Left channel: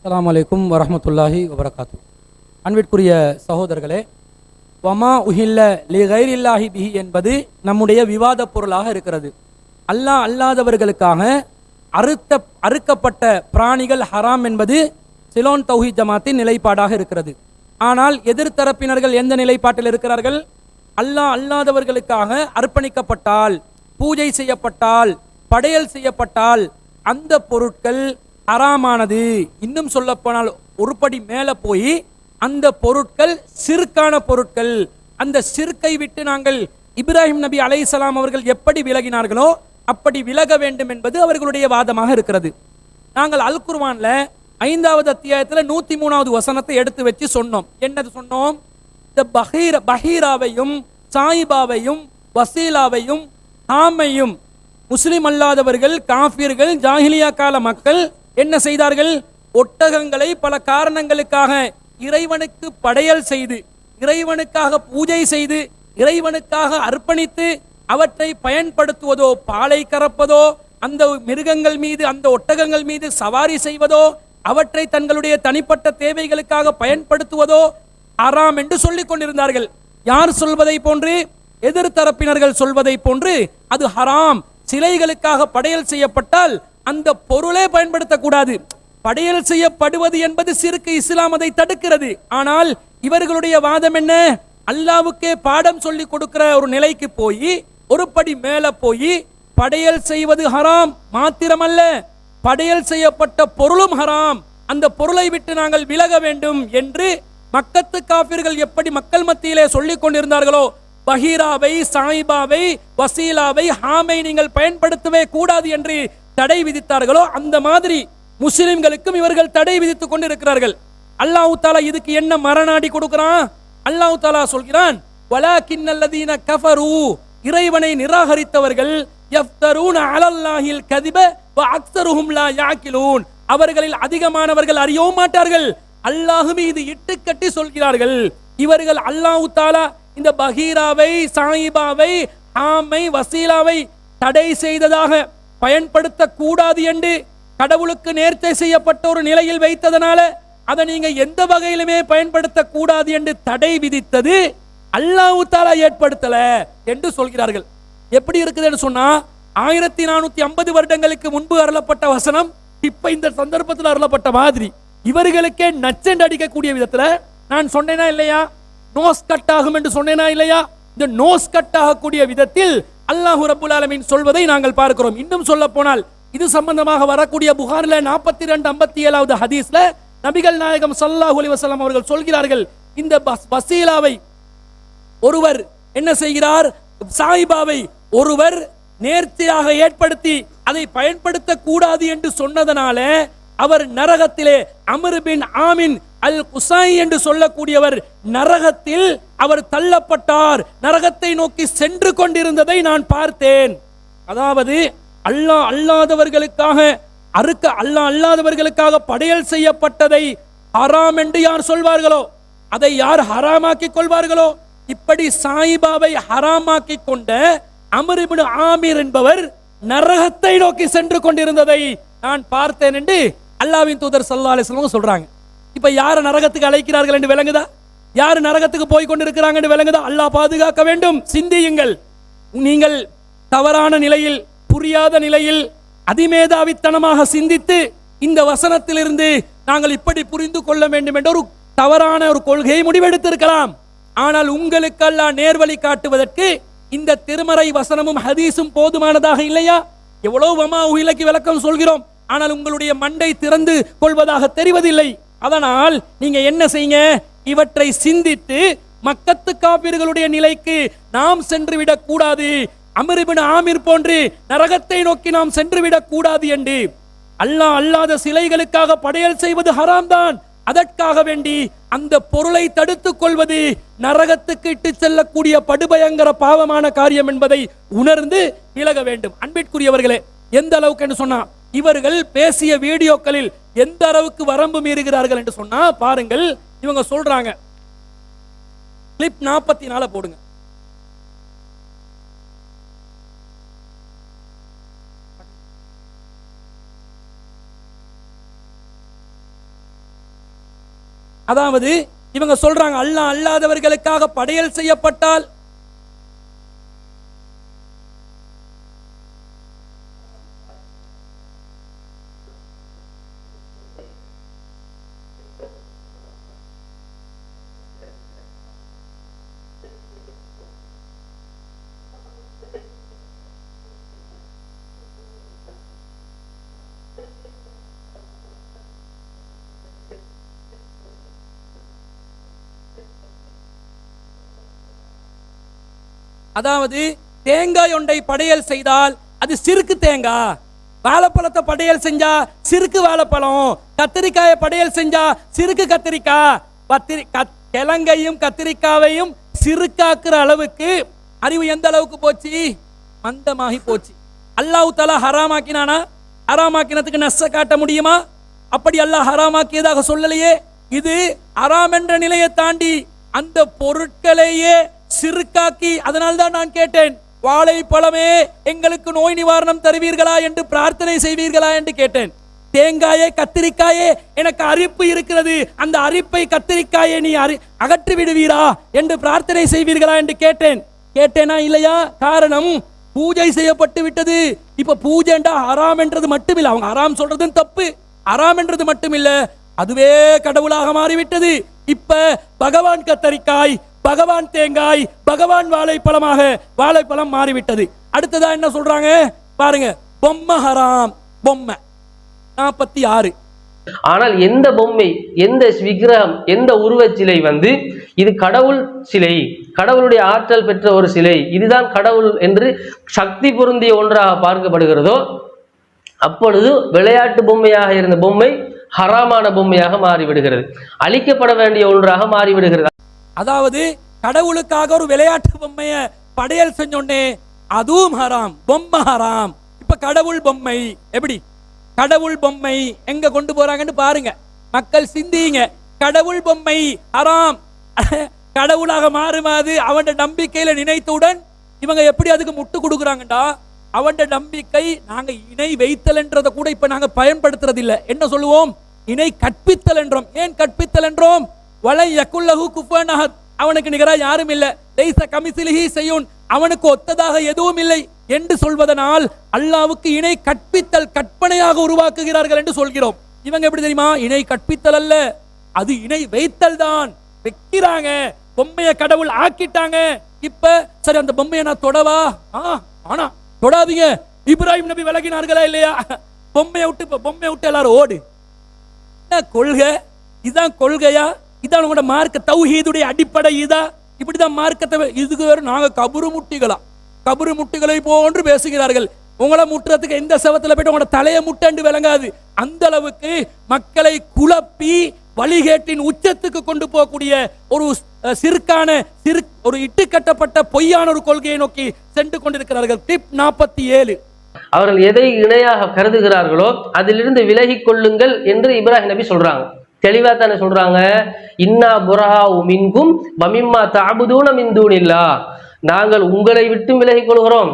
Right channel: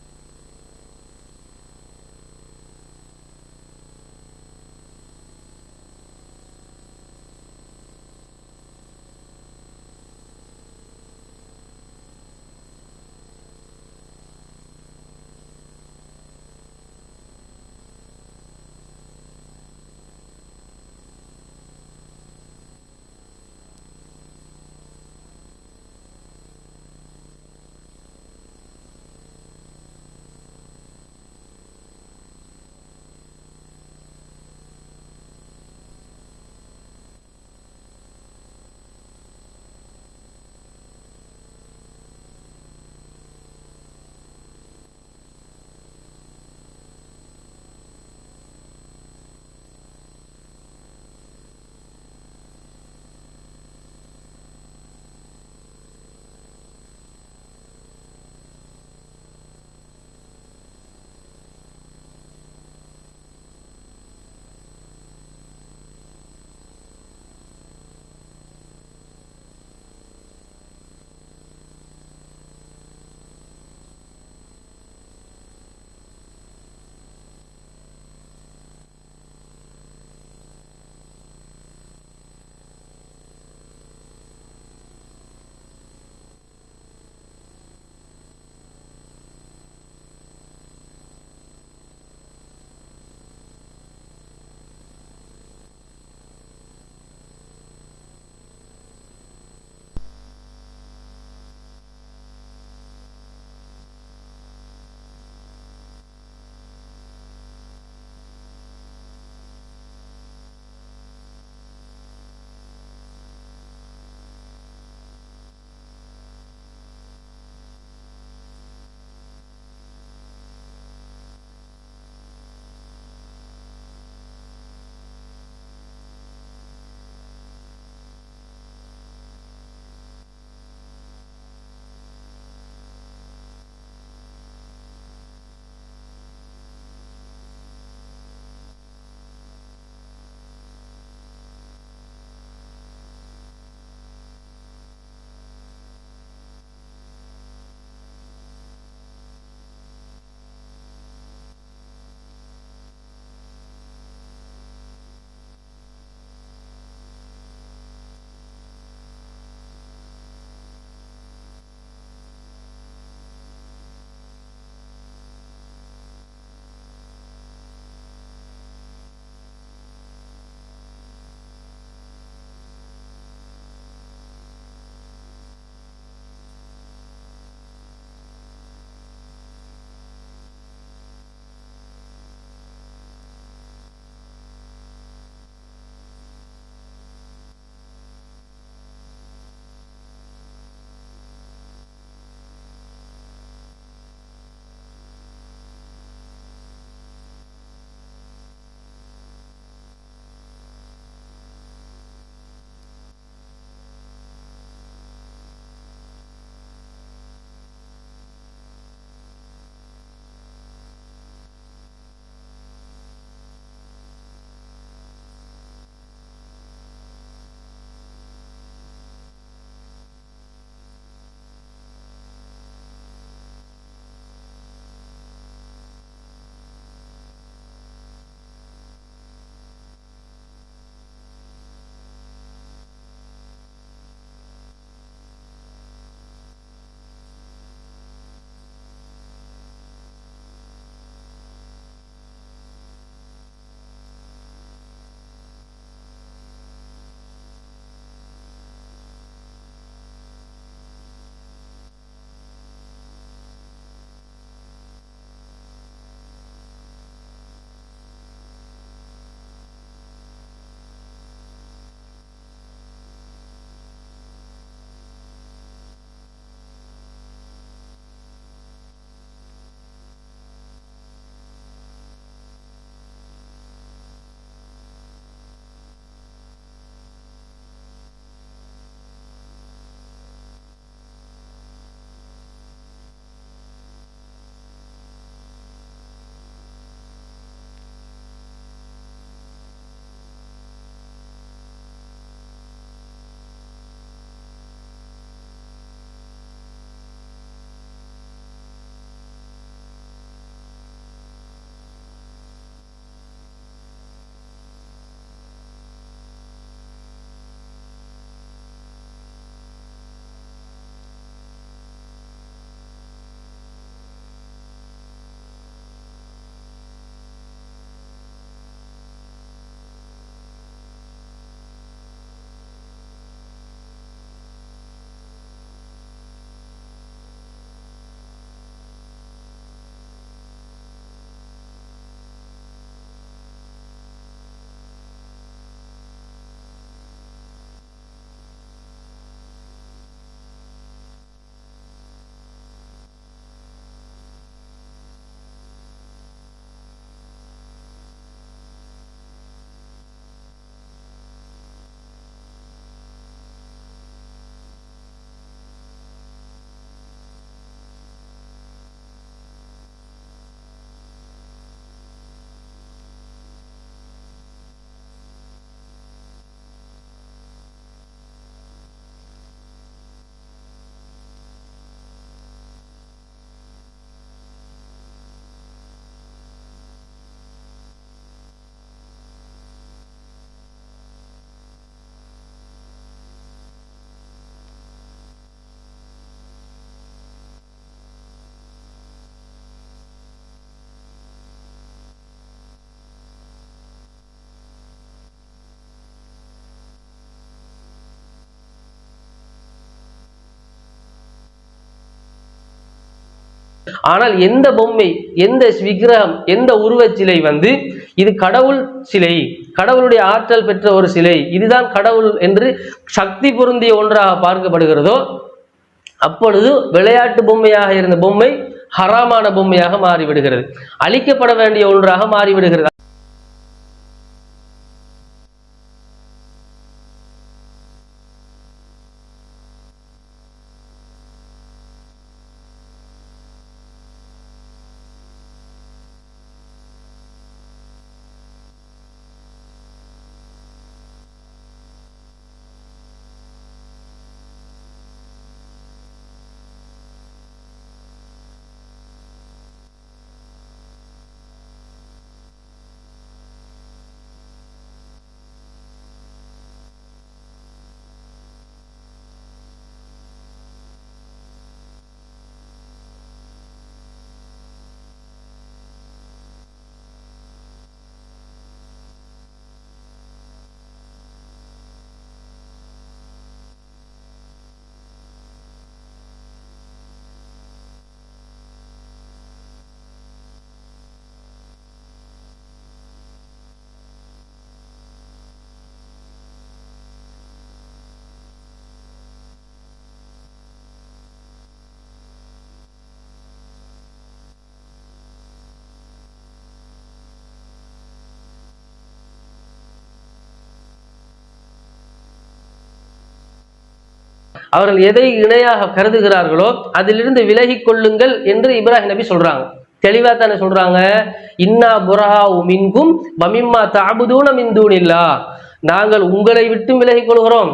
அஸ்ஸலாமு அலைக்கும் வரஹ்மத்துல்லாஹி வபரகாத்து. அன்பிற்குரிய சகோதரர்களே, வமா உஹில்ல லி கைரில்லாஹி பிஹி என்பது நம்முடைய விவாத பொருளாக இருக்கிறது. அல்லாஹ் அல்லாதவர்களுக்காக அறுக்கப்பட்ட பிராணிகள் ஹராம் என்பது சிலோன் தௌஹீத் ஜமாத்தின் நிலைப்பாடாக இருக்கிறது. ஆனால் எதிர்த்தரப்பினர்கள் எந்த நிலைப்பாட்டில் இருக்கிறார்கள்? அல்லாஹ் அல்லாதவர்களுக்காக அர்ப்பணிக்கப்பட்டால், பூஜை செய்யப்பட்டால், படையல் செய்யப்பட்டால் அந்த பொருட்கள் ஹராமானது. இன்னும் சொல்ல போனால் ஒரு படி மேலே போய் அந்த பொருட்கள் சிறுக்கான பொருட்கள். அந்த சிறுக்கை விட்டு நாங்கள் இப்ராஹிம் நபி அலைஹிஸ்ஸலாம் அவர்கள் எப்படி விலகினார்களோ அப்படி விலக வேண்டும் என்பது அவர்களுடைய வாதமாக இருக்கிறது. நாங்கள் அல் குர்ஆன்ல 5வது அத்தியாயத்தில் 103வது வசனத்தை எடுத்து வச்சு சொன்னோம். என்னது சொன்னோம்? இந்த பஹீராவையும் சாயிபாவையும் வசீலாவையும் ஹாமையும் முஸ்லிம் அல்லாதவர்கள், காஃபிர்கள், ஜாஹிலியா கால மக்கள் என்ன செய்தார்கள்? ஒட்டகங்களை பல காரணங்களுக்காக இறைவனுக்கு படையல் செய்து, இறைவனுக்காக பூஜை செய்து, இறைவனுக்காக அர்ப்பணித்து அவற்றை பயன்படுத்துவதோ, பாலை கறப்பதோ, அந்த மிருகங்கள் மீது, அந்த ஒட்டகங்கள் மீது சவாரி செய்வதோ, அவற்றை தங்களுடைய தனிப்பட்ட தேவைகளுக்காக பயன்படுத்துவதோ ஹராம் என்று சொல்லிக் கொண்டிருந்தார்கள். யார் சொல்வதை போன்று? எதிர்த்தரப்பினர்கள் சொல்வதை போன்று அது ஹராம். சிலைகளுக்காக படையல் செய்யப்பட்டால் அந்த பொருளே பயன்படுத்தக்கூடாது. படையல் செய்யப்படுவது என்பது சிறுக்கு, இஸ்லாம் அதை தடுக்கிறது. ஆனால் இவர்களுடைய வாதம் என்ன? அல்லாவுக்கே பாடம் சொல்லி கொடுக்கிற ஒரு நிலைக்கு போய், ஒரு படி மேல போய், படையல் செய்வது ஹராம் மாத்திரமல்ல, படையல் செய்யப்பட்ட பொருளும் ஹராம், அந்த பொருளை விட்டு நாங்கள் விலக வேண்டும் என்று மக்கத்து காபிர்கள் எப்படி மக்கள் மத்தியிலே சொல்லிக் கொண்டிருந்தார்களோ, பஹீராவை, சாயிபாவை, வசீலாவை, ஹாமை நீங்கள் பயன்படுத்தவே கூடாது என்று தடை விதித்தார்களோ, அந்த மாதிரி முஸ்லிம்களுக்கும் இவர்கள் தடை விதித்துக் கொண்டிருக்கிறார்கள். அல்லாஹ் தஆலா இதுக்கு என்ன மரணாடி கொடுக்கிறான்? அல்லாஹ் தஆலா சொல்கிறான், வலாக்கின்னல்லதீன கஃபரு, இறைவனை நிராகரித்தவர்கள், யஃப்தரூன அலல்லாஹில் கதிப வ அக்ஸருஹும் லா யாகிலூன், அவர்களில் அதிகமானவர்கள் அறியவும் மாட்டார்கள், அல்லாஹ் மீது இட்டுக்கட்டி சொல்கிறார்கள். இவர்கள் அல்லாஹ் தஆலா இந்த பஹீராவை, சாயிபாவை, ஆமை, வசீலாவை தடை செய்ததாக பயன்படுத்த கூடாது என்று கடவுளுக்கு நேர்ச்சை செய்யப்பட்ட ஒரு நிலையில் வைத்ததனால அதை நீங்க எந்த வகையிலுமே பயன்படுத்த கூடாது என்று தடை விதித்தது அல்லாஹ் தஆலா ஏற்படுத்தல என்று சொல்கிறார்கள். எப்படி இருக்குதுன்னு சொன்னா, 1450 வருடங்களுக்கு முன்பு அருளப்பட்ட வசனம் இப்ப இந்த சந்தர்ப்பத்தில் அருளப்பட்ட மாதிரி இவர்களுக்கே நச்சென்று அடிக்கக்கூடிய விதத்துல நான் சொன்னேனா இல்லையா? நோஸ் கட் ஆகும் என்று சொன்னேனா இல்லையா? இந்த நோஸ் கட் ஆகக்கூடிய விதத்தில் அல்லாஹ் ரப்புல் ஆலமீன் சொல்வதை நாங்கள் பார்க்கிறோம். இன்னும் சொல்ல போனால் இது சம்பந்தமாக வரக்கூடிய புகாரில 42-57வது ஹதீஸ்ல நபிகள் நாயகம் ஸல்லல்லாஹு அலைஹி வஸல்லம் அவர்கள் சொல்கிறார்கள், இந்த வசீலாவை ஒருவர் என்ன செய்கிறார்? சாயிபாவை ஒருவர் நேர்த்தியாக ஏற்படுத்தி அதை பயன்படுத்த கூடாது என்று சொன்னதனால அவர் நரகத்திலே, அம்ர் பின் ஆமின் அல் குசாய் என்று சொல்லக்கூடியவர் நரகத்தில் அவர் தள்ளப்பட்டார், நரகத்தை நோக்கி சென்று கொண்டிருந்ததை நான் பார்த்தேன். அதாவது அல்லாஹ் அல்லாதவர்களுக்காக அல்லாஹ் அல்லாதவர்களுக்காக படையல் செய்யப்பட்டதை ஹராம் என்று யார் சொல்வார்களோ, அதை யார் ஹராமாக்கி கொள்வார்களோ, இப்படி சாயிபாவை ஹராமாக்கி கொண்ட அம்ர் இப்னு ஆமிர் என்பவர் நரகத்தை நோக்கி சென்று கொண்டிருந்ததை நான் பார்த்தேன் என்று அல்லாஹ்வின் தூதர் ஸல்லல்லாஹு அலைஹி வஸல்லம் சொல்றாங்க. இப்ப யார் நரகத்துக்கு அழைக்கிறார்கள் என்று விளங்குதா? யார் நரகத்துக்கு போய் கொண்டிருக்கிறாங்க என்று விளங்குதா? அல்லாஹ் பாதுகாக்க வேண்டும். சிந்தியுங்கள். நீங்கள் தவறான நிலையில், புரியாத நிலையில், அதிமேதாவித்தனமாக சிந்தித்து இந்த வசனத்திலிருந்து நாங்கள் இப்படி புரிந்து கொள்ள வேண்டும் என்ற ஒரு தவறான ஒரு கொள்கையை முடிவெடுத்திருக்கலாம். ஆனால் உங்களுக்கு அல்லாஹ் நேர்வழி காட்டுவதற்கு இந்த திருமறை வசனமும் ஹதீஸும் போதுமானதாக இல்லையா? எவ்வளவு வமா உஹிலக்கு விளக்கம் சொல்கிறோம், ஆனால் உங்களுடைய மண்டை திறந்து கொள்வதாக தெரிவதில்லை. அதனால் நீங்க என்ன செய்யுங்க? இவற்றை சிந்தித்து மக்கத்து காபிர்களுடைய நிலைக்கு நாம் சென்று விடக் கூடாது, அம்ர் இப்னு ஆமிர் போன்று நரகத்தை நோக்கி நாம் சென்று விடக் கூடாது என்று அல்லாஹ் அல்லாத சிலைகளுக்காக படையல் செய்வது ஹராம் தான். அதற்காக வேண்டி அந்த பொருளை தடுத்துக் கொள்வது நரகத்துக்கு இட்டு செல்லக்கூடிய படுபயங்கர பாவமான காரியம் என்பதை உணர்ந்து விலக வேண்டும். அன்பிற்குரியவர்களே, எந்த அளவுக்கு என்று சொன்னா, இவர்கள் பேசிய வீடியோக்களில் எந்த அளவுக்கு வரம்பு மீறுகிறார்கள் என்று சொன்னா பாருங்கள். இவங்க சொல்றாங்க, கிளிப் 44 போடுங்க. அதாவது இவங்க சொல்றாங்க அல்லாஹ் அல்லாதவர்களுக்காக படையல் செய்யப்பட்டால் அதாவது தேங்காய் ஒன்றை படையல் செய்தால் அது சிறுக்கு தேங்காய், வாழைப்பழத்தை படையல் செஞ்சா சிறுக்கு வாழைப்பழம், கத்திரிக்காயை படையல் செஞ்சா சிறுக்கு கத்திரிக்காய், கிழங்கையும் கத்திரிக்காவையும் சிறுக்காக்குற அளவுக்கு அறிவு எந்த அளவுக்கு போச்சு? மந்தமாகி போச்சு. அல்லாஹ் தஆலா ஹராமாக்கினானா? ஹராமாக்கினதுக்கு நஸ்ஸ காட்ட முடியுமா? அப்படி அல்லாஹ் ஹராமாக்கியதாக சொல்லலையே. இது ஹராம் என்ற நிலையை தாண்டி அந்த பொருட்களையே சிறுக்காக்கி, அதனால்தான் நான் கேட்டேன், வாழைப்பழமே எங்களுக்கு நோய் நிவாரணம் தருவீர்களா என்று பிரார்த்தனை செய்வீர்களா என்று கேட்டேன். தேங்காயே கத்திரிக்காயே எனக்கு அரிப்பு இருக்கிறது, அந்த அரிப்பை கத்திரிக்காயை நீ அகற்றி விடுவீரா என்று பிரார்த்தனை செய்வீர்களா என்று கேட்டேனா இல்லையா? காரணம் பூஜை செய்யப்பட்டு விட்டது. இப்ப பூஜைண்டா ஹராம் என்றது மட்டுமில்லை, அவங்க ஹராம் சொல்றதும் தப்பு, ஹராம் என்றது மட்டுமில்லை, அதுவே கடவுளாக மாறிவிட்டது. இப்ப பகவான் கத்தரிக்காய், பகவான் தேங்காய், பகவான் வாழைப்பழம் மாறிவிட்டது. அடுத்ததா என்ன சொல்றாங்க பாருங்க, பொம்மை ஹராம். பொம்மை 46. ஆனால் எந்த பொம்மை, எந்த விக்கிரகம், எந்த உருவச் சிலை இது கடவுள் சிலை, கடவுளுடைய ஆற்றல் பெற்ற ஒரு சிலை, இதுதான் கடவுள் என்று சக்தி பொருந்திய ஒன்றாக பார்க்கப்படுகிறதோ, அப்பொழுது விளையாட்டு பொம்மையாக இருந்த பொம்மை ஹராமான பொம்மையாக மாறிவிடுகிறது, அழிக்கப்பட வேண்டிய ஒன்றாக மாறிவிடுகிறது. அதாவது கடவுளுக்காக ஒரு விளையாட்டு பொம்மைய படையல் செஞ்சோன்னே அதுவும் ஹராம், பொம்மை ஹராம். இப்ப கடவுள் பொம்மை எப்படி? கடவுள் பொம்மை எங்க கொண்டு போறாங்கன்னு பாருங்க, மக்கள் சிந்திங்க. கடவுள் பொம்மை ஹராம், கடவுளாக மாறுமாது அவன் நம்பிக்கையில நினைத்தவுடன் இவங்க எப்படி அதுக்கு முட்டு கொடுக்குறாங்கடா? அவன் நம்பிக்கை நாங்க இணை வைத்தல் என்றதை கூட இப்ப நாங்க பயன்படுத்துறது இல்ல. என்ன சொல்லுவோம்? இணை கற்பித்தல் என்றோம். ஏன் கற்பித்தல் என்றோம்? வலை யகுல்லஹு குஃபுவன் அஹத், அவனுக்கு நிகரா யாரும் இல்லை, லைஸ கமிஸ்லிஹி ஷைஉன், அவனுக்கு ஒத்ததாக எதுவும் இல்லை என்று சொல்வதனால் அல்லாஹ்வுக்கு இணை கற்பித்தல், கற்பனையாக உருவாக்குகிறார்கள் என்று சொல்கிறோம். இவங்க எப்படி தெரியுமா? இணை கற்பித்தல் அல்ல, அது இணை வைத்தல் தான். வைக்கிறாங்க, பொம்மையை கடவுள் ஆக்கிட்டாங்க. இப்ப சரி, அந்த பொம்மையை நான் தொடவா? ஆனா தொடாதீங்க. இப்ராஹிம் நபி விலகினார்களா இல்லையா? பொம்மையை விட்டு எல்லாரும் ஓடு. என்ன கொள்கை? இதுதான் கொள்கையா? இதான் உங்களோட மார்க்க தௌஹீதுடைய அடிப்படை. இதா இப்படிதான் மார்க்கத்தை? இதுக்கு வேறு நாங்க கபரு முட்டிகளை போன்று பேசுகிறார்கள். உங்களை முட்டுறதுக்கு எந்த செவத்துல போயிட்டு உங்களோட தலையை முட்டண்டு விளங்காது. அந்த அளவுக்கு மக்களை குழப்பி வழிகேட்டின் உச்சத்துக்கு கொண்டு போகக்கூடிய ஒரு ஒரு இட்டு கட்டப்பட்ட பொய்யான ஒரு கொள்கையை நோக்கி சென்று கொண்டிருக்கிறார்கள். டிப் 47. அவர்கள் எதை இணையாக கருதுகிறார்களோ அதிலிருந்து விலகி கொள்ளுங்கள் என்று இப்ராஹிம் நபி சொல்றாங்க. தெளிவா தானே சொல்றாங்க, இன்னா புரஹாஉ மின்கும் வமிம்மா தஅபுதூன மின் தூனில்லாஹ், நாங்கள் உங்களை விட்டு விலகிக் கொள்கிறோம்,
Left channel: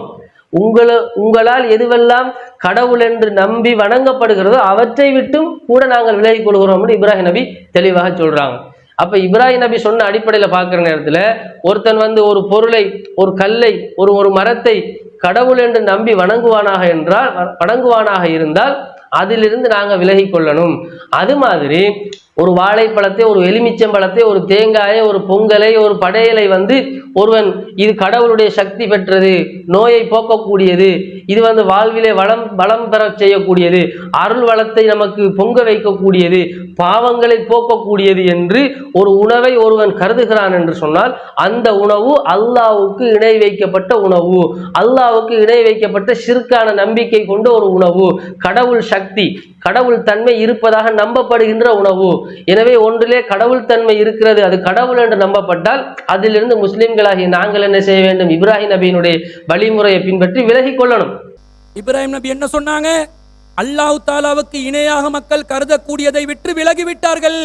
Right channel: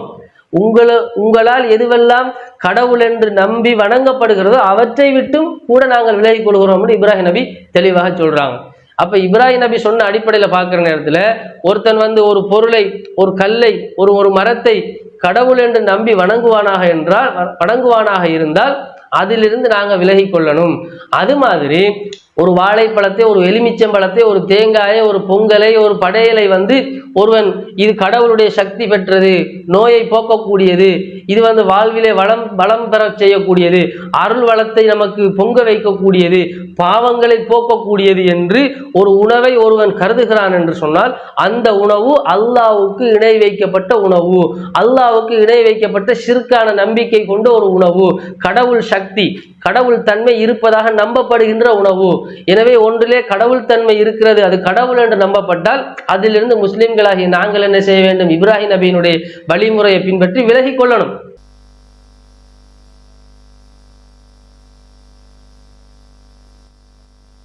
உங்களால் எதுவெல்லாம் கடவுள் என்று நம்பி வணங்கப்படுகிறதோ அவற்றை விட்டும் கூட நாங்கள் விலகிக் கொள்கிறோம் என்று இப்ராஹிம் நபி தெளிவாக சொல்றாங்க. அப்ப இப்ராஹிம் நபி சொன்ன அடிப்படையில பார்க்கிற நேரத்துல ஒருத்தன் ஒரு பொருளை, ஒரு கல்லை, ஒரு மரத்தை கடவுள் என்று நம்பி வணங்குவானாக இருந்தால் அதிலிருந்து நாங்க விலகி கொள்ளணும். அது மாதிரி ஒரு வாழைப்பழத்தை, ஒரு எலுமிச்சம்பழத்தை, ஒரு தேங்காயை, ஒரு பொங்கலை, ஒரு படையலை ஒருவன் இது கடவுளுடைய சக்தி பெற்றது, நோயை போக்கக்கூடியது, இது வாழ்விலே வளம் பெற செய்யக்கூடியது, அருள் வளத்தை நமக்கு பொங்க வைக்கக்கூடியது, பாவங்களை போக்கக்கூடியது என்று ஒரு உணவை ஒருவன் கருதுகிறான் என்று சொன்னால் அந்த உணவு அல்லாஹ்வுக்கு இணை வைக்கப்பட்ட உணவு, அல்லாஹ்வுக்கு இணை வைக்கப்பட்ட ஷிர்கான நம்பிக்கை கொண்ட ஒரு உணவு, கடவுள் சக்தி, கடவுள் தன்மை இருப்பதாக நம்பப்படுகின்ற உணவு. எனவே ஒன்றிலே கடவுள் தன்மை இருக்கிறது, அது கடவுள் என்று நம்பப்பட்டால் அதிலிருந்து முஸ்லிம்களாகிய நாங்கள் என்ன செய்ய வேண்டும்? இப்ராஹிம் நபியினுடைய வழிமுறையை பின்பற்றி விலகிக் கொள்ளணும். இப்ராஹிம் நபி என்ன சொன்னாங்க? அல்லாஹ் தஆலாவுக்கு இணையாக மக்கள் கருதக்கூடியதை விட்டு விலகிவிட்டார்கள்.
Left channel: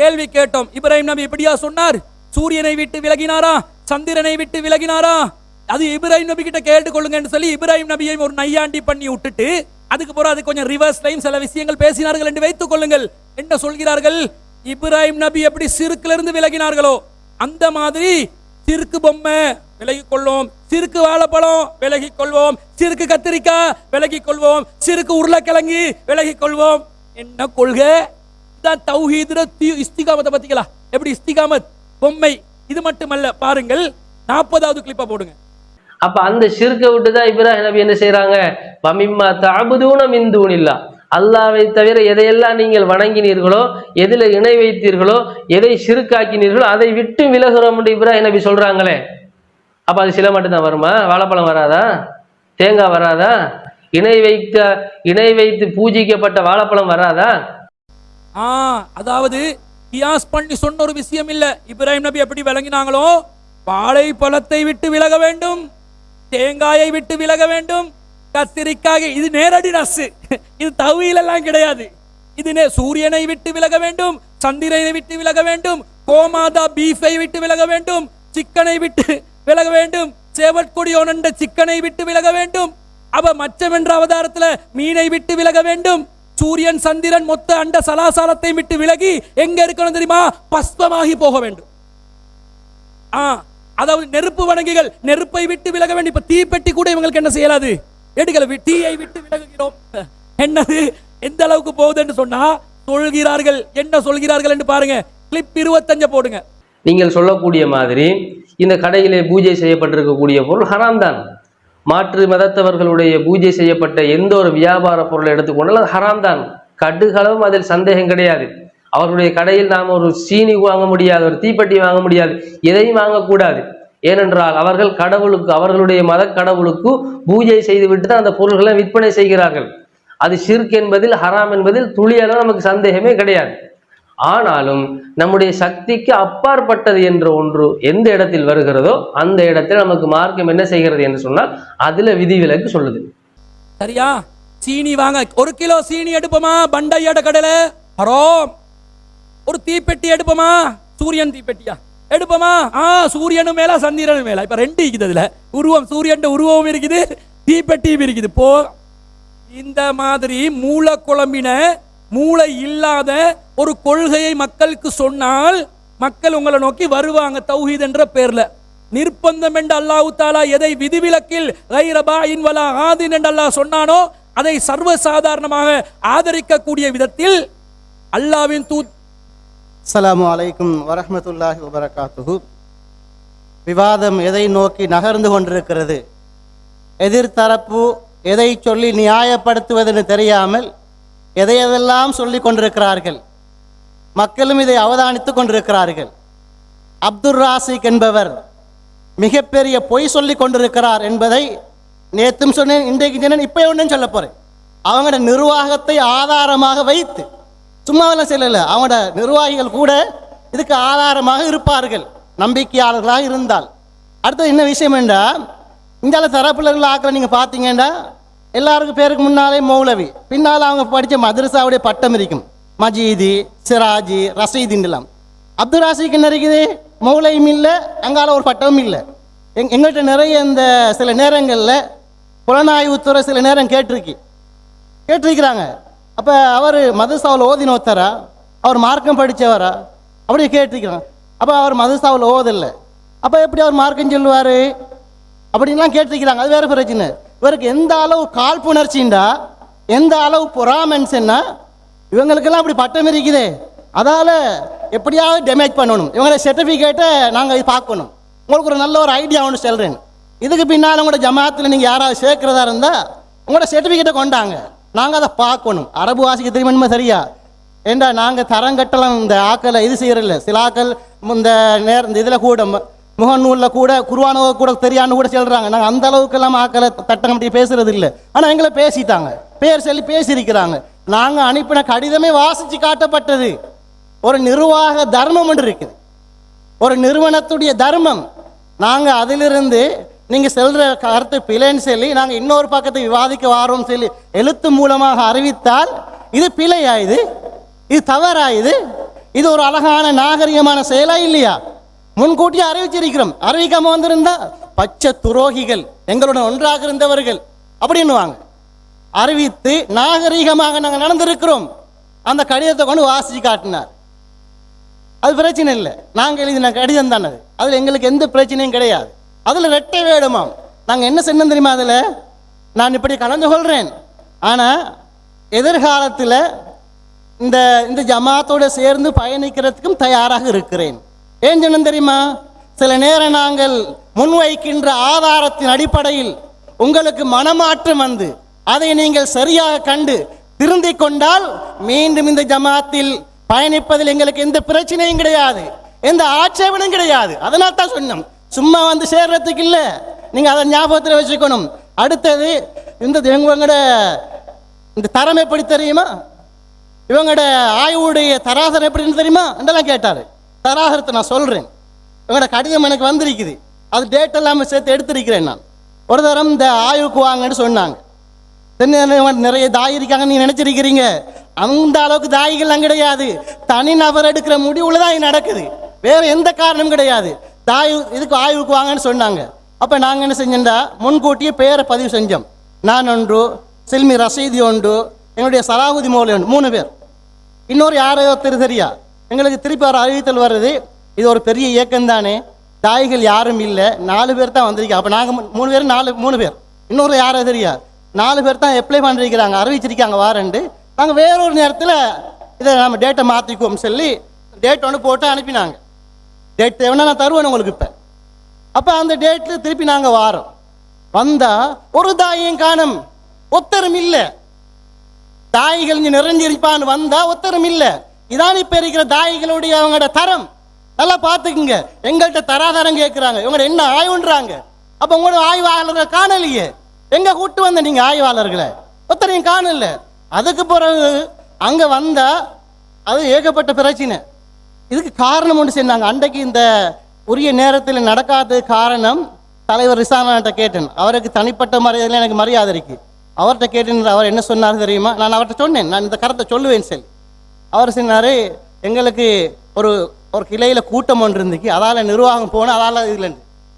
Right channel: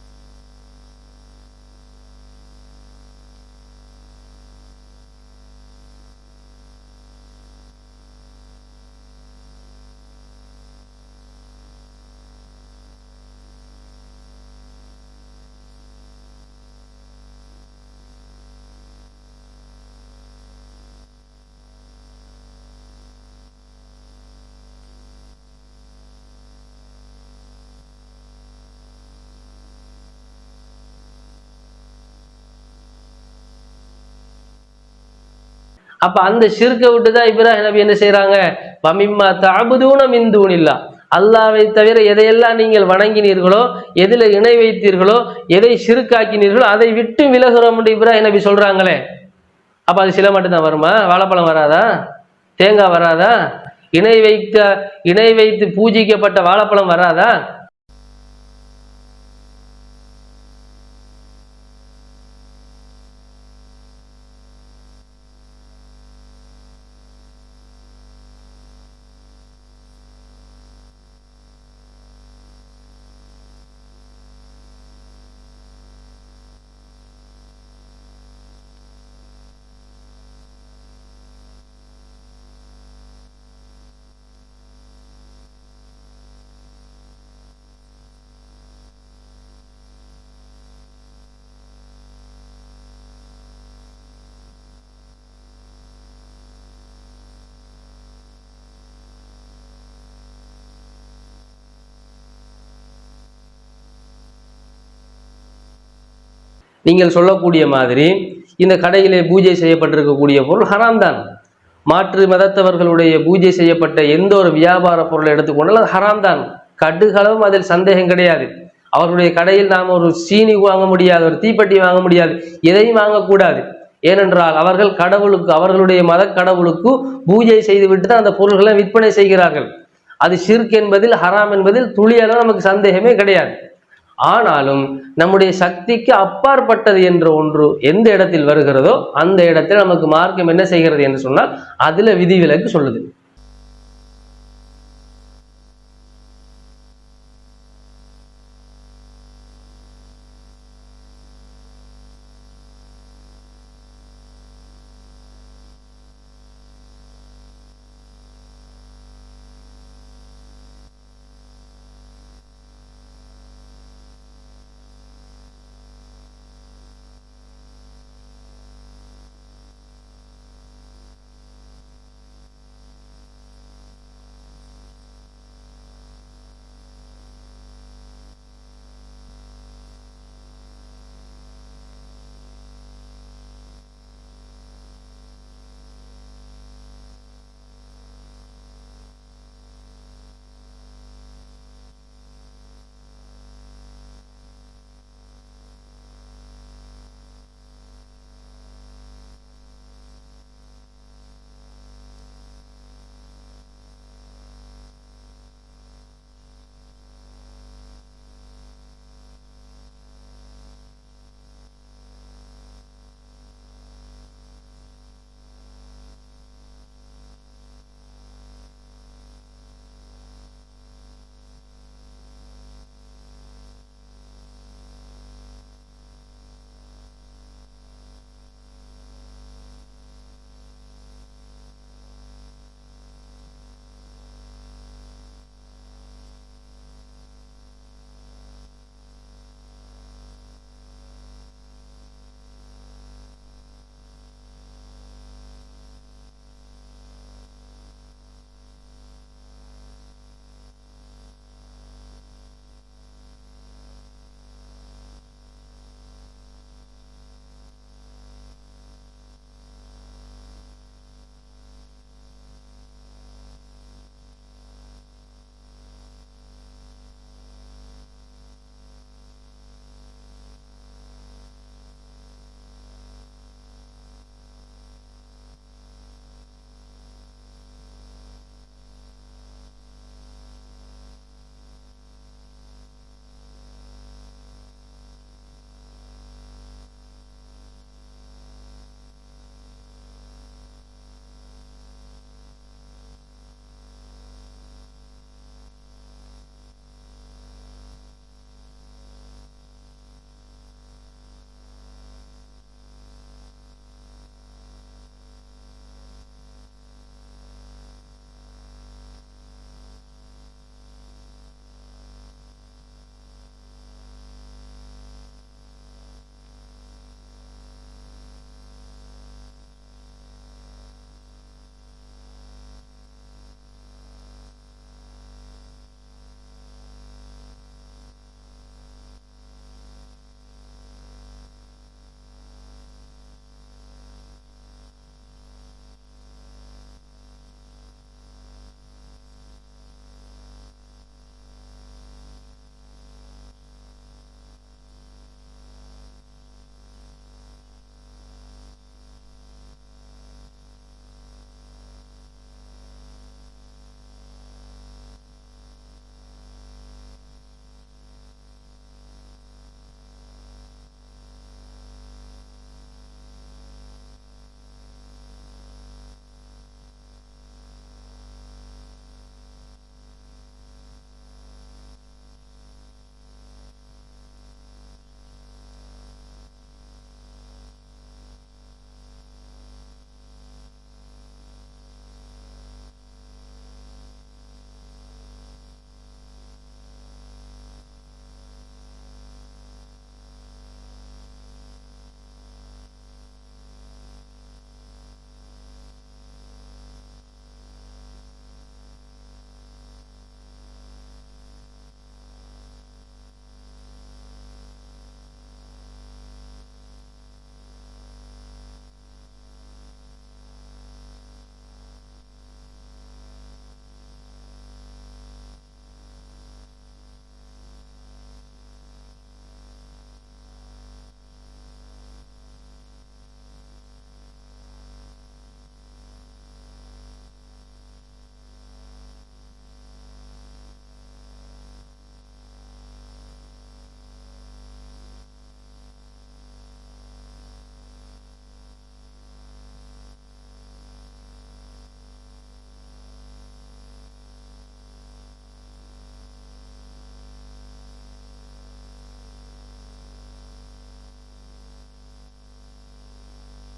கேள்வி கேட்டோம், இப்ராஹிம் நபி எப்படியா சொன்னார்? சூரியனை விட்டு விலகினாரா? சந்திரனை விட்டு விலகினாரா? அது இப்ராஹிம் நபி கிட்ட கேட்டுக்கொள்ளுங்கன்னு சொல்லி இப்ராஹிம் நபியை ஒரு நையாண்டி பண்ணி விட்டுட்டு அதுக்கு பிறகு அது கொஞ்சம் ரிவர்ஸ் டைம் சில விஷயங்கள் பேசினார்கள் என்று வைத்துக் கொள்ளுங்கள். என்ன சொல்கிறார்கள்? இப்ராஹிம் நபி எப்படி சிறுக்குல இருந்து விலகினார்களோ அந்த மாதிரி சிறுக்கு பொம்மை விலகிக் கொள்வோம், சிறுக்கு வாழைப்பழம் விலகிக் கொள்வோம், சிறுக்கு கத்திரிக்காய் விலகிக் கொள்வோம், சிறுக்கு உருளைக்கிழங்கு விலகிக் கொள்வோம். என்ன கொள்கை தான் தௌஹீதுல இஸ்திகாமத்தை பத்திங்களா? எப்படி இஸ்திகாமத் பொம்மை. இது மட்டுமல்ல, பாருங்கள் 40வது கிளிப்பா போடுங்க. அப்ப அந்த ஷிர்கை விட்டுதான் இப்ராஹிம் நபி என்ன செய்யறாங்க? வமிம்மா தஅபுதூன மின் தூனில்லாஹ், அல்லாஹ்வை தவிர எதையெல்லாம் நீங்கள் வணங்கினீர்களோ, எதில இணை வைத்தீர்களோ, எதை ஷிர்காக்கினீர்களோ அதை விட்டு விலகுறோம் என்று இப்ராஹிம் நபி சொல்றாங்களே. அப்ப அது சில மட்டும் தான் வருமா? வாழைப்பழம் வராதா? தேங்காய் வராதா? இணை வைத்து பூஜிக்கப்பட்ட வாழைப்பழம் வராதா? அதாவது கியாஸ் பண்ணி சொன்ன ஒரு விஷயம் இல்ல. இப்ராஹிம் நபி எப்படி விளங்கினாங்களோ, வாழைப்பழத்தை விட்டு விலக வேண்டும், தேங்காயை விட்டு விலக வேண்டும், கத்திரிக்காய். இது நேரடி நசு, இது தவீல் எல்லாம் கிடையாது. இது சூரியனை விட்டு விலக வேண்டும், சந்திரனை விட்டு விலக வேண்டும், கோமாதா பீஃபை விட்டு விலக வேண்டும், சிக்கனை விட்டு விலக வேண்டும், சேவற்கொடியோனண்ட சிக்கனை விட்டு விலக வேண்டும். அவ மச்சம் என்ற அவதாரத்துல மீனை விட்டு விலக வேண்டும். சூரியன் சந்திரன் மொத்த அண்ட சலாசாலத்தை விட்டு விலகி எங்க இருக்கணும் தெரியுமா? பஸ்பமாகி போக வேண்டும். அதாவது நெருப்பு வணங்கிகள் நெருப்பை விட்டு விலக வேண்டும். இப்ப தீப்பெட்டி கூட இவங்களுக்கு என்ன செய்யலாது? எடுக்கல, தீயை விட்டு விலகுகிறோம். என்னது எந்த அளவுக்கு போகுது என்று சொன்னா சொல்கிறார்கள். என்ன சொல்கிறார்கள் என்று பாருங்க. கிளிப் 25 போடுங்க. நீங்கள் சொல்லக்கூடிய மாதிரி இந்த கடையிலே பூஜை செய்யப்பட்டிருக்கக்கூடிய பொருள் ஹராம் தான். மாற்று மதத்தவர்களுடைய பூஜை செய்யப்பட்ட எந்த ஒரு வியாபார பொருளை எடுத்துக்கொண்டால் அது ஹராம் தான். கடுகளவும் அதில் சந்தேகம் கிடையாது. அவர்களுடைய கடையில் நாம் ஒரு சீனி வாங்க முடியாது, ஒரு தீப்பெட்டி வாங்க முடியாது, எதையும் வாங்கக்கூடாது. ஏனென்றால் அவர்கள் கடவுளுக்கு, அவர்களுடைய மத கடவுளுக்கு பூஜை செய்துவிட்டு தான் அந்த பொருள்களை விற்பனை செய்கிறார்கள். அது ஷிர்க் என்பதில், ஹராம் என்பதில் துளியளவு நமக்கு சந்தேகமே கிடையாது. ஆனாலும் நம்முடைய சக்திக்கு அப்பாற்பட்டது என்ற ஒன்று எந்த இடத்தில் வருகிறதோ அந்த இடத்தில் நமக்கு மார்க்கம் என்ன செய்கிறது என்று சொன்னால் அதுல விதிவிலக்கு சொல்லுது. சரியா? சீனி வாங்க 1 கிலோ சீனி எடுப்போமா? பண்டையாட கடையில ஹராம். ஒரு தீப்பெட்டி எடுப்போமா? சூரியன் தீப்பெட்டியா எடுப்போமா? சூரியனும் மேல சந்திரனும் மேல. இப்ப 2 இருக்குது. அதுல உருவம், சூரியன் உருவமும் இருக்குது, தீப்பெட்டியும் இருக்குது. போ இந்த மாதிரி மூல குழம்பின மூளை இல்லாத ஒரு கொள்கையை மக்களுக்கு சொன்னால் மக்கள் உங்களை நோக்கி வருவாங்க. தௌஹீத் என்ற பேர்ல நிர்பந்தம் என்று அல்லாஹ் தஆலா எதை விதிவிலக்கில் கைர பாயின் வலா ஆதின் என்று அல்லாஹ் சொன்னானோ அதை சர்வசாதாரணமாக ஆதரிக்கக்கூடிய விதத்தில் அல்லாஹ்வின் அஸ்ஸலாமு அலைக்கும் வரஹ்மத்துல்லாஹி வபரகாத்துஹு. விவாதம் எதை நோக்கி நகர்ந்து கொண்டிருக்கிறது? எதிர்த்தரப்பு எதை சொல்லி நியாயப்படுத்துவதென்று தெரியாமல் எதையெல்லாம் சொல்லி கொண்டிருக்கிறார்கள். மக்களும் இதை அவதானித்துக் கொண்டிருக்கிறார்கள். அப்துல் ராசிக் என்பவர் மிகப்பெரிய பொய் சொல்லி கொண்டிருக்கிறார் என்பதை நேற்றும் சொன்னேன், இன்றைக்கு சொன்னேன், இப்போ ஒன்றும் சொல்ல போகிறேன். அவங்களோட நிர்வாகத்தை ஆதாரமாக வைத்து, சும்மாவெல்லாம் சொல்லலை, அவங்களோட நிர்வாகிகள் கூட இதுக்கு ஆதாரமாக இருப்பார்கள், நம்பிக்கையாளர்களாக இருந்தால். அடுத்தது என்ன விஷயம் என்றால், இந்த தரப்பில் ஆக்களை நீங்கள் பார்த்தீங்கன்னா எல்லாருக்கும் பேருக்கு முன்னாலே மௌலவி, பின்னால் அவங்க படித்த மதரசாவுடைய பட்டம் இருக்கும், மஜீதி, சிராஜி, ரசீதின்லாம். அப்துல் ராசிக்கு என்ன இருக்குது? மௌலையும் இல்லை, அங்கால ஒரு பட்டமும் இல்லை. எங்கள்கிட்ட நிறைய இந்த சில நேரங்களில் புலனாய்வுத்துறை சில நேரம் கேட்டிருக்கிறாங்க. அப்போ அவர் மதரசாவில் ஓதினோத்தரா, அவர் மார்க்கம் படித்தவரா அப்படி கேட்டிருக்கிறாங்க. அப்போ அவர் மதரசாவில் ஓதலை, அப்போ எப்படி அவர் மார்க்கம் சொல்லுவார் அப்படின்லாம் கேட்டிருக்கிறாங்க. அது வேறு பிரச்சனை. இவருக்கு எந்த அளவு காழ்ப்புணர்ச்சிண்டா, எந்த அளவு பொறாமன்ஸ்ன்னா, இவங்களுக்கெல்லாம் அப்படி பட்டம் இருக்குதே, அதால் எப்படியாவது டேமேஜ் பண்ணணும், இவங்களோட சர்டிஃபிகேட்டை நாங்கள் பார்க்கணும். உங்களுக்கு ஒரு நல்ல ஒரு ஐடியா ஒன்று சொல்கிறேன். இதுக்கு பின்னால் உங்களோட ஜமாத்தில் நீங்கள் யாராவது சேர்க்கிறதா இருந்தால் உங்களோட சர்டிஃபிகேட்டை கொண்டாங்க, நாங்கள் அதை பார்க்கணும். அரபு வாசிக்க தெரியுமா? சரியா? ஏண்டா நாங்கள் தரங்கட்டலாம் இந்த ஆக்களை இது செய்கிறதில்ல. சில ஆக்கள் இந்த இந்த இதில் கூட முகநூலில் கூட குர்ஆன் கூட தெரியான்னு கூட சொல்கிறாங்க. நாங்கள் அந்த அளவுக்கெல்லாம் ஆக்களை தட்டம் அப்படி பேசுறது இல்லை. ஆனால் எங்களை பேசிட்டாங்க, பேர் சொல்லி பேசியிருக்கிறாங்க. நாங்கள் அனுப்பின கடிதமே வாசித்து காட்டப்பட்டது. ஒரு நிர்வாக தர்மம் ஒன்று இருக்குது, ஒரு நிறுவனத்துடைய தர்மம். நாங்கள் அதிலிருந்து நீங்கள் செல்கிற கருத்து பிழைன்னு சொல்லி நாங்கள் இன்னொரு பக்கத்தை விவாதிக்க வாரோம் சொல்லி எழுத்து மூலமாக அறிவித்தால் இது பிழையாயுது, இது தவறாயுது, இது ஒரு அழகான நாகரிகமான செயலா இல்லையா? முன்கூட்டியே அறிவிச்சிருக்கிறோம். அறிவிக்காம வந்திருந்தா பச்சை துரோகிகள், எங்களுடன் ஒன்றாக இருந்தவர்கள் அப்படின்னுவாங்க. அறிவித்து நாகரீகமாக நாங்கள் நடந்திருக்கிறோம். அந்த கடிதத்தை கொண்டு வாசிச்சு காட்டினார். அது பிரச்சனை இல்லை. நாங்கள் எழுதின கடிதம் தானே அது, அதில் எங்களுக்கு எந்த பிரச்சனையும் கிடையாது. அதில் ரெட்டை வேடுமாம். நாங்கள் என்ன செய்யணும் தெரியுமா? அதில் நான் இப்படி கலந்து கொள்கிறேன், ஆனால் எதிர்காலத்தில் இந்த இந்த ஜமாத்தோடு சேர்ந்து பயணிக்கிறதுக்கும் தயாராக இருக்கிறேன். ஏன் சொன்னோம் தெரியுமா? சில நேரம் நாங்கள் முன்வைக்கின்ற ஆதாரத்தின் அடிப்படையில் உங்களுக்கு மனமாற்றம் வந்து அதை நீங்கள் சரியாக கண்டு திருந்தி கொண்டால் மீண்டும் இந்த ஜமாத்தில் பயணிப்பதில் எங்களுக்கு எந்த பிரச்சனையும் கிடையாது, எந்த ஆட்சேபனும் கிடையாது. அதனால தான் சொன்னோம், சும்மா வந்து சேர்றதுக்கு இல்லை. நீங்கள் அதை ஞாபகத்தில் வச்சுக்கணும். அடுத்தது இவங்களோட இந்த தரம் எப்படி தெரியுமா? இவங்களோட ஆய்வுடைய தராசரம் எப்படின்னு தெரியுமா என்றெல்லாம் கேட்டார். தராசரத்தை நான் சொல்கிறேன். இவங்களோட கடிதம் எனக்கு வந்திருக்குது, அது டேட் எல்லாமே சேர்த்து எடுத்திருக்கிறேன். நான் ஒரு தரம் இந்த ஆய்வுக்கு வாங்கன்னு சொன்னாங்க. நிறைய தாய் இருக்காங்க நீங்க நினைச்சிருக்கிறீங்க, அந்த அளவுக்கு தாய்கள்லாம் கிடையாது. தனிநபர் எடுக்கிற முடிவுல தான் இது நடக்குது, வேற எந்த காரணமும் கிடையாது. தாய் இதுக்கு ஆய்வுக்கு வாங்கன்னு சொன்னாங்க. அப்ப நாங்க என்ன செஞ்சோம்டா, முன்கூட்டியே பேரை பதிவு செஞ்சோம். நான் ஒன்று, சில்மி ரசீதி ஒன்று, என்னுடைய சலாஹுதி மௌலி ஒன்று, 3 பேர். இன்னொரு யாரையோ தெரியா. எங்களுக்கு திருப்பி ஒரு அறிவித்தல் வருது, இது ஒரு பெரிய இயக்கம் தானே, தாய்கள் யாரும் இல்லை, 4 பேர் தான் வந்திருக்கோம். அப்போ நாங்கள் 3 பேர் 3 பேர். இன்னொரு யாரோ தெரியா, 4 பேர் தான் அப்ளை பண்ணிருக்கிறாங்க, அறிவிச்சிருக்காங்க வாரண்டு. நாங்கள் வேறொரு நேரத்தில் இதை நம்ம டேட்டை மாற்றிக்குவோம் சொல்லி டேட் ஒன்று போட்டு அனுப்பினாங்க. டேட் தேவைன்னா நான் தருவேன் உங்களுக்கு இப்போ. அப்போ அந்த டேட்டில் திருப்பி நாங்கள் வாரோம். வந்தால் ஒரு தாயும் காணும், ஒத்தரும் இல்லை. தாய்கள் இங்கே நிறைஞ்சிருப்பான்னு வந்தால் ஒத்தரும் இல்லை. இதான் இப்போ இருக்கிற தாய்களுடைய அவங்களோட தரம். நல்லா பார்த்துக்குங்க. எங்கள்கிட்ட தராதரம் கேட்குறாங்க, இவங்க என்ன ஆய்வுன்றாங்க. அப்போ உங்களோட ஆய்வாளர்களை காணலையே, எங்க கூட்டு வந்த நீங்க ஆய்வாளர்களை ஒத்தரையும் காணல. அதுக்கு பிறகு அங்க வந்தா அது ஏகப்பட்ட பிரச்சனை. இதுக்கு காரணம் ஒன்று சொன்னாங்க. அன்றைக்கு இந்த உரிய நேரத்தில் நடக்காத காரணம் தலைவர் ரிசானாட்ட கேட்டேன். அவருக்கு தனிப்பட்ட மரியாதையில் எனக்கு மரியாதை இருக்கு. அவர்கிட்ட கேட்டேன். அவர் என்ன சொன்னார் தெரியுமா? நான் அவர்கிட்ட சொன்னேன், நான் இந்த கருத்தை சொல்லுவேன் சொல்லி. அவர் சொன்னாரு, எங்களுக்கு ஒரு ஒரு கிளையில கூட்டம் ஒன்று இருந்துச்சு, அதால நிர்வாகம் போன, அதால இதுல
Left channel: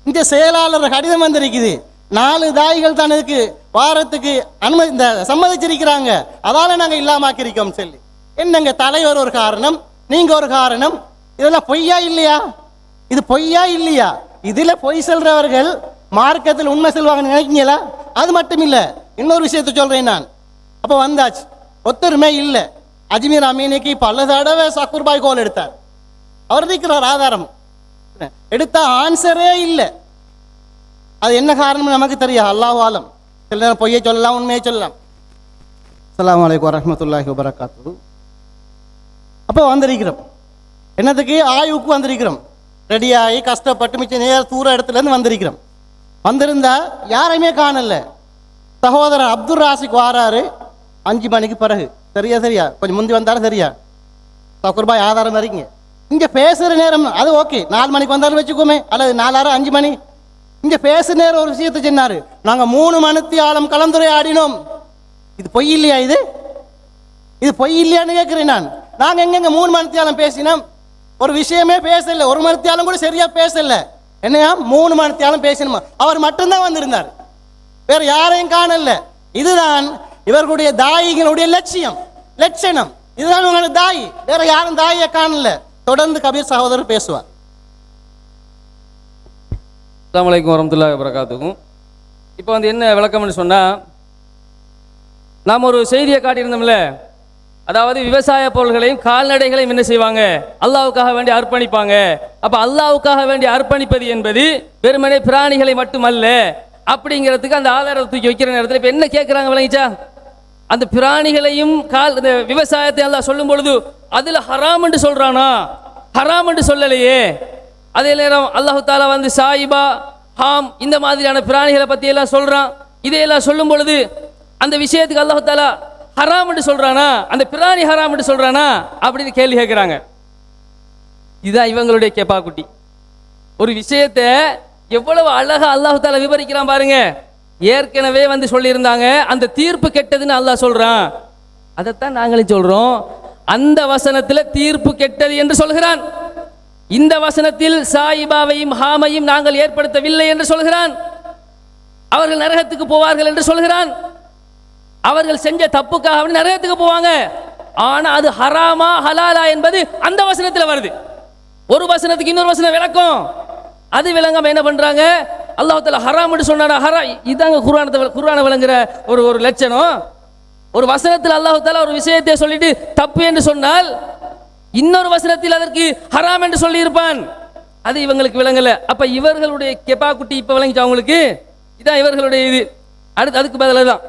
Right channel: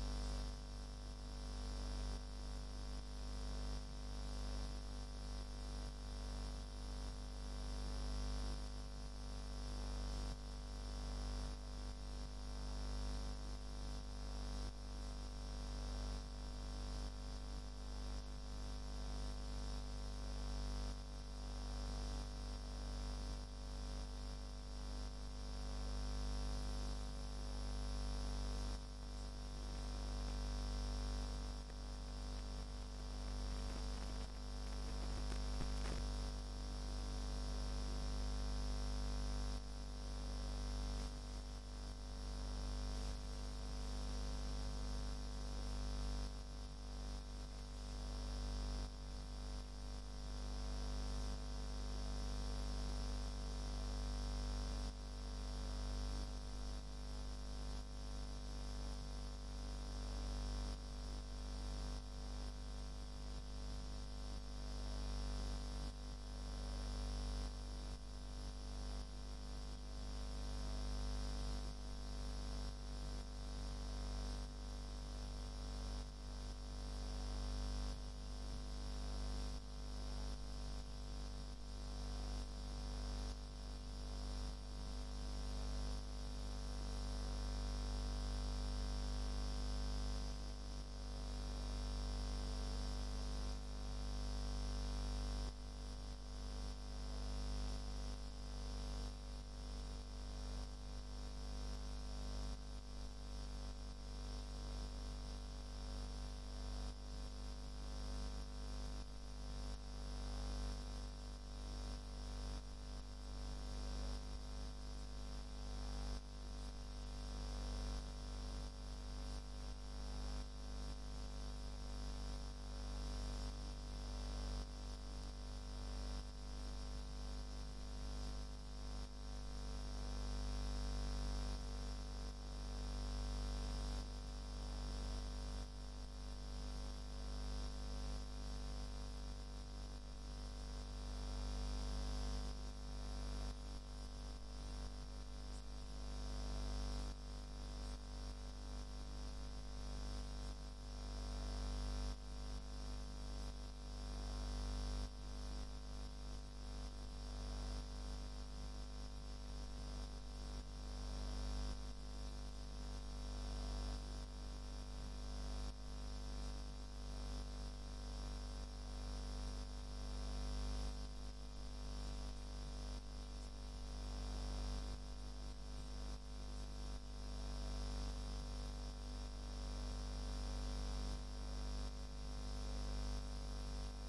இந்த செயலாளர் கடிதம் வந்திருக்குது. 4 தாய்கள் தான் இதுக்கு வாரத்துக்கு அனுமதி இந்த சம்மதிச்சிருக்கிறாங்க, அதால நாங்க இல்லாமக்கிருக்கோம் சொல்லி. என்னங்க தலைவர் ஒரு காரணம், நீங்க ஒரு காரணம், இதெல்லாம் பொய்யா இல்லையா? இது பொய்யா இல்லையா? இதுல பொய் சொல்றவர்கள் மார்க்கத்தில் உண்மை சொல்வாங்கன்னு நினைக்கிறீங்களா? அது மட்டும் இல்ல, இன்னொரு விஷயத்த சொல்றேன் நான். அப்ப வந்தாச்சு, ஒத்தருமே இல்லை. அஜ்மீர் அமீனுக்கு பல தடவை சக்கூர் பாய் கோல் எடுத்தார். அவர் இருக்கிறார் ஆதாரம், எடுத்தா ஆன்சரே இல்லை. அது என்ன காரணம் நமக்கு தெரியும், அல்லாஹ் ஆலம். சில நேரம் பொய்யை சொல்லலாம், உண்மையை சொல்லலாம். அஸ்ஸலாமு அலைக்கும் வரஹ்மத்துல்லாஹி வபரகாத்துஹு. அப்போ வந்திருக்கிறோம், என்னதுக்கு? ஆய்வுக்கு வந்திருக்கிறோம். ரெடியாகி கஷ்டப்பட்டு மிச்சம் நேர தூர இடத்துலேருந்து வந்திருக்கிறோம். வந்திருந்தா யாரையுமே காணல. சகோதரர் அப்துல் ராசிக் வாராரு 5 மணிக்கு பிறகு. சரியா கொஞ்சம் முந்தி வந்தாலும் சரியா சக்குர்பாய் ஆதாரம் வரீங்க. இங்கே பேசுகிற நேரம் அது ஓகே, 4 மணிக்கு வந்தாலும் வச்சுக்கோமே, அல்லது 4 5 மணி. இங்கே பேசு நேரம் ஒரு விஷயத்தை சொன்னாரு, நாங்கள் 3 மணித்தியாலம் கலந்துரையாடினோம். இது பொய் இல்லையா? இது பொய் இல்லையான்னு கேட்குறேன் நான். நாங்கள் எங்கெங்க 3 மணித்தியாலம் பேசினோம்? ஒரு விஷயமே பேசல, 1 மணித்தியாலம் கூட சரியா பேசல. என்னையா 3 மணித்தியாலம் பேசணுமா? அவர் மட்டும்தான் வந்திருந்தார், வேற யாரையும் காணல. இதுதான் இவர்களுடைய தாயிகளுடைய லட்சணம். இதுதான் உங்களோட தாய், வேற யாரும் தாயை காணல. தொடர்ந்து கபீர் சகோதரர் பேசுவார். அஸ்ஸலாமு அலைக்கும் வரஹ்மத்துல்லாஹி வபரகாத்துஹு. இப்போ என்ன விளக்கம்னு சொன்னால், நாம் ஒரு செய்தியை காட்டியிருந்தோம்ல, அதாவது விவசாய பொருள்களையும் கால்நடைகளையும் என்ன செய்வாங்க? அல்லாஹ்வுக்காக வேண்டி அர்ப்பணிப்பாங்க. அப்போ அல்லாஹ்வுக்காக வேண்டி அர்ப்பணிப்பது என்பது வெறுமனே பிராணிகளை மட்டுமல்ல அப்படிங்கிறதுக்கு அந்த ஆதாரத்தை தூக்கி வைக்கிற நேரத்தில் இப்போ என்ன கேட்குறாங்க விளங்கிச்சா? அந்த பிராணிகளையும் இந்த விவசாயத்தை அல்லாஹ் சொல்லும் பொழுது அதில் ஹராம் என்று சொல்கிறானா? ஹராம் என்று சொல்லலையே. அதே நேரம் அல்லாஹு தாலா சாயிபா, ஹாம் இந்த மாதிரியான பிராணிகளை பற்றி எல்லாம் சொல்கிறான். இதையெல்லாம் சொல்லும் பொழுது அந்த விஷயத்துக்கு அல்லாஹு தாலா ஹராம் என்று சொல்கிறானா, அந்த பிராணி ஹராம் என்று சொல்கிறானா அப்படின்னு கேள்வி கேட்குறாங்க. இதுதான் இவங்களுடைய கேப்பாக்குட்டி. ஒரு விஷயத்தை எவ்வளவு அழகா அல்லாஹு தாலா விவரிக்கிறான் பாருங்க. ஏற்கனவே சொல்லியிருந்தாங்க, அந்த தீர்ப்பு கெட்டதுன்னு அல்லாஹ் சொல்றான். அதைத்தான் நாங்களும் சொல்றோம். அந்த வசனத்தில் தீர்ப்பு கெட்டது என்று சொல்கிறான். இந்த வசனத்தில் சாயிபாவையும் ஹாமையும் நாங்கள் ஏற்படுத்தவில்லை என்று சொல்கிறான். அவர்கள் நரகத்துக்கு போவார்கள் என்று சொல்கிறான். அவர்கள் செஞ்ச தப்புக்காக நரகத்துக்கு போவாங்க. ஆனா அது ஹராமா ஹலாலா என்பது அந்த வசனத்தில் வருது. ஒரு வசனத்துக்கு இன்னொரு வசனம் விளக்கம். அது விளங்காம என்ன பண்றாங்க? அல்லாஹ் தஆலா ஹராம்னு சொன்னாரா? இதாங்க குர்ஆனை விளங்குற ஒரு லட்சணம். ஒரு வசனத்தில் அல்லாஹ் தஆலா ஒரு விஷயத்தை சொல்லிட்டு தப்பு என்று சொன்னால் இன்னொரு வசனத்தில் அதற்கு ஹராம் என்று சொல்லி இருப்பான். அது இவங்களுக்கு விளங்கல. அப்ப இவர்களுடைய கெப்பாக்குட்டி இப்ப விளங்கிச்சு அவங்களுக்கு. இதான் இவர்களுடைய இது. அதுக்கு பதிலாக தான்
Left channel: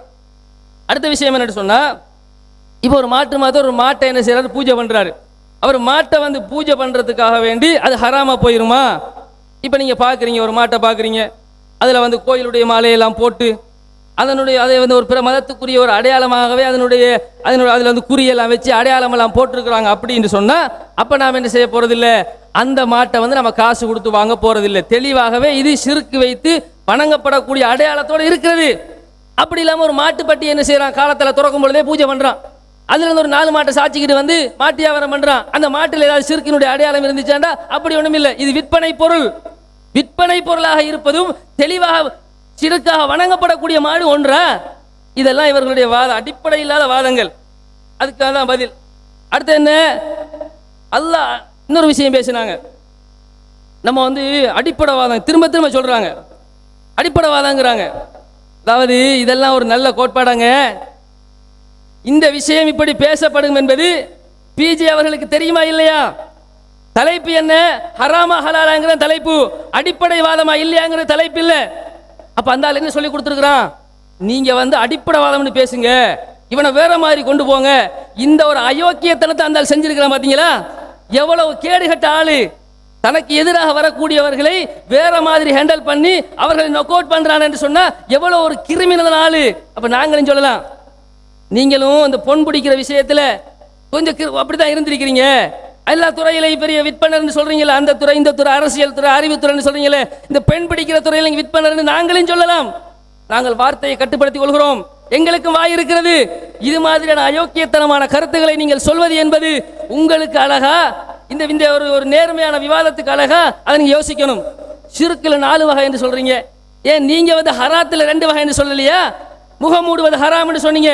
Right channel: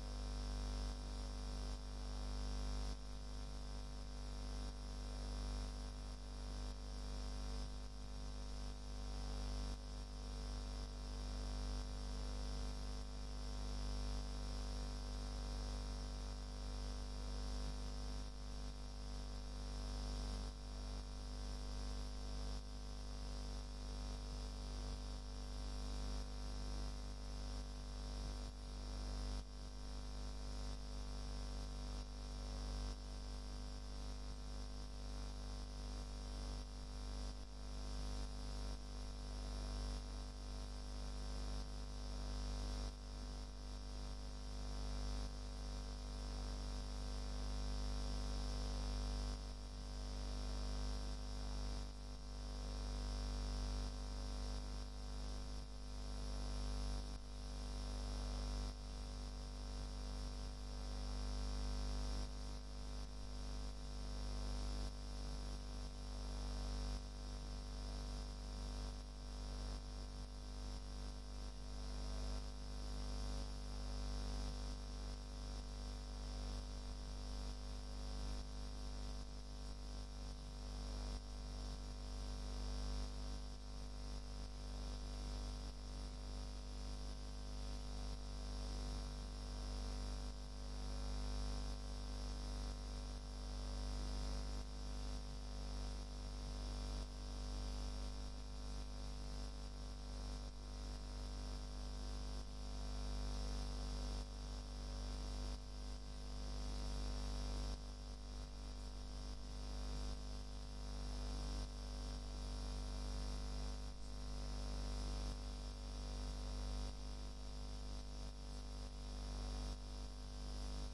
அடுத்த விஷயம் என்னன்னு சொன்னா, இப்போ ஒரு மாதம் ஒரு மாட்டை என்ன செய்யறாரு? பூஜை பண்றாரு. அவர் மாட்டை வந்து பூஜை பண்றதுக்காக வேண்டி அது ஹராமா போயிருமா? இப்போ நீங்க பாக்குறீங்க, ஒரு மாட்டை பாக்குறீங்க, அதுல வந்து கோயிலுடைய மாலையெல்லாம் போட்டு அதை வந்து ஒரு பிற மதத்துக்குரிய ஒரு அடையாளமாகவே அதில் வந்து குறியெல்லாம் வச்சு அடையாளமெல்லாம் போட்டிருக்கிறாங்க அப்படின்னு சொன்னா, அப்ப நாம் என்ன செய்ய போறதில்லை? அந்த மாட்டை வந்து நம்ம காசு கொடுத்து வாங்க போறதில்லை. தெளிவாகவே இது ஷிர்க் வைத்து வணங்கப்படக்கூடிய அடையாளத்தோடு இருக்கிறது. அப்படி இல்லாம ஒரு மாட்டுப்பட்டி என்ன செய்யறான்? காலத்துல திறக்கும் பொழுதே பூஜை பண்றான். அதுல இருந்து ஒரு 4 மாட்டை சாச்சிக்கிட்டு வந்து மாட்டு வியாபாரம் பண்றான். அந்த மாட்டில் ஏதாவது ஷிர்க்கினுடைய அடையாளம் இருந்துச்சாண்டா அப்படி ஒண்ணும் இல்லை. இது விற்பனை பொருள். விற்பனை பொருளாக இருப்பதும் தெளிவாக ஷிர்க்காக வணங்கப்படக்கூடிய மாடு ஒன்றா? இதெல்லாம் இவர்களுடைய வாதம், அடிப்படை இல்லாத வாதங்கள். அதுக்காக தான் பதில். அடுத்து என்ன? அல்லாஹ் இன்னொரு விஷயம் பேசினாங்க. நம்ம வந்து அடிப்படை வாதம் திரும்ப திரும்ப சொல்றாங்க, அடிப்படை வாதங்கிறாங்க. அதாவது இதெல்லாம் ஒரு நல்ல கோட்பாடாங்க. இந்த விஷயம் இப்படி பேசப்படும் என்பது பிஜே அவர்களுக்கு தெரியுமா இல்லையா? தலைப்பு என்ன? ஹராமா ஹலாலாங்கிற தலைப்பு, அடிப்படை வாதமா இல்லையாங்கிற தலைப்பு இல்லை. அப்ப அந்த ஆள் என்ன சொல்லி கொடுத்துருக்கிறான்? நீங்க வந்து அடிப்படை வாதம்னு பேசுங்க, இவனை வேற மாதிரி கொண்டு போங்க. இந்த ஒரு அயோக்கியத்தனத்தை அந்த ஆள் செஞ்சிருக்கிறான். பாத்தீங்களா எவ்வளவு கேடுகட்ட ஆளு? தனக்கு எதிராக வரக்கூடியவர்களை வேற மாதிரி ஹேண்டில் பண்ணி அவர்களை நொக் அவுட் பண்றான் என்று சொன்னா எவ்வளவு ஒரு கிரிமினல் ஆளு. அப்ப நாங்களும் சொல்லலாம், நீங்களும் அந்த பொன் பிடிக்கிற விஷயத்துல கொஞ்சம் அப்படிதான் இருந்திருக்கிறீங்க. எல்லா துறையிலையும் பெரிய விற்பனர்னு சொல்றீங்களே, அந்த துறை இந்த துறை அரசியல் துறை அறிவுத்துறைன்னு சொல்றீங்களே, இந்த பெண் பிடிக்கிற துறையில விற்பனர்னு நாங்களும் சொல்லலாம். நாங்கள் வார்த்தையை கட்டுப்படுத்திக் கொள்கிறோம், எங்களுக்கும் வாய் இருக்கிறது. இது மாதிரியான அயோக்கியத்தனமான கருத்துக்களை நீங்கள் சொல்வது என்பது உங்களுக்கு அழகா? இந்த ஒரு நேர்மையான விவாதத்துக்கு அழகா? அதை நீங்க யோசிக்கணும். ஷிர்க்ல 4 வகை என்று சொல்றீங்க, ஏன் நீங்க வந்து ஹராத்துல 2 வகை என்று சொல்லலையா? முகம் மூடுவது ஹராம்னு சொன்னீங்க.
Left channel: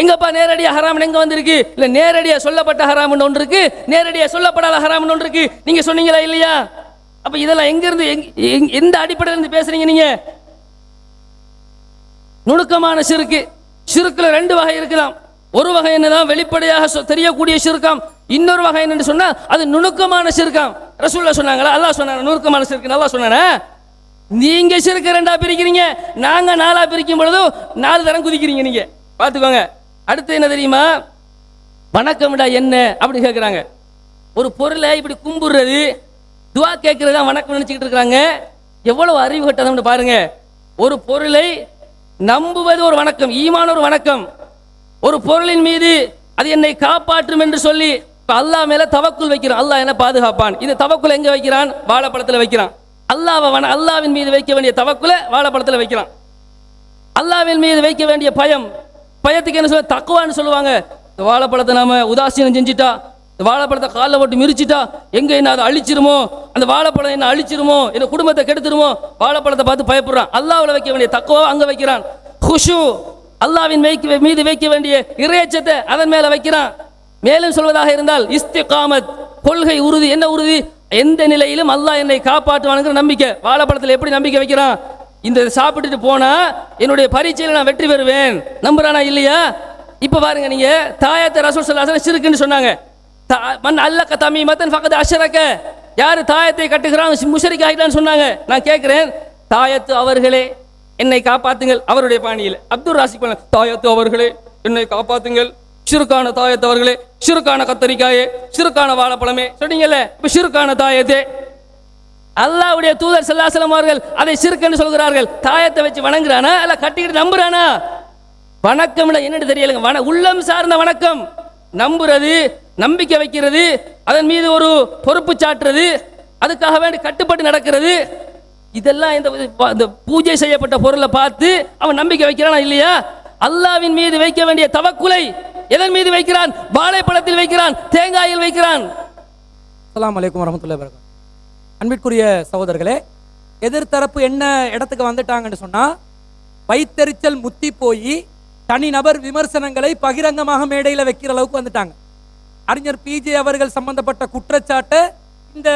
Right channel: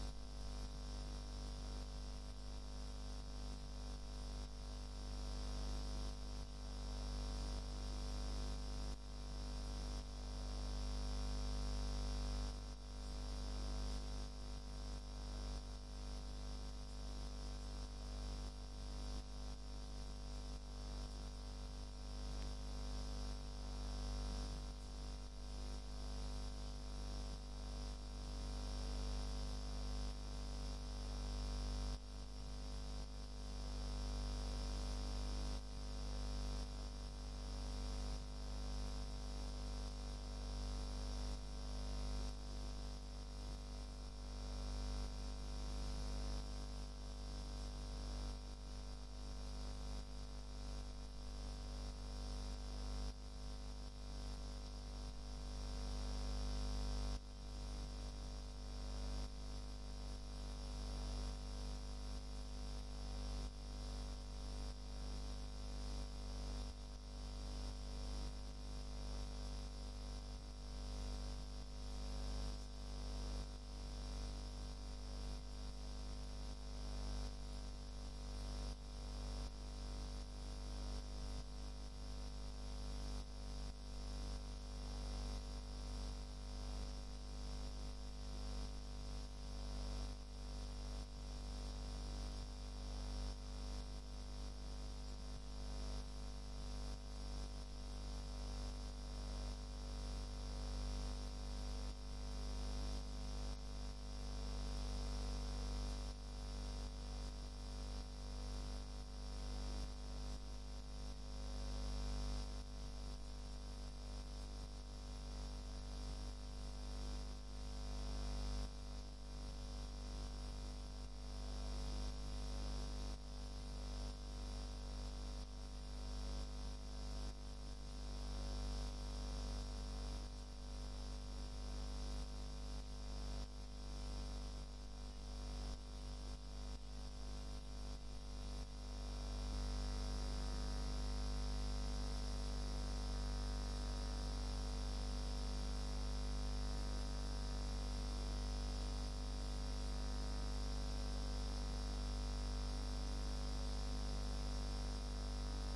எங்கப்பா நேரடியா ஹராம் எங்க வந்திருக்கு? இல்ல நேரடியா சொல்லப்பட்ட ஹராம் ஒன்று இருக்கு, நேரடியா சொல்லப்படாத ஹராம் ஒன்று இருக்கு. நீங்க சொன்னீங்களா இல்லையா? அப்ப இதெல்லாம் எங்க இருந்து எந்த அடிப்படையில இருந்து பேசுறீங்க நீங்க? நுணுக்கமான ஷிர்க். ஷிர்க்ல 2 வகை இருக்கலாம். ஒரு வகை என்னதான் வெளிப்படையாக தெரியக்கூடிய ஷிர்காம், இன்னொரு வகை என்னன்னு சொன்னா அது நுணுக்கமான ஷிர்காம். ரசூலுல்லாஹ் சொன்னாங்களா? அல்லாஹ் சொன்னாங்க நுணுக்கமான ஷிர்க். நல்லா சொன்னானே. நீங்க ஷிர்க் 2ஆ பிரிக்கிறீங்க, நாங்க 4ஆ பிரிக்கும் பொழுது 4 தரம் குதிக்கிறீங்க. நீங்க பாத்துக்கோங்க. அடுத்து என்ன தெரியுமா? வணக்கம்டா என்ன அப்படி கேட்குறாங்க. ஒரு பொருளை இப்படி கும்பிடுறது, துவா கேட்கறது தான் வணக்கம் நினைச்சுக்கிட்டு இருக்கிறாங்க. எவ்வளவு அறிவு கட்டணும்னு பாருங்க. ஒரு பொருளை நம்புவது ஒரு வணக்கம், ஈமான் ஒரு வணக்கம். ஒரு பொருளின் மீது அது என்னை காப்பாற்றும் என்று சொல்லி அல்லாஹ் மேல தவக்குல் வைக்கிறான், அல்லாஹ் என்ன பாதுகாப்பான். இந்த தவக்குல் எங்க வைக்கிறான்? வாழைப்பழத்தில் வைக்கிறான். அல்லாஹ்வின் மீது வைக்க வேண்டிய தவக்குல வாழைப்பழத்தில் வைக்கிறான். அல்லாஹ்வின் மீது வைக்க வேண்டிய பயத்துக்கு என்ன சொல்ல? தக்குவான்னு சொல்லுவாங்க. இந்த வாழைப்பழத்தை நாம உதாசீனம் செஞ்சுட்டா, இந்த வாழைப்பழத்தை காலில் போட்டு மிரிச்சிட்டா எங்க என்ன அதை அழிச்சிருமோ, அந்த வாழைப்பழம் என்ன அழிச்சிருமோ, என்ன குடும்பத்தை கெடுத்துருமோ, வாழைப்பழத்தை பார்த்து பயப்படுறான். அல்லாஹ்வுல வைக்க வேண்டிய தக்குவா அங்க வைக்கிறான். குஷு அல்லாஹ்வின் மீது வைக்க வேண்டிய இறையச்சத்தை அதன் மேல வைக்கிறான். மேலும் சொல்வதாக இருந்தால் இஸ்திகாமத், கொள்கை உறுதி. என்ன உறுதி? எந்த நிலையிலும் அல்லாஹ் என்னை காப்பாற்றுவானுங்கிற நம்பிக்கை. வாழைப்பழத்தில் எப்படி நம்பிக்கை வைக்கிறான்? இந்த சாப்பிட்டுட்டு போனா என்னுடைய பரீட்சையில் நான் வெற்றி பெறுவேன், நம்புறானா இல்லையா? இப்ப பாருங்க, நீங்க தாயத்தை ரசூல் ஸல்லல்லாஹு அலைஹி வஸல்லம் ஷிர்க்னு சொன்னாங்க. மன் அல்லக தமீமத்தன் ஃபகத் அஷ்ரக, யாரு தாயத்தை கட்டுகிறான் முஷ்ரிக் ஆயிட்டான்னு சொன்னாங்க. நான் கேட்கிறேன், தாயத்து அவர்களே என்னை காப்பாத்துங்கள், அவருடைய பாணியில் அப்துல் ராசிக் பண்ண, தாயத்து அவர்களே என்னை காப்பாத்துங்கள், ஷிர்கான தாயத்து அவர்களே, ஷிர்கான கத்தரிக்காயே, ஷிர்கான வாழைப்பழமே சொன்னீங்கல்ல, இப்ப ஷிர்கான தாயத்தே. அல்லாஹ்வுடைய தூதர் ஸல்லல்லாஹு அலைஹி வஸல்லம் அவர்கள் அதை ஷிர்க்னு சொல்கிறார்கள். தாயத்தை வச்சு வணங்குறானா இல்ல கட்டிக்கிட்டு நம்புறானா? வணக்கம் என்னன்னு தெரியலங்க. உள்ளம் சார்ந்த வணக்கம், நம்புறது, நம்பிக்கை வைக்கிறது, அதன் மீது ஒரு பொறுப்பு சாட்டுறது, அதுக்காக வேண்டி கட்டுப்பட்டு நடக்கிறது. இதெல்லாம் இந்த பூஜை செய்யப்பட்ட பொருளை பார்த்து அவன் நம்பிக்கை வைக்கிறானா இல்லையா? அல்லாஹ்வின் மீது வைக்க வேண்டிய தவக்குலை எதன் மீது வைக்கிறான்? வாழைப்பழத்தில் வைக்கிறான், தேங்காயில் வைக்கிறான். அஸ்ஸலாமு அலைக்கும் வரஹ்மத்துல்லாஹி வபரகாத்துஹு. அன்பிற்குரிய சகோதரர்களே, எதிர்த்தரப்பு என்ன இடத்துக்கு வந்துட்டாங்கன்னு சொன்னா, வைத்தறிச்சல் முத்தி போய் தனிநபர் விமர்சனங்களை பகிரங்கமாக மேடையில் வைக்கிற அளவுக்கு வந்துட்டாங்க. அறிஞர் பிஜே அவர்கள் சம்பந்தப்பட்ட குற்றச்சாட்டை இந்த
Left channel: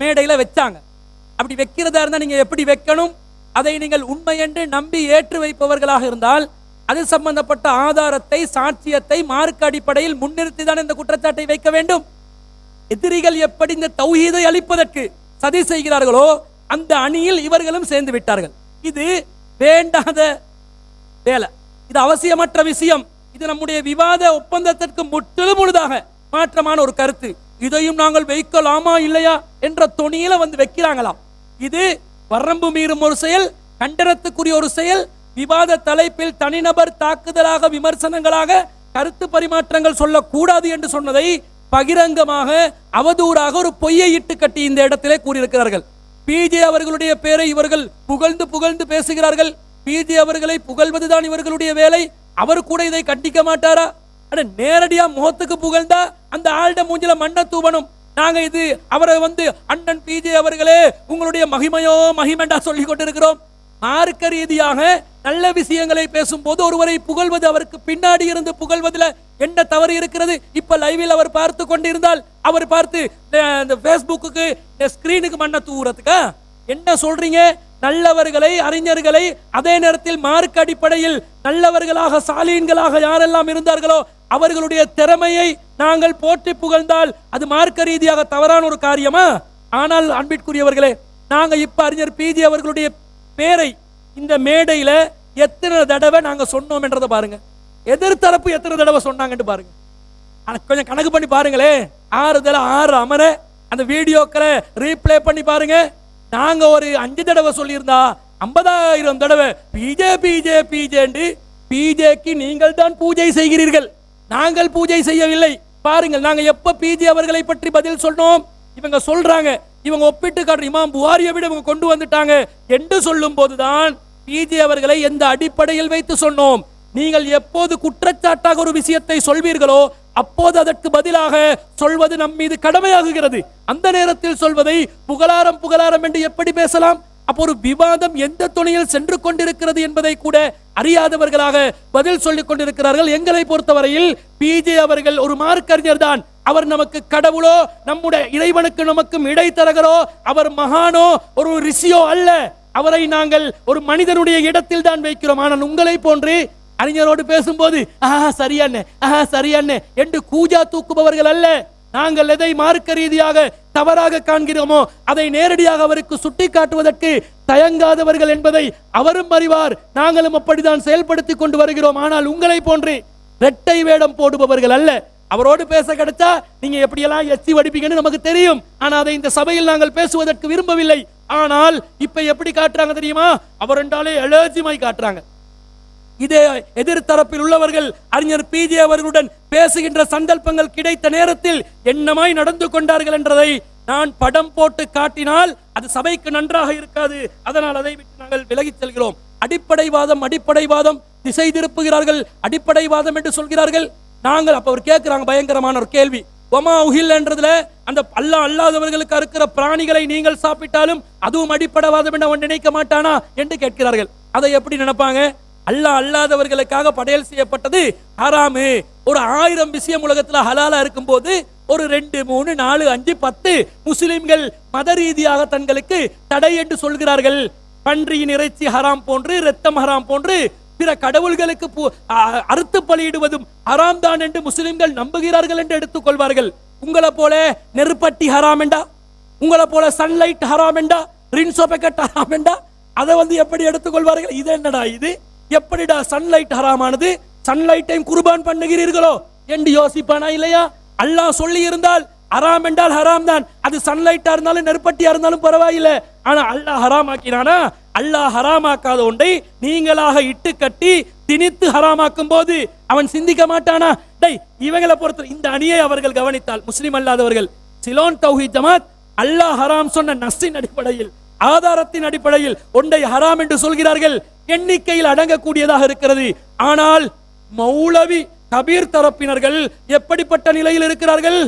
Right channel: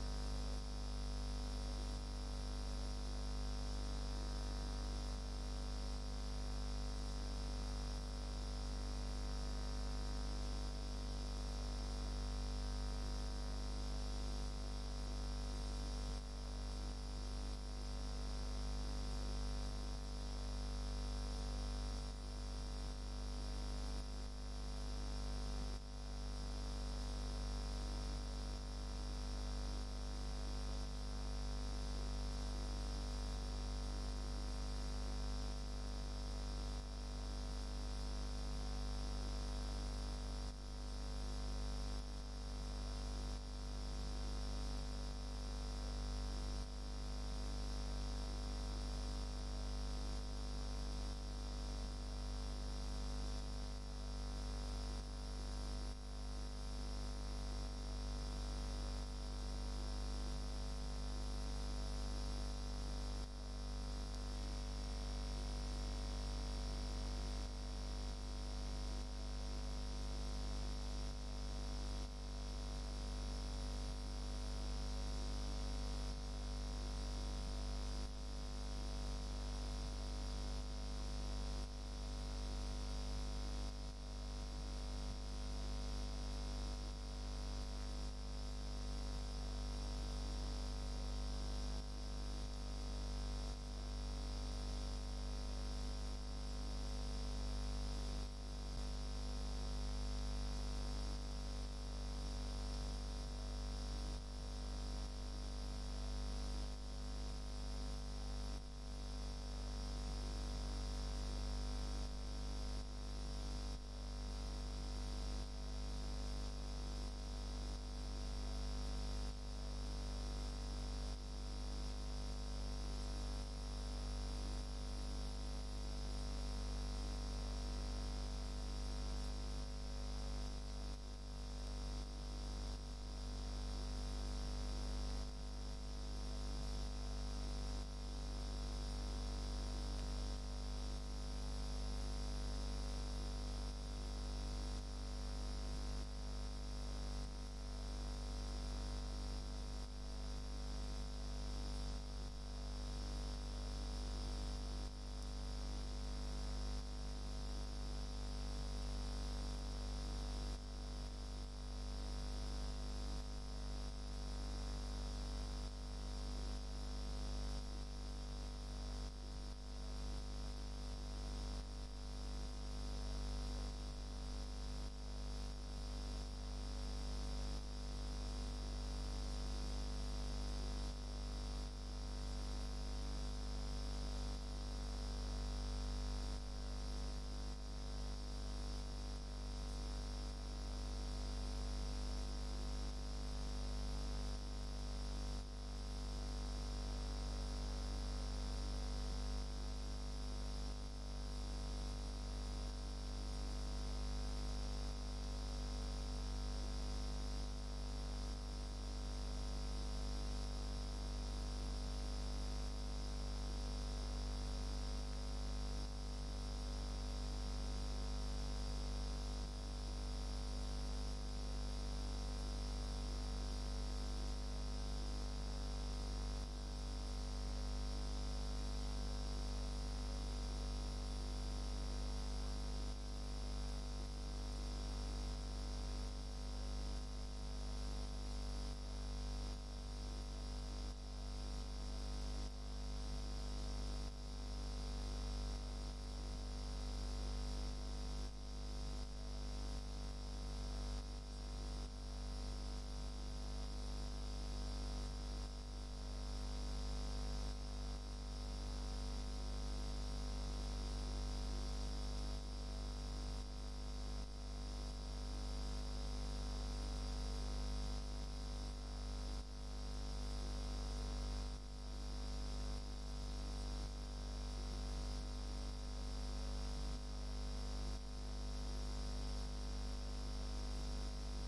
மேடையில வச்சாங்க. அப்படி வைக்கிறதா இருந்தா நீங்க எப்படி வைக்கணும், அதை நீங்கள் உண்மை என்று நம்பி ஏற்று வைப்பவர்களாக இருந்தால் அது சம்பந்தப்பட்ட ஆதாரத்தை, சாட்சியத்தை மார்க்க அடிப்படையில் முன்னிறுத்தி தான் இந்த குற்றச்சாட்டை வைக்க வேண்டும். எதிரிகள் எப்படி இந்த தௌஹீதை அழிப்பதற்கு சதி செய்கிறார்களோ அந்த அணியில் இவர்களும் சேர்ந்து விட்டார்கள். இது வேண்டாத வேலை, இது அவசியமற்ற விஷயம், இது நம்முடைய விவாத ஒப்பந்தத்திற்கு முற்றிலும் முழுதாக மாற்றமான ஒரு கருத்து. இதையும் நாங்கள் வைக்கலாமா இல்லையா என்ற தொனியில வந்து வைக்கிறாங்களாம். இது வரம்பு மீறும் ஒரு செயல், கண்டனத்துக்குரிய ஒரு செயல். விவாத தலைப்பில் தனிநபர் தாக்குதலாக, விமர்சனங்களாக கருத்து பரிமாற்றங்கள் சொல்லக்கூடாது என்று சொன்னதை பகிரங்கமாக அவதூறாக ஒரு பொய்யை இட்டு கட்டி இந்த இடத்திலே கூறியிருக்கிறார்கள். பிஜே அவர்களுடைய பெயரை இவர்கள் புகழ்ந்து புகழ்ந்து பேசுகிறார்கள். பிஜே அவர்களை புகழ்வதுதான் இவர்களுடைய வேலை. அவர் கூட இதை கண்டிக்க மாட்டாரா? நேரடியா முகத்துக்கு புகழ்ந்தா அந்த ஆள்ட மூஞ்சில மண்ண தூவணும். நாங்க இது அவரை வந்து அண்ணன் பிஜே அவர்களே உங்களுடைய மகிமையோ மகிமெண்டா சொல்லி கொண்டிருக்கிறோம். மார்க்க ரீதியாக நல்ல விஷயங்களை பேசும்போது ஒருவரை புகழ்வது, அவருக்கு பின்னாடி இருந்து புகழ்வதில் என்ன தவறு இருக்கிறது? இப்ப லைவில் அவர் பார்த்து கொண்டிருந்தால் அவர் பார்த்து இந்த பேஸ்புக்கு ஸ்கிரீனுக்கு மண்ண தூவுறதுக்கா என்ன சொல்றீங்க? நல்லவர்களை, அறிஞர்களை, அதே நேரத்தில் மார்க்க அடிப்படையில் நல்லவர்களாக, சாலீன்களாக யாரெல்லாம் இருந்தார்களோ அவர்களுடைய திறமையை நாங்கள் போற்றி புகழ்ந்தால் அது மார்க்க ரீதியாக தவறான ஒரு காரியமா? ஆனால் அன்பிற்குரியவர்களே, நாங்க இப்ப அறிஞர் பிஜி அவர்களுடைய பேரை இந்த மேடையில எத்தனை தடவை நாங்க சொன்னோம் என்றதை பாருங்க. எதிர்த்தரப்பு எத்தனை தடவை சொன்னாங்கன்னு பாருங்க. கொஞ்சம் கணக்கு பண்ணி பாருங்களே. 6 அமர அந்த வீடியோக்களை ரீப்ளே பண்ணி பாருங்க. நாங்க ஒரு 5 தடவை சொல்லியிருந்தா 50,000 தடவை பிஜே பிஜே பிஜே. பிஜேக்கு நீங்கள் தான் பூஜை செய்கிறீர்கள், நாங்கள் பூஜை செய்யவில்லை. பாருங்கள், நாங்க எப்ப பிஜே அவர்களை பற்றி பதில் சொன்னோம்? இவங்க சொல்றாங்க, இவங்க ஒப்பிட்டு காட்டுற இமாம் புகாரியை விட இவங்க கொண்டு வந்துட்டாங்க என்று சொல்லும் போதுதான் பிஜே அவர்களை எந்த அடிப்படையில் வைத்து சொன்னோம்? நீங்கள் எப்போது குற்றச்சாட்டாக ஒரு விஷயத்தை சொல்வீர்களோ அப்போது அதற்கு பதிலாக சொல்வது நம் மீது கடமையாகுகிறது. அந்த நேரத்தில் சொல்வதை புகழாரம் என்று எப்படி பேசலாம்? அப்போ ஒரு விவாதம் எந்த துணையில் சென்று கொண்டிருக்கிறது என்பதை கூட அறியாதவர்களாக பதில் சொல்லிக் கொண்டிருக்கிறார்கள். எங்களை பொறுத்தவரையில் பிஜே அவர்கள் ஒரு மார்க்கறிஞர் தான். அவர் நமக்கு கடவுளோ, நம்முடைய இறைவனுக்கு நமக்கும் இடைத்தரகரோ, அவர் மகானோ, ஒரு ரிஷியோ அல்ல. அவரை நாங்கள் ஒரு மனிதனுடைய இடத்தில் தான் வைக்கிறோம். ஆனால் உங்களை போன்று அறிஞரோடு பேசும்போது சரியானே என்று கூஜா தூக்குபவர்கள் அல்ல. நாங்கள் எதை மார்க்க ரீதியாக தவறாக காண்கிறோமோ அதை நேரடியாக அவருக்கு சுட்டி காட்டுவதற்கு தயங்காதவர்கள் என்பதை அவரும் அறிவார். நாங்களும் அப்படித்தான் செயல்படுத்திக் கொண்டு வருகிறோம். ஆனால் உங்களை போன்று இரட்டை வேடம் போடுபவர்கள் அல்ல. அவரோடு பேச கிடைச்சா நீங்க எப்படியெல்லாம் எச்சி வடிப்பீங்கன்னு நமக்கு தெரியும். ஆனா அதை இந்த சபையில் நாங்கள் பேசுவதற்கு விரும்பவில்லை. ஆனால் இப்ப எப்படி காட்டுறாங்க தெரியுமா? அவர் என்றாலே அலர்ஜிமாய் காட்டுறாங்க. இதே எதிர்த்தரப்பில் உள்ளவர்கள் அறிஞர் பிஜே அவர்களுடன் பேசுகின்ற சந்தர்ப்பங்கள் கிடைத்த நேரத்தில் என்னமாய் நடந்து கொண்டார்கள் என்றதை நான் படம் போட்டு காட்டினால் அது சபைக்கு நன்றாக இருக்காது. அதனால் அதை விட்டு நாங்கள் விலகிச் செல்கிறோம். அடிப்படைவாதம் திசை திருப்புகிறார்கள். அடிப்படைவாதம் என்று சொல்கிறார்கள். நாங்கள் அப்ப அவர் கேட்கிறாங்க பயங்கரமான ஒரு கேள்வி. ஒமா உஹில் என்றதுல அந்த அல்லாஹ் அல்லாதவர்களுக்கு இருக்கிற பிராணிகளை நீங்கள் சாப்பிட்டாலும் அதுவும் அடிப்படைவாதம் என்று அவன் நினைக்க மாட்டானா என்று கேட்கிறார்கள். அதை எப்படி நினைப்பாங்க? அல்லாஹ் அல்லாதவர்களுக்காக படையல் செய்யப்பட்டது ஹராமு. ஒரு 1000 விஷயம் உலகத்துல ஹலாலா இருக்கும் போது ஒரு 2, 3, 4, 5, 10 முஸ்லிம்கள் மத ரீதியாக தங்களுக்கு தடை என்று சொல்கிறார்கள். பன்றியின் இறைச்சி ஹராம் போன்று, இரத்தம் ஹராம் போன்று, பிற கடவுள்களுக்கு அறுத்து பலியிடுவதும் ஹராம் தான் என்று முஸ்லிம்கள் நம்புகிறார்கள் என்று எடுத்துக் கொள்வார்கள். உங்களை போல நெருப்பட்டி ஹராம் என்றா, உங்களை போல சன்லைட் ஹராம் என்றா, ரின்சோ பேக்கெட் ஹராம் என்றா, அதை எப்படி எடுத்துக்கொள்வார்கள்? இது என்னடா இது? எப்படிடா சன்லைட் ஹராமானது? சன்லைட்டையும் குர்பான் பண்ணுகிறீர்களோ என்று யோசிப்பானா இல்லையா? அல்லாஹ் சொல்லி இருந்தால் ஹராம் என்றால் ஹராம் தான். அது சன்லைட்டா இருந்தாலும் நெருப்பட்டியா இருந்தாலும் பரவாயில்லை. ஆனா அல்லாஹ் ஹராம் ஆக்கினானா? அல்லாஹ் ஹராமாக்காத ஒன்றை நீங்களாக இட்டு கட்டி திணித்து ஹராமாக்கும் போது அவன் சிந்திக்க மாட்டானா? இவங்களை பொறுத்த இந்த அணியை அவர்கள் கவனித்தால், முஸ்லிம் அல்லாதவர்கள் சிலோன் தௌஹீத் ஜமாத் அல்லாஹ் ஹராம் சொன்ன நஸ்ஸின் அடிப்படையில், ஆதாரத்தின் அடிப்படையில் ஒன்றை ஹராம் என்று சொல்கிறார்கள். எண்ணிக்கையில் அடங்கக்கூடியதாக இருக்கிறது. ஆனால் மௌலவி கபீர் தரப்பினர்கள் எப்படிப்பட்ட நிலையில் இருக்கிறார்கள்?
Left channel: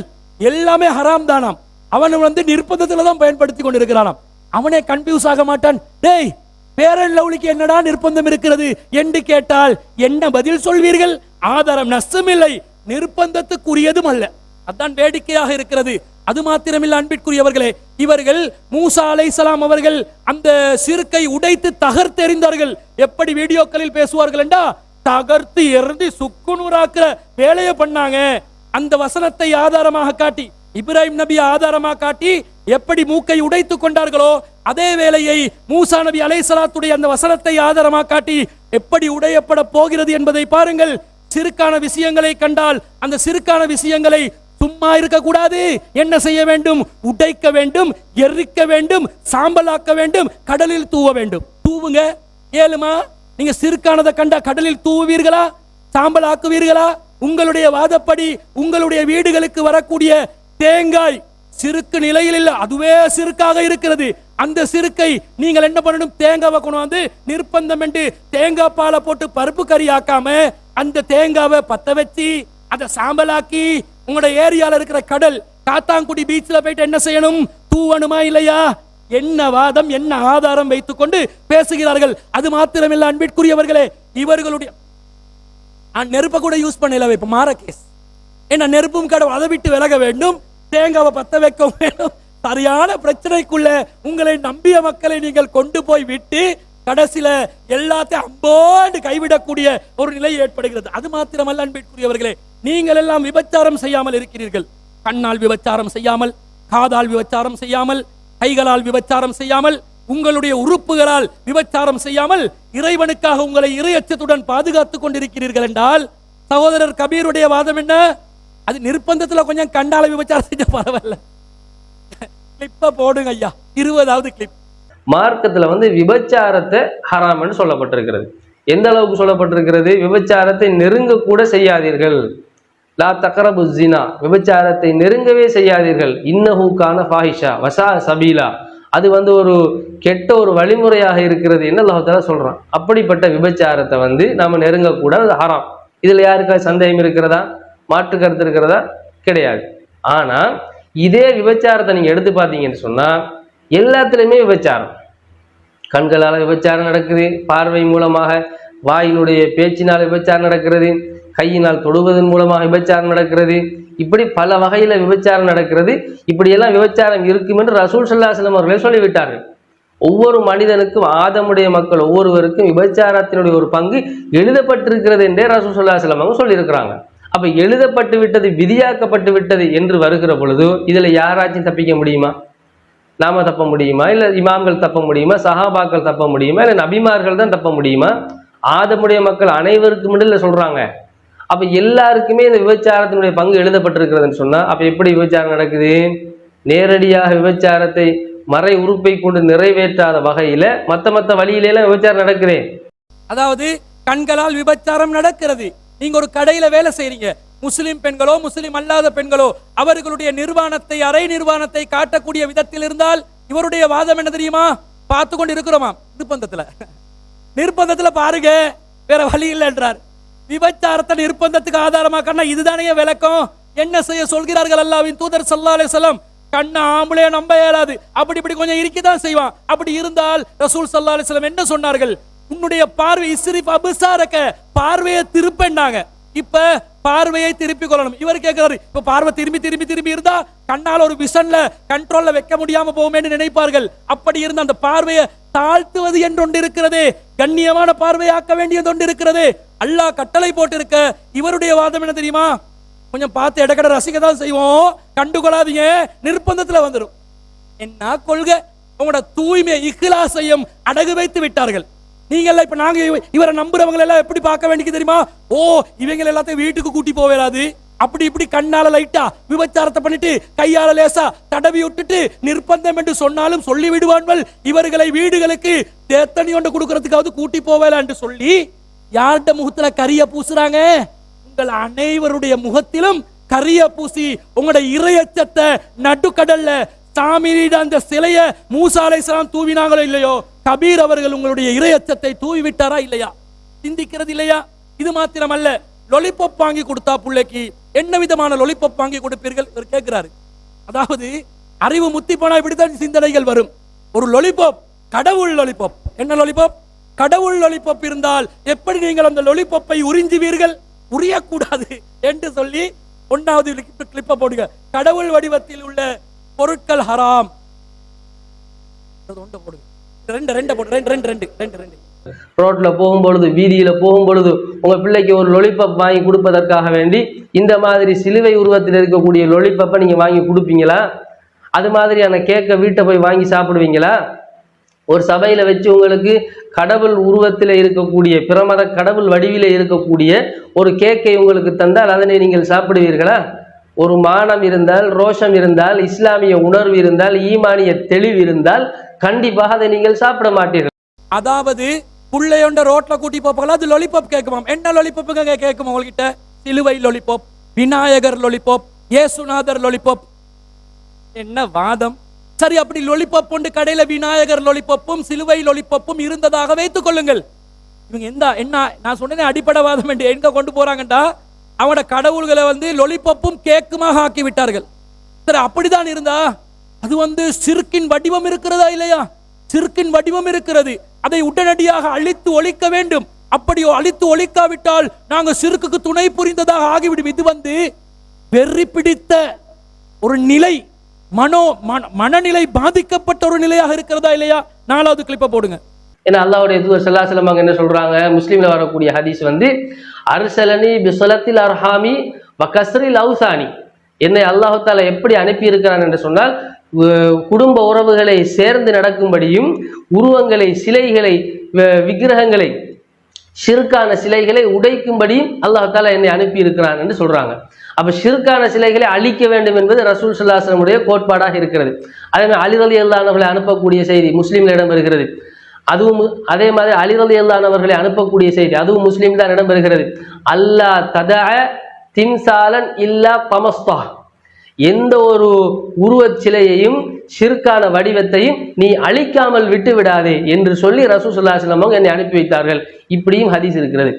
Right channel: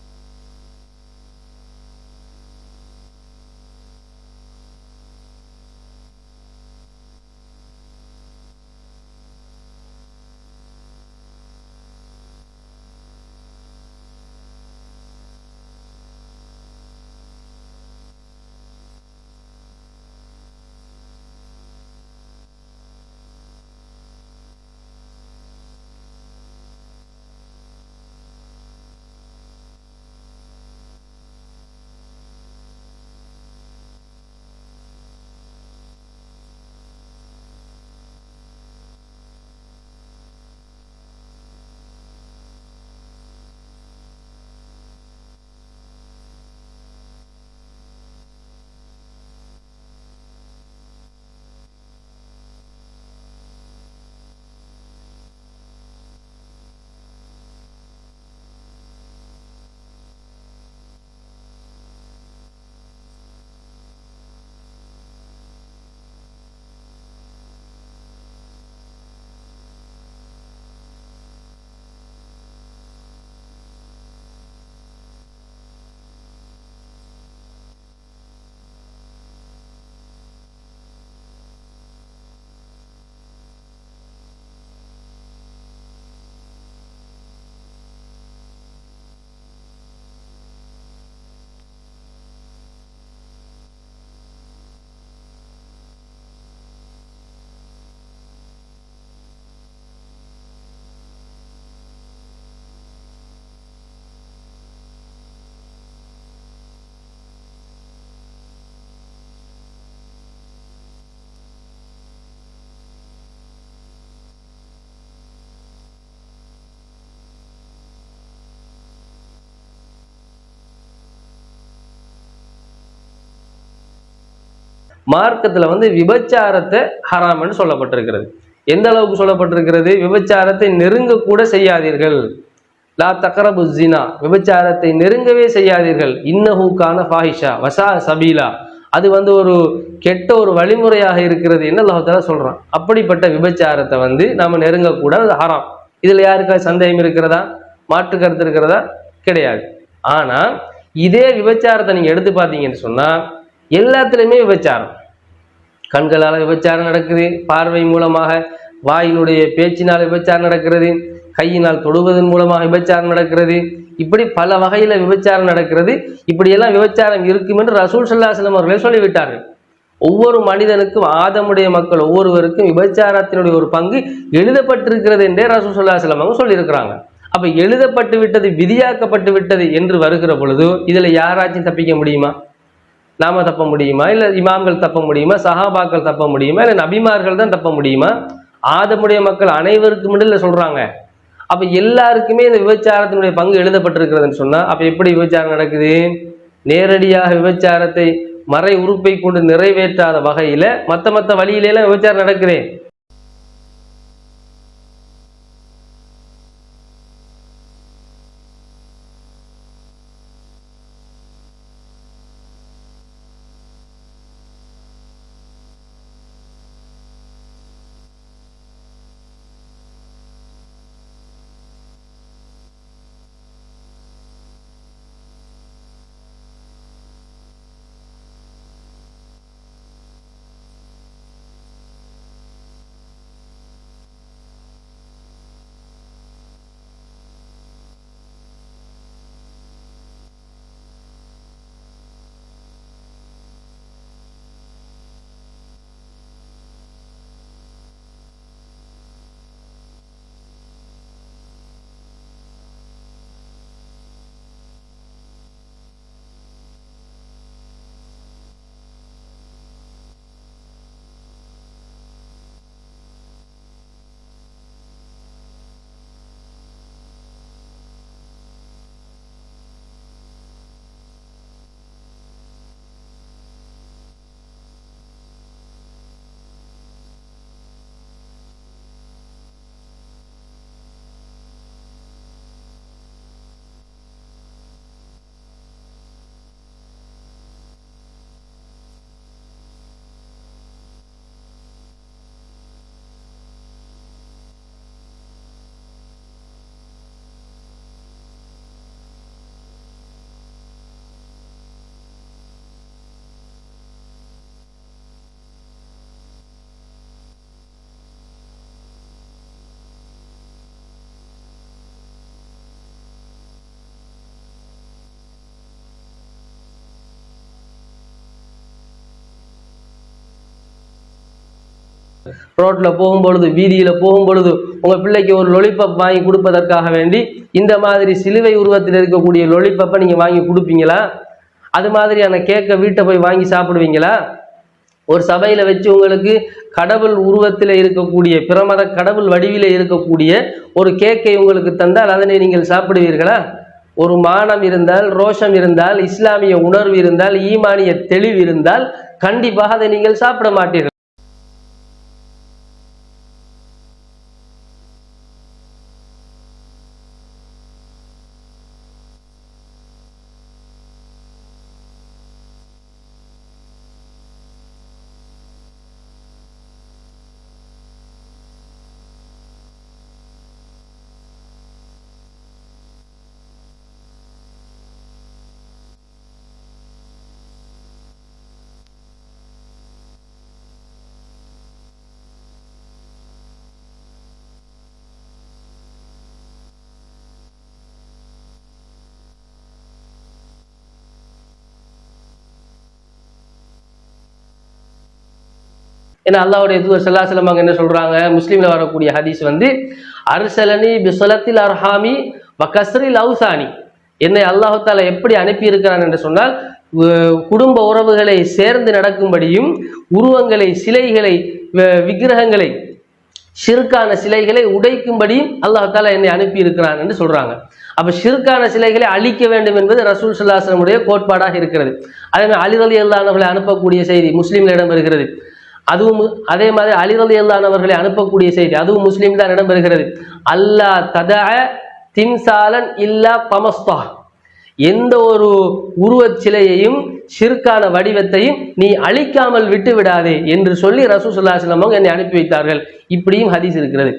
எல்லாமே ஹராம் தானாம். அவன் நிர்பந்தத்துல தான் பயன்படுத்தி கொண்டிருக்கிறானாம். அவனே கன்ஃபியூஸ் ஆக மாட்டான். டேய், பேரன் லவ்லிக்கு என்னடா நிர்பந்தம் இருக்கிறது என்று கேட்டால் என்ன பதில் சொல்வீர்கள்? ஆதாரம் நஸ்ஸும் இல்லை, நிர்பந்தத்துக்குரியதும் அல்ல. அதான் வேடிக்கையாக இருக்கிறது. அது மாத்திரமில்ல அன்பிற்குரியவர்களே, இவர்கள் மூசா அலைஹிஸ்ஸலாம் அவர்கள் அந்த சிறுக்கை உடைத்து தகர்த்தெறிந்தார்கள். எப்படி வீடியோக்களில் பேசுவார்கள் என்றா, தகர்த்து எறிந்து சுக்குநூறாக்குற வேலையை பண்ணாங்க. அந்த வசனத்தை ஆதாரமாக காட்டி, இப்ராஹிம் நபி ஆதாரமாக காட்டி எப்படி மூக்கை உடைத்து கொண்டார்களோ, அதே வேளையை மூசா நபி அலைஹிஸ்ஸலாத்துடைய அந்த வசனத்தை ஆதாரமாக காட்டி எப்படி உடையப்பட போகிறது என்பதை பாருங்கள். சிறுக்கான விஷயங்களை கண்டால் அந்த சிறுக்கான விஷயங்களை சும்மா இருக்கக்கூடாது. என்ன செய்ய வேண்டும்? உடைக்க வேண்டும், எரிக்க வேண்டும், சாம்பலாக்க வேண்டும், கடலில் தூவ வேண்டும். தூவுங்க, ஏழுமா? நீங்க சிறுக்கானதை கண்டா கடலில் தூவுவீர்களா? சாம்பலாக்குவீர்களா? உங்களுடைய வாதப்படி உங்களுடைய வீடுகளுக்கு வரக்கூடிய தேங்காய் சிறுக்கு நிலையில் இல்ல, அதுவே சிறுக்காக இருக்கிறது. அந்த சிறுக்கை நீங்கள் என்ன பண்ணணும்? தேங்காவை கொண்டு வந்து நிர்பந்தம் என்று தேங்காய் பாலை போட்டு பருப்பு கறி ஆக்காம அந்த தேங்காவை பத்த வச்சு அதை சாம்பலாக்கி உங்களோட ஏரியால இருக்கிற கடல் காத்தாங்குடி பீச்ல போயிட்டு என்ன செய்யணும்? தூவணுமா இல்லையா? என்ன வாதம், என்ன ஆதாரம் வைத்துக் கொண்டு பேசுகிறார்கள். அது மாத்திரமில்ல அன்பிற்குரியவர்களே, இவர்களுடைய நெருப்பை கூட யூஸ் பண்ணல. இப்ப மாற கேஸ் என்ன, நெருப்பும் கடவுள், அதை விட்டு விலக வேண்டும், தேங்காவை பத்த வைக்க வேண்டும். சரியான பிரச்சனைக்குள்ள உங்களை நம்பிய மக்களை நீங்கள் கொண்டு போய் விட்டு கடைசியில எல்லாத்தையும் அம்போண்டு கைவிடக்கூடிய ஒரு நிலை ஏற்படுகிறது. அது மாத்திரமல்ல அன்பிற்குரியவர்களே, நீங்கள் எல்லாம் விபச்சாரம் செய்யாமல் இருக்கிறீர்கள். கண்ணால் விபச்சாரம் செய்யாமல், காதால் விபச்சாரம் செய்யாமல், கைகளால் விபச்சாரம் செய்யாமல், உங்களுடைய உறுப்புகளால் விபச்சாரம் செய்யாமல் இறைவனுக்காக உங்களை இறையச்சத்துடன் பாதுகாத்துக் கொண்டிருக்கிறீர்கள் என்றால், சகோதரர் கபீருடைய வாதம் என்ன? அது நிர்பந்தத்துல கொஞ்சம் கண்டால விபச்சாரம் செஞ்ச பரவாயில்ல, கிளிப்ப போடுங்க ஐயா, 20வது கிளிப். மார்க்கத்துல விபச்சாரத்தை ஹராம் என்று சொல்லப்பட்டிருக்கிறது. எந்த அளவுக்கு சொல்லப்பட்டிருக்கிறது? விபச்சாரத்தை நெருங்க கூட செய்யாதீர்கள். லா தக்ரபு ஸினா, விபச்சாரத்தை நெருங்கவே செய்யாதீர்கள். இன்னஹு கான ஃபாஹிஷா வஸா சபீலா, அது ஒரு கெட்ட ஒரு வழிமுறையாக இருக்கிறது என்ன அல்லாஹ் தஆலா சொல்றான். அப்படிப்பட்ட விபச்சாரத்தை நாம நெருங்க கூட, அது ஹராம். இதுல யாருக்காவது சந்தேகம் இருக்கிறதா? மாற்று கருத்து இருக்கிறதா? கிடையாது. ஆனா இதே விபச்சாரத்தை நீங்க எடுத்து பார்த்தீங்கன்னு சொன்னா எல்லாத்துலயுமே விபச்சாரம். கண்களால விபச்சாரம் நடக்குது, பார்வை மூலமாக, வாயினுடைய பேச்சினால் விபச்சாரம் நடக்கிறது, கையினால் தொடுவதன் மூலமாக விபச்சாரம் நடக்கிறது, இப்படி பல வகையில விபச்சாரம் நடக்கிறது. இப்படியெல்லாம் விபச்சாரம் இருக்கும் என்று ரசூல் ஸல்லல்லாஹு அலைஹி வஸல்லம் அவர்களே சொல்லிவிட்டார்கள். ஒவ்வொரு மனிதனுக்கும், ஆதமுடைய மக்கள் ஒவ்வொருவருக்கும் விபச்சாரத்தினுடைய ஒரு பங்கு எழுதப்பட்டிருக்கிறது என்றே ரசூல் ஸல்லல்லாஹு அலைஹி வஸல்லம் அவங்க சொல்லியிருக்கிறாங்க. அப்ப எழுதப்பட்டு விட்டது, விதியாக்கப்பட்டு விட்டது என்று வருகிற பொழுது இதுல யாராச்சும் தப்பிக்க முடியுமா? நாம தப்ப முடியுமா? இல்ல இமாம்கள் தப்ப முடியுமா? சஹாபாக்கள் தப்ப முடியுமா? இல்ல நபிமார்கள் தான் தப்ப முடியுமா? ஆதமுடைய மக்கள் அனைவருக்கும் இல்ல சொல்றாங்க. அப்ப எல்லாருக்குமே இந்த விபச்சாரத்தினுடைய பங்கு எழுதப்பட்டிருக்கிறதுன்னு சொன்னா அப்ப எப்படி விபச்சாரம் நடக்குது? நேரடியாக விபச்சாரத்தை மறை உறுப்பை கொண்டு நிறைவேற்றாத வகையில மத்த வழியில எல்லாம் விபச்சாரம் நடக்குது. அதாவது கண்களால் விபச்சாரம் நடக்கிறது. நீங்க ஒரு கடையில வேலை செய்றீங்க, முஸ்லிம் பெண்களோ முஸ்லிம் அல்லாத பெண்களோ அவர்களுடைய நிர்வாணத்தை, அரை நிர்வாணத்தை காட்டக்கூடிய விதத்தில் இருந்தால் இவருடைய வாதம் என்ன தெரியுமா? பார்த்து கொண்டு இருக்கிறோமா? நிர்பந்தத்துல பாருங்க, வேற வழி இல்லை என்றார். விபச்சாரத்தை நிர்பந்தத்துக்கு ஆதாரமாக்கன்னா இதுதானே விளக்கம். என்ன செய்ய சொல்கிறார்கள் அல்லாஹ்வின் தூதர் ஸல்லல்லாஹு அலைஹி வஸல்லம்? கண்ண ஆம்பளைய நம்ப இயலாது, அப்படி இப்படி கொஞ்சம் இருக்கதான் செய்வான். அப்படி இருந்தால் ரசூல் ஸல்லல்லாஹு அலைஹி வஸல்லம் என்ன சொன்னார்கள்? உன்னுடைய பார்வை இஸ்ரிஃப் அப்சாரக, பார்வையை திருப்பினாங்க. இப்ப பார்வையை திருப்பி கொள்ளணும். இவர் கேட்கிறாரு, இப்ப பார்வை திரும்பி திரும்பி திரும்பி இருந்தா கண்ணால ஒரு விஷன்ல கண்ட்ரோல்ல வைக்க முடியாம போகுமேன்னு நினைப்பார்கள். அப்படி இருந்த அந்த பார்வையை தாழ்த்துவது என்று ஒன்று இருக்கிறது, கண்ணியமான பார்வையாக்க வேண்டியது ஒன்று இருக்கிறது. அல்லாஹ் கட்டளை போட்டு இருக்க. இவருடைய வாதம் என்ன தெரியுமா? கொஞ்சம் பார்த்து இடக்கட ரசிக்க தான் செய்வோம், கண்டுகொள்ளாதீங்க, நிர்பந்தத்துல வந்துடும். என்ன கொள்கை? உங்களோட தூய்மை இக்லாஸையும் அடகு வைத்து விட்டார்கள். நீங்க எல்லாம் இப்ப நாங்க இவரை நம்புறவங்க எல்லாம் எப்படி பார்க்க வேண்டியது தெரியுமா? ஓ, இவங்க எல்லாத்தையும் வீட்டுக்கு கூட்டி போவேலாது, அப்படி இப்படி கண்ணால லைட்டா விபச்சாரத்தை பண்ணிட்டு கையால லேசா தடவி விட்டுட்டு நிர்பந்தம் என்று சொன்னாலும் சொல்லி விடுவார்கள். இவர்களை வீடுகளுக்கு தேத்தனி கொண்டு கொடுக்கறதுக்காவது கூட்டி போவேலா என்று சொல்லி யார்கிட்ட முகத்துல கரிய பூசுறாங்க? உங்கள் அனைவருடைய முகத்திலும் கரிய பூசி உங்களோட இறையச்சத்தை நடுக்கடல்ல சாமியிட அந்த சிலைய மூசா அலைஹிஸ்ஸலாம் தூவினாங்களோ இல்லையோ, கபீர் அவர்கள் உங்களுடைய இறையச்சத்தை தூவி விட்டாரா இல்லையா? சிந்திக்கிறது இல்லையா? இது மாத்திரமல்ல, லொலிபப் வாங்கி கொடுத்தா பிள்ளைக்கு என்ன விதமான லொலிபப் வாங்கி கொடுப்பீர்கள் இவர் கேட்கிறாரு. அதாவது அறிவு முத்தி போனா இப்படித்தான் சிந்தனைகள் வரும். ஒரு லொலிபப், கடவுள் லொலிபப். என்ன லொலிபப்? கடவுள் லொலிபப் இருந்தால் எப்படி நீங்கள் அந்த லொலிபப்பை உறிஞ்சுவீர்கள்? உரியக்கூடாது என்று சொல்லி ஒன்னாவது கிளிப்பை போடுங்க. கடவுள் வடிவத்தில் உள்ள பொருட்கள் ஹராம். ரோட்ல போகும்பொழுது, வீதியில போகும்பொழுது உங்க பிள்ளைக்கு ஒரு லொலிபப் வாங்கி கொடுப்பதற்காக வேண்டி இந்த மாதிரி சிலுவை உருவத்தில் இருக்கக்கூடிய லொலிபப்பை நீங்க வாங்கி கொடுப்பீங்களா? அது மாதிரியான கேக்கை வீட்டை போய் வாங்கி சாப்பிடுவீங்களா? ஒரு சபையில வச்சு உங்களுக்கு கடவுள் உருவத்தில் இருக்கக்கூடிய பிரமத கடவுள் வடிவில இருக்கக்கூடிய ஒரு கேக்கை உங்களுக்கு தந்தால் அதனை நீங்கள் சாப்பிடுவீர்களா? ஒரு மானம் இருந்தால், ரோஷம் இருந்தால், இஸ்லாமிய உணர்வு இருந்தால், ஈமானிய தெளிவு இருந்தால் கண்டிப்பாக அதை நீங்கள் சாப்பிட மாட்டீர்கள். அதாவது புள்ளையொண்ட ரோட்ல கூட்டி போப்பாங்களா, அது லொலிபாப் கேட்குமாம். என்ன லொலிபாப்புங்க கேட்குமா உங்ககிட்ட? சிலுவை லொலிபாப், விநாயகர் லொலிபாப், இயேசுநாதர் லொலிபாப். என்ன வாதம்? சரி, அப்படி லொலிபாப் கொண்டு கடையில விநாயகர் லொலிபாப்பும் சிலுவை லொலிபாப்பும் இருந்ததாக வைத்துக் கொள்ளுங்கள். இவங்க என்ன நான் சொன்னேன் அடிப்படைவாதம் என்று எங்க கொண்டு போறாங்கடா, அவனோட கடவுள்களை லொலிபாப்பும் கேக்குமாக ஆக்கி விட்டார்கள். சரி, அப்படிதான் இருந்தா அது சிறுக்கின் வடிவம் இருக்கிறதா இல்லையா? சிறுக்கின் வடிவம் இருக்கிறது. அதை உடனடியாக அழித்து ஒழிக்க வேண்டும். அப்படியோ அழித்து ஒழிக்காவிட்டால் நாங்க சிறுக்குக்கு துணை புரிந்ததாக ஆகிவிடும். இது வெறி பிடித்த ஒரு நிலை, மனநிலை பாதிக்கப்பட்ட ஒரு நிலையாக இருக்கிறதா இல்லையா? 4வது கிளிப்பை போடுங்க. ஏன்னா அல்லாஹ்வுடைய தூதர் ஸல்லல்லாஹு அலைஹி வஸல்லம் என்ன சொல்றாங்க? முஸ்லிம்ல வரக்கூடிய ஹதீஸ் அர்சலனி பிஸலத்தில் அர்ஹாமி வகஸ்ரில் அவுசானி. என்னை அல்லாஹ் தஆலா எப்படி அனுப்பி இருக்கிறான் என்று சொன்னால், குடும்ப உறவுகளை சேர்ந்து நடக்கும்படியும், உருவங்களை, சிலைகளை, விக்கிரகங்களை, ஷிர்கான சிலைகளை உடைக்கும்படியும் அல்லாஹ் தஆலா என்னை அனுப்பி இருக்கிறான் என்று சொல்றாங்க. அப்ப ஷிர்கான சிலைகளை அழிக்க வேண்டும் என்பது ரசூல் ஸல்லல்லாஹு அலைஹி வஸல்லம் உடைய கோட்பாடாக இருக்கிறது. அதே மாதிரி அலி ரலியல்லாஹு அன்ஹு அவர்களை அனுப்பக்கூடிய செய்தி முஸ்லிம்ல இடம்பெறுகிறது. அதுவும் அதே மாதிரி அலி ரலியல்லாஹு அன்ஹு அவர்களை அனுப்பக்கூடிய செய்தி அதுவும் முஸ்லிம் தான் இடம்பெறுகிறது. அல்லா ததஅ திம்சாலன் இல்லா தமஸ்தா. எந்த ஒரு உருவச் சிலையையும் ஷிர்கான வடிவத்தையும் நீ அழிக்காமல் விட்டு விடாதே என்று சொல்லி ரசூல் ஸல்லல்லாஹு அலைஹி வஸல்லம் என்னை அனுப்பி வைத்தார்கள். இப்படியும் ஹதீஸ் இருக்கிறது.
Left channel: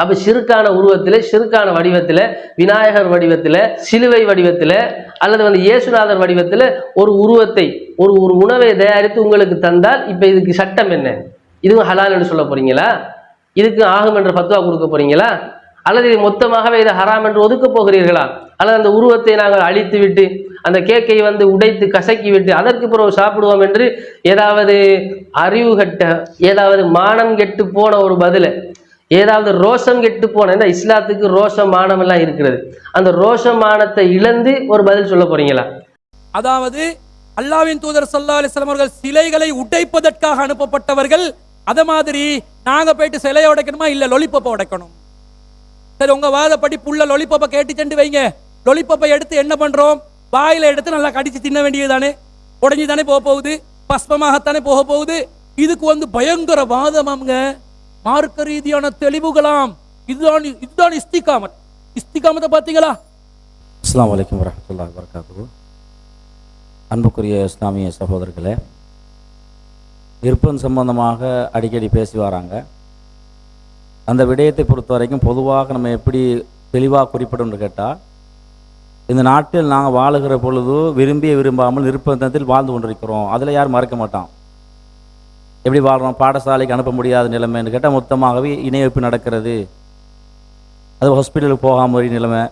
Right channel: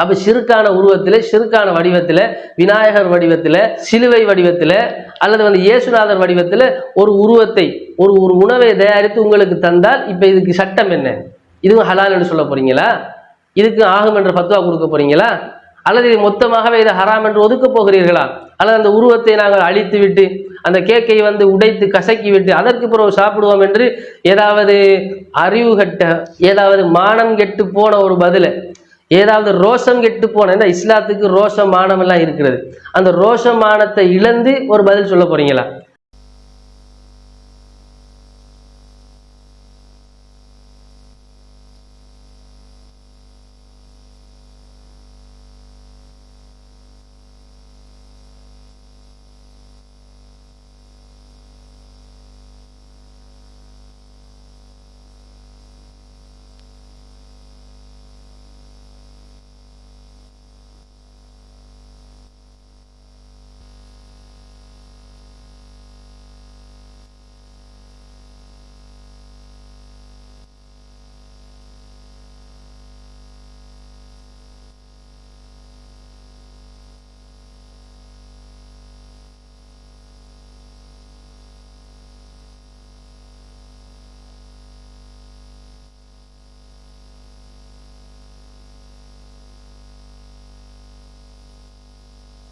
அப்ப ஷிர்கான உருவத்தில், ஷிர்கான வடிவத்தில், விநாயகர் வடிவத்தில், சிலுவை வடிவத்தில் அல்லது இயேசுநாதர் வடிவத்தில் ஒரு உருவத்தை, ஒரு உணவை தயாரித்து உங்களுக்கு தந்தால் இப்ப இதுக்கு சட்டம் என்ன? இதுவும் ஹலால் என்று சொல்ல போறீங்களா? இதுக்கு ஆகும் என்று ஃபத்வா கொடுக்க போறீங்களா? அல்லது இது மொத்தமாகவே இதை ஹராம் என்று ஒதுக்க போகிறீர்களா? அல்லது அந்த உருவத்தை நாங்கள் அழித்து விட்டு அந்த கேக்கை உடைத்து கசக்கி விட்டு அதற்கு பிறகு சாப்பிடுவோம் என்று ஏதாவது அறிவு கட்ட, ஏதாவது மானம் கெட்டு போன ஒரு பதில, ஏதாவது ரோஷம் கெட்டு போன, இஸ்லாத்துக்கு ரோஷம் மானம் எல்லாம் இருக்கிறது, அந்த ரோஷம் மானத்தை இழந்து ஒரு பதில் சொல்ல போறீங்களா? அதாவது அல்லாஹ்வின் தூதர் ஸல்லல்லாஹு அலைஹி வஸல்லம் அவர்கள் சிலைகளை உடைப்பதற்காக அனுப்பப்பட்டவர்கள். அத மாதிரி நாங்க போயிட்டு சிலையை உடைக்கணுமா? இல்ல லொலிபப்பை உடைக்கணும். சரி, உங்க வாதப்படி புள்ள லொலிபப்பை கேட்டு சென்று வைங்க. லொலிபப்பை எடுத்து என்ன பண்றோம்? வாயில எடுத்து நல்லா கடிச்சு தின்ன வேண்டியதுதானே? உடஞ்சி தானே போக போகுது, பஸ்பமாகத்தானே போக போகுது. இதுக்கு பயங்கர வாதமாங்க, மார்க்க ரீதியான தெளிவுகளாம். இதுதான் இஸ்திகாமத். இஸ்திகாமத்தை பார்த்தீங்களா? அஸ்ஸலாமு அலைக்கும் வரஹ்மத்துல்லாஹி வபரகாத்துஹு. அன்புக்குரிய இஸ்லாமிய சகோதரர்களே, விருப்பம் சம்பந்தமாக அடிக்கடி பேசி வராங்க. அந்த விடயத்தை பொறுத்த வரைக்கும் பொதுவாக நம்ம எப்படி தெளிவாக குறிப்பிடணும்னு கேட்டால், இந்த நாட்டில் நாங்கள் வாழுகிற பொழுது விரும்பிய விரும்பாமல் நிர்பந்தத்தில் வாழ்ந்து கொண்டிருக்கிறோம். அதில் யாரும் மறக்க மாட்டான். எப்படி வாழ்கிறோம்? பாடசாலைக்கு அனுப்ப முடியாத நிலைமைன்னு கேட்டால் மொத்தமாகவே இணையப்பு நடக்கிறது. அது ஹாஸ்பிட்டலுக்கு போகாமல் நிலைமை,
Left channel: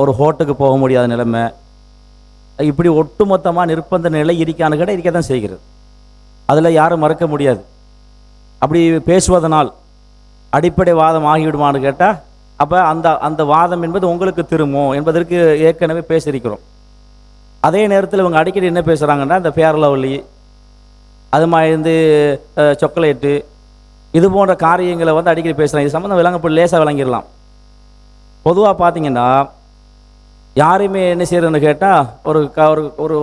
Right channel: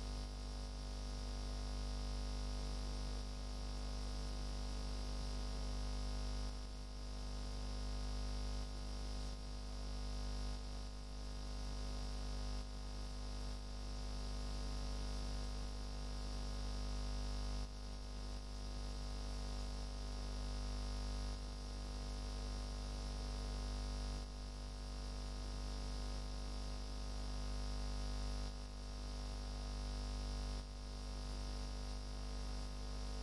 ஒரு ஹோட்டலுக்கு போக முடியாத நிலைமை, இப்படி ஒட்டுமொத்தமாக நிர்பந்த நிலை இருக்கான்னு கேட்டால் இருக்க தான் செய்கிறது. அதில் யாரும் மறக்க முடியாது. அப்படி பேசுவதனால் அடிப்படை வாதம் ஆகிவிடுமான்னு கேட்டால், அப்போ அந்த வாதம் என்பது உங்களுக்கு திரும்பும் என்பதற்கு ஏற்கனவே பேசியிருக்கிறோம். அதே நேரத்தில் இவங்க அடிக்கடி என்ன பேசுகிறாங்கன்னா, இந்த ஃபேர் லவ்லி, அது மாதிரி சாக்லேட்டு, இது போன்ற காரியங்களை அடிக்கடி பேசுகிறாங்க. இது சம்மந்தம் விளங்க லேசாக விளங்கிடலாம். பொதுவாக பார்த்தீங்கன்னா யாரையுமே என்ன செய்யறதுன்னு கேட்டால், ஒரு ஒரு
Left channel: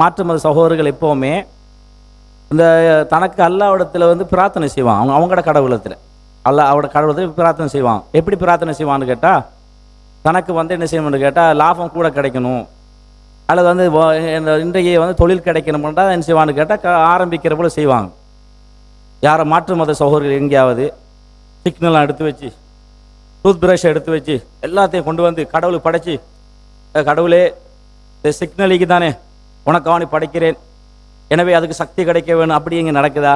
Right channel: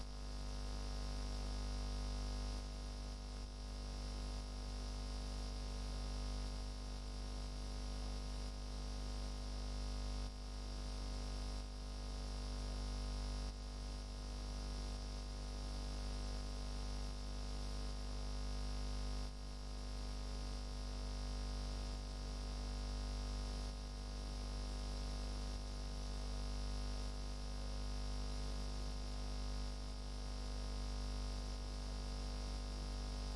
மாற்று மத சகோதரர்கள் எப்போவுமே இந்த தனக்கு அல்லாஹ்விடத்தில் பிரார்த்தனை செய்வான். அவங்களோட கடவுளத்தில், அவரோட கடவுளத்தில் பிரார்த்தனை செய்வான். எப்படி பிரார்த்தனை செய்வான்னு கேட்டால், தனக்கு என்ன செய்யணும்னு கேட்டால் லாபம் கூட கிடைக்கணும், அல்லது இன்றைய தொழில் கிடைக்கணும்ன்றா என்ன செய்வான்னு கேட்டால் ஆரம்பிக்கிற போல செய்வாங்க. யாரை மாற்று மத சகோதரர்கள் எங்கேயாவது சிக்னலாம் எடுத்து வச்சு, டூத் பிரஷை எடுத்து வச்சு எல்லாத்தையும் கொண்டு கடவுளுக்கு படைச்சி, கடவுளே இந்த சிக்னலுக்கு தானே உனக்காவணி படைக்கிறேன், எனவே அதுக்கு சக்தி கிடைக்க வேணும், அப்படி இங்கே நடக்குதா?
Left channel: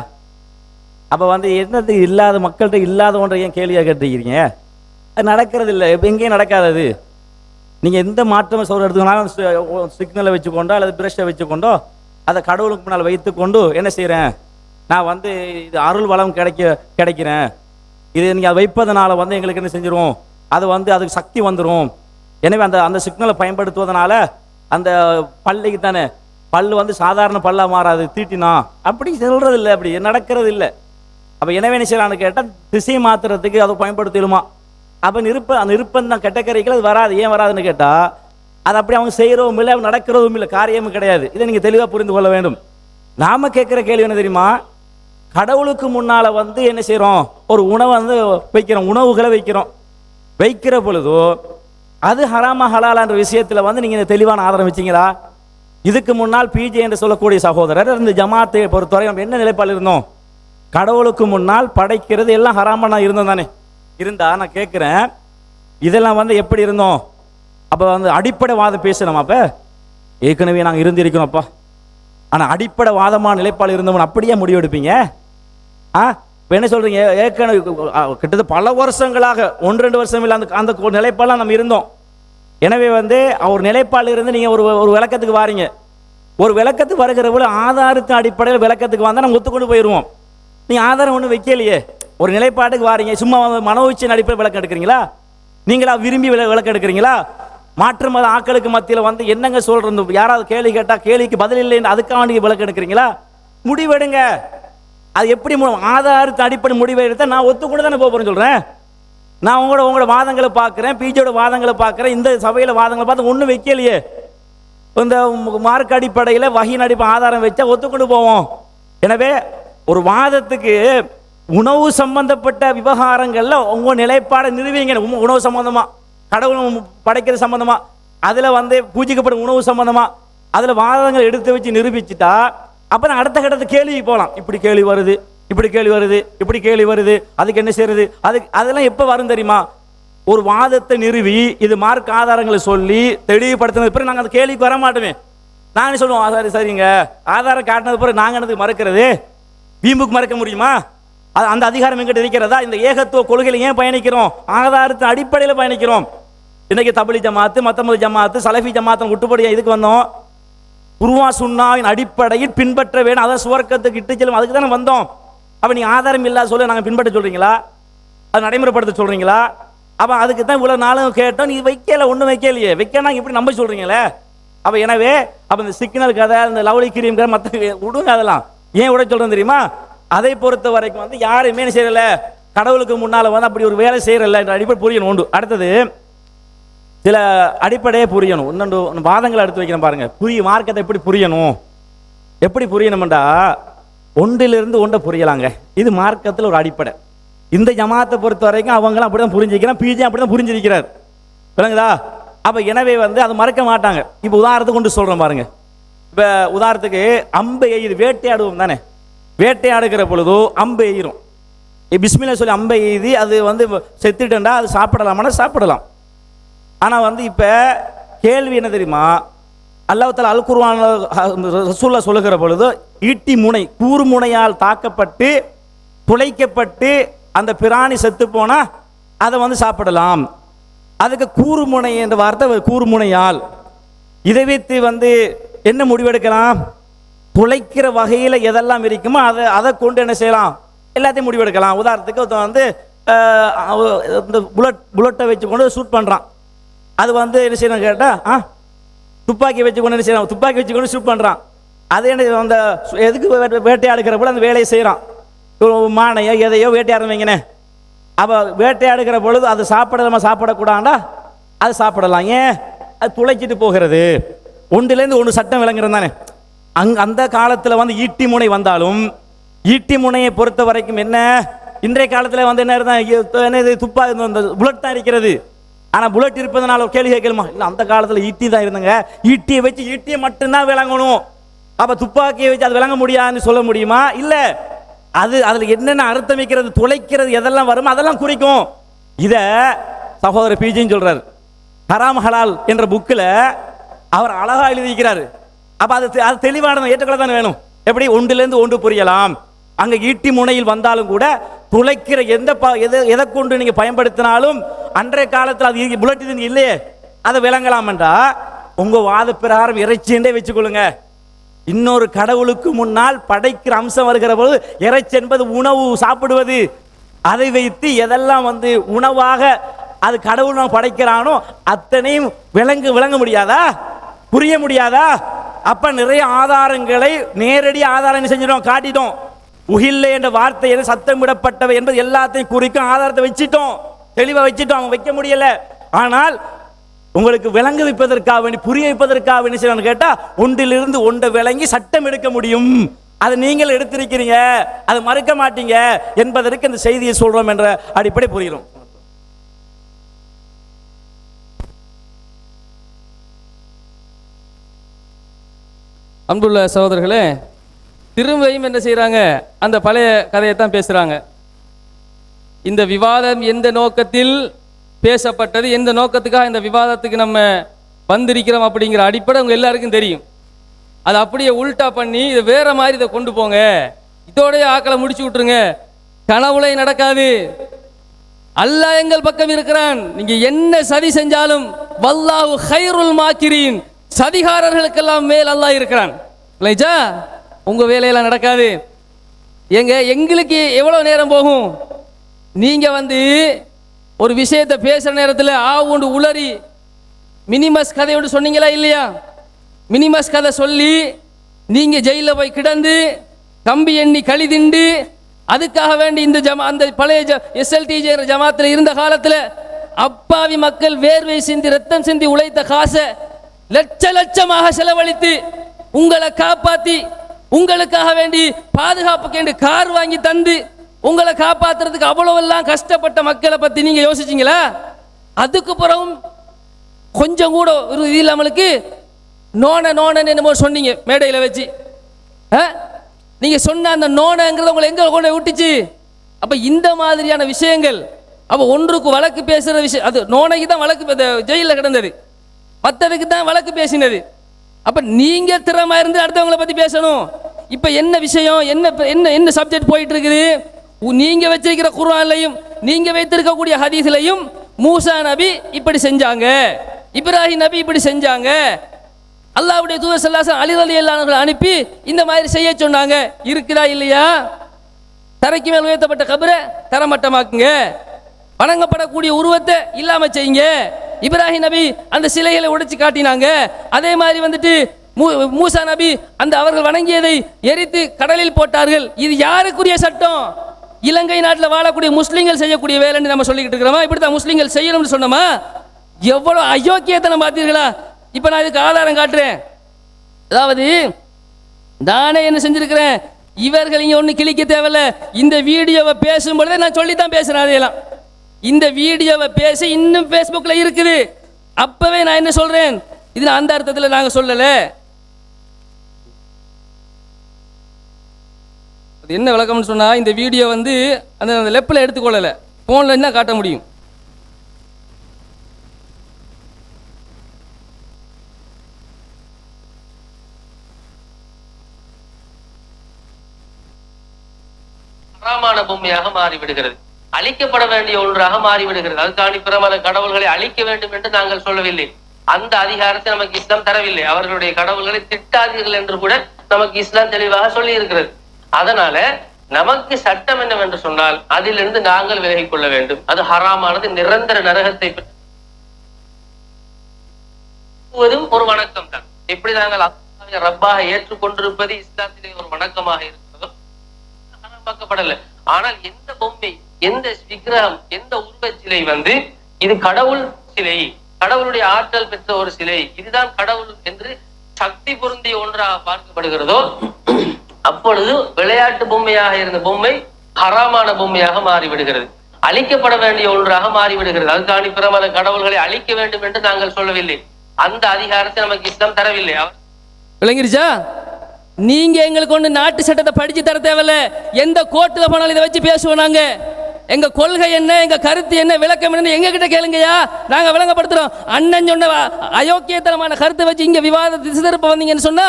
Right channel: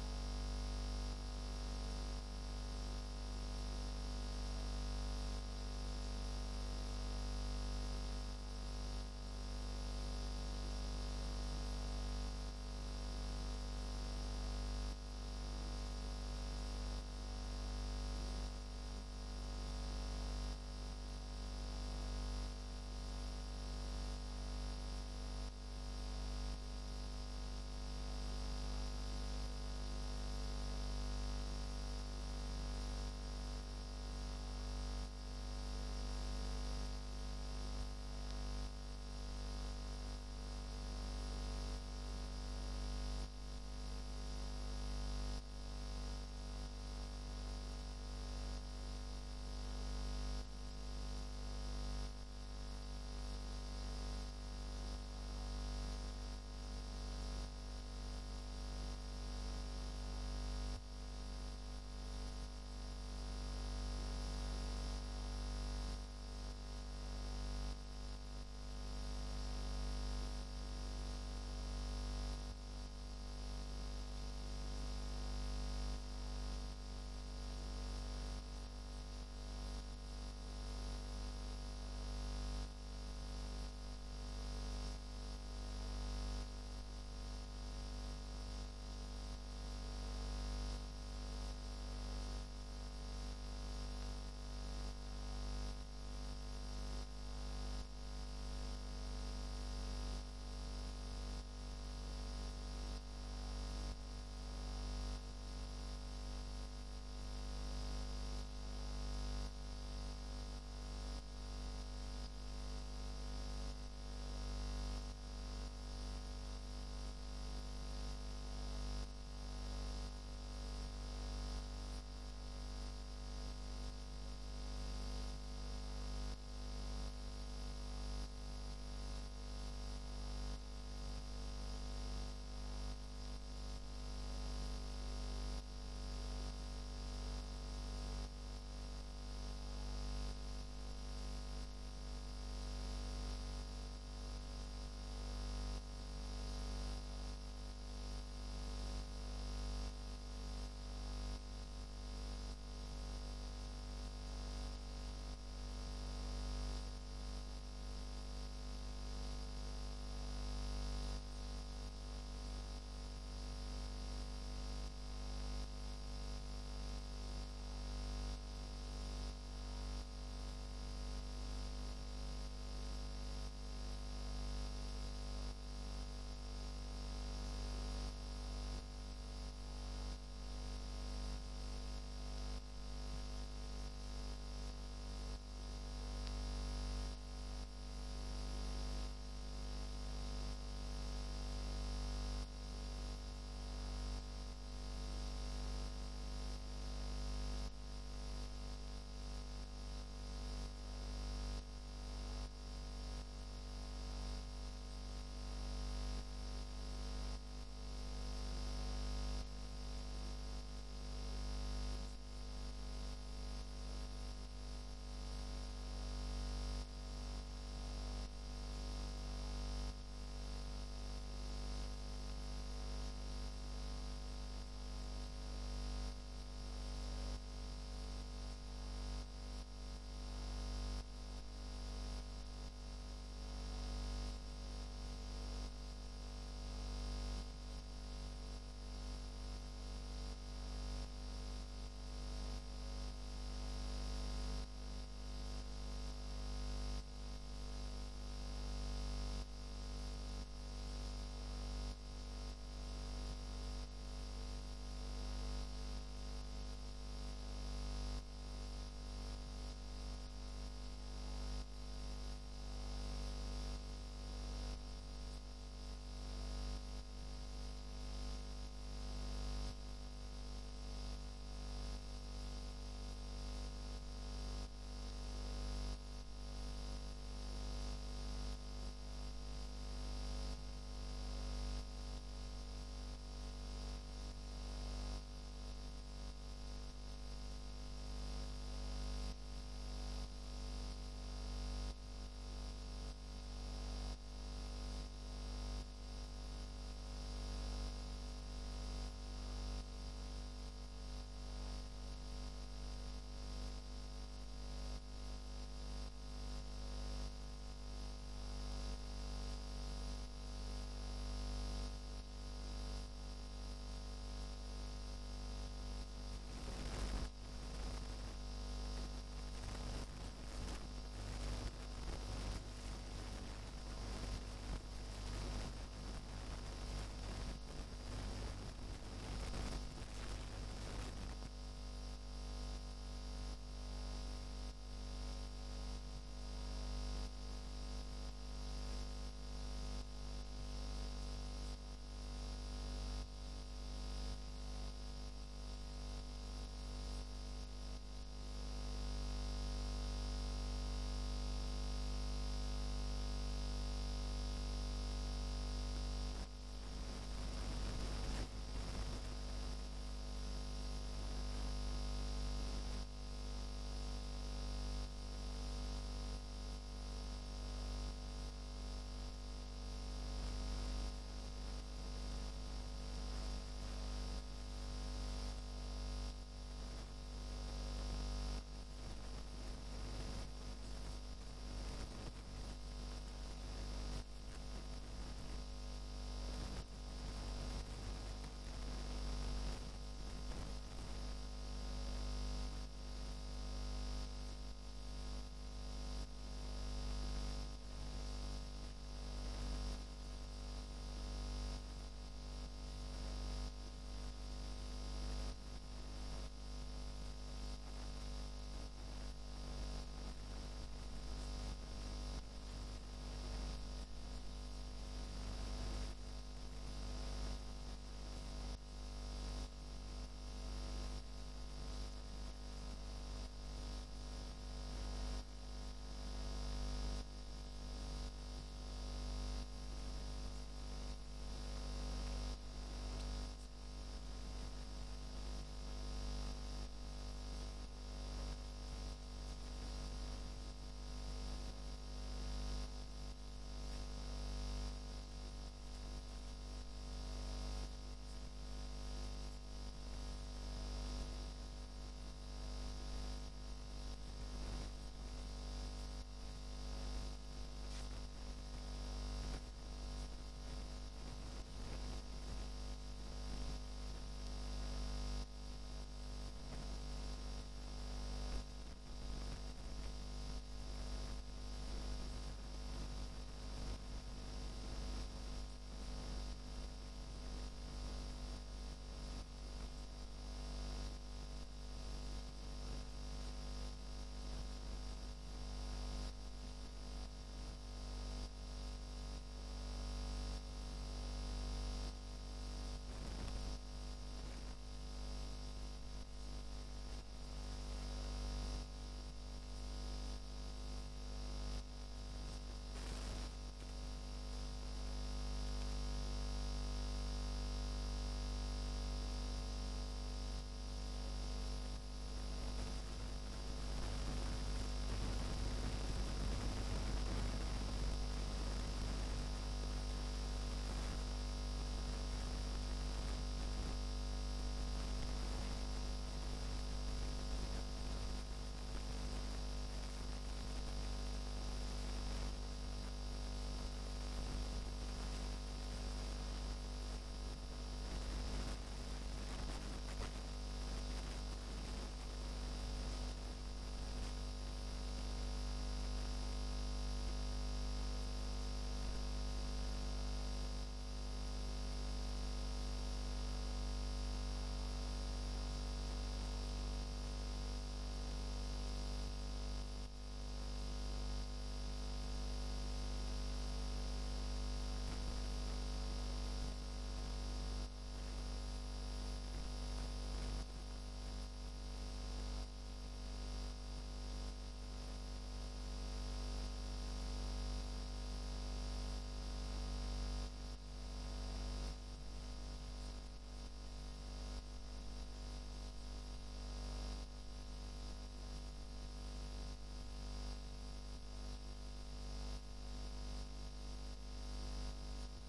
அப்போ என்னது இல்லாத மக்கள்கிட்ட இல்லாத ஒன்றை ஏன் கேள்வியாக கேட்டுக்கிறீங்க? அது நடக்கிறது இல்லை. இப்போ எங்கேயும் நடக்காதது. நீங்கள் எந்த மாற்றம் சோறு எடுத்துக்கனாலும் சிக்னலை வச்சுக்கொண்டோ அல்லது பிரஷை வச்சுக்கொண்டோ அதை கடவுளுக்கு முன்னால் வைத்துக்கொண்டு என்ன செய்கிறேன், நான் வந்து இது அருள் வளம் கிடைக்கிறேன், இது நீங்கள் அதை வைப்பதனால வந்து எங்களுக்கு என்ன செஞ்சிடும், அது வந்து அதுக்கு சக்தி வந்துடும். எனவே அந்த சிக்னலை பயன்படுத்துவதனால அந்த பல்லைக்கு தானே பல் வந்து சாதாரண பல்லாக மாறாது, தீட்டினா அப்படி சொல்கிறது இல்லை, அப்படி நடக்கிறது இல்லை. அப்போ எனவே என்ன செய்யலான்னு கேட்டால் திசையை மாற்றுறதுக்கு அதை பயன்படுத்திடுமா. அப்போ அந்த நிருப்பம் கெட்ட கரைகள் அது வராது. ஏன் வராதுன்னு கேட்டால் அது அப்படி அவங்க செய்கிறவும் இல்லை, அவங்க நடக்கிறதும் இல்லை, காரியமும் கிடையாது. இதை நீங்கள் தெளிவாக புரிந்து கொள்ள வேண்டும். நாம் கேட்குற கேள்வி என்ன தெரியுமா, கடவுளுக்கு முன்னால் வந்து என்ன செய்கிறோம், ஒரு உணவை வந்து வைக்கிறோம், உணவுகளை வைக்கிற பொழுதோ அது ஹராமா ஹலாலான்ற விஷயத்தில் வந்து நீங்கள் தெளிவான ஆதாரம் வச்சிங்களா? இதுக்கு முன்னால் பிஜே என்று சொல்லக்கூடிய சகோதரர் இந்த ஜமாத்தை பொறுத்தவரை நம்ம என்ன நிலைப்பாடு இருந்தோம், கடவுளுக்கு முன்னால் படைக்கிறது எல்லாம் ஹராமா நான் இருந்தோம் தானே இருந்தா. நான் கேட்குறேன் இதெல்லாம் வந்து எப்படி இருந்தோம், அப்போ வந்து அடிப்படை வாதம் பேசணுமா? அப்போ ஏற்கனவே நாங்கள் இருந்திருக்கிறோம்ப்பா, ஆனால் அடிப்படை வாதமான நிலைப்பாடு இருந்தவன் அப்படியே முடிவெடுப்பீங்க? இப்போ என்ன சொல்கிறீங்க, ஏற்கனவே கிட்டத்தட்ட பல வருஷங்களாக 1-2 வருஷம் இல்லை அந்த நிலைப்பாடெலாம் நம்ம இருந்தோம். எனவே வந்து ஒரு நிலைப்பாடு இருந்து நீங்கள் ஒரு விளக்கத்துக்கு வாரீங்க, ஒரு விளக்கத்துக்கு வருகிற போல ஆதாரத்தின் அடிப்படையில் விளக்கத்துக்கு வந்தால் நம்ம ஒத்துக்கொண்டு போயிடுவோம். நீங்கள் ஆதாரம் ஒன்றும் வைக்கலையே, ஒரு நிலைப்பாட்டுக்கு வாரீங்க, சும்மா மனோச்சின் அடிப்படையில் விளக்கம் எடுக்கிறீங்களா? நீங்களா விரும்பி விளக்கம் எடுக்கிறீங்களா? மாற்று மத ஆக்களுக்கு மத்தியில் வந்து என்னங்க சொல்கிறது, யாராவது கேள்வி கேட்டால் கேள்விக்கு பதில் இல்லைன்னு அதுக்காக நீங்கள் விளக்கம் எடுக்கிறீங்களா? முடிவெடுங்க. அது எப்படி ஆதாரத்தின் அடிப்படை முடிவை எடுத்தால் நான் ஒத்துக்கொண்டு தானே போகிறேன்னு சொல்கிறேன். நான் உங்களோட வாதங்களை பார்க்குறேன், பிஜியோட வாதங்களை பார்க்குறேன், இந்த சபையில் வாதங்களை பார்த்து ஒன்றும் வைக்கலையே. இந்த மார்க் அடிப்படையில் வகையின் அடிப்படை ஆதாரம் வச்சா ஒத்துக்கொண்டு போவோம். எனவே ஒரு வாதத்துக்கு உணவு சம்பந்தப்பட்ட விவகாரங்களில் உங்கள் நிலைப்பாடை நிறுவீங்க. உணவு சம்பந்தமாக, கடவுள் படைக்கிறது சம்பந்தமாக, அதில் வந்து பூஜிக்கப்படும் உணவு சம்பந்தமாக அதில் வாதங்கள் எடுத்து வச்சு நிரூபிச்சுட்டா அப்போ நான் அடுத்த கட்டத்தை கேள்விக்கு போகலாம். இப்படி கேள்வி வருது, இப்படி கேள்வி வருது, இப்படி கேள்வி வருது, அதுக்கு என்ன செய்யறது, அதெல்லாம் எப்போ வரும் தெரியுமா? ஒரு வாதத்தை நிறுவி இது மார்க் ஆதாரங்களை சொல்லி தெளிவுபடுத்தினது பிறகு நாங்கள் அந்த கேள்விக்கு வர மாட்டோமே. நாங்கள் சொல்லுவோம் சரி சரிங்க ஆதாரம் காட்டினது பிறகு நாங்கள் எனக்கு மறக்கிறது, வீம்புக்கு மறக்க முடியுமா? அந்த அதிகாரம் எங்கிட்ட இருக்கிறதா? இந்த ஏகத்துவ கொள்கையில் ஏன் பயணிக்கிறோம்? ஆதாரத்தின் அடிப்படையில் பயணிக்கிறோம். இன்னைக்கு தபிலி ஜமாத்து, மத்தமது ஜமாத்து, சலஃபி ஜமாத்து விட்டுப்படியா இதுக்கு வந்தோம்? குர்ஆன் சுன்னாவின் அடிப்படையில் பின்பற்ற வேணும், அதை சுவர்க்கத்துக்கு இட்டு செல்லும், அதுக்கு தானே வந்தோம். அப்போ நீங்கள் ஆதாரம் இல்லாத சொல்ல நாங்கள் பின்பற்ற சொல்கிறீங்களா? அது நடைமுறைப்படுத்த சொல்கிறீங்களா? அப்போ அதுக்கு தான் இவ்வளோ நாளும் கேட்டோம், நீ வைக்கல, ஒன்றும் வைக்கலையே, வைக்கனா இப்படி நம்ப சொல்கிறீங்களே. அப்போ எனவே அப்போ இந்த சிக்னல் கதை, இந்த லவ்லி கிரீம் கதை மற்ற விடுங்க, அதெல்லாம் ஏன் விட சொல்கிறேன் தெரியுமா? அதை பொறுத்த வரைக்கும் வந்து யாருமே செய்யல, கடவுளுக்கு முன்னால் வந்து அப்படி ஒரு வேலை செய்யறல என்ற அடிப்படை புரியணும் உண்டு. அடுத்தது சில அடிப்படையே புரியணும். இன்னொன்று வாதங்களை எடுத்து வைக்கிறேன் பாருங்க. மார்க்கத்தை எப்படி புரியணும், எப்படி புரியணும்டா ஒன்றிலிருந்து ஒன்றை புரியலாங்க. இது மார்க்கத்தில் ஒரு அடிப்படை. இந்த ஜமாத்தை பொறுத்த வரைக்கும் அவங்களும் அப்படிதான் புரிஞ்சுக்கிறான், பிஜே அப்படிதான் புரிஞ்சிருக்கிறார், விளங்குதா? அப்போ எனவே வந்து அதை மறக்க மாட்டாங்க. இப்போ உதாரணத்துக்கு கொண்டு சொல்கிறேன் பாருங்க. இப்போ உதாரணத்துக்கு அம்பு எய்து, வேட்டையாடுவோம் தானே, வேட்டையாடுகிற பொழுதோ அம்பு எய்கிறோம், பிஸ்மில்லா சொல்லி அம்பை எய்தி அது வந்து செத்துட்டா அது சாப்பிடலாமான்னா சாப்பிடலாம். ஆனால் வந்து இப்போ கேள்வி என்ன தெரியுமா, அல்லாஹ் தஆலா அல் குர்ஆன் ரசூலுல்லாஹ் சொல்லுகிற பொழுது ஈட்டி முனை, கூறு முனையால் தாக்கப்பட்டு துளைக்கப்பட்டு அந்த பிராணி செத்து போனால் அதை வந்து சாப்பிடலாம். அதுக்கு கூறு முனை என்ற வார்த்தை கூறு முனையால். இதை வைத்து வந்து என்ன முடிவெடுக்கலாம்? துளைக்கிற வகையில் எதெல்லாம் இருக்குமோ அதை கொண்டு என்ன செய்யலாம், எல்லாத்தையும் முடிவெடுக்கலாம். உதாரணத்துக்கு வந்து இந்த புல்லட்டை வச்சு கொண்டு ஷூட் பண்ணுறான், அது வந்து என்ன செய்யணும் கேட்டால் துப்பாக்கி வச்சு கொண்டு என்ன செய்யலாம், துப்பாக்கி வச்சு கொண்டு ஷூட் பண்ணுறான். அது என்ன அந்த எதுக்கு வேட்டையாடுகிற போல அந்த வேலையை செய்கிறான், மானையோ எதையோ வேட்டையாடுவீங்கண்ணே. அப்போ வேட்டையாடுகிற பொழுது அது சாப்பிடலாமா சாப்பிடக்கூடாண்டா அது சாப்பிடலாம். ஏன்? அது துளைச்சிட்டு போகிறது. ஒன்றுலேருந்து ஒன்று சட்டம் விளங்குறது தானே. அந்த காலத்தில் வந்து ஈட்டி முனை வந்தாலும் ஈட்டி முனையை பொறுத்த வரைக்கும் என்ன, இன்றைய காலத்தில் வந்து என்ன இருந்தால் துப்பாக்கி அந்த புல்லட் தான் இருக்கிறது. ஆனால் புல்லட் இருப்பதனால ஒரு கேள்வி கேட்கலுமா? இல்லை, அந்த காலத்தில் ஈட்டி தான் இருந்தாங்க, ஈட்டியை வச்சு ஈட்டியை மட்டும்தான் விளங்கணும், அப்போ துப்பாக்கியை வச்சு அது விளங்க முடியாதுன்னு சொல்ல முடியுமா? இல்லை, அதில் என்னென்ன அர்த்தம் வைக்கிறது, துளைக்கிறது எதெல்லாம் வருமோ அதெல்லாம் குறிக்கும். இதை சகோதரர் பிஜின்னு சொல்றாரு, ஹராம் ஹலால் என்ற புக்கில் அவர் அழகா எழுதிக்கிறாரு. அப்போ அது தெளிவானது ஏற்றுக்கொள்ள தானே வேணும். எப்படி ஒன்றிலிருந்து ஒன்று புரியலாம். அங்கே ஈட்டி முனையில் வந்தாலும் கூட துளைக்கிற எதை கொண்டு நீங்கள் பயன்படுத்தினாலும் அன்றைய காலத்தில் அது புல்லட் இது இல்லையே, அதை விளங்கலாம்ன்றா உங்க வாத பிரகாரம் இறைச்சின்றே வச்சுக்கொள்ளுங்க. இன்னொரு கடவுளுக்கு முன்னால் படைக்கிற அம்சம் வருகிற போது இறைச்சி என்பது உணவு சாப்பிடுவது, அதை வைத்து எதெல்லாம் உணவாக அது கடவுள் நான் படைக்கிறானோ அத்தனையும் விளங்க முடியாதா, புரிய முடியாதா? அப்ப நிறைய ஆதாரங்களை நேரடி ஆதாரம் செஞ்சிடும், காட்டிட்டோம். உகில்லை என்ற வார்த்தை சத்தமிடப்பட்டவை என்பது எல்லாத்தையும் குறிக்கும் ஆதாரத்தை வச்சிட்டோம், தெளிவா வச்சிட்டோம். அவங்க வைக்க முடியல. ஆனால் உங்களுக்கு விளங்க வைப்பதற்காக வேண்டி, புரிய வைப்பதற்காக வேண்டி செய்யணும்னு கேட்டா ஒன்றிலிருந்து ஒன்றை விளங்கி சட்டம் எடுக்க முடியும். அதை நீங்கள் எடுத்திருக்கிறீங்க, அதை மறுக்க மாட்டீங்க என்பதற்கு இந்த செய்தியை சொல்றோம் என்ற அடிப்படை புரிகிறோம். அன்புள்ள சகோதரர்களே, திரும்பியும் என்ன செய்கிறாங்க, அந்த பழைய கதையை தான் பேசுகிறாங்க. இந்த விவாதம் எந்த நோக்கத்தில் பேசப்பட்டது, எந்த நோக்கத்துக்காக இந்த விவாதத்துக்கு நம்ம வந்திருக்கிறோம் அப்படிங்கிற அடிப்படை உங்கள் எல்லாருக்கும் தெரியும். அதை அப்படியே உல்டா பண்ணி இதை வேற மாதிரி இதை கொண்டு போங்க, இதோடைய ஆக்களை முடிச்சு விட்டுருங்க, கனவுளை நடக்காது, அல்லாஹ் எங்கள் பக்கம் இருக்கிறான், நீங்க என்ன சதி செஞ்சாலும் வல்லாஹு கைருல் மாக்கிரீன், சதிகாரர்களுக்கெல்லாம் மேல் அல்லாஹ் இருக்கிறான். இல்லைச்சா, உங்க வேலையெல்லாம் நடக்காது. எங்களுக்கு எவ்வளவு நேரம் போகும்? நீங்க ஒரு விஷயத்தை பேசுற நேரத்தில் ஆவுண்டு உளறி மினிமஸ் கதை ஒன்று சொன்னீங்களா இல்லையா? மினிமஸ் கதை சொல்லி நீங்க ஜெயில போய் கிடந்து கம்பி எண்ணி கழிதிண்டு அதுக்காக வேண்டி இந்த அந்த பழைய SLTJ ஜமாத்தில் இருந்த காலத்தில் அப்பாவி மக்கள் வேர்வை சிந்தி ரத்தம் சிந்தி உழைத்த காசை லட்ச லட்சமாக செலவழித்து உங்களை காப்பாத்தி உங்களுக்காக வேண்டி பாதுகாப்புக்கு கார் வாங்கி தந்து உங்களை காப்பாத்துறதுக்கு அவ்வளவெல்லாம் கஷ்டப்பட்ட மக்களை பத்தி நீங்க யோசிச்சீங்களா? அதுக்கு பிறகும் கொஞ்சம் கூட ஒரு இது இல்லாமலுக்கு நோனன்னு என்னமோ சொன்னீங்க மேடையில் வச்சு. நீங்க சொன்ன அந்த நோனங்கிறத உங்களை எங்க கொண்டு விட்டுச்சு? அப்ப இந்த மாதிரியான விஷயங்கள், அப்ப ஒன்றுக்கு வழக்கு பேசுற விஷயம், அது நோனைக்கு தான் வழக்கு ஜெயிலில் கிடந்தது, மற்றதுக்கு தான் வழக்கு பேசினது. அப்ப நீங்க திறமா இருந்து அடுத்தவங்களை பத்தி பேசணும். இப்ப என்ன விஷயம், என்ன சப்ஜெக்ட் போயிட்டு இருக்குது? நீங்க வச்சிருக்கிற குர்ஆன்லையும் நீங்க வைத்திருக்கக்கூடிய ஹதீஸ்லையும் மூசா நபி இப்படி செஞ்சாங்க, இப்ராஹிம் நபி இப்படி செஞ்சாங்க, அல்லாஹ்வுடைய தூதர் ஸல்லல்லாஹு அலைஹி வஸல்லம் அலி ரலியல்லாஹு அன்ஹு அனுப்பி இந்த மாதிரி செய்ய சொன்னாங்க. இருக்குதா இல்லையா? தரைக்கு மேல் உயர்த்தப்பட்ட கபரை தரமட்டமாக்குங்க, வணங்கப்படக்கூடிய உருவத்தை இல்லாம செய்யுங்க. இப்ராஹிம் நபி அந்த சிலைகளை உடைச்சு காட்டினாங்க. அதே மாதிரி மூசா நபி அந்த அவர்கள் வணங்கியதை எரித்து கடலில் போட்டார்கள். இது யாருக்குரிய சட்டம்? இலங்கை நாட்டில் வாழக்கூடிய முஸ்லீம்கள் செய்யக்கூடிய வேலைன்னு நம்ம சொல்லிக்கிட்டு இருக்கிறோமா? இப்படித்தான் முஸ்லீம்கள் செய்யணும்னு சொன்னோமா? எவ்வளவு அயோக்கியத்தை நம்ம பார்த்தீர்களா? இப்ப நான் இதுக்கு ஆதாரம் காட்டுறேன். அதாவது நானே என்ன செஞ்சிருக்கிறேன், இவர்கள் இங்க ஒண்ணு கிழிக்க தேவையில்ல. இந்த வீடியோவை பேசும்பொழுதே நான் சொல்லித்தான் பேசுறேன். அதையெல்லாம் இந்த வீடியோவை பேசி இன்னும் பேஸ்புக்ல இருக்குது. அப்பவே நான் என்ன சொல்றேன், இது அந்த அர்த்தத்தில் நாங்க சொல்லல. என்ன விளக்கம்னு சொன்னா, இந்த வீடியோ அந்த லெப்ல எடுத்துக்கொள்ளல, போன்ல என்ன காட்ட முடியும்? ஹராமான பொம்மையாக மாறிவிடுகிறது, அழிக்கப்பட வேண்டிய ஒன்றாக மாறிவிடுகிறது. அதுக்காண்டி பிரபல கடவுள்களை அழிக்க வேண்டும் என்று நாங்கள் சொல்லவில்லை. அந்த அதிகாரத்தை நமக்கு இஸ்லாம் தரவில்லை. அவர்களுடைய கடவுள்களை திட்டாதீர்கள் என்று கூட நமக்கு இஸ்லாம் தெளிவாக சொல்லி இருக்கிறது. அதனால நமக்கு சட்டம் என்னவென்று சொன்னால் அதிலிருந்து நாங்கள் விலகிக் கொள்ள வேண்டும். அது ஹராமானது, நிரந்தர நரகத்தை ஒரு வணக்கம் தான். எப்படி நாங்கள் அல்லாஹ்வை ரப்பாக ஏற்றுக்கொண்டிருப்பது இஸ்லாத்திலே ஒரு வணக்கமாக இருக்கிறதோ பார்க்கப்படல. ஆனால் எந்த பொம்மை, எந்த விக்கிரகம், எந்த உருவச் சிலை இது கடவுள் சிலை, கடவுளுடைய ஆற்றல் பெற்ற ஒரு சிலை, இதுதான் கடவுள் என்று சக்தி பொருந்திய ஒன்றாக பார்க்கப்படுகிறதோ அப்பொழுது விளையாட்டு பொம்மையாக இருந்த பொம்மை ஹராமான பொம்மையாக மாறிவிடுகிறது, அழிக்கப்பட வேண்டிய ஒன்றாக மாறிவிடுகிறது. அதுக்காண்டி பிரபல கடவுள்களை அழிக்க வேண்டும் என்று நாங்கள் சொல்லவில்லை. அந்த அதிகாரத்தை நமக்கு இஸ்லாம் தரவில்லை. விளங்கிருச்சா? நீங்க எங்களுக்கு ஒண்ணு நாட்டு சட்டத்தை படிச்சு தர தேவையில்ல. எந்த கோர்ட்ல போனாலும் இதை வச்சு பேசுவோம். நாங்க எங்க கொள்கை என்ன, எங்க கருத்து என்ன, விளக்கம் என்ன எங்க கிட்ட கேளுங்கயா, நாங்க விளங்கப்படுத்துறோம். அண்ணன் சொன்ன அயோக்கியத்தனமான கருத்தை வச்சு இங்க விவாத திசை திருப்ப வந்தீங்கன்னு சொன்னா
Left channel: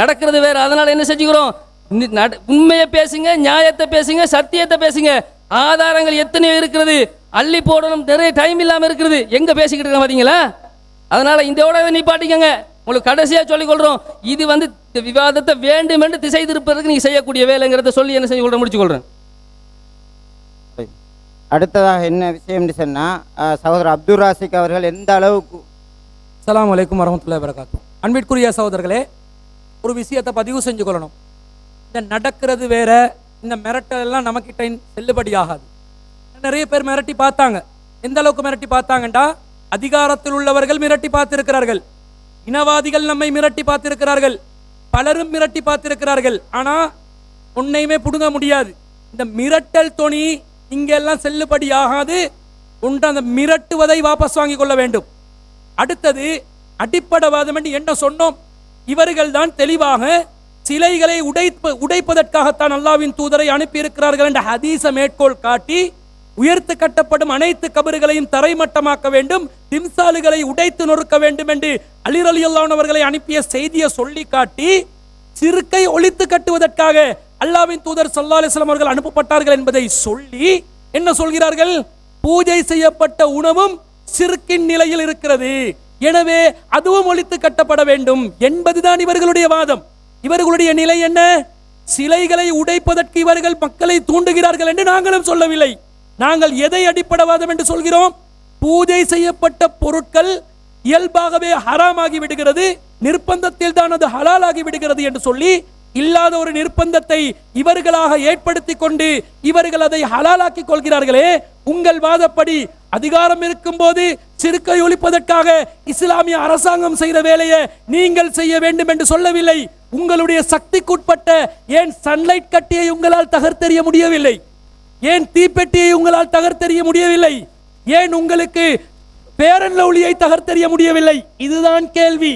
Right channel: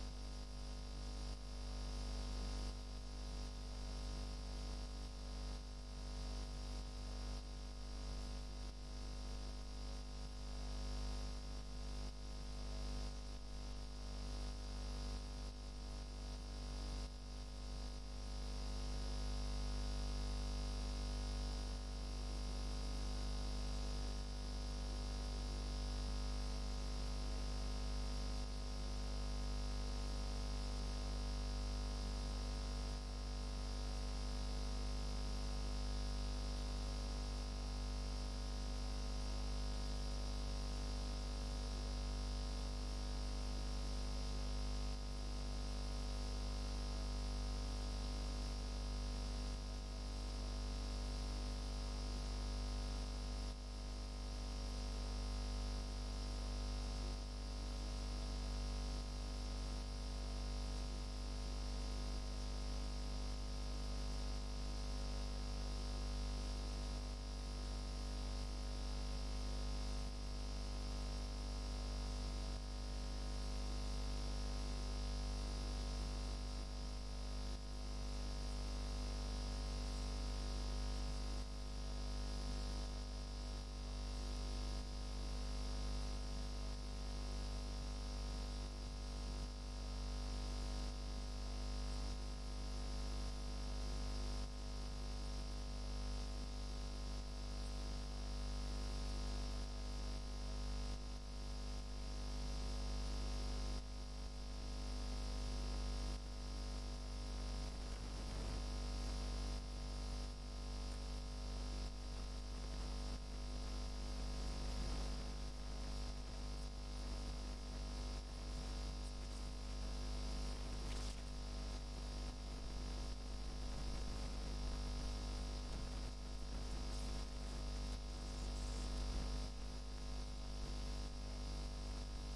நடக்கிறது வேற. அதனால என்ன செஞ்சுக்கிறோம், உண்மையை பேசுங்க, நியாயத்தை பேசுங்க, சத்தியத்தை பேசுங்க. ஆதாரங்கள் எத்தனையோ இருக்கிறது, அள்ளி போடணும், நிறைய டைம் இல்லாம இருக்கிறது. எங்க பேசிக்கிட்டு இருக்க பாத்தீங்களா? அதனால இதோட நிப்பாட்டிக்கங்க. உங்களுக்கு கடைசியா சொல்லிக் கொள்றோம், இது வந்து இந்த விவாதத்தை வேண்டும் என்று திசை திருப்பதற்கு நீங்க செய்யக்கூடிய வேலைங்கிறத சொல்லி என்ன செய்ய கொள்றேன், முடிச்சு கொள்றேன். அடுத்ததாக என்ன விஷயம்னு சொன்னால், சகோதரர் அப்துல் ராசிக் அவர்கள் எந்த அளவுக்கு அஸ்ஸலாமு அலைக்கும் வரஹ்மத்துல்லாஹி வபரகாத்துஹு. அன்பிற்குரிய சகோதரர்களே, ஒரு விஷயத்தை பதிவு செஞ்சு கொள்ளணும். இந்த நடக்கிறது வேற, இந்த மிரட்டல் எல்லாம் நமக்கிட்ட செல்லுபடியாகாது. நிறைய பேர் மிரட்டி பார்த்தாங்க. எந்த அளவுக்கு மிரட்டி பார்த்தாங்கண்டா, அதிகாரத்தில் உள்ளவர்கள் மிரட்டி பார்த்திருக்கிறார்கள், இனவாதிகள் நம்மை மிரட்டி பார்த்திருக்கிறார்கள், பலரும் மிரட்டி பார்த்திருக்கிறார்கள். ஆனா ஒன்னையுமே புடுங்க முடியாது. இந்த மிரட்டல் தொனி இங்கெல்லாம் செல்லுபடியாகாது. ஒன்று அந்த மிரட்டுவதை வாபஸ் வாங்கி கொள்ள வேண்டும். அடுத்தது அடிப்படைவாதம் என்று என்ன சொன்னோம்? இவர்கள் தான் தெளிவாக சிலைகளை உடைப்பதற்காகத்தான் அல்லாஹ்வின் தூதரை அனுப்பியிருக்கிறார்கள் என்ற ஹதீஸை மேற்கோள் காட்டி, உயர்த்து கட்டப்படும் அனைத்து கபறுகளையும் தரைமட்டமாக்க வேண்டும், திம்சாலுகளை உடைத்து நொறுக்க வேண்டும் என்று அலி ரலியல்லாஹு அன்ஹு அவர்களை அனுப்பிய செய்தியை சொல்லி காட்டி, சிறுக்கை ஒழித்து கட்டுவதற்காக அல்லாஹ்வின் தூதர் ஸல்லல்லாஹு அலைஹி வஸல்லம் அவர்கள் அனுப்பப்பட்டார்கள் என்பதை சொல்லி என்ன சொல்கிறார்கள்? பூஜை செய்யப்பட்ட உணவும் சிறுக்கின் நிலையில் இருக்கிறது, எனவே அதுவும் ஒழித்து கட்டப்பட வேண்டும் என்பதுதான் இவர்களுடைய வாதம். இவர்களுடைய நிலை என்ன? சிலைகளை உடைப்பதற்கு இவர்கள் மக்களை தூண்டுகிறார்கள் என்று நாங்களும் சொல்லவில்லை. நாங்கள் எதை அடிப்படைவாதம் என்று சொல்கிறோம்? பூஜை செய்யப்பட்ட பொருட்கள் இயல்பாகவே ஹராமாகி விடுகிறது, நிர்பந்தத்தில் தான் அது ஹலாலாகி விடுகிறது என்று சொல்லி, இல்லாத ஒரு நிர்பந்தத்தை இவர்களாக ஏற்படுத்தி கொண்டு இவர்கள் அதை ஹலாலாக்கி கொள்கிறார்களே. உங்கள் வாதப்படி அதிகாரம் இருக்கும் போது சிறுக்கை ஒழிப்பதற்காக இஸ்லாமிய அரசாங்கம் செய்த வேலையை நீங்கள் செய்ய வேண்டும் என்று சொல்லவில்லை. உங்களுடைய சக்திக்குட்பட்ட ஏன் சன்லைட் கட்டியை உங்களால் தகர்த்தெறிய முடியவில்லை? ஏன் தீப்பெட்டியை உங்களால் தகர்த்தெறிய முடியவில்லை? ஏன் உங்களுக்கு பேரன் லவ்லியை தகர்த்தெறிய முடியவில்லை? இதுதான் கேள்வி.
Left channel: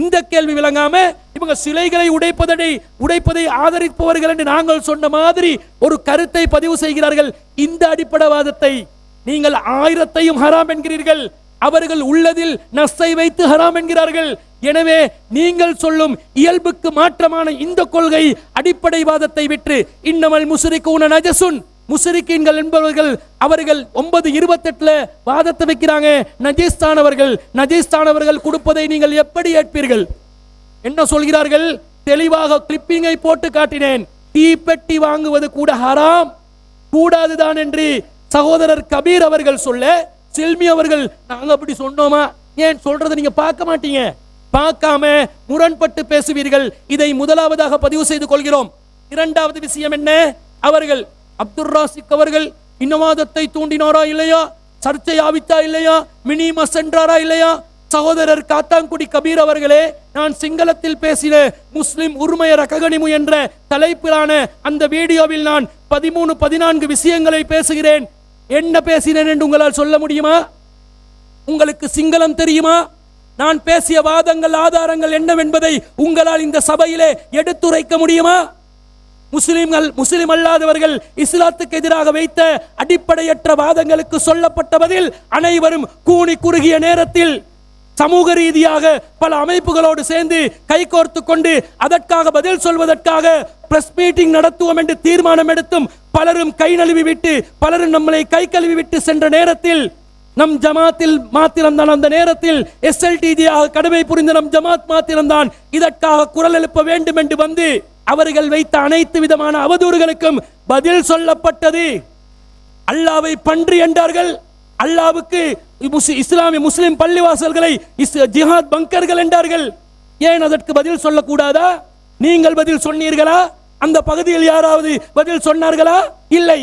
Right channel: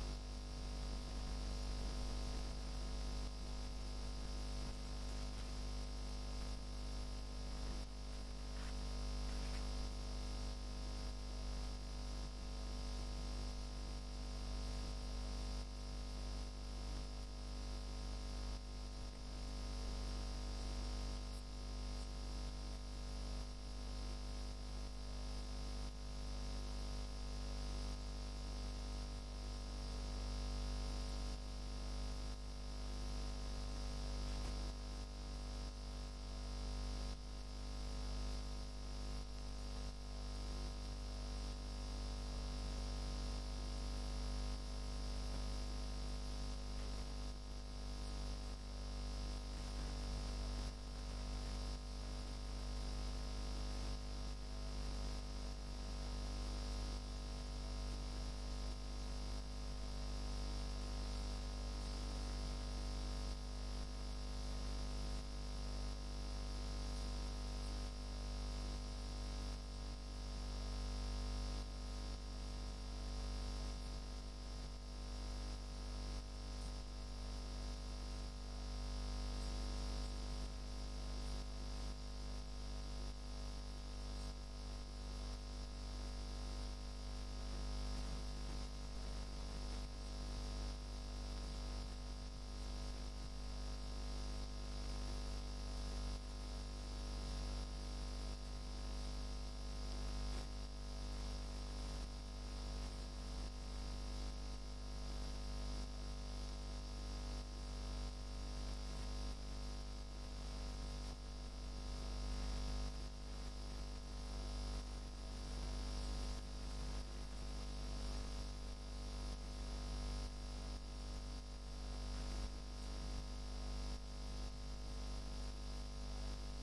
இந்த கேள்வி விளங்காம இவங்க சிலைகளை உடைப்பதை ஆதரிப்பவர்கள் என்று நாங்கள் சொன்ன மாதிரி ஒரு கருத்தை பதிவு செய்கிறார்கள். இந்த அடிப்படைவாதத்தை நீங்கள் 1000ஐயும் ஹராம் என்கிறீர்கள், அவர்கள் உள்ளதில் நஸ்ஸை வைத்து ஹராம் என்கிறார்கள். எனவே நீங்கள் சொல்லும் இயல்புக்கு மாற்றமான இந்த கொள்கை அடிப்படைவாதத்தை விட்டு இன்னமல் முஸ்ரிகூன நஜசுன், முஸ்ரிக்கீன்கள் என்பவர்கள் அவர்கள் 9:28 வாதத்தை வைக்கிறாங்க. நஜீஸ்தானவர்கள் கொடுப்பதை நீங்கள் எப்படி ஏற்பீர்கள்? என்ன சொல்கிறார்கள்? தெளிவாக கிளிப்பிங்கை போட்டு காட்டினேன். தீப்பெட்டி வாங்குவது கூட ஹராம், கூடாதுதான் என்று சகோதரர் கபீர் அவர்கள் சொல்ல, செல்மி அவர்கள் நாங்க அப்படி சொன்னோமா? ஏன் சொல்றதை நீங்க பார்க்க மாட்டீங்க? பார்க்காம முரண்பட்டு பேசுவீர்கள். இதை முதலாவதாக பதிவு செய்து கொள்கிறோம். இரண்டாவது விஷயம் என்ன? அவர்கள் அப்துல் ராசிக் அவர்கள் இனவாதத்தை தூண்டினாரா இல்லையா? சர்ச்சை ஆவித்தா இல்லையா? மினிமஸ் சென்றாரா இல்லையா? சகோதரர் காத்தாங்குடி கபீர் அவர்களே, நான் சிங்களத்தில் பேசின முஸ்லிம் உரிமையர ககனிமு என்ற தலைப்பிலான அந்த வீடியோவில் நான் 13-14 விஷயங்களை பேசுகிறேன். என்ன பேசினேன் என்று உங்களால் சொல்ல முடியுமா? உங்களுக்கு சிங்களம் தெரியுமா? நான் பேசிய வாதங்கள் ஆதாரங்கள் என்னவென்பதை உங்களால் இந்த சபையிலே எடுத்துரைக்க முடியுமா? முஸ்லிம் அல்லாதவர்கள் இஸ்லாத்துக்கு எதிராக வைத்த அடிப்படையற்ற வாதங்களுக்கு சொல்லப்பட்ட பதில் அனைவரும் கூனி குறுகிய நேரத்தில் சமூக ரீதியாக பல அமைப்புகளோடு சேர்ந்து கைகோர்த்து கொண்டு அதற்காக பதில் சொல்வதற்காக பிரஸ் மீட்டிங் நடத்துவோம் என்று தீர்மானம் எடுத்தும் பலரும் கை நழுவி விட்டு பலரும் நம்மளை கை கழுவி விட்டு சென்ற நேரத்தில் நம் ஜமாத்தில் மாத்திரம்தான், அந்த நேரத்தில் SLTG-யாக கடமை புரிந்த நம் ஜமாத் மாத்திரம்தான் இதற்காக குரல் எழுப்ப வேண்டும் என்று வந்து அவர்கள் வைத்த அனைத்து விதமான அவதூறுகளுக்கும் பதில் சொல்லப்பட்டது. அல்லாவை பன்றி என்றார்கள், அல்லாவுக்கு இஸ்லாமிய முஸ்லிம் பள்ளிவாசல்களை ஜிஹாத் பங்கர்கள் என்றார்கள். ஏன் அதற்கு பதில் சொல்லக்கூடாதா? நீங்கள் பதில் சொன்னீர்களா? அந்த பகுதியில் யாராவது பதில் சொன்னார்களா? இல்லை.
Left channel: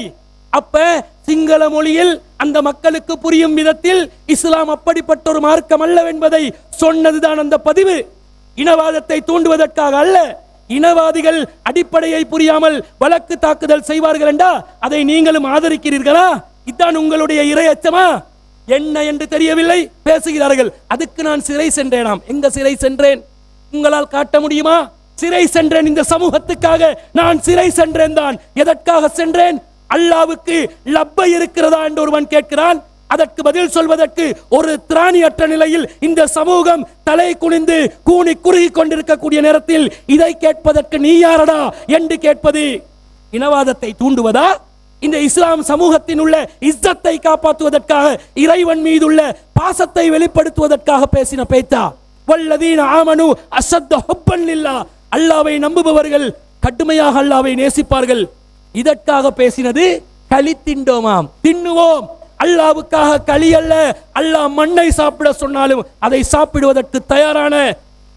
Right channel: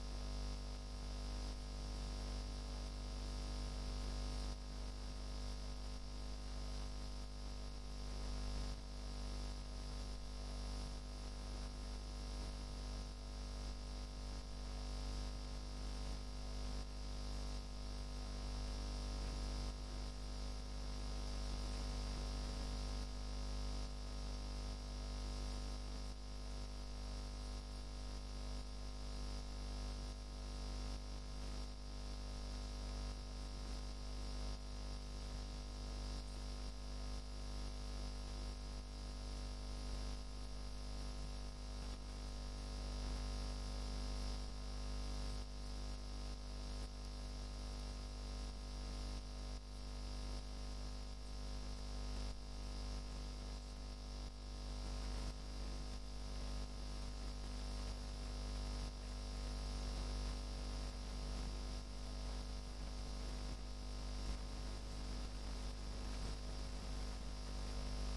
அப்ப சிங்கள மொழியில் அந்த மக்களுக்கு புரியும் விதத்தில் இஸ்லாம் அப்படிப்பட்ட ஒரு மார்க்கம் அல்லவென்பதை சொன்னதுதான் அந்த பதிவு. இனவாதத்தை தூண்டுவதற்காக அல்ல. இனவாதிகள் அடிப்படையை புரியாமல் வழக்கு தாக்குதல் செய்வார்கள் என்றா அதை நீங்களும் ஆதரிக்கிறீர்களா? இதுதான் உங்களுடைய இறையச்சமா? என்ன என்று தெரியவில்லை பேசுகிறார்கள். அதுக்கு நான் சிறை சென்றேனாம். எங்க சிறை சென்றேன்? உங்களால் காட்ட முடியுமா? சிறை சென்றேன், இந்த சமூகத்துக்காக நான் சிறை சென்றேன் தான். எதற்காக சென்றேன்? அல்லாவுக்கு லப்பை இருக்கிறதா என்று ஒருவன் கேட்கிறான். அதற்கு பதில் சொல்வதற்கு ஒரு திராணியற்ற நிலையில் இந்த சமூகம் தலை குனிந்து கூனி குறுகி கொண்டிருக்கக்கூடிய நேரத்தில் இதை கேட்பதற்கு நீ யாரடா என்று கேட்பது இனவாதத்தை தூண்டுவதா? இந்த இஸ்லாம் சமூகத்தின் உள்ள இஸ்ஸத்தை காப்பாற்றுவதற்காக, இறைவன் மீதுள்ள பாசத்தை வெளிப்படுத்துவதற்காக பேசின பேத்தா. வல்லதீன ஆமனு அஸத்த ஹுப்பன் லில்லாஹ், அல்லாஹ்வை நம்புபவர்கள் கடுமையாக அல்லாஹ்வை நேசிப்பார்கள். இதற்காக பேசினது களி திண்டோமாம், தின்னுவோம். அல்லாஹ்வுக்காக களி அல்ல, அல்லாஹ் மண்ணை சாப்பிட சொன்னாலும் அதை சாப்பிடுவதற்கு தயாரான,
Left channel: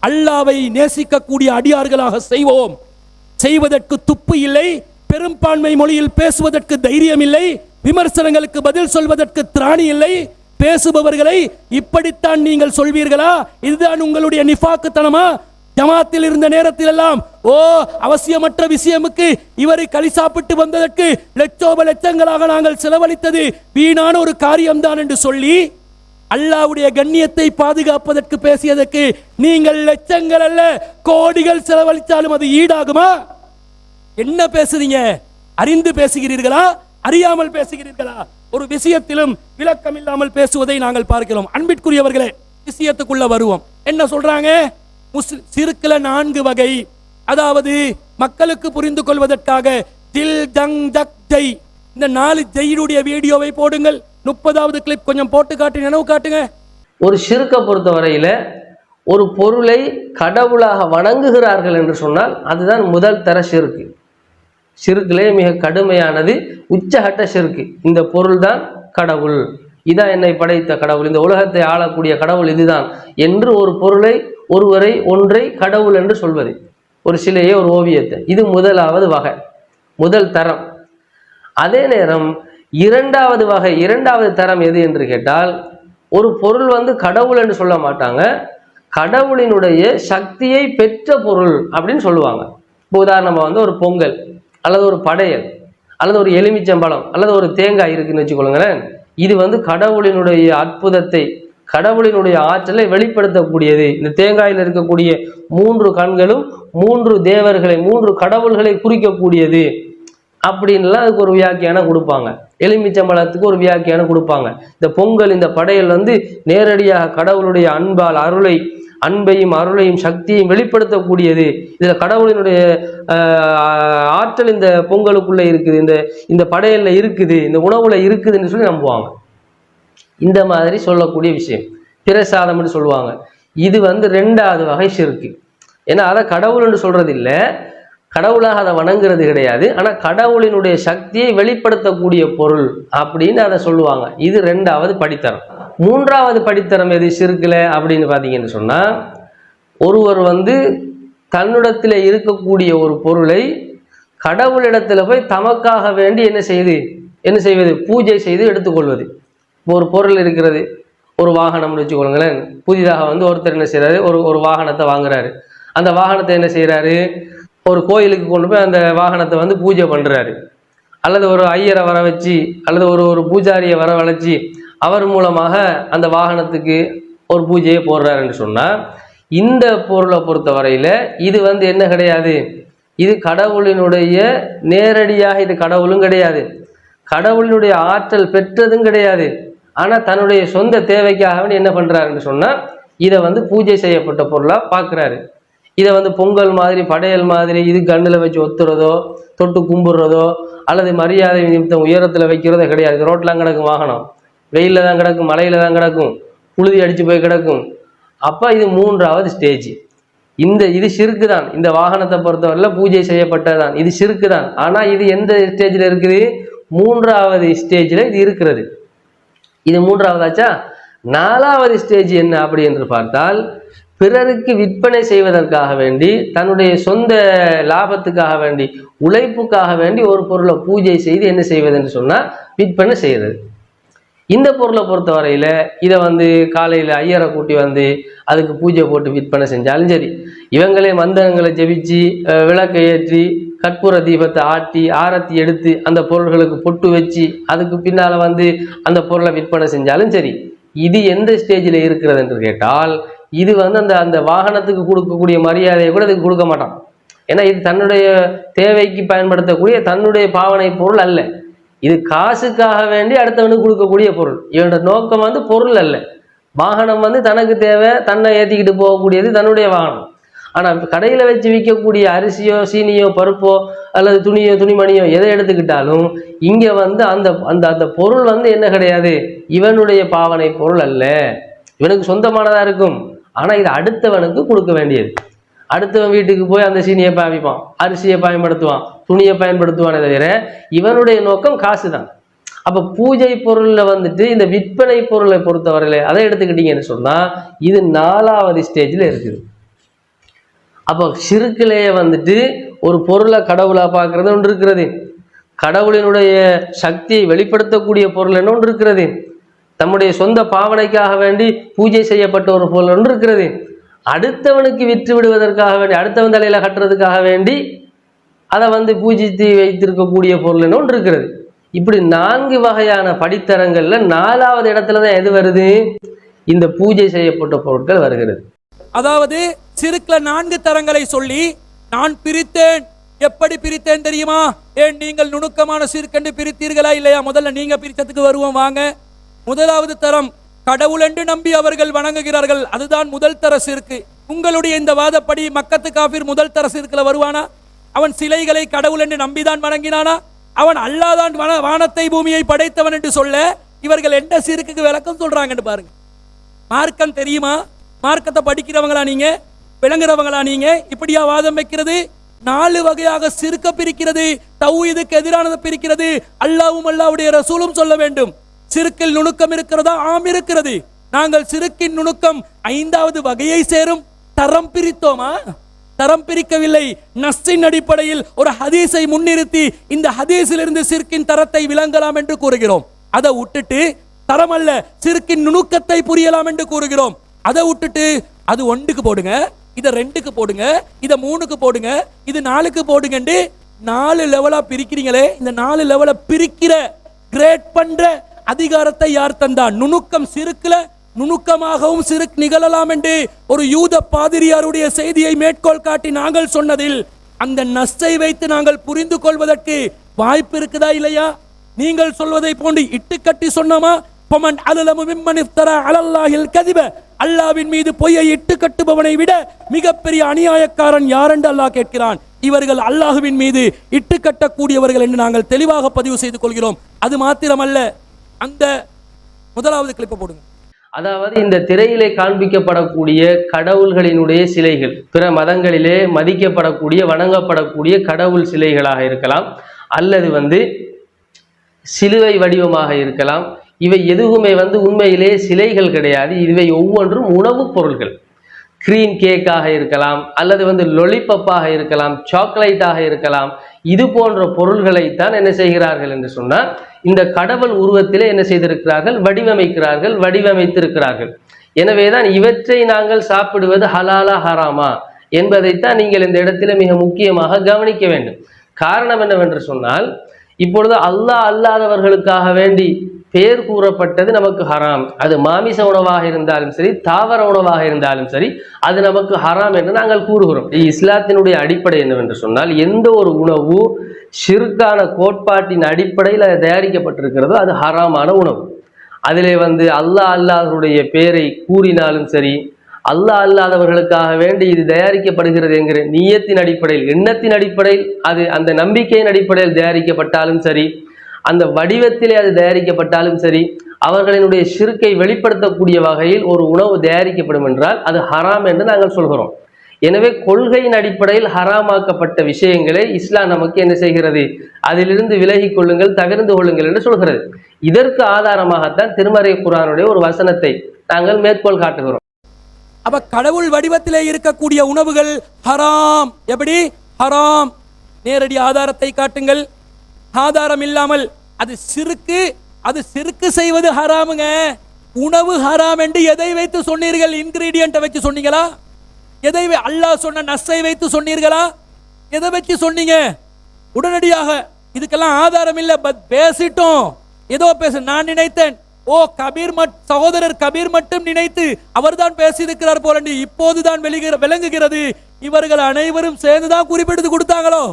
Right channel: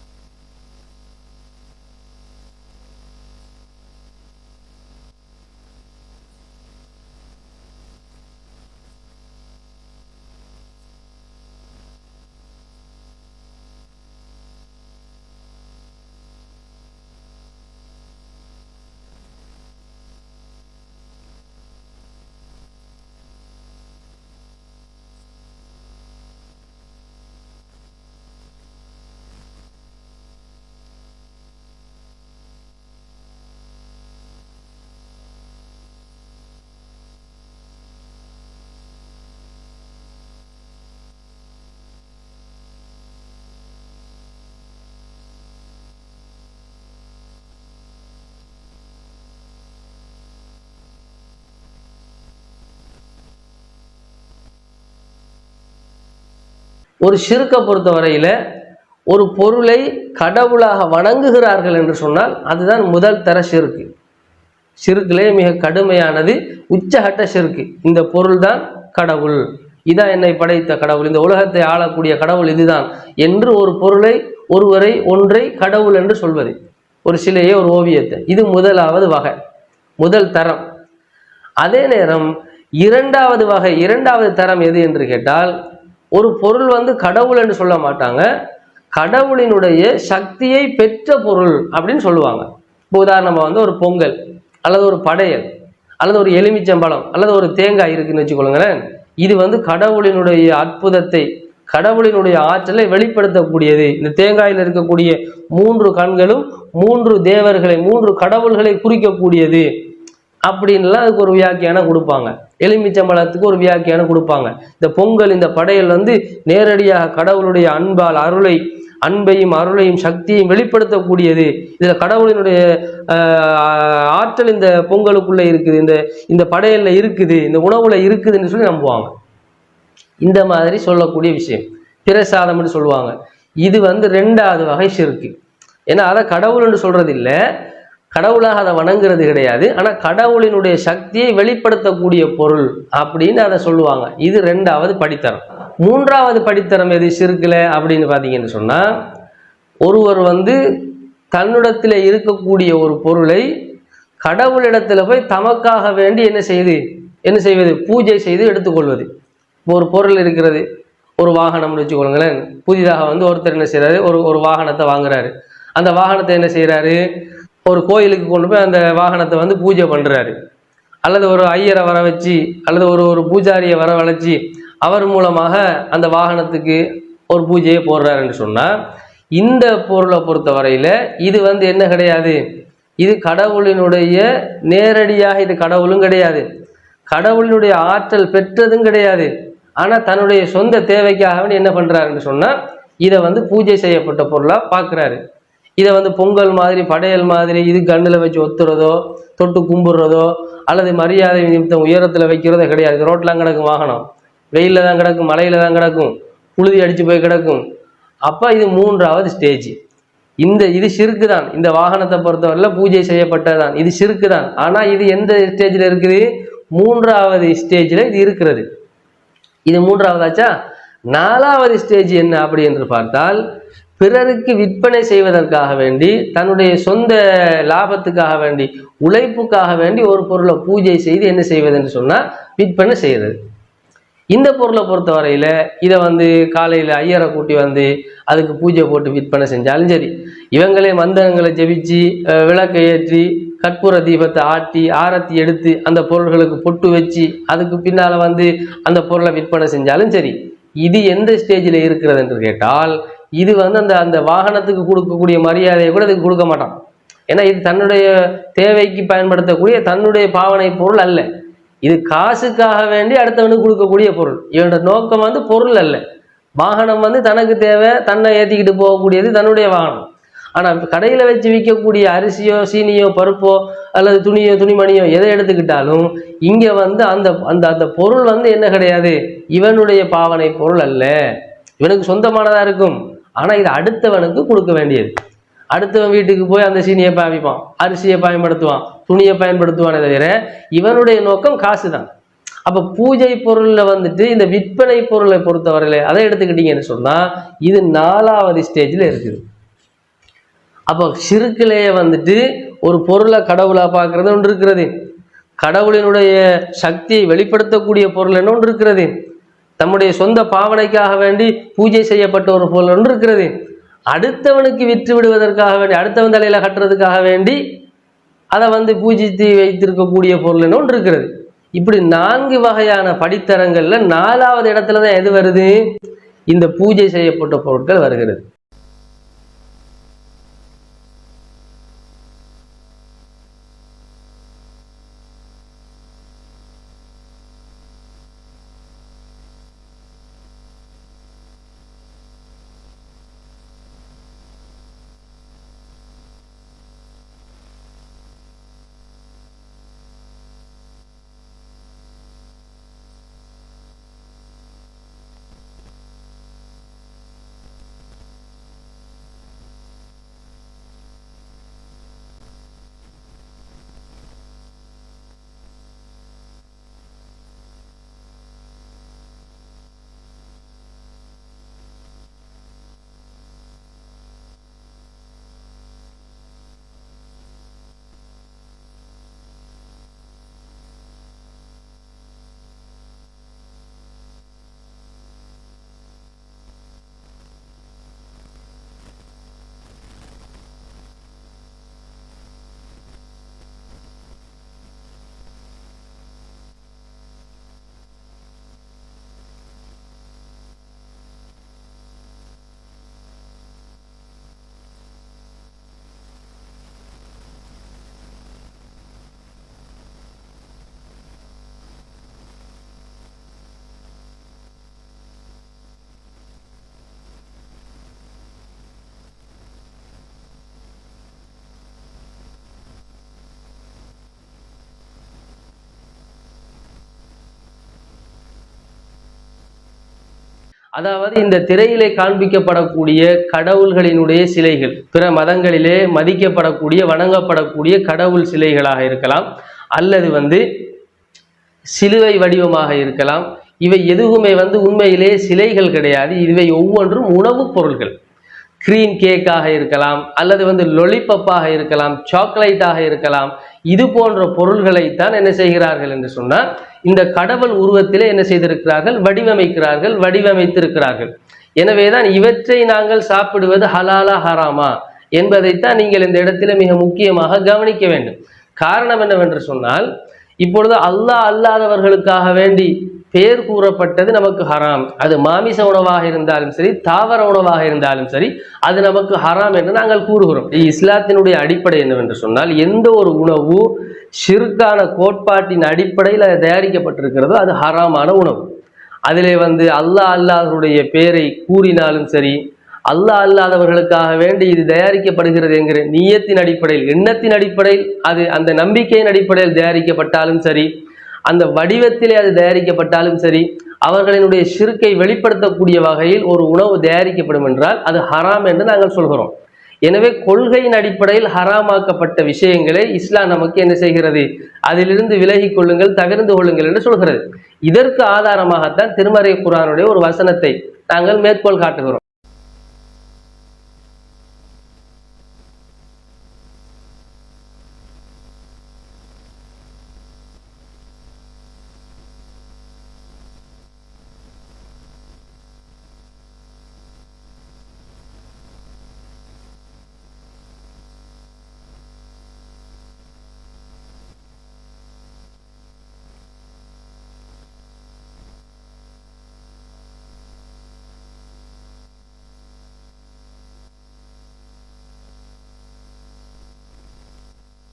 அல்லாஹ்வை நேசிக்கக்கூடிய அடியார்களாக செய்வோம். செய்வதற்கு துப்பு இல்லை, பெரும்பான்மை மொழியில் பேசுவதற்கு தைரியம் இல்லை, விமர்சனங்களுக்கு பதில் சொல்வதற்கு திராணி இல்லை. பேசுபவர்களை இப்படித்தான் நீங்கள் சொல்வீர்களா? இதுதான் உங்களுடைய நிஃபாக்குத்தனமா? ஜமாத்தில் இருந்த நேரத்தில் எல்லாம் அவசியமற்ற விஷயமுக்கு இவரை களி சாப்பிட்டு வந்ததற்கு லட்சோப லட்சங்களாக நாங்கள் செலவழித்தது வீணான ஒரு காரியம்தான் என்று சொல்லி அல்லாஹ்வுடைய கண்ணியத்தை பாதுகாப்பதற்கு பேசியதற்கு நீங்கள் லட்சங்கள் அல்ல கோடிகள் செலவழித்தாலும் அது ஈடாகுமா? என்ன பேசுறீங்க? அறிந்து பேசுகிறீர்களா, அறியாமல் பேசுகிறீர்களா? ஒரு விஷயத்திலும் விளக்கம் இல்லாமல் பேசுவதை நாங்கள் பார்க்கிறோம். அன்பிற்குரியவர்களே, விஷயத்துக்குள்ள வருவோம். என்ன சொல்றாங்க? சிறுக்குல 4 வகை, அதாவது மக்களுக்கு புரிந்து கொள்வதற்காக தில் ஜங் ஜக் ஜெய், இந்த 4 ஜெயினுடைய வீடியோவை போடுங்கள். 30வது கிளிப் கொஞ்சம் போட்டு காட்டி நினைவு காட்டுங்க. ஒரு ஷிர்க்கை பொறுத்தவரையில ஒரு பொருளை கடவுளாக வணங்குகிறார்கள் என்று சொன்னால் அதுதான் முதல் தர ஷிர்க்கு. ஷிர்க்கிலே மிக கடுமையானது உச்சகட்ட ஷிர்க்கு. இந்த பொருள் தான் கடவுள், இதான் என்னை படைத்த கடவுள், இந்த உலகத்தை ஆளக்கூடிய கடவுள் இதுதான் என்று ஒரு பொருளை, ஒன்றை கடவுள் என்று சொல்வது, ஒரு சிலையை, ஒரு ஓவியத்தை, இது முதலாவது வகை, முதல் தரம். அதே நேரம் இரண்டாவது வகை, இரண்டாவது தரம் எது என்று கேட்டால், ஒரு பொருள் கடவுள் என்று சொல்ல மாட்டாங்க, கடவுளினுடைய சக்தியை பெற்ற பொருள் அப்படின்னு சொல்லுவாங்க. இப்போ உதாரணமாக ஒரு பொங்கல் அல்லது ஒரு படையல் அல்லது ஒரு எலுமிச்சம்பழம் அல்லது ஒரு தேங்காய் இருக்குன்னு வச்சுக்கொள்ளுங்களேன். இது கடவுளினுடைய அற்புதத்தை, கடவுளினுடைய ஆற்றலை வெளிப்படுத்தக்கூடியது. இந்த தேங்காயில் இருக்கக்கூடிய 3 கண்களும் 3 தேவர்களை, 3 கடவுள்களை குறிக்கக்கூடியது அப்படின்லாம் அதுக்கு ஒரு வியாக்கியானம் கொடுப்பாங்க. எலுமிச்சம்பழத்துக்கு ஒரு வியாக்கியானம் கொடுப்பாங்க. இந்த பொங்கல், இந்த படையல் நேரடியாக கடவுளுடைய அன்பால் அன்பையும் அருளையும் சக்தியையும் வெளிப்படுத்தக்கூடியது. இதுல கடவுளினுடைய ஆற்றல் இந்த பொங்கலுக்குள்ள இருக்குது, இந்த படையல்ல இருக்குது, இந்த உணவுல இருக்குதுன்னு சொல்லி நம்புவாங்க. இந்த மாதிரி சொல்லக்கூடிய விஷயம் பிரசாதம்னு சொல்லுவாங்க. இது 2வது வகை ஷிர்க்கு. ஏன்னா அதை கடவுள்னு சொல்றது இல்லை, கடவுளாக அதை வணங்குறது கிடையாது, ஆனா கடவுளினுடைய சக்தியை வெளிப்படுத்தக்கூடிய பொருள் அப்படின்னு அதை சொல்லுவாங்க. இது 2வது படித்தரம். 3வது படித்தரம் எது ஷிர்க்குல அப்படின்னு பார்த்தீங்கன்னு சொன்னா, ஒருவர் தன்னிடத்தில் இருக்கக்கூடிய ஒரு பொருளை கடவுளிடத்துல போய் தமக்காக வேண்டி என்ன செய்வது, பூஜை செய்து எடுத்துக்கொள்வது. ஒரு பொருள் இருக்கிறது, ஒரு வாகனம்னு வச்சுக்கொள்ளுங்களேன். புதிதாக ஒருத்தர் என்ன செய்யறாரு, ஒரு வாகனத்தை வாங்குறாரு. அந்த வாகனத்தை என்ன செய்யறாரு, ஒரு கோயிலுக்கு கொண்டு போய் அந்த வாகனத்தை பூஜை பண்றாரு. அல்லது ஒரு ஐயரை வர வச்சு அல்லது ஒரு பூஜாரியை வரவழைச்சி அவர் மூலமாக அந்த வாகனத்துக்கு ஒரு பூஜையை போடுறாருன்னு சொன்னா, இந்த பொருளை பொறுத்தவரையில இது என்ன கிடையாது, இது கடவுளினுடைய நேரடியாக, இது கடவுளும் கிடையாது, கடவுளினுடைய ஆற்றல் பெற்றதும் கிடையாது. ஆனா தன்னுடைய சொந்த தேவைக்காக என்ன பண்றாருன்னு சொன்னா, இதை பூஜை செய்யப்பட்ட பொருளா பார்க்கிறாரு. இதை பொங்கல் மாதிரி, படையல் மாதிரி இது கண்ணில் வச்சு ஒத்துறதோ, தொட்டு கும்பிடுறதோ அல்லது மரியாதை நிமித்தம் உயரத்தில் வைக்கிறதோ கிடையாது. ரோட்லாம் கிடக்கும், வாகனம் வெயிலில் தான் கிடக்கும், மழையில தான் கிடக்கும், புழுதி அடிச்சு போய் கிடக்கும். அப்போ இது 3வது ஸ்டேஜ். இது ஷிர்க்கு தான். இந்த வாகனத்தை பொறுத்தவரையில் பூஜை செய்யப்பட்டதான், இது ஷிர்க்கு தான். ஆனால் இது எந்த ஸ்டேஜில் இருக்குது, 3வது ஸ்டேஜில் இது இருக்கிறது. இது 3வதாச்சா. 4வது ஸ்டேஜ் என்ன அப்படி என்று பார்த்தால், பிறருக்கு விற்பனை செய்வதற்காக வேண்டி, தன்னுடைய சொந்த லாபத்துக்காக வேண்டி, உழைப்புக்காக வேண்டி ஒரு பொருளை பூஜை செய்து என்ன செய்வது என்று சொன்னா விற்பனை செய்யறது. இந்த பொருளை பொறுத்தவரையில இதை காலையில ஐயரை கூட்டி அதுக்கு பூஜை போட்டு விற்பனை செஞ்சாலும் சரி, இவங்களே மந்திரங்களை ஜெபிச்சு விளக்கை ஏற்றி கற்பூர தீபத்தை ஆட்டி ஆரத்தி எடுத்து அந்த பொருள்களுக்கு பொட்டு வச்சு அதுக்கு பின்னால அந்த பொருளை விற்பனை செஞ்சாலும் சரி, இது எந்த ஸ்டேஜில் இருக்கிறது என்று கேட்டால், இது அந்த வாகனத்துக்கு கொடுக்கக்கூடிய மரியாதையை கூட இதுக்கு கொடுக்க மாட்டான். ஏன்னா இது தன்னுடைய தேவைக்கு பயன்படுத்தக்கூடிய தன்னுடைய பாவனை பொருள் அல்ல. இது காசுக்காக வேண்டி அடுத்தவனுக்கு கொடுக்கக்கூடிய பொருள். இவனோட நோக்கம் பொருள் அல்ல. வாகனம் தனக்கு தேவை, தன்னை ஏற்றிக்கிட்டு போகக்கூடியது தன்னுடைய வாகனம். ஆனா கடையில வச்சு விற்கக்கூடிய அரிசியோ சீனியோ பருப்போ அல்லது துணியோ துணிமணியோ எதை எடுத்துக்கிட்டாலும் இங்க வந்து அந்த அந்த அந்த பொருள் வந்து என்ன கிடையாது, இவனுடைய பாவனை பொருள் அல்ல, இவனுக்கு சொந்தமானதா இருக்கும். ஆனா இது அடுத்தவனுக்கு கொடுக்க வேண்டியது. அடுத்தவன் வீட்டுக்கு போய் அந்த சீனியை பாவிப்பான், அரிசியை பயன்படுத்துவான், துணியை பயன்படுத்துவானே தவிர இவனுடைய நோக்கம் காசு தான். அப்ப பூஜை பொருள்ல வந்துட்டு இந்த விற்பனை பொருளை பொறுத்தவரையில அதை எடுத்துக்கிட்டீங்கன்னு சொன்னா இது 4வது ஸ்டேஜ்ல இருக்குது. அப்போ ஷிர்க்லயே வந்துட்டு ஒரு பொருளை கடவுளா பார்க்கறது ஒன்று இருக்கிறது, கடவுளினுடைய சக்தியை வெளிப்படுத்தக்கூடிய பொருள் என்ன ஒன்று இருக்கிறது, தம்முடைய சொந்த பாவனைக்காக வேண்டி பூஜை செய்யப்பட்ட ஒரு பொருள் ஒன்று இருக்கிறது, அடுத்தவனுக்கு விற்று விடுவதற்காக வேண்டி அடுத்தவன் தலையில கட்டுறதுக்காக வேண்டி அதை வந்து பூஜித்து வைத்திருக்கக்கூடிய பொருள் என்ன ஒன்று இருக்கிறது. இப்படி 4 வகையான படித்தரங்கள்ல 4வது இடத்துலதான் எது வருது, இந்த பூஜை செய்யப்பட்ட பொருட்கள் வருகிறது. அதாவது சிறுக்குல 4 தரங்களை சொல்லி நான் பிரித்தேன். எப்படி பிரித்தேன் தெரியுமா? ஏன் நீங்கள் நுணுக்கமான சிறுக்கண்டு பிரித்தீர்களா இல்லையா? முதல்ல நீங்க பிரித்ததுக்கு வருவோம் வாங்க. முதலாவது தரம் கடவுள் என்று நம்பி அவர்கள் வணங்குகிறார்கள், அதுதான் முதல் தர சிறுக்கு. உங்களுடைய இந்த வாதப்படி மக்கத்து காபிர் முதல் தர சிறுக்குல வருவானா? அவன் சிலைகளை கடவுள் என்று நம்பிதான் வணங்கினானா? அவன் அல்லாதான் வானத்தை பூமியை படைத்தவன் என்று சொல்ல இவர்கள் எந்த சிறுக்கு விளக்கம் சொல்றாங்கன்னு பாருங்க. மார்க்கம் தெரியுமா? மார்க்கத்தை படிக்கிறவங்களா நீங்க, விளங்குறவங்களா நீங்க? இப்படியா வாதம் வைக்கிறது? 4 வகையாக சிறுக்க பிரிக்கிறது, தௌஹீதுக்கு எதிரானதை பிரிக்கிறது. அல்லாஹ்வும் அல்லாஹ்வுடைய ரசூலும் சொல்ல வேண்டும். சிறுக்கில் நுணுக்கம் இருக்கிறதா? ஆம் இருக்கிறது. நாங்கள் சிறுக்கின் நுணுக்கம் 5வது வகையை சேரும். தரம் பிரித்தோமா? தரம் பிரிக்கவில்லை. நஸ்ஸின் அடிப்படையில் ஒரு ஹதீஸை முன்னிறுத்தி இந்த ஹதீஸிலிருந்து சிறுக்கின் தரத்தை விளங்கலாம் என்று கூறுகிறோம். அதை விட்டுட்டு தரம் அல்ல சிறுக்கின் நுணுக்கத்தை புரியலாம் என்று கூறுகிறோம். அதை விட்டுட்டு அது 1க்கு போடுங்க, இதை 2க்கு போடுங்க, இதை 3க்கு போடுங்க, இது 4க்கு போடுங்க, 4 லெவலா பிரிக்கிறீங்களே. இந்த 4 லெவல பிரிக்கிற கிரேட் பண்ற அதிகாரத்தை யார் தந்தா? நுணுக்கம் சிறுக்குல நுணுக்கமாகவும் சிறுக் நிகழலாம் என்று ஒரு யூத பாதிரியாருடைய செய்தியை மேற்கோள் காட்டி நாங்கள் சொன்னதில் அந்த நஸ்ஸை வைத்து நாங்கள் புரிந்து கொள்வதற்கு வாய்ப்பு இருக்குதா இல்லையா? நீங்கள் சொல்வதை போன்று இட்டுக்கட்டி சொன்னோமா? பமன் அலலமு மிம்மன் இஃப்தரா அலல்லாஹில் கதிப, அல்லாஹ்வின் மீது பொய்யை இட்டு கட்டுபவனை விட மிகப்பெரிய அநியாயக்காரன் யார் என்று அல்லாஹ் கேட்கிறான். இவர்கள் அல்லாஹ்வின் மீது இட்டு கட்டக்கூடியவர்கள் என்று நாங்கள் தெளிவாக பதிவு செய்து கொள்கிறோம். அது மாத்திரமல்ல, அந்த முதலாவது கிளிப்பை போடுங்க. அதாவது இந்த திரையிலே காண்பிக்கப்படக்கூடிய கடவுள்களினுடைய சிலைகள் பிற மதங்களிலே மதிக்கப்படக்கூடிய வணங்கப்படக்கூடிய கடவுள் சிலைகளாக இருக்கலாம், அல்லது வந்து சிலுவை வடிவமாக இருக்கலாம். இவை எதுவுமே வந்து உண்மையிலே சிலைகள் கிடையாது. இவை ஒவ்வொன்றும் உணவுப் பொருள்கள். கிரீம் கேக்காக இருக்கலாம், அல்லது வந்து லொலிபப்பாக இருக்கலாம், சாக்லேட்டாக இருக்கலாம். இது போன்ற பொருள்களைத்தான் என்ன செய்கிறார்கள் என்று சொன்னால் இந்த கடவுள் உருவத்திலே என்ன செய்திருக்கிறார்கள், வடிவமைத்திருக்கிறார்கள். எனவேதான் இவற்றை நாங்கள் சாப்பிடுவது ஹலாலா ஹராமா என்பதைத்தான் நீங்கள் இந்த இடத்துல மிக முக்கியமாக கவனிக்க வேண்டும். காரணம் என்னவென்று சொன்னால் இப்பொழுது அல்லாஹ் அல்லாதவர்களுக்காக வேண்டி பேர் கூறப்பட்டது நமக்கு ஹராம். அது மாமிச உணவாக இருந்தாலும் சரி, தாவர உணவாக இருந்தாலும் சரி, அது நமக்கு ஹராம் என்று நாங்கள் கூறுகிறோம். இஸ்லாத்தினுடைய அடிப்படை என்னவென்று சொன்னால் எந்த ஒரு உணவு ஷிர்கான கோட்பாட்டின் அடிப்படையில் அது தயாரிக்கப்பட்டிருக்கிறதோ அது ஹராமான உணவு. அதிலே வந்து அல்லாஹ் அல்லாஹ்வுடைய பேரை கூறினாலும் சரி, அல்லாஹ் அல்லாதவர்களுக்காக வேண்டி இது தயாரிக்கப்படுகிறது என்கிற நியத்தின் அடிப்படையில், எண்ணத்தின் அடிப்படையில், அது அந்த நம்பிக்கையின் அடிப்படையில் தயாரிக்கப்பட்டாலும் சரி, அந்த வடிவத்திலே அது தயாரிக்கப்பட்டாலும் சரி, அவர்களினுடைய ஷிர்கை வெளிப்படுத்தக்கூடிய வகையில் ஒரு உணவு தயாரிக்கப்படும் என்றால் அது ஹராம் என்று நாங்கள் சொல்கிறோம். எனவே கொள்கையின் அடிப்படையில் ஹராமாக்கப்பட்ட விஷயங்களை இஸ்லாம் நமக்கு என்ன செய்கிறது, அதிலிருந்து விலகி கொள்ளுங்கள், தவிர்த்து கொள்ளுங்கள் என்று சொல்கிறது. இதற்கு ஆதாரமாகத்தான் திருமறை குர்ஆனுடைய ஒரு வசனத்தை நாங்கள் மேற்கோள் காட்டுகிறோம். அப்ப கடவுள் வடிவத்திலே இருக்கக்கூடிய உணவுகள் ஹராம். எப்படி ஹராம்? நேரடி ஆதாரத்தை காட்டுங்கள். ஆதாரம் இல்லாமல் அது சிறுக்கு செய்வது ஹராமுங்க. உணவு ஹராம் என்று எதை வைத்து சொன்னீர்கள்? இன்கிரீடியன்ட்டை வச்சு சொன்னீங்களா? எதை அல்லாஹ் சொன்ன நஸ்ஸை வைத்து சொன்னீர்களா? எதை வச்சு சொன்னீங்க? உடனடியாக இதுக்கெல்லாம் ஆதாரம் இல்லை, பேசிட்டோம், ஏதோ பேச நான் நினைத்தேன். ஓ சகோதரர் கபீர் மட்டும் நினைத்து அவர்தான் பேசியிருக்கிறார் போல இப்போதுதான் விளங்குகிறது. இவர்கள் அனைவரும் சேர்ந்துதான் குறிப்பிட்டு கொடுத்தாங்களோ,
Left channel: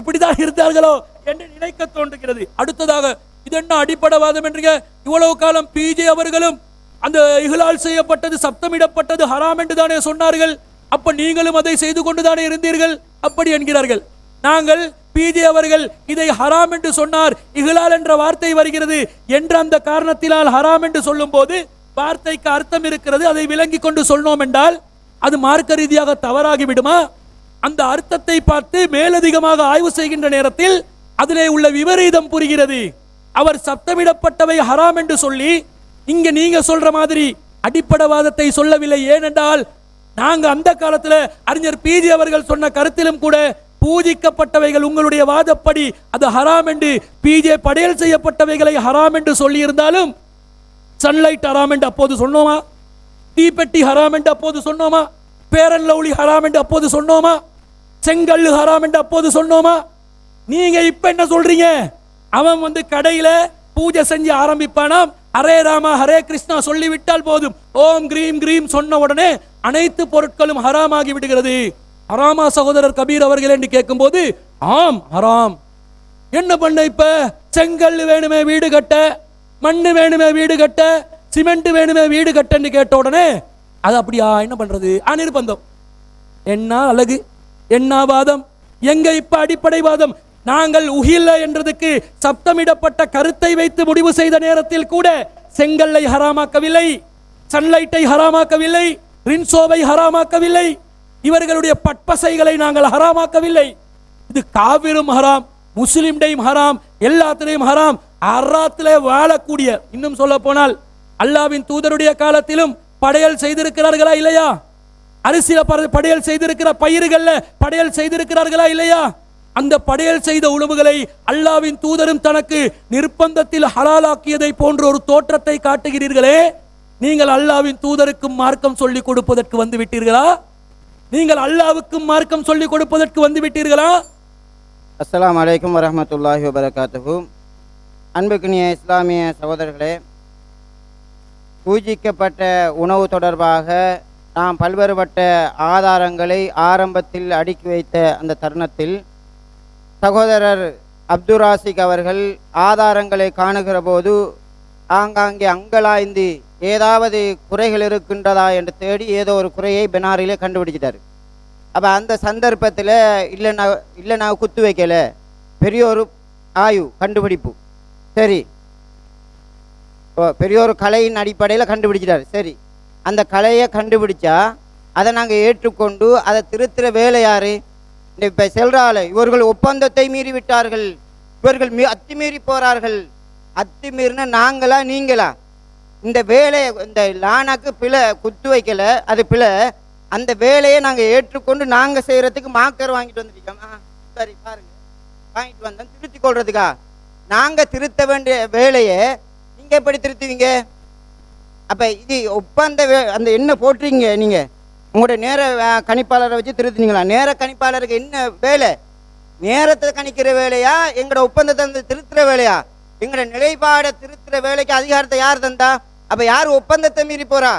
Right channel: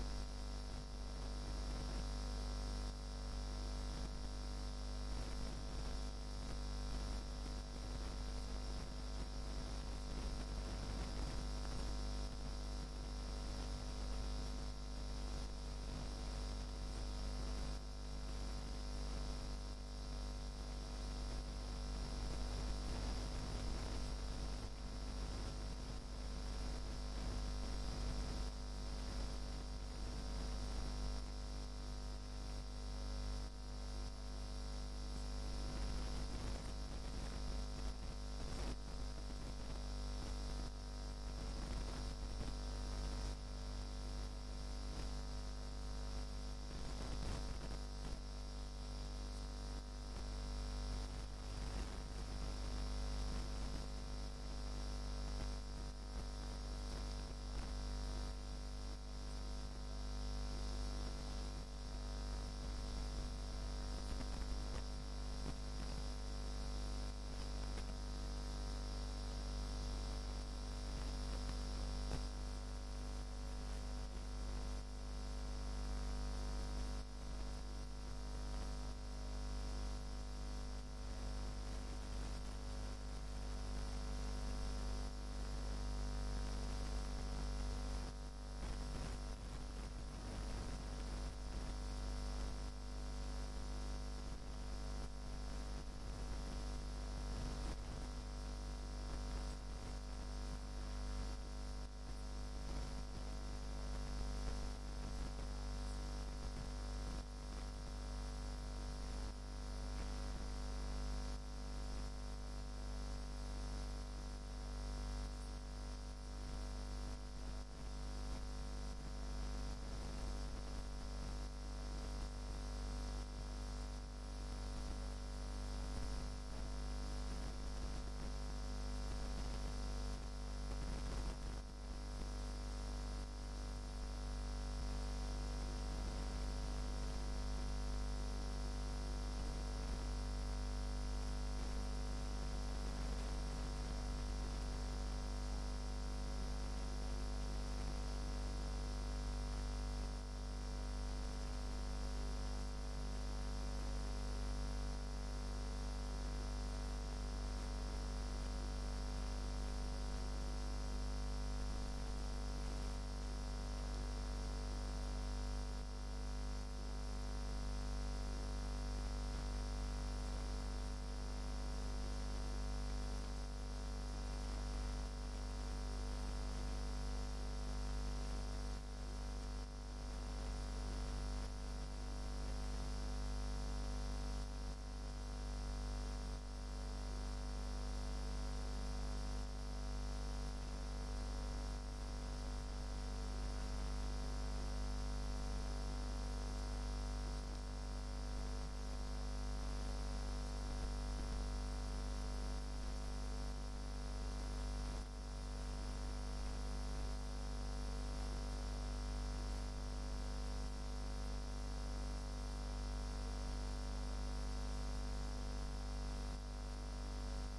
இப்படிதான் இருந்தார்களோ என்று நினைக்க தோன்றுகிறது. அடுத்ததாக இது என்ன அடிப்படைவாதம் என்று இவ்வளவு காலம் பிஜே அவர்களும் அந்த இஹ்லால் செய்யப்பட்டது சப்தமிடப்பட்டது ஹராம் என்று தானே சொன்னார்கள். அப்ப நீங்களும் அதை செய்து கொண்டுதானே இருந்தீர்கள் அப்படி என்கிறார்கள். நாங்கள் பிஜே அவர்கள் இதை ஹராம் என்று சொன்னார், இஹ்லால் என்ற வார்த்தை வருகிறது என்ற அந்த காரணத்தினால் ஹராம் என்று சொல்லும் போது வார்த்தைக்கு அர்த்தம் இருக்கிறது, அதை விளங்கி கொண்டு சொன்னோம் என்றால் அது மார்க்க ரீதியாக தவறாகி விடுமா? அந்த அர்த்தத்தை பார்த்து மேலதிகமாக ஆய்வு செய்கின்ற நேரத்தில் அதிலே உள்ள விபரீதம் புரிகிறது. அவர் சப்தமிடப்பட்டவை ஹராம் என்று சொல்லி இங்க நீங்க சொல்ற மாதிரி அடிப்படைவாதத்தை சொல்லவில்லை. ஏனென்றால் நாங்க அந்த காலத்துல அறிஞர் பிஜி அவர்கள் சொன்ன கருத்திலும் கூட பூஜிக்கப்பட்டவைகள் உங்களுடைய வாதப்படி அது ஹராம் என்று, பிஜே படையல் செய்யப்பட்டவைகளை ஹராம் என்று சொல்லி இருந்தாலும் சன்லைட் ஹராம் என்று அப்போது சொன்னோமா? தீப்பெட்டி ஹராம் என்று அப்போது சொன்னோமா? பேரன் லவ்லி ஹராம் என்று அப்போது சொன்னோமா? செங்கல் ஹராம் என்று அப்போது சொன்னோமா? நீங்க இப்ப என்ன சொல்றீங்க? அவன் வந்து கடையில பூஜை செஞ்சு ஆரம்பிப்பானாம், ஹரே ராமா ஹரே கிருஷ்ணா சொல்லிவிட்டால் போதும், ஓம் கிரீம் கிரீம் சொன்ன உடனே அனைத்து பொருட்களும் ஹராமாகி விடுகிறது. ஹராமா சகோதரர் கபீர் அவர்கள் என்று கேட்கும் போது ஆம் ஹராம். என்ன பண்ண இப்ப? செங்கல் வேணுமே வீடு கட்ட, மண்ணு வேணுமே வீடு கட்ட, சிமெண்ட் வேணுமே வீடு கட்டன்னு கேட்ட உடனே அது அப்படியா என்ன பண்றது? நிர்பந்தம். என்ன அழகு, என்ன வாதம், எங்க இப்ப அடிப்படை வாதம்? நாங்கள் உஹில்ல என்றதுக்கு சப்தமிடப்பட்ட கருத்தை வைத்து முடிவு செய்த நேரத்தில் கூட செங்கல்லை ஹராமாக்கவில்லை, சன்லைட்டை ஹராமாக்கவில்லை, ரின்சோவை ஹராமாக்கவில்லை, இவர்களுடைய பட்பசைகளை நாங்கள் ஹராமாக்கவில்லை. இது காவிரும் ஹராம், முஸ்லிம்டையும் ஹராம், எல்லாத்திலையும் ஹராம். அறாத்திலே வாழக்கூடிய, இன்னும் சொல்ல போனால் அல்லாவின் தூதருடைய காலத்திலும் படையல் செய்திருக்கிறார்களா இல்லையா? அரிசியில படையல் செய்திருக்கிற பயிர்கள்ல படையல் செய்திருக்கிறார்களா இல்லையா? அந்த படையல் செய்த உணவுகளை அல்லாவின் தூதரும் தனக்கு நிர்பந்தத்தில் ஹலாலாக்கியதை போன்ற ஒரு தோற்றத்தை காட்டுகிறீர்களே, நீங்கள் அல்லாவின் தூதருக்கும் மார்க்கம் சொல்லிக் கொடுப்பதற்கு வந்து விட்டீர்களா? நீங்கள் அல்லாவுக்கும் மார்க்கம் சொல்லிக் கொடுப்பதற்கு வந்து விட்டீர்களா? அஸ்ஸலாமு அலைக்கும் வரஹ்மத்துல்லாஹி வபரகாத்துஹு. அன்புக்குரிய இஸ்லாமிய சகோதரர்களே, பூஜிக்கப்பட்ட உணவு தொடர்பாக நாம் பல்வேறுபட்ட ஆதாரங்களை ஆரம்பத்தில் அடுக்கி வைத்த அந்த தருணத்தில் சகோதரர் அப்துராசிக் அவர்கள் ஆதாரங்களை காணுகிற போது ஆங்காங்கே அங்கலாய்ந்து ஏதாவது குறைகள் இருக்கின்றதா என்று தேடி ஏதோ ஒரு குறையை பெனாரிலே கண்டுபிடிச்சிட்டார். அப்போ அந்த சந்தர்ப்பத்தில் இல்லை நான் குத்து வைக்கல, பெரிய ஒரு ஆய்வு கண்டுபிடிப்பு, சரி பெரிய ஒரு கலையின் அடிப்படையில் கண்டுபிடிச்சிட்டார். சரி, அந்த கலையை கண்டுபிடிச்சா அதை நாங்கள் ஏற்றுக்கொண்டு அதை திருத்துற வேலை யார்? இப்போ செல்றாள், இவர்கள் ஒப்பந்தத்தை மீறி விட்டார்கள், இவர்கள் அத்துமீறி போகிறார்கள். அத்துமீறின நாங்களா நீங்களா? இந்த வேலையை, இந்த லானாக்கு பிழை, குத்து வைக்கல அது பிழை, அந்த வேலையை நாங்கள் ஏற்றுக்கொண்டு நாங்கள் செய்கிறதுக்கு மாக்கர் வாங்கிட்டு வந்துட்டோம். சரி பாருங்க, வாங்கிட்டு வந்தோம் திருத்தி கொள்றதுக்கா? நாங்கள் திருத்த வேண்டிய வேலையை நீங்கள் எப்படி திருத்துவீங்க? அப்போ இது ஒப்பந்த அந்த என்ன போட்டுறீங்க? நீங்கள் உங்களோட நேர கணிப்பாளரை வச்சு திருத்துனீங்களா? நேர கணிப்பாளருக்கு என்ன வேலை? நேரத்தை கணிக்கிற வேலையா, எங்களோட ஒப்பந்தத்தை திருத்துற வேலையா? எங்களோட நிலைப்பாடை திருத்துற வேலைக்கு அதிகாரத்தை யார் தந்தா? அப்போ யார் ஒப்பந்தத்தை மீறி போறா?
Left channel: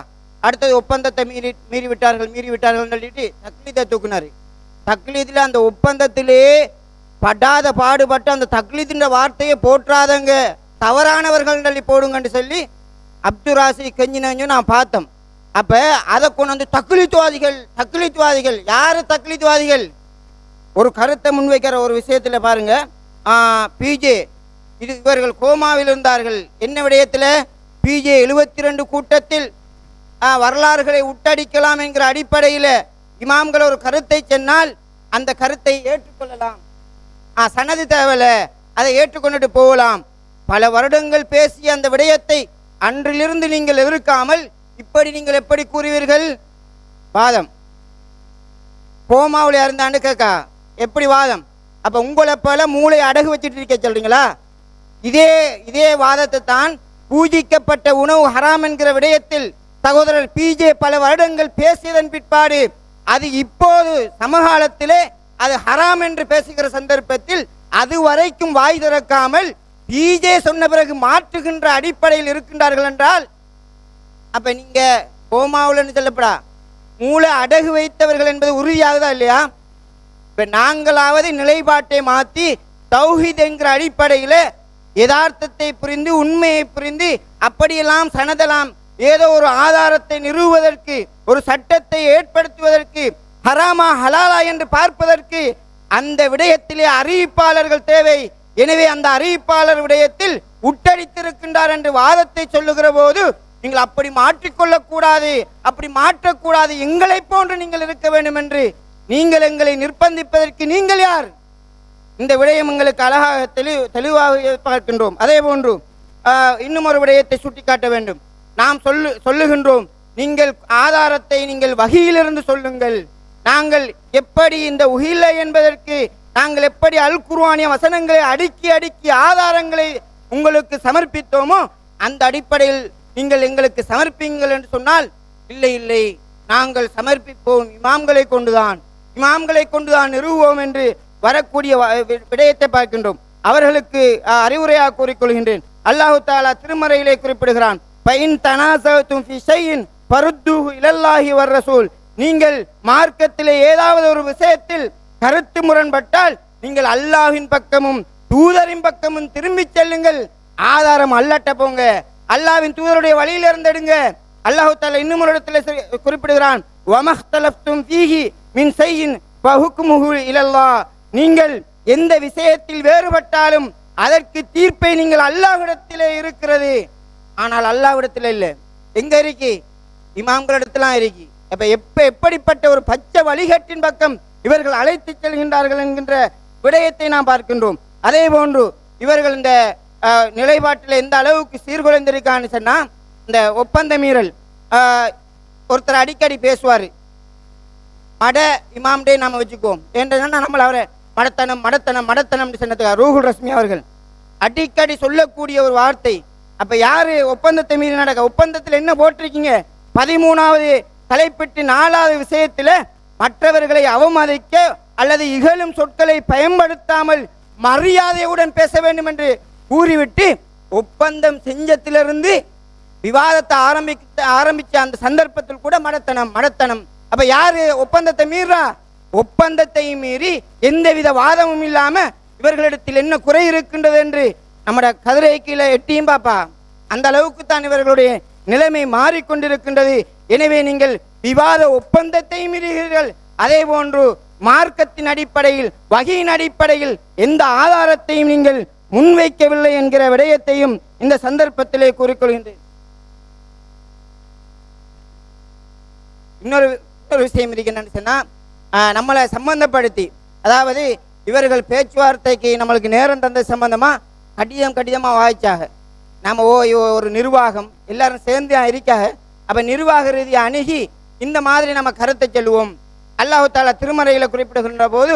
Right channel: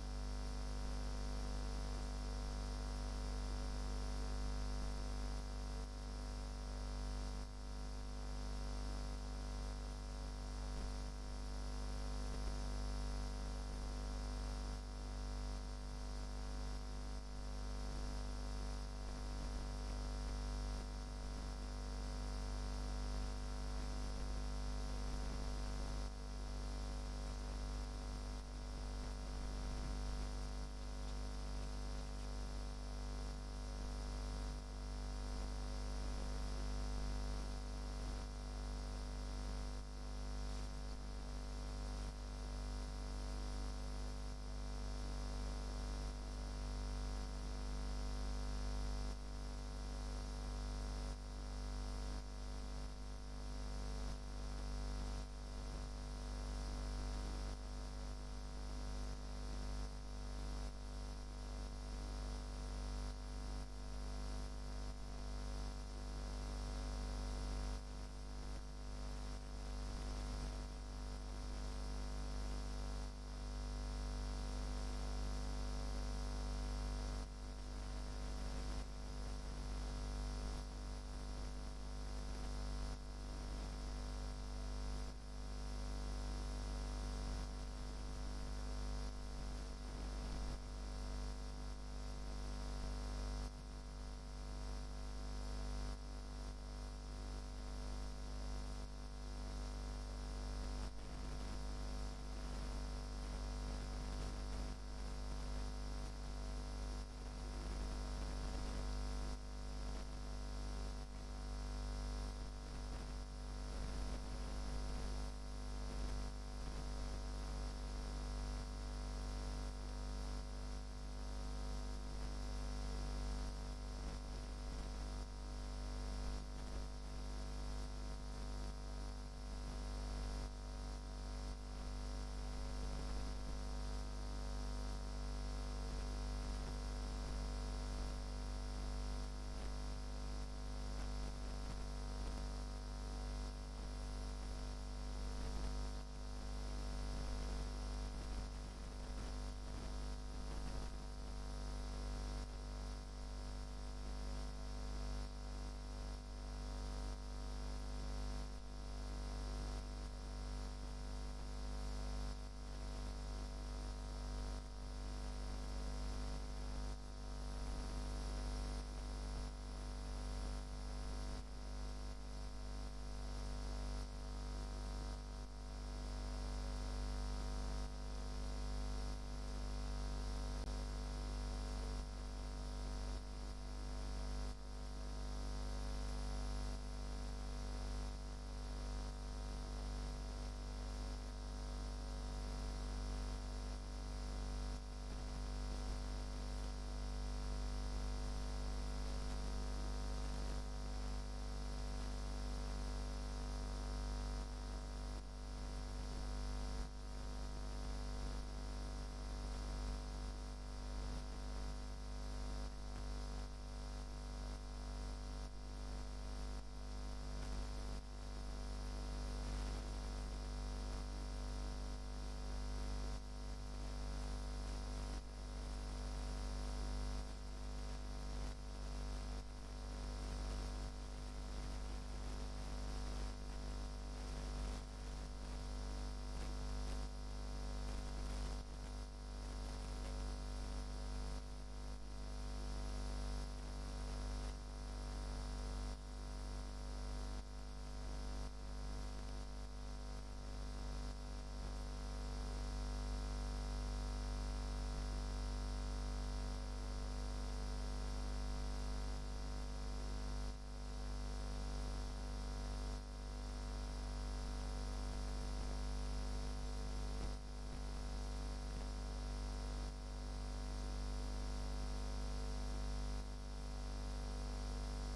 அடுத்தது ஒப்பந்தத்தை மீறி விட்டார்கள் சொல்லிட்டு தக்லீதை தூக்குனாரு. தக்லீதில் அந்த ஒப்பந்தத்திலே படாத பாடுபட்டு அந்த தக்லீதின் வார்த்தையை போற்றாதங்க, தவறானவர்கள் சொல்லி போடுங்கன்னு சொல்லி அப்துராசி கெஞ்சினு நான் பார்த்தோம். அப்போ அதை கொண்டு வந்து தக்லீத்வாதிகள் யார்? தக்லீத்வாதிகள் ஒரு கருத்தை முன்வைக்கிற ஒரு விஷயத்தில் பாருங்க, பிஜே இவர்கள் கோமாவில் இருந்தார்கள். என்ன விடயத்தில்? பிஜே 72 கூட்டத்தில் வரலாறுகளை உட்டடிக்கலாம் என்கிற அடிப்படையில் இமாம்கள் ஒரு கருத்தை சொன்னால் அந்த கருத்தை ஏற்றுக்கொள்ளலாம், சனது தேவையில்லை, அதை ஏற்றுக்கொண்டுட்டு போகலாம். பல வருடங்கள் பேசிய அந்த விடயத்தை அன்றிலிருந்து நீங்கள் எதிர்க்காமல் இப்படி நீங்கள் எப்படி கூறுவீர்கள்? வாதம் கோமாவில் இருந்தான்னு கேட்கா எப்படி வாதம்? அப்போ உங்களை போல மூளை அடகு வச்சுட்டு இருக்க சொல்றீங்களா? இதே வாதத்தை தான் பூஜிக்கப்பட்ட உணவு ஹராம் என்கிற விடயத்தில் சகோதரர் பிஜே பல வருடங்கள் பேசியதன் பிற்பாடு அது இப்போது சமகாலத்திலே அது ஹராம் என்று பேசுகிற சந்தர்ப்பத்தில் அது வரைக்கும் வாய் திறக்காமல் பிஜே சொன்ன பிறகு மாற்றுகின்ற அடிப்படையில் இருக்கின்றார்கள் என்றால் அப்ப நீங்க கோமாவுலன்னு சொல்லப்படா மூளை அடகு வைத்தவர்கள் என்பது உறுதியாகுதா இல்லையா? இப்ப நாங்களாவது நிலைப்பாட்டை மாற்றி தௌஹீத் என்கிற அடிப்படையில் யதார்த்தத்தை புரிந்து உண்மையை புரிந்து அப்படியெல்லாம் சனதலாம் ஏதோ ஒரு ஆதாரத்தை நிறுவுவதற்கு, ஒரு சட்டத்தை ஏற்படுத்துவதற்கு ஹராமா ஹலாலா என்று பார்ப்பதற்கு அந்த விடயத்திலே அறிவிப்பாளர்கள் தேவை. எனவே அந்த அறிவிப்பாளர் விடயத்தில் உட்டடித்திருக்கின்றார் என்று வாதத்தை சொல்லுகிற போது நீங்கள் அப்படி மாற்றிக்கொள்ளக்கூடாது, அப்படி மாற்றக்கூடாது, எங்களை போன்று நீங்கள் இருக்க வேண்டும் என்று நீங்கள் எங்களை நிர்பந்திப்பதற்கு நீங்கள் யார்? இந்த விடயம் எங்களுக்கு அழகாக தெளிவாக பார்க்கின்றோம். அதே போன்று இன்னும் ஒரு விடயத்தை சுட்டிக்காட்ட வேண்டும். நாம் சொல்லுகின்றோம், நீங்கள் ஆதாரத்தை நீங்கள் வகையிலிருந்து சொல்லுங்கள். நாங்கள் எப்படி இந்த உஹில்ல என்பதற்கு நாங்கள் எப்படி அல் குர்ஆனிய வசனங்களை அடுக்கி அடுக்கி ஆதாரங்களை உங்களுக்கு சமர்ப்பித்தோமோ அந்த அடிப்படையில் நீங்கள் எங்களுக்கு சமர்ப்பிங்கள் என்று சொன்னால், இல்லை இல்லை, நாங்கள் சமர்ப்பிப்போம் இமாம்களை கொண்டுதான் நிறுவுவோம் என்று வரக்கூடிய விடயத்தை பார்க்கின்றோம். அவர்களுக்கு அறிவுரையாக கூறிக்கொள்கின்றேன். அல்லாஹு தஆலா திருமறையிலே குறிப்பிடுகிறான், ஃபைன் தனாஸதும் ஃபி ஷைஇன் ஃபருத்தூஹு இலல்லாஹி வர் ரசூல். நீங்கள் மார்க்கத்திலே ஏதாவது ஒரு விஷயத்தில் கருத்து முரண்பட்டால் நீங்கள் அல்லாஹ்வின் பக்கமும் தூதரின் பக்கமும் திரும்பி செல்லுங்கள். ஆதாரம் அல்லாட்ட போங்க, அல்லாஹ்வின் தூதருடைய வழியில் இருந்தெடுங்க. அல்லாஹு தஆலா இன்னும் ஒரு இடத்துல குறிப்பிடுகிறான், வமஹ்தலஃப்தும் ஃபீஹி மின் ஷைஇன் ஃபஹுக்முஹு இலல்லாஹ். நீங்கள் எந்த விஷயத்தில் வேறுபட்டாலும் அதற்கு தீர்ப்பை நீங்கள் அல்லாஹ்விடத்திலே இருக்கிறது. ஆனால் அல்லாஹ்விடத்தில் இல்லை. எங்க இருக்கு? இமாம்களிடத்திலாம் இருக்கு. எப்படிப்பட்ட ஒரு பச்சை வழிகட்டின் பக்கம் இவர்கள் அழைத்து செல்கின்றார்கள் என்கின்ற விடயத்தை நாம் பார்க்கின்றோம். அதே போன்று இவர்கள் இந்த நிலைப்பாட்டில் எந்த அளவுக்கு சீர்குலைந்திருக்கான்னு சொன்னா, இந்த ஒப்பந்த மீறல் ஒருத்தர் அடிக்கடி பேசுவார். மட இமாம்டே நாம வச்சுக்குவோம் என்றா நம்மள அவரை மடத்தனம் சொன்னதுக்காக ரூஹுல் ரஸ்மி அவர்கள் அடிக்கடி சொல்லக்கூடிய ஒரு வார்த்தை. அப்ப யாரு ஒப்பந்தத்தை மீறி நடக்க? ஒப்பந்தத்தில் என்ன போட்டிருக்கீங்க? 13வது தலைப்பிட்டு 4வது விஷயத்துல மற்றவர்களை அவமதிக்க அல்லது இகழும் சொற்களை பயன்படுத்தாமல் மரியாதையுடன் பேச வேண்டும் என்று கூறிவிட்டு ஒப்பந்தம் செஞ்சத்திலிருந்து விவாதத்தை ஆரம்பிச்ச அந்த சந்தர்ப்பத்தில் கூட மடத்தனம். அப்ப யாரு ஒப்பந்தத்தை மீறா? ஒப்பந்தத்தை மீறி எந்தவித வாதமும் இல்லாம இவர்களிடத்தில் என்ன குறை இருக்கின்றது என்று நம்மட கதிரை கீழே எட்டியும் பாப்பா. அந்த அளவுக்கு தான் இவர்களுடைய நிலைமை மாறிக்கொண்டிருக்கின்றது. எனவே நீங்கள் விவாத ஒப்பந்தத்தை மீறுகிறீர்கள். அதே போன்று மார்க்கத்தின் அடிப்படையில் வகையின் அடிப்படையில் எந்த ஆதாரத்தையும் நீங்கள் முன்வைக்கவில்லை என்கிற விடயத்தையும் இந்த சந்தர்ப்பத்திலே கூறிக்கொள்கின்றேன். இன்னொரு விஷயம் இருக்குன்னு சொன்னா, நம்மளை சம்பந்தப்படுத்தி, அதாவது இவர்கள் பேச்சுவார்த்தைக்கு நம்மளுக்கு நேரம் தந்த சம்பந்தமா கடிதமா வாய்ச்சாக நம்ம ஒரு நிர்வாகம் எல்லாரும் சேர்ந்து இருக்காக. அப்ப நிர்வாக ரீதியை அணுகி இந்த மாதிரி நம்ம கருத்தை சொல்லுவோம். அல்லாஹு தஆலா திருமறையில குறிப்பிடுகின்ற போது,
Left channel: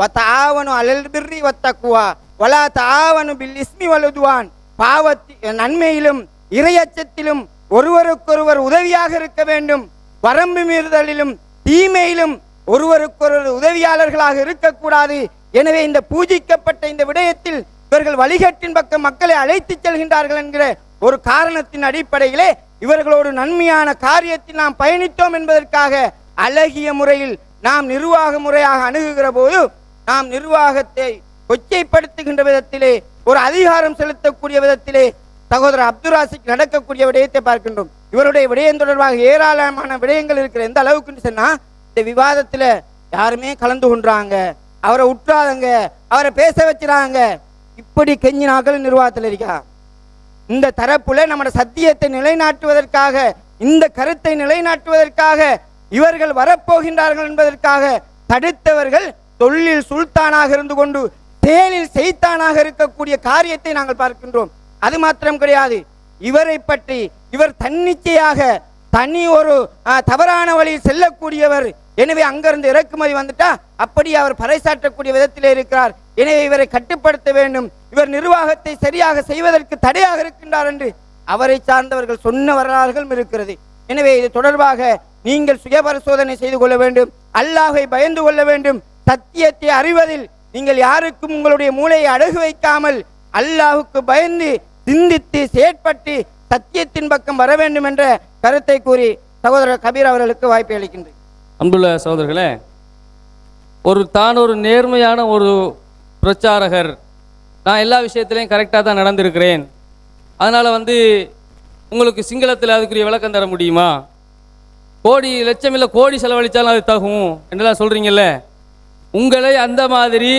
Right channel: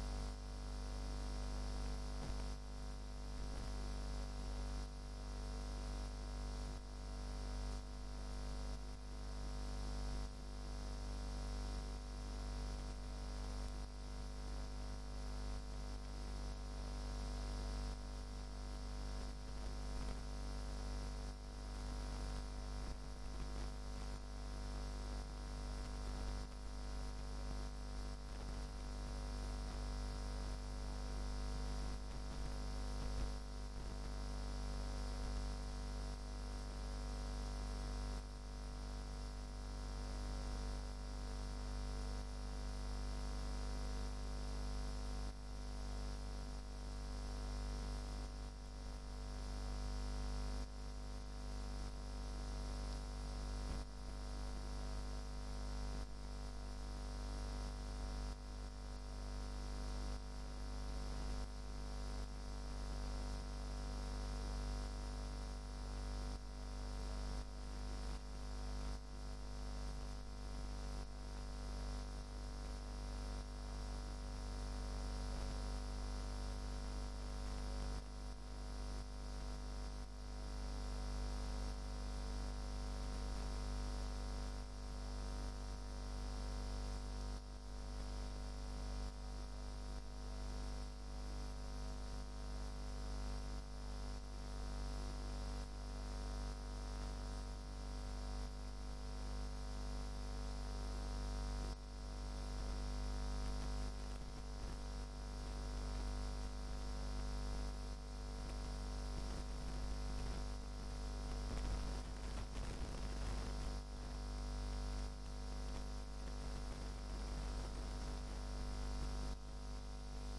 வதஆவனு அலல் பிர்ரி வத்தக்வா வலா தஆவனு பில் இஸ்மி வல் உத்வான். நன்மையிலும் இறையச்சத்திலும் ஒருவருக்கொருவர் உதவியாக இருக்க வேண்டும். வரம்பு மீறுதலிலும் தீமையிலும் ஒருவருக்கொருவர் உதவியாளர்களாக இருக்கக்கூடாது. எனவே இந்த பூஜிக்கப்பட்ட இந்த விடயத்தில் இவர்கள் வழிகட்டின் பக்கம் மக்களை அழைத்து செல்கின்றார்கள் என்கிற ஒரு காரணத்தின் அடிப்படையிலே இவர்களோடு நன்மையான காரியத்தில் நாம் பயணித்தோம் என்பதற்காக அழகிய முறையில் நாம் நிர்வாக முறையாக அணுகுகிற போது நாம் நிர்வாகத்தை கொச்சைப்படுத்துகின்ற விதத்திலே, ஒரு அதிகாரம் செலுத்தக்கூடிய விதத்திலே சகோதரர் அப்துல் ராசிக் நடக்கக்கூடிய விடயத்தை பார்க்கின்றோம். இவருடைய விடயம் தொடர்பாக ஏராளமான விடயங்கள் இருக்கிற. எந்த அளவுக்குன்னு சொன்னா, இந்த விவாதத்துல யாருமே கலந்து கொண்டாங்க, அவரை உற்றாதங்க, அவரை பேச வச்சுறாங்க. இப்படி கெஞ்சினாக்கள் நிர்வாகத்தில் இருக்கா? இந்த தரப்புல நம்ம சத்தியத்தை நிலைநாட்டுவதற்காக, இந்த கருத்தை நிலைநாட்டுவதற்காக இவர்கள் வரப்போகின்றார்கள் என்பதற்காக தடுத்தவர்கள் தொழிலில் சுல்தானாக இருந்து கொண்டு தேனில் செய்தானாக இருக்கக்கூடிய காரியத்தை நாங்கள் பார்க்கின்றோம். அது மாத்திரம் கிடையாது, இவரை பற்றி இவர் தன்னிச்சையாக தனி ஒரு தவறான வழியில் செல்லக்கூடியவர். எனவே அங்கிருந்து இறக்குமதி வந்துட்டா அப்படி அவர் பறைசாற்றக்கூடிய விதத்திலே இருக்கிறார். எனவே இவரை கட்டுப்படுத்த வேண்டும், இவர் நிர்வாகத்தை சரியாக செய்வதற்கு தடையாக இருக்கின்றார் என்று அவரை சார்ந்தவர்கள் சொன்ன வரலாறுகளும் இருக்கிறது. எனவே இது தொடர்பாக நீங்கள் சுய பரிசோதனை செய்து கொள்ள வேண்டும், அல்லாஹை பயந்து கொள்ள வேண்டும். சத்தியத்தை அறிவதில் நீங்கள் யாருக்கும் உங்களுடைய மூளையை அடகு வைக்காமல் அல்லாஹுக்கு பயந்து சிந்தித்து செயற்பட்டு சத்தியத்தின் பக்கம் வர வேண்டும் என்ற கருத்தை கூறி சகோதரர் கபீர் அவர்களுக்கு வாய்ப்பை அளிக்கின்றேன். அன்புள்ள சகோதரர்களே, ஒரு நேர்மையான ஒரு பிரச்சாரகர், நான் எல்லா விஷயத்திலையும் கரெக்டாக தான் நடந்திருக்கிறேன், அதனால் உங்களுக்கு சிங்களத்தில் அதுக்குரிய விளக்கம் தர முடியுமா கோடி லட்சம் இல்லை கோடி செலவழித்தாலும் அது தகும் என்றெல்லாம் சொல்கிறீங்கல்ல, உங்களை அந்த மாதிரி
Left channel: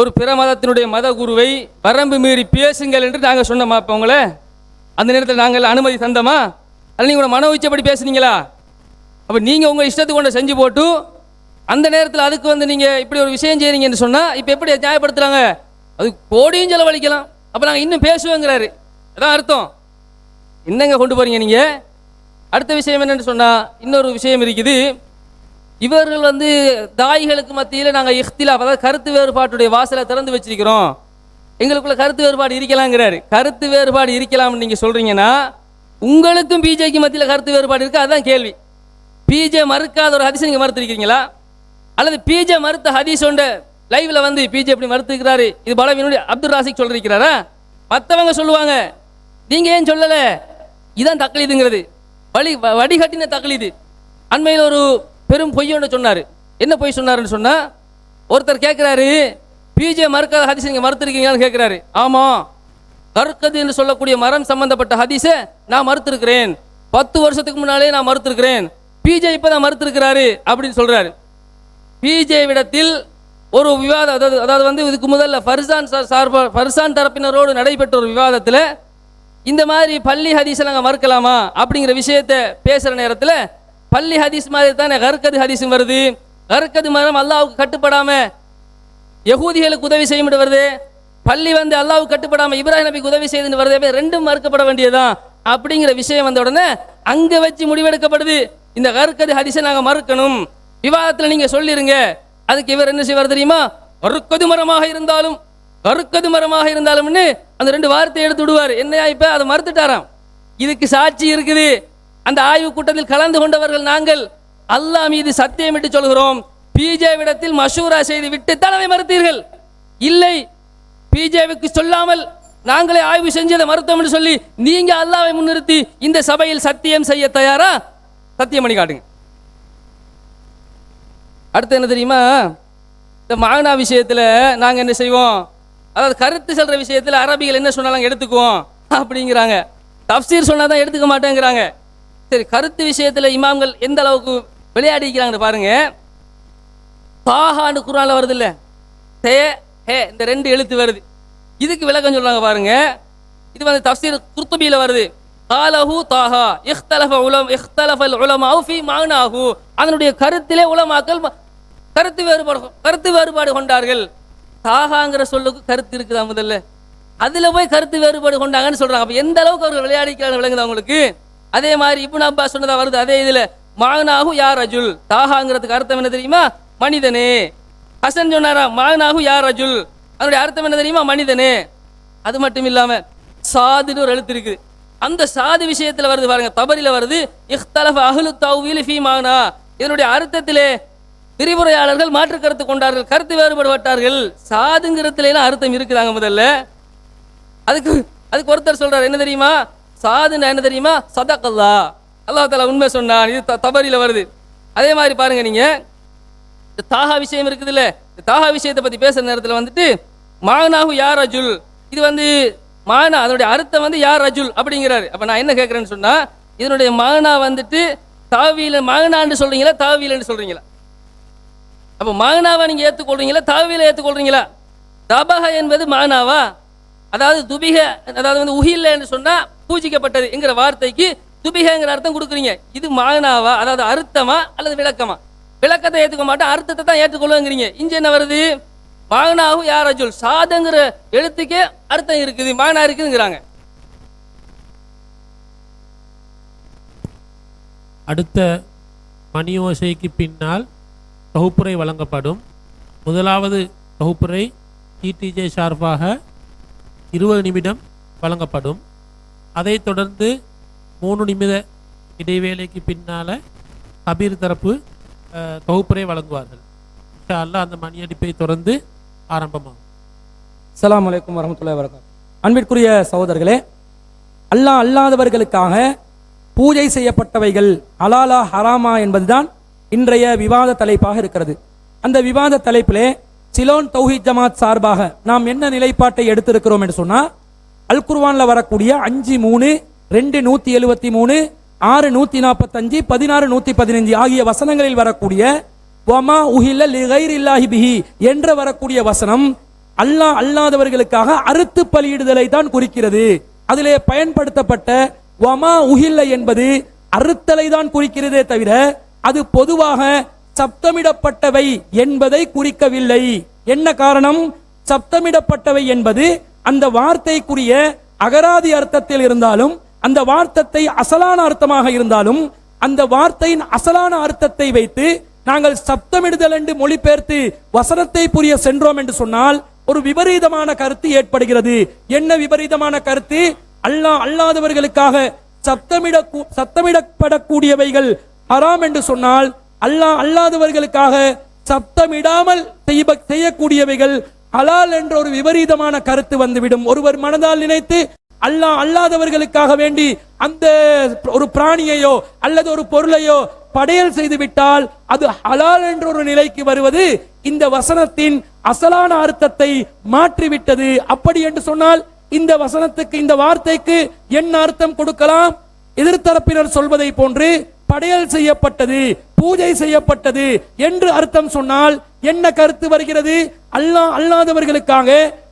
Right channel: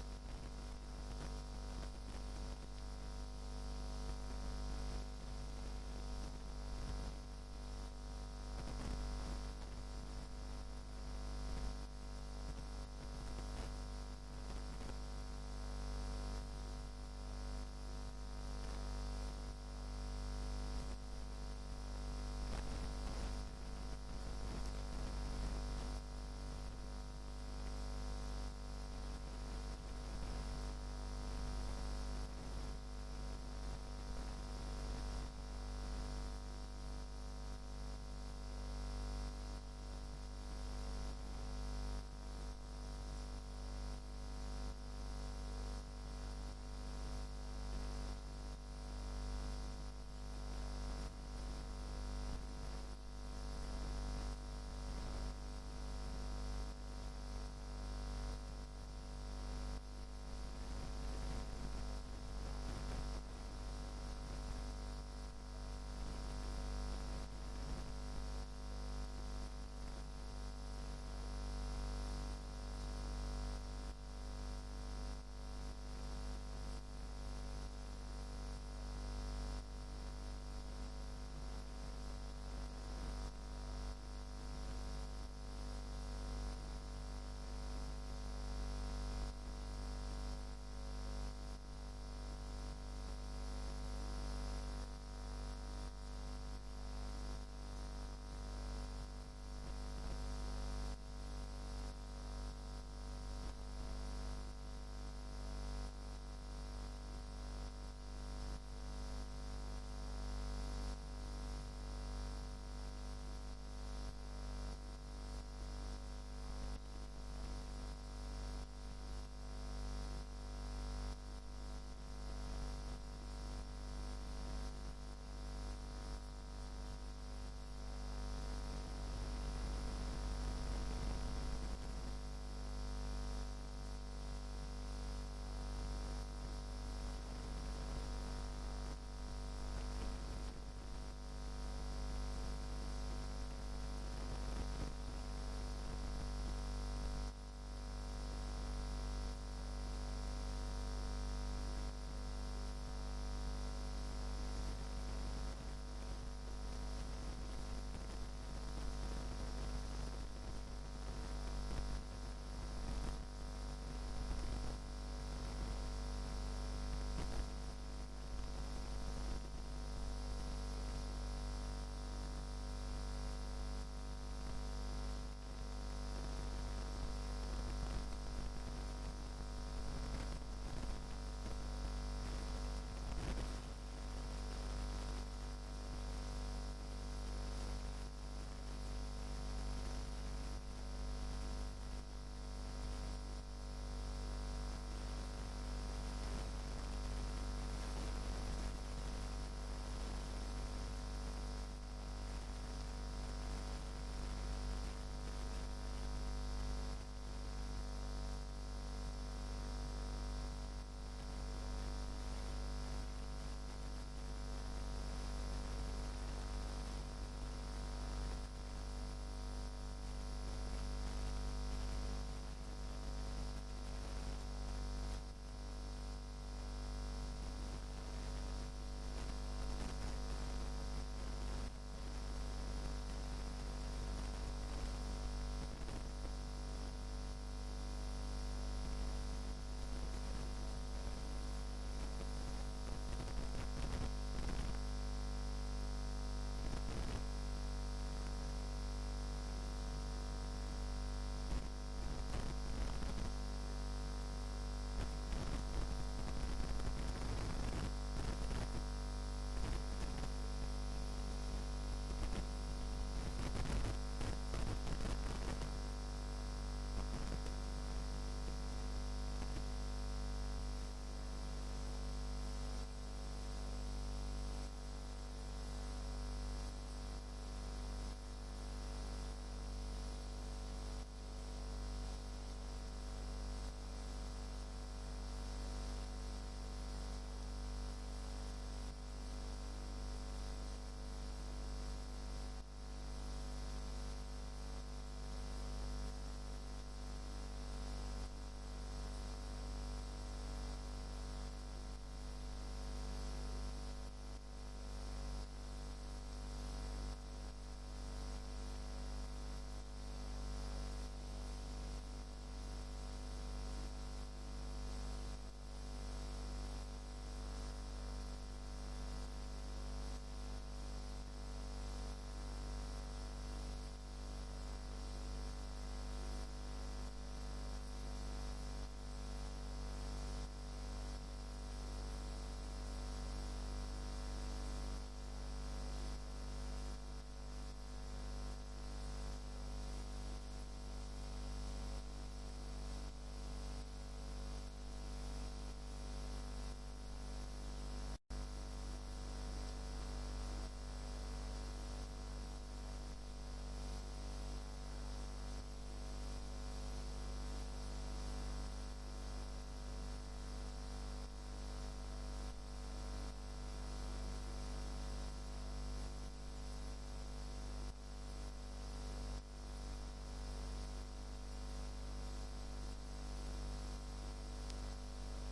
ஒரு பிற மதத்தினுடைய மத குருவை வரம்பு மீறி பேசுங்கள் என்று நாங்கள் சொன்னோமா? இப்போ உங்களை அந்த நேரத்தில் நாங்கள் அனுமதி தந்தோமா? அல்ல நீங்கள் மன உச்சப்படி பேசுனீங்களா? அப்போ நீங்கள் உங்கள் இஷ்டத்துக்கு கொண்டு செஞ்சு போட்டு அந்த நேரத்தில் அதுக்கு வந்து நீங்கள் இப்படி ஒரு விஷயம் செய்கிறீங்கன்னு சொன்னால் இப்போ எப்படி நியாயப்படுத்துகிறாங்க? அது கோடியும் செலவழிக்கலாம், அப்போ நாங்கள் இன்னும் பேசுவோங்கிறாரு. அதான் அர்த்தம். என்னங்க கொண்டு போகிறீங்க நீங்கள்? அடுத்த விஷயம் என்னென்னு சொன்னால், இன்னொரு விஷயம் இருக்குது. இவர்கள் வந்து தாய்களுக்கு மத்தியில் நாங்கள் இஃப்திலாப், அதாவது கருத்து வேறுபாட்டுடைய வாசலை திறந்து வச்சிருக்கிறோம், எங்களுக்குள்ள கருத்து வேறுபாடு இருக்கலாங்கிறாரு. கருத்து வேறுபாடு இருக்கலாம்னு நீங்கள் சொல்கிறீங்கன்னா உங்களுக்கும் பிஜேக்கு மத்தியில் கருத்து வேறுபாடு இருக்குது. அதுதான் கேள்வி. பிஜே மறுக்காத ஒரு ஹதீஸ் நீங்கள் மறுத்திருக்கிறீங்களா? அல்லது பிஜே மறுத்த ஹதீஸ் ஒன்று லைவ்ல வந்து பிஜே எப்படி மறுத்துக்கிறாரு, இது பலவீனுடைய அப்துல் ராசிக் சொல்லிருக்கிறாரா? மற்றவங்க சொல்லுவாங்க, நீங்கள் ஏன் சொல்லலை? இதுதான் தக்லீதுங்கிறது, வடிகட்டின தக்லீது. அண்மையில் ஒரு பெரும் பொய் ஒன்று சொன்னார். என்ன பொய் சொன்னாருன்னு சொன்னால், ஒருத்தர் கேட்குறாரு, பிஜே மறுக்காத ஹதீஸ் நீங்கள் மறுத்திருக்கீங்களான்னு கேட்குறாரு. ஆமாம், கற்கது என்று சொல்லக்கூடிய மரம் சம்பந்தப்பட்ட ஹதீஸை நான் மறுத்திருக்கிறேன், 10 வருஷத்துக்கு முன்னாலே நான் மறுத்திருக்கிறேன், பிஜே இப்போ தான் மறுத்திருக்கிறாரு அப்படின்னு சொல்கிறாரு. பிஜே விடத்தில் ஒரு விவாதம், அதாவது வந்து இதுக்கு முதல்ல ஃபர்சான் தரப்பினரோடு நடைபெற்ற ஒரு விவாதத்தில் இந்த மாதிரி பள்ளி ஹதீஸை நாங்கள் மறுக்கலாமா அப்படிங்கிற விஷயத்தை பேசுகிற நேரத்தில், பள்ளி ஹதீஸ் மாதிரி தானே கற்கது ஹதீஸும் வருது, கற்கது மரம் அல்லாவுக்கு கட்டுப்படாமல் யகூதிகளுக்கு உதவி செய்யும் வருது, பள்ளி வந்து அல்லாவுக்கு கட்டுப்படாமல் இப்ராஹிம் நபிக்கு உதவி செய்துன்னு வருது, ரெண்டும் மறுக்கப்பட வேண்டியதான் அப்படிங்கிற விஷயம் வந்த உடனே அங்கே வச்சு முடிவெடுக்கப்படுது, இந்த கற்கது ஹதீஸை நாங்கள் மறுக்கணும், விவாதத்தில் நீங்கள் சொல்லிருங்க. அதுக்கு இவர் என்ன செய்வார் தெரியுமா? கற்கது மரமாக இருந்தாலும்னு அந்த 2 வார்த்தையை எடுத்து விடுவார். என்னையா இப்போ அதை மறுத்துட்டாராம். இதுக்கு சாட்சி இருக்குது. அந்த ஆய்வு கூட்டத்தில் கலந்து கொண்டவர்கள் நாங்கள் அல்லாஹ் மீது சத்தியமிட்டு சொல்கிறோம், பிஜே விடத்தில் மஷூரா செய்து விட்டு தலைமை மறுத்தீர்கள். இல்லை, பிஜேவுக்கு சொல்லாமல் நாங்களே ஆய்வு செஞ்சதை மறுத்தோம் என்று சொல்லி நீங்க அல்லாஹ்வை முன்னிறுத்தி இந்த சபையில் சத்தியம் செய்ய தயாரா? சத்தியம் பண்ணி காட்டுங்க. அடுத்து என்ன தெரியுமா? இந்த மானா விஷயத்தில் நாங்கள் என்ன செய்வோம், அதாவது கருத்து சொல்கிற விஷயத்தில் அரபிகள் என்ன சொன்னாலும் எடுத்துக்குவோம் அப்படிங்கிறாங்க, தஃப்சீர் சொன்னால் தான் எடுத்துக்க மாட்டேங்கிறாங்க. சரி, கருத்து விஷயத்தில் இமாம்கள் எந்த அளவுக்கு விளையாடிக்கிறாங்கன்னு பாருங்க. தாஹான்னு குர்ஆன்ல வருது இல்லை, தே ஹே இந்த 2 எழுத்து வருது, இதுக்கு விளக்கம் சொல்றாங்க பாருங்க. இது வந்து தஃப்சீர் குர்துபியில் வருது. காலஹு தாஹா இஹ்தலஃபல் உலமாஉ ஃபீ மஅனாஹு, அதனுடைய கருத்திலே உலமாக்கள் கருத்து வேறுபாடு கொண்டார்கள். தாகாங்கிற சொல்லுக்கு கருத்து இருக்குதா முதல்ல, அதுல போய் கருத்து வேறுபாடு கொண்டாங்கன்னு சொல்றாங்க. அப்ப எந்த அளவுக்கு அவர்கள் விளையாடிக்கிறாங்க விளங்குது அவங்களுக்கு. அதே மாதிரி இப்னு அப்பாஸ் சொன்னதா வருது அதே இதுல, மஅனாஹு யா ரஜுல், தாகாங்கிறதுக்கு அர்த்தம் என்ன தெரியுமா? மனிதனே. ஹசன் சொன்னாரா மஅனாஹு யா ரஜுல், அதனுடைய அர்த்தம் என்ன தெரியுமா? மனிதனே. அது மட்டும் இல்லாம சாதுன்னு ஒரு எழுத்து இருக்குது, அந்த சாது விஷயத்துல வருது பாருங்க, தபரில வருது, இஹ்தலஃப அஹ்லு தஅவீல் ஃபீ மஅனா, இதனுடைய அர்த்தத்திலே விரிவுரையாளர்கள் மாற்று கருத்து கொண்டார்கள், கருத்து வேறுபடுவார்கள். சாதுங்கிறதுல எல்லாம் அர்த்தம் இருக்குதாங்க முதல்ல. அதுக்கு ஒருத்தர் சொல்றாரு என்ன தெரியுமா? சாதுன்னா என்ன தெரியுமா? சதகல்லா, அல்லாஹ் தஆலா உண்மை சொன்னான். இது தபரில வருது. அதே மாதிரி பாருங்க, நீங்க இந்த தாஹா விஷயம் இருக்குது இல்ல, இந்த தாஹா விஷயத்தை பத்தி பேசுற நேரத்தில் வந்துட்டு மஅனாஹு யா ரஜுல், இது வந்து மானா அதனுடைய அர்த்தம் வந்து யா ரஜுல் அப்படிங்கிறாரு. அப்ப நான் என்ன கேட்கறேன்னு சொன்னா, இதனுடைய மானா வந்துட்டு தாவீல மானான்னு சொல்றீங்களா தாவீலன்னு சொல்றீங்களா? அப்ப மானாவா நீங்க ஏற்றுக்கொள்றீங்களா தாவீல ஏற்றுக்கொள்றீங்களா? தபஹ என்பது மானாவா, அதாவது துபிக, அதாவது வந்து உஹில்ல என்று சொன்னா பூஜிக்கப்பட்டது என்கிற வார்த்தைக்கு துபிகங்கிற அர்த்தம் கொடுக்குறீங்க. இது மானாவா, அதாவது அர்த்தமா அல்லது விளக்கமா? விளக்கத்தை ஏற்றுக்க மாட்டேன், அர்த்தத்தை தான் ஏற்றுக்கொள்ளுங்கிறீங்க. இங்க என்ன வருது? மானாஹு யா ரஜுல், சாதுங்கிற எழுத்துக்கே அர்த்தம் இருக்குது, மானா இருக்குதுங்கிறாங்க. அடுத்த மணியோசைக்கு பின்னால் தொகுப்புரை வழங்கப்படும். முதலாவது தொகுப்புரை டிடிஜே சார்பாக 20 நிமிடம் வழங்கப்படும். அதைத் தொடர்ந்து 3 நிமிட இடைவேளைக்கு பின்னால் கபீர் தரப்பு தொகுப்புரை வழங்குவார்கள். இன்ஷா அல்லாஹ் அந்த மணியடிப்பை தொடர்ந்து ஆரம்பமாகும். அஸ்ஸலாமு அலைக்கும் வரஹ்மத்துல்லாஹி வபரகாத்துஹு. அன்பிற்குரிய சகோதரர்களே, அல்லாஹ் அல்லாதவர்களுக்காக பூஜை செய்யப்பட்டவைகள் ஹலாலா ஹராமா என்பதுதான் இன்றைய விவாத தலைப்பாக இருக்கிறது. அந்த விவாத தலைப்பிலே சிலோன் தௌஹீத் ஜமாத் சார்பாக நாம் என்ன நிலைப்பாட்டை எடுத்திருக்கிறோம் என்று சொன்னால், அல் குர்ஆன்ல வரக்கூடிய 5:3, 2:173, 6:145, 16:115 ஆகிய வசனங்களில் வரக்கூடிய வமா உஹில்ல லிகைரில்லாஹி பிஹி என்ற வரக்கூடிய வசனம் அல்லாஹ் அல்லாதவர்களுக்காக அறுத்து பலியிடுதலை தான் குறிக்கிறது. அதிலே பயன்படுத்தப்பட்ட வமா உஹில்ல என்பது அறுத்தலை தான் குறிக்கிறதே தவிர அது பொதுவாக சப்தமிடப்பட்டவை என்பதை குறிக்கவில்லை. என்ன காரணம்? சப்தமிடப்பட்டவை என்பது அந்த வார்த்தைக்குரிய அகராதி அர்த்தத்தில் இருந்தாலும், அந்த வார்த்தை அசலான அர்த்தமாக இருந்தாலும், அந்த வார்த்தையின் அசலான அர்த்தத்தை வைத்து நாங்கள் சப்தமிடுதல் என்று மொழிபெயர்த்து வசனத்தை புரிய சென்றோம் என்று சொன்னால் ஒரு விபரீதமான கருத்து ஏற்படுகிறது. என்ன விபரீதமான கருத்து? அல்லாஹ் அல்லாதவர்களுக்காக சப்தமிடப்படக்கூடியவைகள் ஹராம் என்று சொன்னால், அல்லாஹ் அல்லாதவர்களுக்காக சப்தமிடாமல் செய்யக்கூடியவைகள் ஹலால் என்ற ஒரு விபரீதமான கருத்து வந்துவிடும். ஒருவர் மனதால் நினைத்து அல்லாஹ் அல்லாதவர்களுக்காக வேண்டி அந்த ஒரு பிராணியையோ அல்லது ஒரு பொருளையோ படையல் செய்து விட்டால் அது ஹலால் என்ற ஒரு நிலைக்கு வருவது இந்த வசனத்தின் அசலான அர்த்தத்தை மாற்றிவிட்டது. அப்படி என்று சொன்னால் இந்த வசனத்துக்கு, இந்த வார்த்தைக்கு என்ன அர்த்தம் கொடுக்கலாம்? எதிர்த்தரப்பினர் சொல்வதை போன்று படையல் செய்யப்பட்டது, பூஜை செய்யப்பட்டது என்று அர்த்தம் சொன்னால் என்ன கருத்து வருகிறது? அல்லாஹ் அல்லாதவர்களுக்காக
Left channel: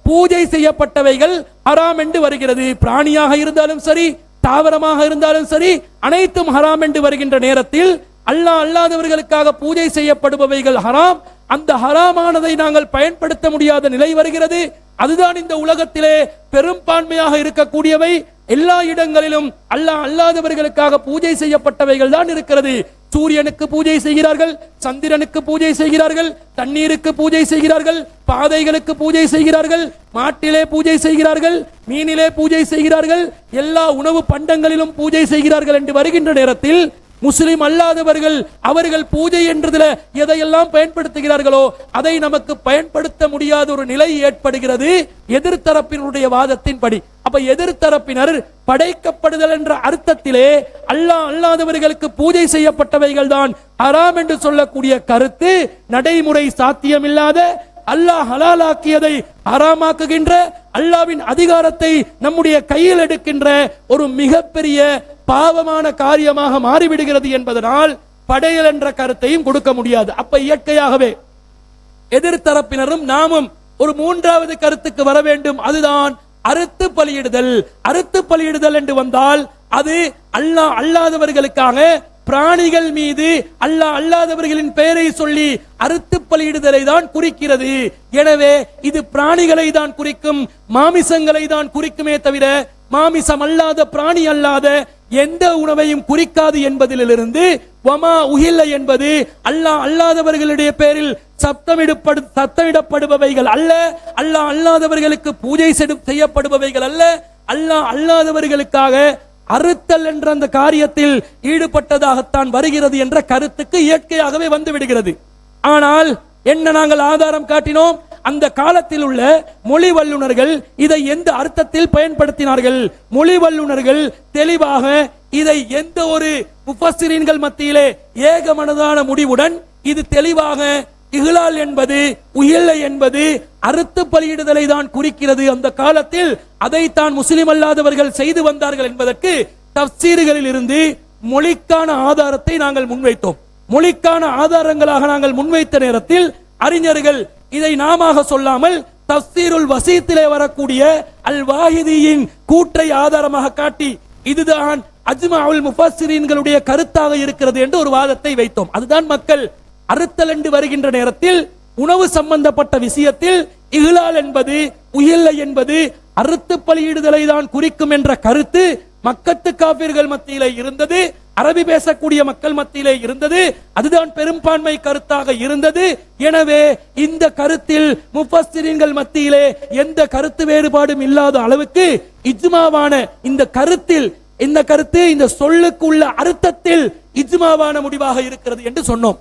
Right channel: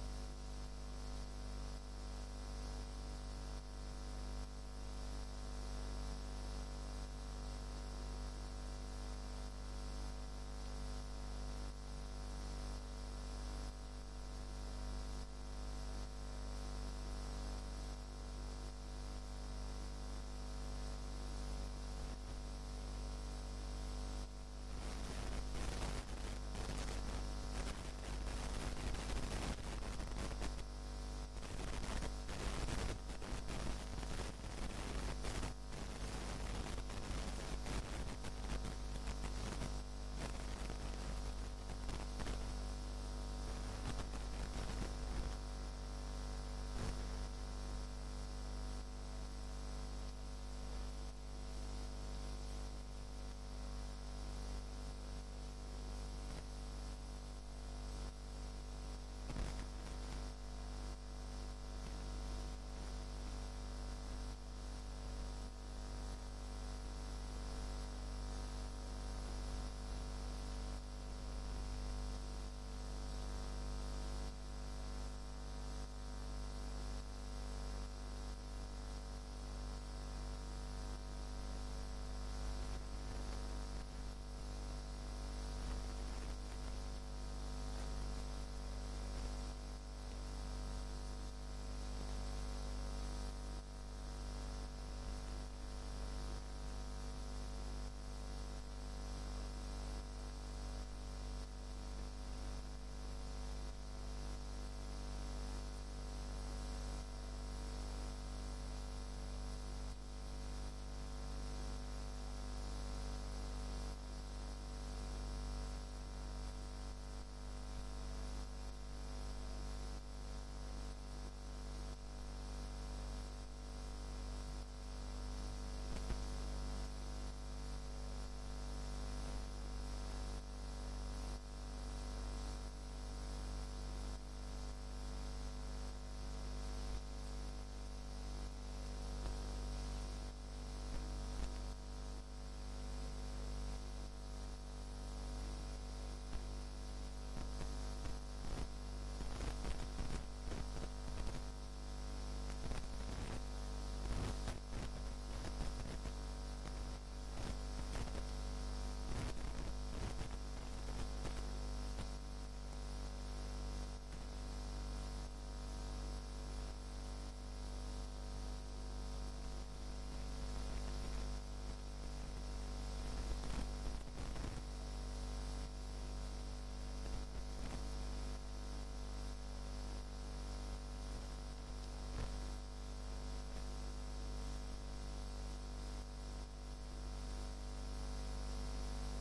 பூஜை செய்யப்பட்டவைகள் ஹராம் என்று வருகிறது. பிராணியாக இருந்தாலும் சரி, தாவரமாக இருந்தாலும் சரி, அனைத்தும் ஹராம் என்று வருகின்ற நேரத்தில் அல்லாஹ் அல்லாதவர்களுக்காக பூஜை செய்யப்படுபவைகள் ஹராம். அந்த ஹராமானதை நாங்கள் பயன்படுத்த முடியாத நிலை வருகிறது. அதுதான் இந்த உலகத்திலே பெரும்பான்மையாக இருக்கக்கூடியவை. எல்லா இடங்களிலும் அல்லாஹ் அல்லாதவர்களுக்காக பூஜை செய்யப்பட்டவைகள் தான் இருக்கிறது. சூரியனுக்கு பூஜை செய்கிறார்கள், சந்திரனுக்கு பூஜை செய்கிறார்கள், தண்ணீருக்கு பூஜை செய்கிறார்கள், பாதைகளுக்கு பூஜை செய்கிறார்கள், மாட்டிலே பூஜை செய்கிறார்கள், மீனிலே பூஜை செய்கிறார்கள், எல்லா உணவு பண்டங்களிலும் பூஜை செய்கிறார்கள் என்று வருகின்ற நேரத்தில் முஸ்லிம் அல்லாதவர்கள் அவர்கள் பூஜை என்றதுல எதையெல்லாம் பயன்படுத்துகிறார்களோ அதை நமக்கு பயன்படுத்த முடியாத ஒரு நிலை ஏற்படுகிறது எதிர்த்தரப்பினுடைய வாதத்தின்படி. அப்ப எதிர்த்தரப்பினர் படைக்கப்படுதல் என்ற அர்த்தத்திலே அல்லாஹ் அல்லாதவர்களுக்கு பூஜை செய்யப்பட்டவைகள் தான் ஹராம் என்று சொல்லக்கூடிய கருத்து நடைமுறை சாத்தியமில்லாத, அல்லாஹ் ஹலாலாக்கியதை ஹராமாக்குகின்ற, அல்லாஹ்வின் அதிகாரத்தை நம்முடைய கையில் எடுக்கின்ற ஒரு மிகப்பெரிய பாவமான காரியமாக மாறிவிடுகிறது என்பதனால் படையல் என்ற கருத்தையும் கொடுக்க முடியாது. அப்ப இயற்கையாகவே எதிர்த்தரப்பினரும் நாமும் ஒரு மூன்றாவது கருத்துக்கு வர வேண்டும். அதுதான் அறுத்து பலியிடுதல். அறுத்து பலியிடுதல் என்று வந்தால் அது அல்லாஹ் அல்லாதவர்களுக்காக பிராணிகள் மீது அல்லாஹ் அல்லாதவர்களின் பெயரை சொல்லி அறுத்து பலியிடுதலை தான் குறிக்கிறது. எனவே இது பிராணிகளை தான் குறிக்கும், மாமிசங்களை தான் குறிக்குமே தவிர மாமிசம் அல்லாத, பிராணி அல்லாத எந்த உணவையும் குறிக்காது என்பதிலிருந்து வமா உஹில்ல என்பது அல்லாஹ் அல்லாதவர்களுடைய பேரில் சத்தமிடப்படுபவைகள் அல்ல, அல்லாஹ் அல்லாதவர்களுக்கு பூஜை செய்யப்படுபவைகள் அல்ல, அல்லாஹ் அல்லாதவர்களுக்காக அறுத்தல் என்ற அந்த காரியத்தில் ஈடுபட்டதாகத்தான் வருகிறது என்ற கருத்துக்கு இயற்கையாகவே வந்து விடுகிறது. ஆனால் என்ன நாங்கள் ஆதாரம் காட்டினோம்? அந்த காலத்தில் உள்ள மொழி வல்லுநர்கள் இதை எந்த அர்த்தத்தில் பயன்படுத்தினார்கள்? மொழி வல்லுநர்கள் தெளிவாக இதை எந்த ஒரு முஃபஸ்ஸிரீன்கள் மத்தியிலே ஏகமனதான முடிவுடன் இது தெளிவாக இஹ்லால் என்பது, உஹில்ல என்பது அறுத்து பலியிடுதலை தான் குறிக்கிறது. அந்த காலத்தில் அதைத்தான் முஸ்லிம் அல்லாதவர்கள் செய்து வந்தார்கள் என்பதற்கு தஃசீர்களில் இருந்து மொழிக்கான ஆதாரத்தை நாங்கள் முன்வைத்தோம். மொழிக்கான ஆதாரங்களாக நாங்கள் முன்வைத்த நேரத்தில் அறிஞர்கள் இதை நாமாக சொல்லாமல் தஃசீருல் வசீத்திலே வரக்கூடிய அல் வாஹிதியின் கூற்றை ஆதாரமாக காட்டி இதுதான் அஜ்மாஉல் முஃபஸ்ஸிரீன்களுடைய கருத்தாக இருக்கிறது என்று ஒரு வாதத்தை வைத்தோம். அதுதான் மக்கள் அறுத்தல் என்று வருகின்ற நேரத்தில் உணவு சம்பந்தப்பட்ட விஷயத்தில் இஹ்லால் என்பது, உஹில்ல என்பது அறுத்து பலியிடுதலை தான் குறிக்கும் என்ற கருத்து மக்கத்து காபிர்கள் மத்தியிலே இருந்தது, அரபி பேசக்கூடிய மக்கள் மத்தியிலே இருந்தது. அதுதான் பெரும்பான்மை கருத்தாக இருந்தது. எனவே இந்த கருத்தில் முஃபஸ்ஸிரீன்கள் மத்தியிலே எந்த கருத்து வேறுபாடும் இல்லாத அளவுக்கு இஜ்மாவான இந்த கருத்தில், இந்த கருத்து இந்த சொல்லுக்கு உள்ள அர்த்தத்தில் இஜ்மாவான முடிவாக இருக்கிறது என்று சொன்னோம்.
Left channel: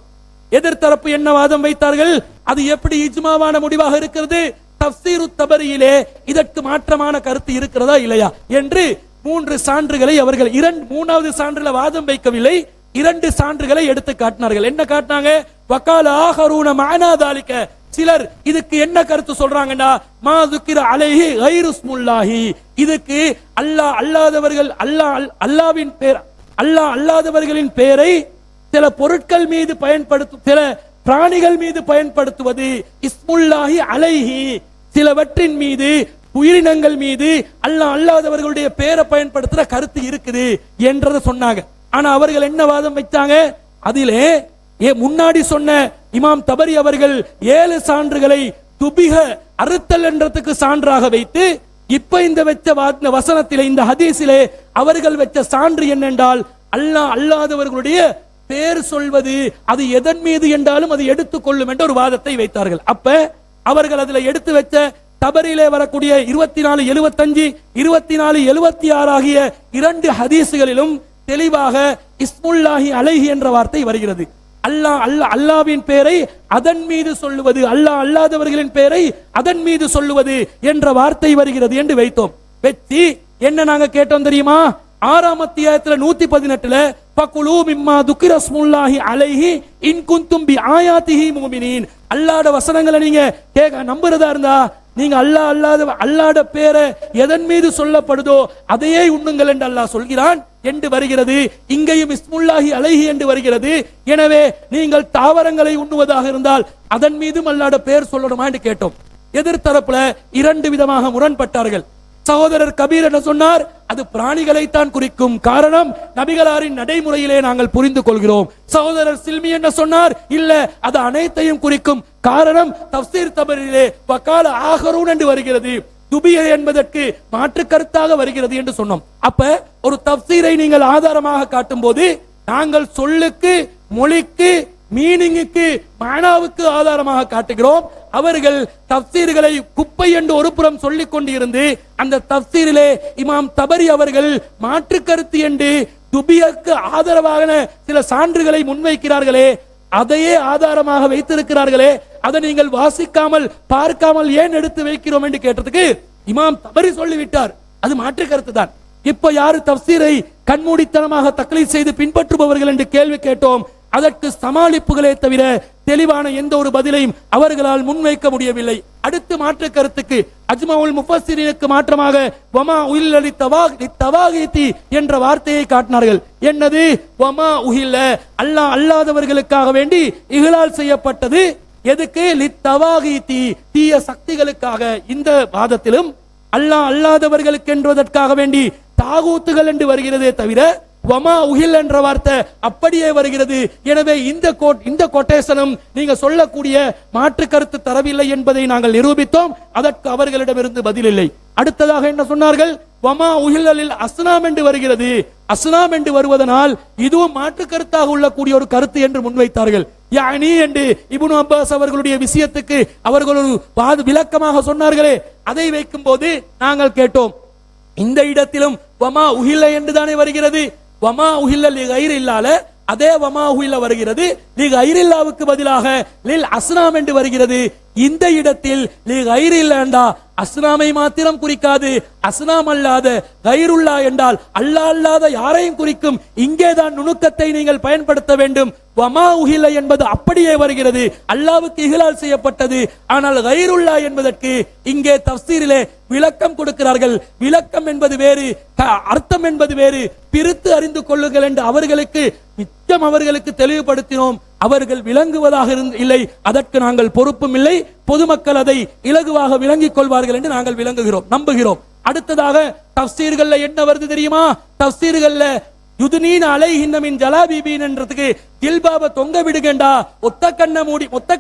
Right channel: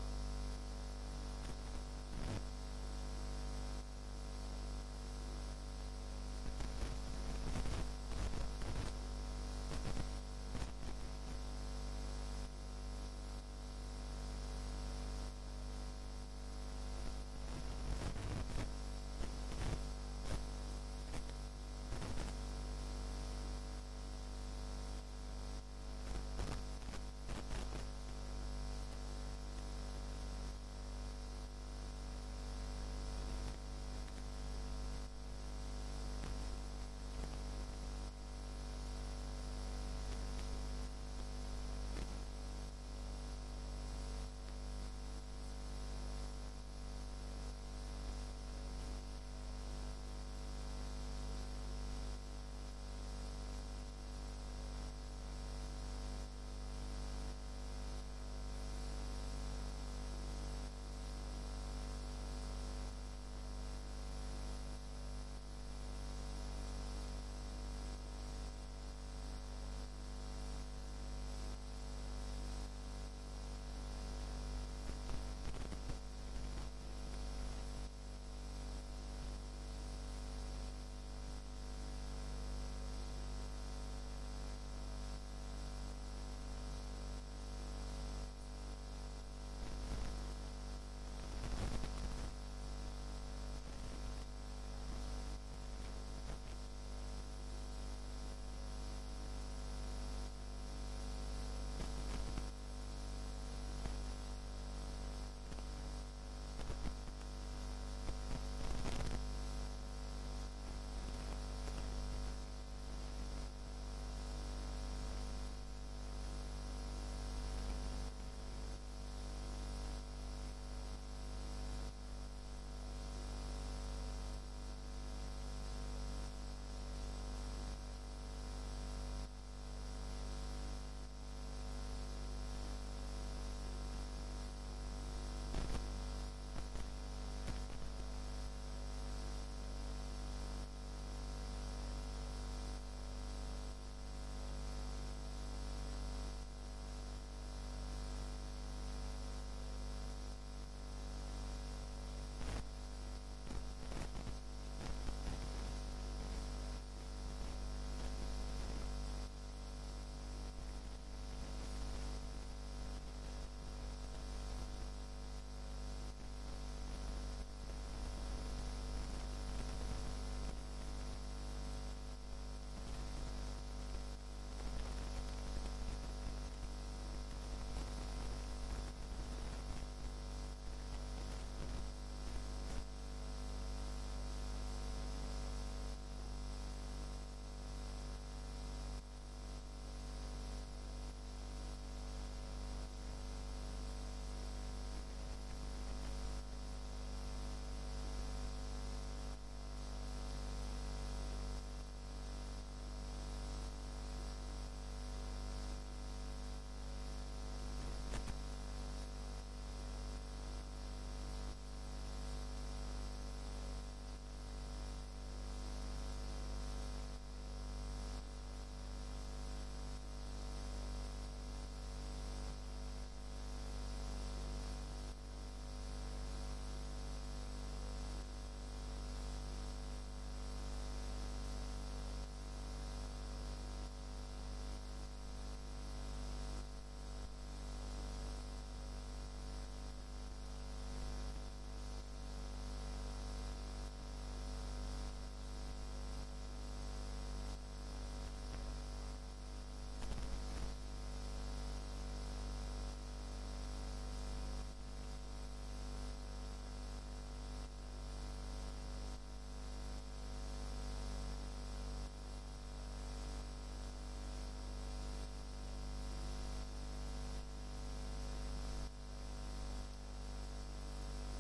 எதிர்த்தரப்பு என்ன வாதம் வைத்தார்கள்? அது எப்படி இஜ்மாவான முடிவாக இருக்கிறது? தஃசீரு தபரியிலே இதற்கு மாற்றமான கருத்து இருக்கிறதா இல்லையா என்று 3 சான்றுகளை அவர்கள் மூணாவது சான்றுல வாதம் வைக்கவில்லை, 2 சான்றுகளை எடுத்து காட்டினார்கள். என்ன காட்டினாங்க? வகால ஆகரூன மஅனா தாலிக, சிலர் இதுக்கு என்ன கருத்து சொல்றாங்கன்னா மா ذுக்கிர அலைஹி கைரு இஸ்முல்லாஹி, இதுக்கு அல்லாஹ் அல்லாதவர்கள், அல்லாஹ்வின் பேர் அல்லாஹ் அல்லாதவர்களின் பெயரை சில பொருட்கள் மீது பயன்படுத்தும், சில பிராணிகள் மீது பயன்படுத்துவது இஸ்முல்லாஹி அலைஹி, சிலவற்றின் மீது உயிரினங்கள் மீது அல்லாஹ் அல்லாதவர்களுடைய பெயரை பயன்படுத்துற கருத்து இருக்குது என்றதை சொன்னாங்க. ஆனா அவர்கள் என்ன வாதம் வைத்தாங்க? அதிலே முன்னாடி சொன்ன இமாம் தபரி அவர்கள் 7 சான்றுகளை துபிக அறுத்தல் என்றதுக்கு சான்றாக வைத்து, இப்ப இந்த வச்ச வசனத்திலே, இந்த ஹதீஸிலே அவர்கள் வச்ச சான்று என்னென்றால் அல்லாஹ் அல்லாதவர்களுடைய பேர் சொல்வது அது எதன் மீது என்றாலும் அதை எடுத்துக்கொள்ளும் என்ற ஒரு வாதத்தை வைத்தார்கள். அப்ப அவர்கள் அதுல எடுத்து வச்ச தபரிலே வரக்கூடிய 2475 2476 ஆகிய 2 ஹதீஸ்களிலும் தெளிவாக இஸ்முல்லாஹி அலைஹி என்ற வார்த்தை வருகிறது. அல்லாஹ்வின் பெயரை அதன் மீது சொல்லுவது, அல்லாஹ் அல்லாதவர்களின் பெயரை அதன் மீது சொல்லுவது என்ற வார்த்தை வருகிறது என்று வைத்தோம். வெற்றி என்ன நாங்க கேட்டோம் தெரியுமா? 6ஆம் அத்தியாயத்துல 118ல ஃபகுலூ மிம்மா துக்கிர ஸ்முல்லாஹி அலைஹி இன் குன்தும் பி ஆயாத்திஹி முஃமினீன், அல்லாஹ்வோட வசனங்களை நீங்க நம்புறதா இருந்தா நீங்க அல்லாஹ்வோட பேரை எதன் மீது சொல்லப்படுதோ அதையே உண்ணுங்கள் என்று அல்லாஹ் சொல்கிறான் என்று வருகிறது. இங்கேயும் இஸ்முல்லாஹி அலைஹி என்று வருகிறது. எனவே நீங்கள் தாவரங்களை உண்ணுவதாக இருந்தால் அதன் மீதும் அல்லாஹ்வோட பேர் சொல்லணுமா என்று கேட்டோம். எதிர்த்தரப்புல 2 விதமாக முரண்பட்டார்கள். சகோதரர் கபீர் என்ன சொன்னார்? அது பிராணிகளை தான் குறிக்கும், காரணம் நபிகளாரின் நடைமுறையிலே நாங்கள் புரிந்து கொள்கிறோம். சகோதரர் சில்மி என்ன சொன்னார்? இல்ல, அது அனைத்தையும் குறிக்கும், காரணம் தஃப்சீர் தபரிலே வகால ஆகரூன் என்று வருகிறது, துபிய என்பதற்கு மாற்று கருத்தாக வருகிறது என்று சொன்னோம். அப்ப ஒரு தஃப்சீரை நீங்கள் ஆதாரமாக காட்டும் போது நாங்கள் சொல்லுக்கு, மொழிக்கு, மீனிங்குக்கு, மானாவுக்கு ஆதாரமாக காட்டுகிறோம். அவர்கள் தஃப்சீர்களை குப்பை என்று ஒரு புறம் சொல்லிக் கொண்டிருந்து அந்த தஃப்சீரிலே இமாம் தபரி அவர்கள் மாற்று கருத்து என்று துபியக்கு ஆதரவாக சில சான்றுகளை முன்வைக்கிறார்களே, அதையே ஆதாரமாக வைத்திருக்கிறார்களே, அதை நீங்கள் வாசிக்காமல் பார்க்காமல் ஏன் எடுத்து வைக்கிறோம் என்று கேட்டதுக்கு இமாம் தபரி சொல்லிவிட்டார், அது மாற்று கருத்து தான். இப்ப யாரு தஃப்சீரை கண்மூடித்தனமாக தக்லீத் செய்து பின்பற்றுபவர்கள் என்று கேள்வி கேட்டோம். அதற்கு சமாளிப்புகளே தவிர தெளிவான எந்த ஒரு பதிலையும் அவர்களால் முன்வைக்க முடியவில்லை. அடுத்து மாற்று கருத்துக்கு அஜ்மாவுல் முஃபஸ்ஸிரீனுக்கு மாற்றமாக வமா உஹில்ல லித்தவாகீதி என்ற வார்த்தையை காட்டினார்கள். என்னது? வமா உஹில்ல, அல்லாஹ் அல்லாதவர்களுக்காக வேண்டி இஹ்லால் செய்யப்பட்டது. எதுக்கு? லித்தவாகீதி, தீய சக்திகளுக்காக. இந்த வாதத்திலும் அல்லாஹ் அல்லாதவர்களுக்கு என்பதற்காக வேண்டி தாகூத்துகள் என்று வருகிறதே தவிர வமா உஹில் என்ற வார்த்தை அப்படியே வருகிறது. எனவே இந்த கொட்டேஷனும் நீங்க சொல்லக்கூடிய மாற்று கருத்து தரவில்லை என்பதை நாங்கள் நிரூபித்தோம். அதற்கு அவர்களிடமிருந்து பதில் இல்லை. அடுத்ததாக என்ன சொன்னார்கள்? வமா உஹில்லில் அஸ்னாம் என்று வருகிறது. அஸ்னாம் என்று வருவதனால் இதுவும் மாற்று கருத்தாக உள்ளக்கூடிய ஒரு கருத்து என்று முன்வைத்தார்கள். யானி என்று இப்னு அப்பாஸ் அவர்களுடைய விஷயத்துக்கு அவர்கள் ஒரு விளக்கமாக சொன்னார்களே, அதை வைக்கும் போது நாங்கள் கேட்டோம், இந்த இடத்திலும் வமா உஹில்ல என்று தானே வருகிறது. வமா உஹில்ல லிகைரில்லால அதே வமா உஹில்ல வருகிறது. லிகைரில்லாவுக்கு பதிலாக லில் அஸ்னாம் என்று வருகிறது. இந்த இடத்தில் லிகைரில்லா அஸ்னாமை மாத்திரம் குறிக்காது, அஸ்னாம் அல்லாத கைருல்லா என்றால் அல்லாஹ் அல்லாத யாரையும் குறிக்கும். இங்கேதான் நுணுக்கத்தை நீங்கள் பயன்படுத்த வேண்டும். வமா உஹில்ல என்பது அப்படியே வருகிறது, அல்லாஹ்வுக்கு இஹ்லால் செய்யப்பட்டது. ஆனால் கைருல்லா என்பதற்கு இங்கே தஃப்சீரிலே விளக்கம் கொடுக்கிறார்கள். விளக்கம் என்பது வேறு, அர்த்தம் என்பது வேறு, பிரித்து அறிந்து கொள்ளுங்கள் என்று அவர்களுக்கு தெளிவுபடுத்தினோம். அவர்கள் விளங்குவதாக இல்லை, அதற்கு நாங்கள் பொறுப்பும் இல்லை. பொதுமக்கள் அதை இலகுவாக விளங்கிக் கொள்வார்கள் என்று நாங்கள் விளங்குகிறோம், நம்புகிறோம். அடுத்ததாக தஃப்சீர்கள்ல என்ன வருது தெரியுமா? தஃப்சீர்கள்ல யுதுனீன அலைஹின்ன மின் ஜலாபீபீன் என்றதுக்கு ஜில்பாப தொங்க விடுகண்டா, ஒத்த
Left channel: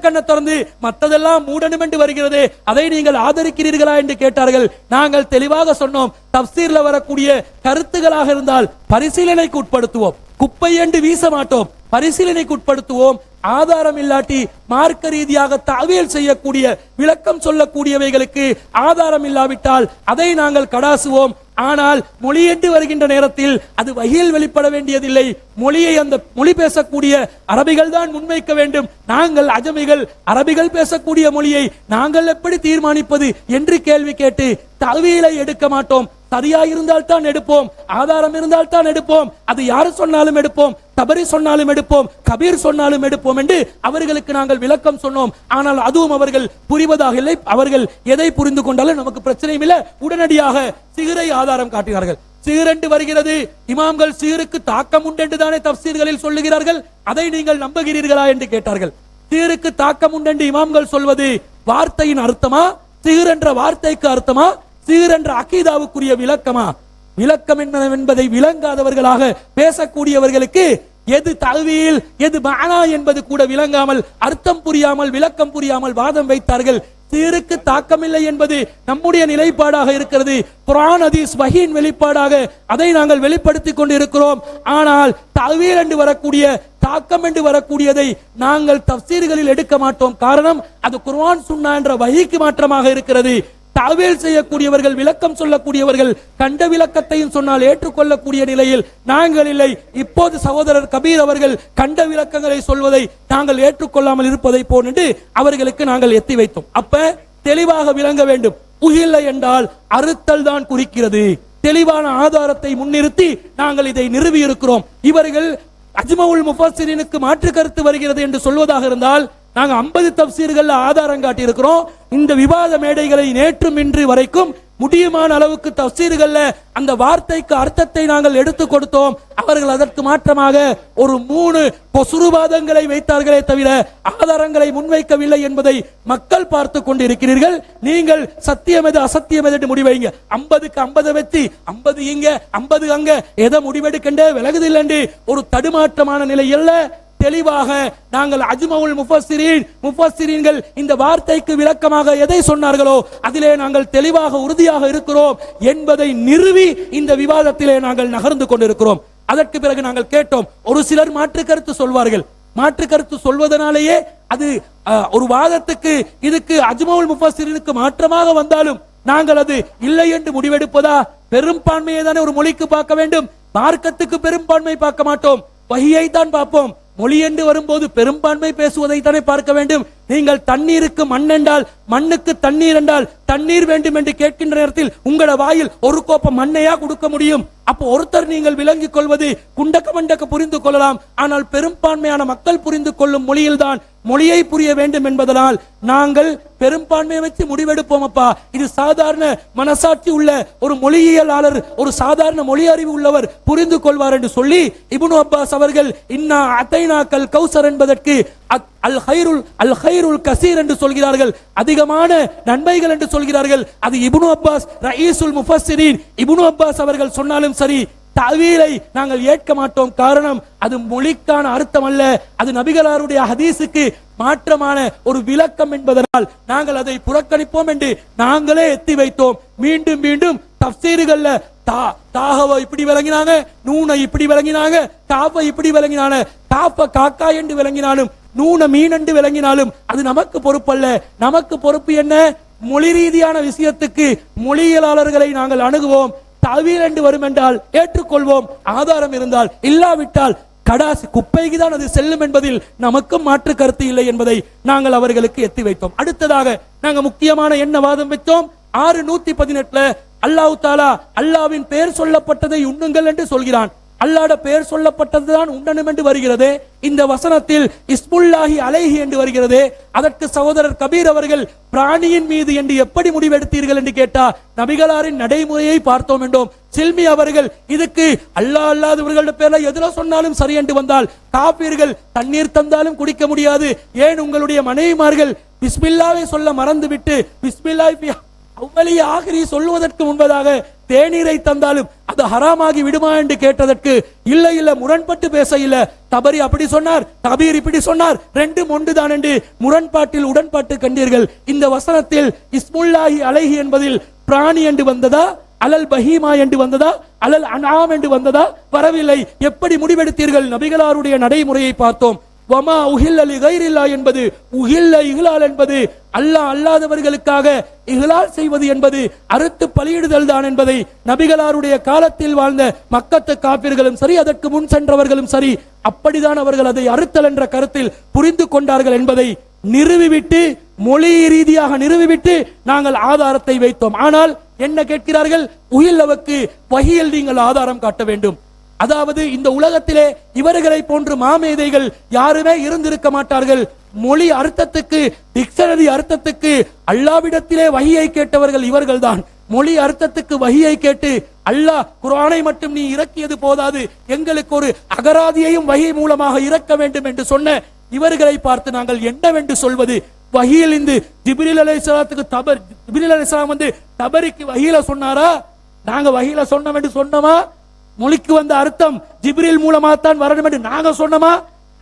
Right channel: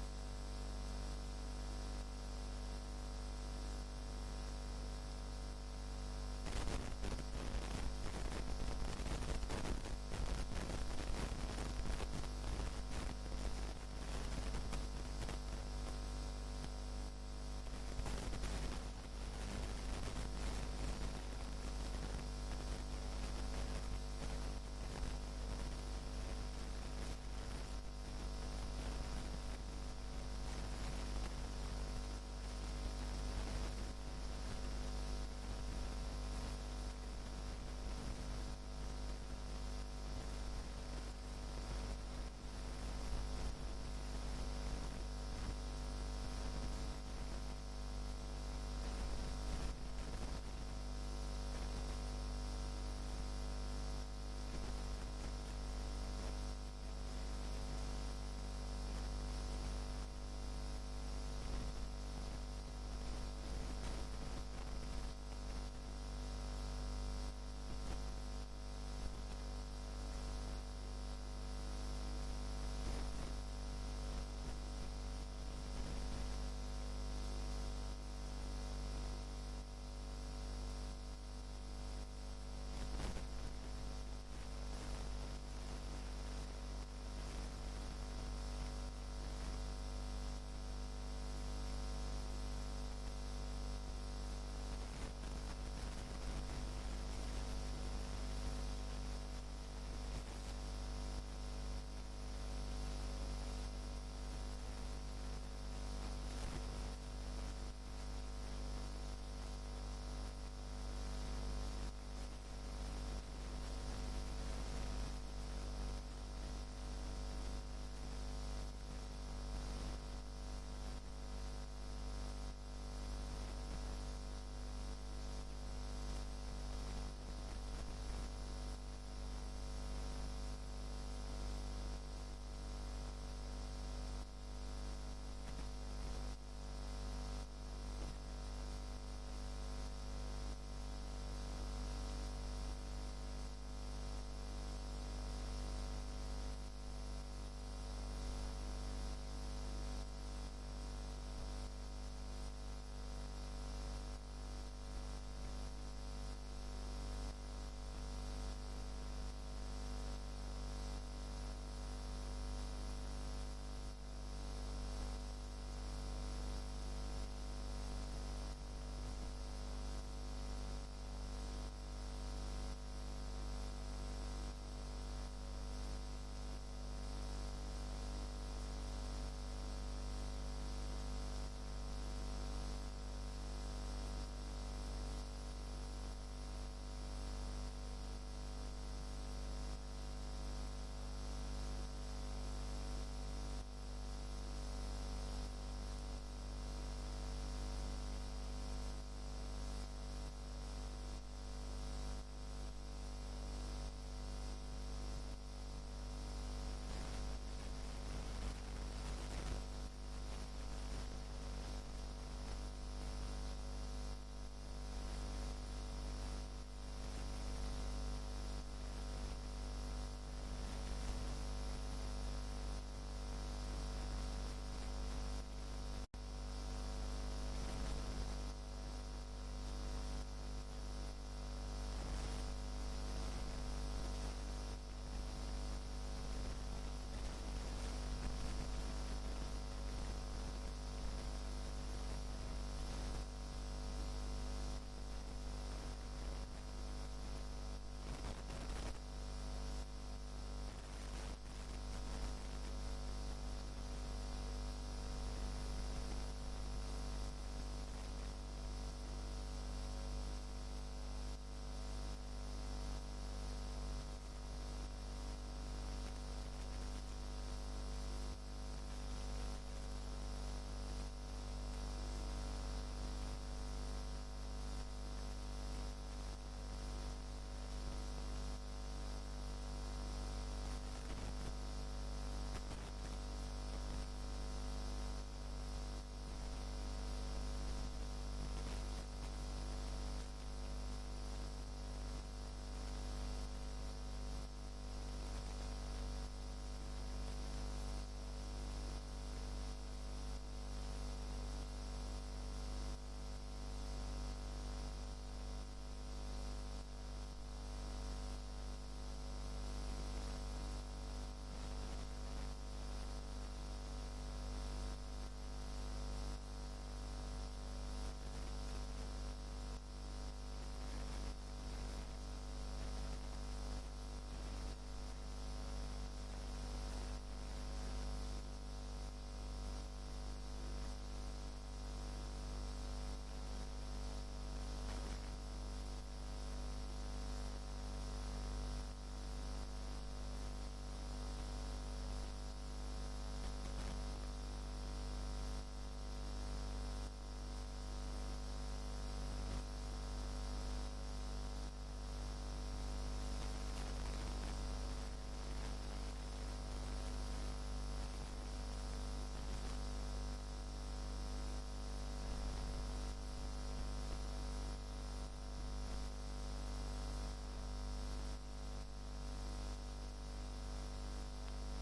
கண்ணை திறந்து மற்றதெல்லாம் மூடணும் என்று வருகிறது, அதை நீங்கள் ஆதரிக்கிறீர்களா என்று கேட்டார்கள். நாங்கள் தெளிவாக சொன்னோம், தஃப்சீர்ல வரக்கூடிய கருத்துகளாக இருந்தால் பரிசீலனைக்கு உட்படுத்துவோம், குப்பை என்று வீச மாட்டோம், பரிசீலனைக்கு உட்படுத்துவோம். ஆதாரம் இல்லாட்டி மார்க்க ரீதியாக தஅவீல் செய்யக்கூடிய, விளக்கம் சொல்லக்கூடியவைகளுக்கு ஆதாரம் இல்லாவிட்டால் அதை நாங்கள் கடாசுவோம். ஆனால் மொழி என்று வருகின்ற நேரத்தில் அது வஹீல் வெளிப்பட வேண்டியதில்லை. மொழியை அந்த மொழி பேசக்கூடிய அரபிகள் தான் முன்வைக்க வேண்டும். நாங்கள் அஜமிகள், அரபிகள் பேசக்கூடிய மொழியை நாங்கள் எப்படி தீர்மானிப்பது என்று கேள்வி கேட்டு தஅவீலை எடுக்க மாட்டோம். சரியா இருந்தால் தான் எடுப்போம், ஆதாரம் இருந்தால் தான் எடுப்போம். அது யாரு சொன்னாலும் எடுப்போம், தபரி சொன்னாலும் எடுப்போம், கபீர் சொன்னாலும் எடுப்போம் என்று அவர்களுக்கு நாங்கள் விளக்கம் சொன்னோம். ஆனால் அதுவும் அவர்கள் புரிவதாக இல்லை. அவர்கள் எதை புரிந்து கொண்டாலும் நமக்கு பிரச்சனையும் இல்லை. உடனடியாக சிகரை ஆதாரம் காட்டினார்கள். சீரென்று வருகிறது. இமாம்கள் சீருக்கு தாக்கம் உண்டு என்று தானே தப்சீர்களில் சொல்லுகிறார்கள், அதை நீங்கள் நம்புகிறீர்களா என்று கேட்டார்கள். சீருக்கு தாக்கம் உண்டு என்று இமாம்கள் சொல்வது வார்த்தையின் அர்த்தமா, சீர் என்ற வார்த்தைக்கு அர்த்தமா, சீர் என்ற அகீதாவுக்குரிய விளக்கமா? விளக்கம் என்பதை விளங்காதவர்களாக பேசக்கூடியவர்களுக்கு எது தல்வீல் எது மஅனா என்பது கூட விளங்காமல், அர்த்தம் புரியாமல், விளக்கம் புரியாமல் வாதம் வைத்தார்கள். சீருக்கு தாக்கமில்லை என்பது நம்முடைய நிலைப்பாடாக இருக்கிறது. குர்ஆன் ஹதீஸ் வஹீன் வெளிப்பாடாக அதை நாங்கள் வெளிப்படுத்திக் கொண்டு இருக்கிறோம். ஆனால் தல்வீல் என்று வரக்கூடிய, தாக்கம் என்று வரக்கூடியதை நாங்கள் தஃசீர்களில் எடுக்க மாட்டோம். காரணம், அது குர்ஆன் சுன்னா என்ற வஹீக்கு மாற்றமாக இருக்கிறது. தாவீல் செய்யக்கூடியவர்கள், விளக்கம் சொல்லக்கூடியவர்கள் கண்ட விளக்கத்தையும் சொன்னால் ஏற்றுக்கொள்ளக்கூடிய நிலையில் நாங்கள் இல்லை. இப்போது சகோதரர் கபீர் அவர்கள் கண்ட விளக்கங்களை சொல்வதை நாங்கள் ஏற்றுக்கொள்ளாமல் இருப்பதை போன்று அவர்களுக்கு நாங்கள் எத்தி வைத்தோம். அப்ப தெளிவாக விளங்க வேண்டும். உஹில்ல என்றால் அறுத்தல் தான் குறிக்கிறது. தெளிவான ஆதாரத்தை முன்னிறுத்தி நாங்கள் இதை நிறுவி இருக்கிறோம். இவர்கள் அஜ்மவுல் முஃபஸ்ஸிரீனுக்கு மாற்று கருத்து வருகிறது என்று சொல்வதாக இருந்தால், நாங்க 50 தப்சீர்கள்ல ஆதாரம் காட்டி இருக்கிறோம். இந்த விவாத மேடைகளை நேற்றும் இன்று வரைக்கும் முடியுமான அளவுக்கு தப்சீர்கள்ல அந்த வார்த்தைக்கு அர்த்தத்தை நாங்கள் எடுத்து கொடுத்தோம். அவர்கள் அதற்கு மாற்றமாக ஒரு 3 பொசுருவாதங்களை வைத்தார்களே தவிர ஆதாரங்களை முன்வைக்கவில்லை என்பதை மக்கள் பார்த்து கொண்டிருக்கிறீர்கள். நீங்கள் சத்தியம் எது அசத்தியம் எது என்று முடிவைங்க. 50க்கு 50 வச்சு 50 இங்க 50 அங்க எதை முடிவெடுக்கண்டே விலகுதில்லை என்று ஒரு தடுமாற்றமான நிலை அல்ல. தெளிவாக நாங்கள் அஜ்மவுல் முஃபஸ்ஸிரீன்கள் இந்த வார்த்தைக்கு விளக்கமாக எதை சொன்னார்களோ அதிலே நாங்கள் தெளிவாக உறுதியாக இருக்கிறோம் என்பதை நிறுவி இந்த விவாதத்திலே நாங்கள் நகர்ந்து கொண்டிருக்கிறோம். அதற்கு பிறகு நாங்கள் கேட்டோம், ஒரு சிலர் மாற்று கருத்து சொல்வார்கள். மாற்று கருத்து சொல்வதனாலேயே அது ஒரு வாதத்துக்கு, இதுக்கு அஜ்மவுல் முஃபஸ்ஸிரீனுக்கு மாற்றமாக வந்தாலும் நாங்கள் அது இல்லை என்று முடிவெடுப்பதா? பெரும்பான்மையை தானே ஒரு மொழிக்கு பார்க்க வேண்டும். மார்க்கத்துக்கு பெரும்பான்மை பார்க்க மாட்டோம், வஹியை தான் பார்ப்போம். மொழி என்று வரும்போது பெரும்பான்மை பேசுவதை தானே பார்க்க வேண்டும். நீங்கள் தண்ணீருக்கு மண் என்றால், மண்ணுக்கு தண்ணீர் என்றால், தண்ணீர் வேண்டும் என்று கேட்கின்ற நேரத்தில் உங்களோட வாயில் ஒரு கோப்பம் மண்ணையா கொடுக்க முடியும்? அப்போ ஒருத்தர் நீங்கள் விளங்கிக் கொள்வது குண்டக்க மண்டக்க புரிந்து கொள்ளலாம். ஆனால் பெரும்பான்மையான மக்கள் புரிந்து கொள்ளும் மொழியில் தான் மொழியை புரிய வேண்டும் என்பதனால் நாங்கள் பெரும்பான்மையை வச்சு முடிவெடுப்போம். அப்பா, இது சாதாரண மனசாட்சி உள்ள ஒரு மொழியியலாளர், ஒரு சாதாரண மொழி அறிவு உள்ளவர் புரிந்து கொள்வார் என்று சொல்லி இப்னு அப்பாஸ் அவர்கள் இன்னா அதைனாக்கல் கௌசர் என்பதற்கு அல் ஹைருல் கசீர் என்று சொல்கிறார்கள், அதிகமான நன்மைகள் என்று சொல்கிறார்கள். அது இப்னு அப்பாஸ் ரயீசுல் முஃபஸ்ஸிரீன் இப்னு அப்பாஸ் அவர்கள் சொன்னாலும் சரி, தஅவீலை நாங்கள் ஏற்க மாட்டோம். காரணம், அது மொழிக்கான அர்த்தம் அல்ல, அது நபிகளாருடைய ஹதீஸுக்கு மாற்றமான ஒரு விளக்கம் என்பதனால் நாங்கள் அதை புறக்கணிப்போம் என்று நாங்களே எத்தி வைத்தோம். மீண்டும் மீண்டும் தஃசீர்கள்ல தாஹவை இப்படி விளங்கினாங்க, நூனை இப்படி விளங்கினாங்க, காஃபை இப்படி விளங்கினாங்க, காஃப காக்கா என்று விளங்கினாலும் நூன மீன் என்று விளங்கினாலும் அது நமக்கு பொறுப்பல்ல. நமக்கு பொறுப்பு என்ன? மொழி ரீதியான விஷயத்துக்கு மொழியியலாளர்களை நாங்கள் அணுகுவோம். தஅவீல் என்று வரும் என்றால் ஏற்றுக்கொள்வோம், ஆதாரம் இருந்தால். இல்லாவிட்டால் கடாசி குப்பைக்கு தான் அது செல்லும் என்பதில் நமக்கும் மாற்று கருத்து இல்லை என்பதை நாங்கள் அவர்களுக்கு எத்தி வைத்தோம். அடுத்ததாக நாங்கள் முக்கியமான என்ன வாதம் வைத்தோம்? 618 அல்லாஹ் தாலா அல்லாவின் பெயர் சொல்லப்பட்டதை உண்ணுங்கள் என்று சொல்கிறான். அல்லாஹ்வுடைய பெயர் சொல்லப்பட்டதுதான் உண்ணணும் என்று வருகிறது. இந்த வசனத்தில் இஸ்முல்லாஹி அலைஹி என்று வருகிறது. அதற்கு சகோதரர் கபீர் அவர்கள் பிராணியின் மீது என்று எப்படி முடிவெடுத்தீர்கள் என்று கேட்டா, நபிகளாரின் நடைமுறையை பார்த்தோம் என்றோம். சில்மி அவர்கள் இதுக்கு அல்லாஹ் அல்லாதவர்களுடைய பேர்ல எதுல சொன்னாலும் சரி என்று வந்தால், காபீர்கள் தண்ணீர் தந்தாலும் குடிக்க முடியாது, ஏன் உங்களுடைய மனைவிமார்கள் பிஸ்மில்லாவை சொல்ல மறந்துவிட்டு பிஸ்மில்லாஹி அவ்வளி ஆகிரி சொல்லுவதற்கு முன்பதாக தேநீரை தந்தாலும் அது ஹராமாகி விடுமா என்று கேட்டதற்கு இல்லை இல்லை முரண்பட்டு பேச இல்ல, தபரி அப்படி சொன்னார், கபீர் இப்படி சொன்னார், ரெண்டும் ஒன்றுதான் என்று முரண்பாட்டில் உடன்பாட்டு கண்டீர்கள். இந்த வசனத்தில் இஸ்முல்லாஹி அலைஹி என்பதில் பிராணி என்று வந்ததா, அலல் பஹீமா என்று வந்ததா, அலல் அன்ஆம் என்று வந்ததா? வரவில்லை. எப்படி முடிவெடுத்தீர்கள்? நபிகளாருடைய நடைமுறையை பார்த்தோம். வமா உஹில்ல லிகைரில்லா என்பது, உஹில்ல இஹ்லால் என்பது அல்லாஹ் அல்லாதவர்களுக்காக இஹ்லால் செய்வது என்பது அறுத்து பலியிடுதல் தான் என்பதை நபிகளாருடைய காலத்தில் வாழ்ந்த மக்கத்து காபிர்களும் சரி, அதற்கு முன் சென்றவர்களும் சரி, அப்படிதான் அவர்கள் அதை அறுத்தல் என்ற கருத்தில் புரிந்து கொண்டார்கள் என்பதை நிறுவிவிட்டு, மொழி ரீதியாக நிறுவிவிட்டு நாங்கள் ஆதாரத்தை வைத்தோம். ஆனால் என்ன கேட்கிறார்கள்? உஹில்லவுக்கு வஹியில் நீங்கள் ஆதாரம் காட்ட வேண்டும். அதாவது இந்த உலகத்திலே இவர்களை போன்று மாமேதைகள் யாருமே இருந்திருக்க மாட்டார்கள். மொழி அர்த்தத்துக்கு, டிக்ஷனரி அர்த்தத்துக்கு அல்லாவிடத்திலே வஹியை கேட்டவர்கள் இவர்கள்தான். மொழி அர்த்தத்துக்கு வஹியை கேட்டு அல்லாஹ் குர்ஆனை மட்டும் நீ இறக்கியது போதாது, எங்களுக்கு ஒரு அகராதியையும் வஹி மூலமாக இறக்க வேண்டும் என்று சொன்ன இவர்களை பார்த்து நாங்கள் என்னவென்று சொல்வது? வஹியில் இந்த ஜிப்ரீல் அலைஹிஸ்ஸலாத்துக்கு ஜிப்ரீல் அலைஹிஸ்ஸலாம் வந்து தபரிக்கு வஹியில சொன்னாரா? நாங்க வஹியில சொன்னோம் என்று சொன்னோமா? மொழிக்கு வந்த அர்த்தம் ஜிப்ரீல் மூலமா தான் வரணும் என்று நாங்க சொன்னோமா?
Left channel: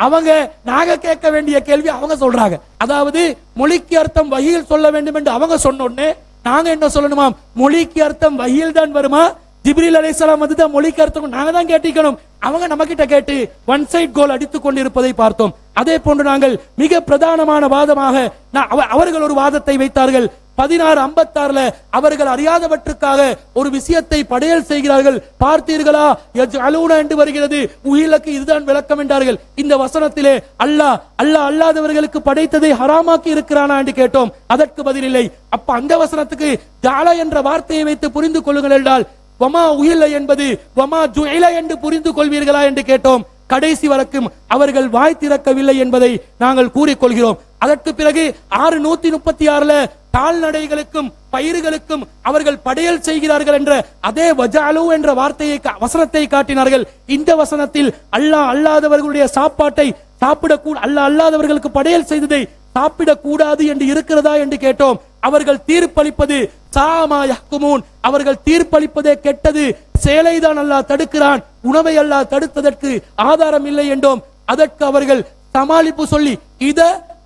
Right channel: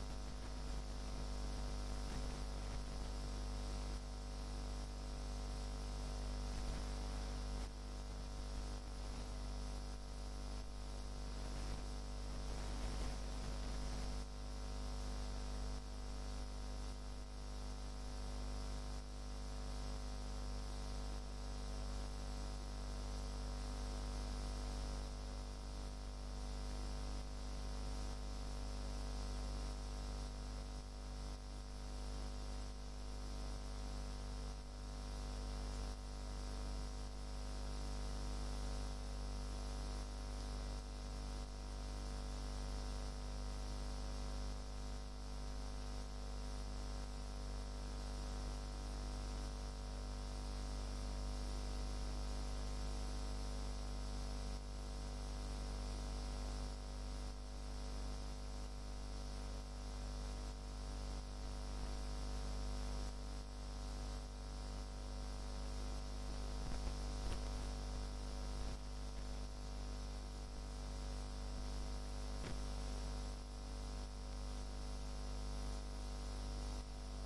அவங்க நாங்க கேட்க வேண்டிய கேள்வி அவங்க சொல்றாங்க. அதாவது மொழிக்கு அர்த்தம் வஹியில் சொல்ல வேண்டும் என்று அவங்க சொன்னோன்னே நாங்க என்ன சொல்லணுமா? மொழிக்கு அர்த்தம் வஹியில் தான் வருமா? ஜிப்ரீல் அலைஹிஸ்ஸலாம் வந்து தான் மொழிக்கு அர்த்தம் நாங்க தான் கேட்டிக்கணும். அவங்க நம்ம கிட்ட கேட்டு ஒன் சைட் கோல் அடித்துக் கொண்டிருப்பதை பார்த்தோம். அதே போன்று நாங்கள் மிக பிரதானமான வாதமாக அவர்கள் ஒரு வாதத்தை வைத்தார்கள். 1656 அவர்கள் அறியாதவற்றுக்காக ஒரு விஷயத்தை படையல் செய்கிறார்கள். பார்த்தீர்களா யஜ்அலூன என்று வருகிறது, உஹிலக்கு இதுதான் விளக்கம் என்றார்கள். இந்த வசனத்திலே அல்லாஹ் அல்லாதவர்களுக்கு படைத்ததை ஹராமாக்கி இருக்கிறானா என்று கேட்டோம். அதற்கு பதிலில்லை. அப்ப அந்த வசனத்துக்கு ஜால என்ற வார்த்தையை வைத்து புரிந்து கொள்ளுங்கள் என்றால் வமா உஹில என்பது வமா ஜுஇல என்று புரிந்து கொள்வீர்களா என்று கேட்டோம். கடைசி வரைக்கும் அவர்கள் வாய் திறக்கவில்லை என்பதை நாங்கள் கூறிக்கொள்கிறோம். அதற்கு பிறகு 636 கால்நடைகளுக்கும் பயிர்களுக்கும் அவர்கள் படையல் செய்கிறார்கள் என்ற அதே வஜாலு என்ற வார்த்தையை வசனத்தை காட்டினார்கள். இந்த வசனத்தில் அல்லாதவர்களுடைய சாப்பாட்டை சாப்பிடக்கூட அல்லாதவர்களுக்கு படையல் செய்ததை சாப்பிடக்கூடாது என்று இருக்கிறதா என்று கேட்டோம். அவர்கள் தீர்ப்பளிப்பது சாமா யஹ்குமூன், அவர்கள் தீர்ப்பளிப்பதே கெட்டது, சேலைதான் அல்லாஹ் தடுக்கிறான், உணவை அல்லாஹ் தடுத்ததற்கு ஆதாரம் இல்லை என்றோம். அதற்கு அவர்கள் சமாளிப்பு சொல்லி இத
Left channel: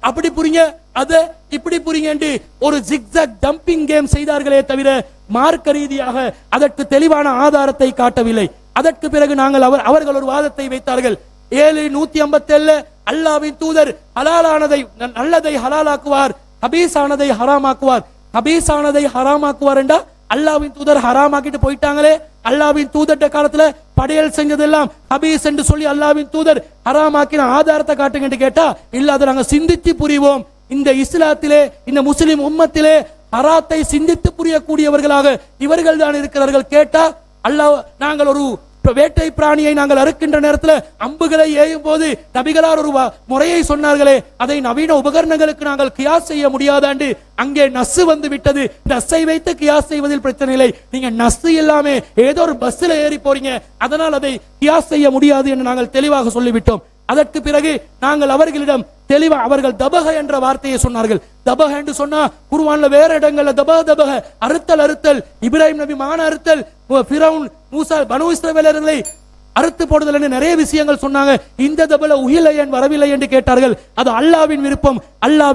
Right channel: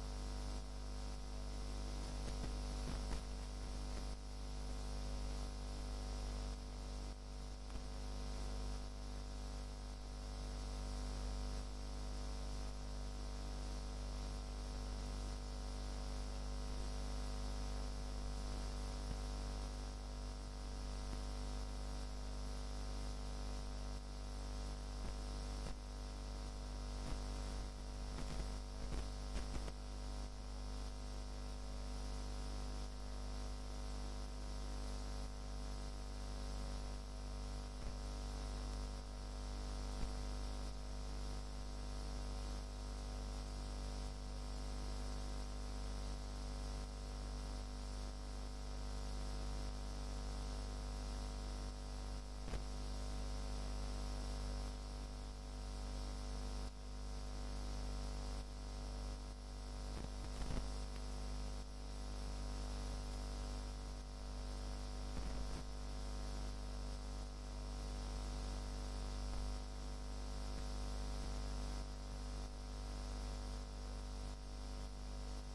அப்படி புரிங்க அத இப்படி புரிங்க என்று ஒரு ஜிக்ஸாக் ஜம்பிங் கேம் செய்தார்களே தவிர மார்க்க ரீதியாக அதற்கு தெளிவான ஆதாரத்தை காட்டவில்லை. அதற்கு பிறகு நாங்கள் அவர்கள் ஒரு வாதத்தை வைத்தார்கள். 7:157 அல்லாஹ்வின் தூதர் ஹலாலானதை நல்லதை ஹலாலாக்குவார், ஹபீஸானதை ஹராமாக்குவார். ஹபீஸானதை ஹராமாக்குவார் என்றா அல்லாஹ்வின் தூதர் ஹராமாக்கிட்டு போயிட்டாங்களே. அல்லாஹ்வின் தூதர்ட்ட காலத்துல படையல் செஞ்சதெல்லாம் ஹபீஸ் என்று சொல்லி அல்லாஹ்வின் தூதர் ஹராமாக்கின ஆதாரத்தை காட்டுங்க என்று கேட்டா இல்ல, அதை நாங்க சிந்தித்து புரிவோம். இந்த இஸ்லாத்திலே இந்த முஸ்லிம் உம்மத்திலே ஹராத்தை சிந்தித்து புரியக்கூடியவர்களாக இவர்கள் தான் இருக்கிறார்கள். கேட்டா அல்லாஹ் நாங்கள் ஒரு வேட்டை பிராணியை நாங்கள் அறுக்கின்ற நேரத்தில் அம்புகளை ஏயும் போது நபிகளார் ஒரு முறையை சொன்னார்களே, அதை நவீன உபகரணங்களுக்கு நாங்கள் கியாஸ் செய்ய முடியாதாண்டு அங்கே நஸ்ஸு வந்து விட்டது. நஸ்ஸை வைத்து கியாஸ் செய்வதில் பிரச்சனை இல்லை. நீங்க நஸ்ஸு இல்லாம ஏதோ ஒரு பஸ்ல ஏறி போறீங்க, அதனால் அதை கியாஸ் செய்ய முடியாது என்று நாங்கள் தெளிவாக சொல்லிவிட்டோம். அதற்கு பிறகு நாங்கள் அவர்களிடம் தெளிவா அவர்கள் தபக என்ற வார்த்தையை சொன்னார்கள். தபக என்று சொன்னா குர்ஆன்ல வேற இடங்கள்ல தபக அறுத்தல் இப்ராஹிம் நபி மான அறுத்தல், ஃபிரௌன் மூசா பனு இஸ்ரவேலர்களை அறுத்து போடுதல் என்று நிறைய விஷயங்கள் சொன்னாங்க. இந்த தபல உஹில ஏன் வரவில்லை என்று கேட்டார்கள். அது அல்லாஹ்வின் விருப்பம், அல்லாஹ்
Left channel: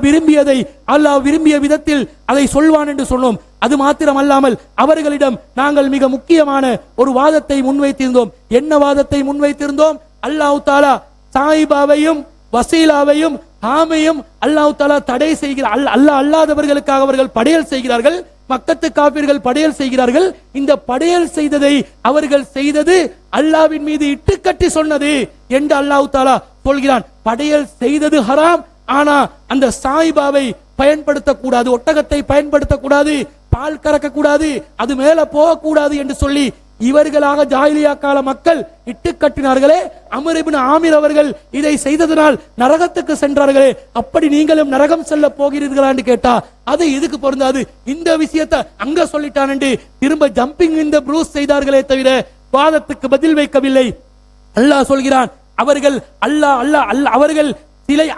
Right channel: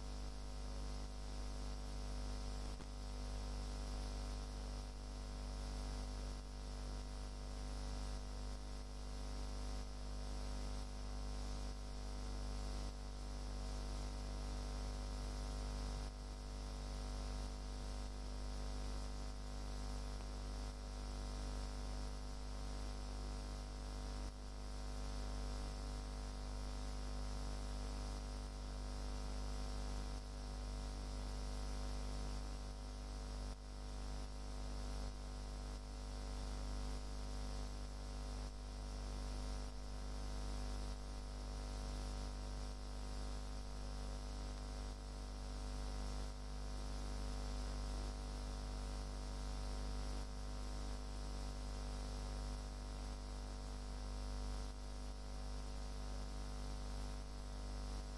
விரும்பிய விதத்தில் அதை சொல்வான் என்று சொன்னோம். அது மாத்திரம் அல்லாமல் அவர்களிடம் நாங்கள் மிக முக்கியமான ஒரு வாதத்தை முன்வைத்திருந்தோம். என்ன வாதத்தை முன்வைத்திருந்தோம்? அல்லாஹ் தஆலா சாயிபாவையும் வசீலாவையும் ஆமையும் அல்லாஹ் தஆலா தடை செய்கிறார். அல்லாஹ் அல்லாதவர்களுக்காக அவர்கள் படையல் செய்கிறார்கள். மக்கத்து காபிர்கள் படையல் செய்கிறார்கள். இந்த படையல் செய்ததை அவர்கள் செய்தது அல்லாஹ்வின் மீது இட்டுக்கட்டி சொன்னது என்று அல்லாஹ் தஆலா சொல்கிறான். படையல் செய்தது ஹராம், ஆனா அந்த சாயிபாவை பயன்படுத்தக்கூடாது, ஒட்டகத்தை பயன்படுத்தக்கூடாது, பால் கறக்க கூடாது, அது மேல போகக்கூடாது என்று சொல்லி இவர்களாக ஜாஹிலியா கால மக்கள் இட்டு கட்டினார்களே. அம்ர் இப்னு ஆமிர் அவர்கள் இதை செய்ததனால் நரகத்துக்கு சென்றார்களே, அப்படி நீங்களும் நரகம் செல்ல போகிறீர்களா என்று கேட்டா அது இதுக்கு பொருந்தாது. இந்த விஷயத்தை அங்க சொல்லிட்டான் என்று திரும்ப ஜம்பிங் இந்த ப்ரூஸ் செய்தார்களே தவிர வாதத்துக்கு பதில் வைக்கவில்லை. அல்லாஹ் சொல்கிறான்,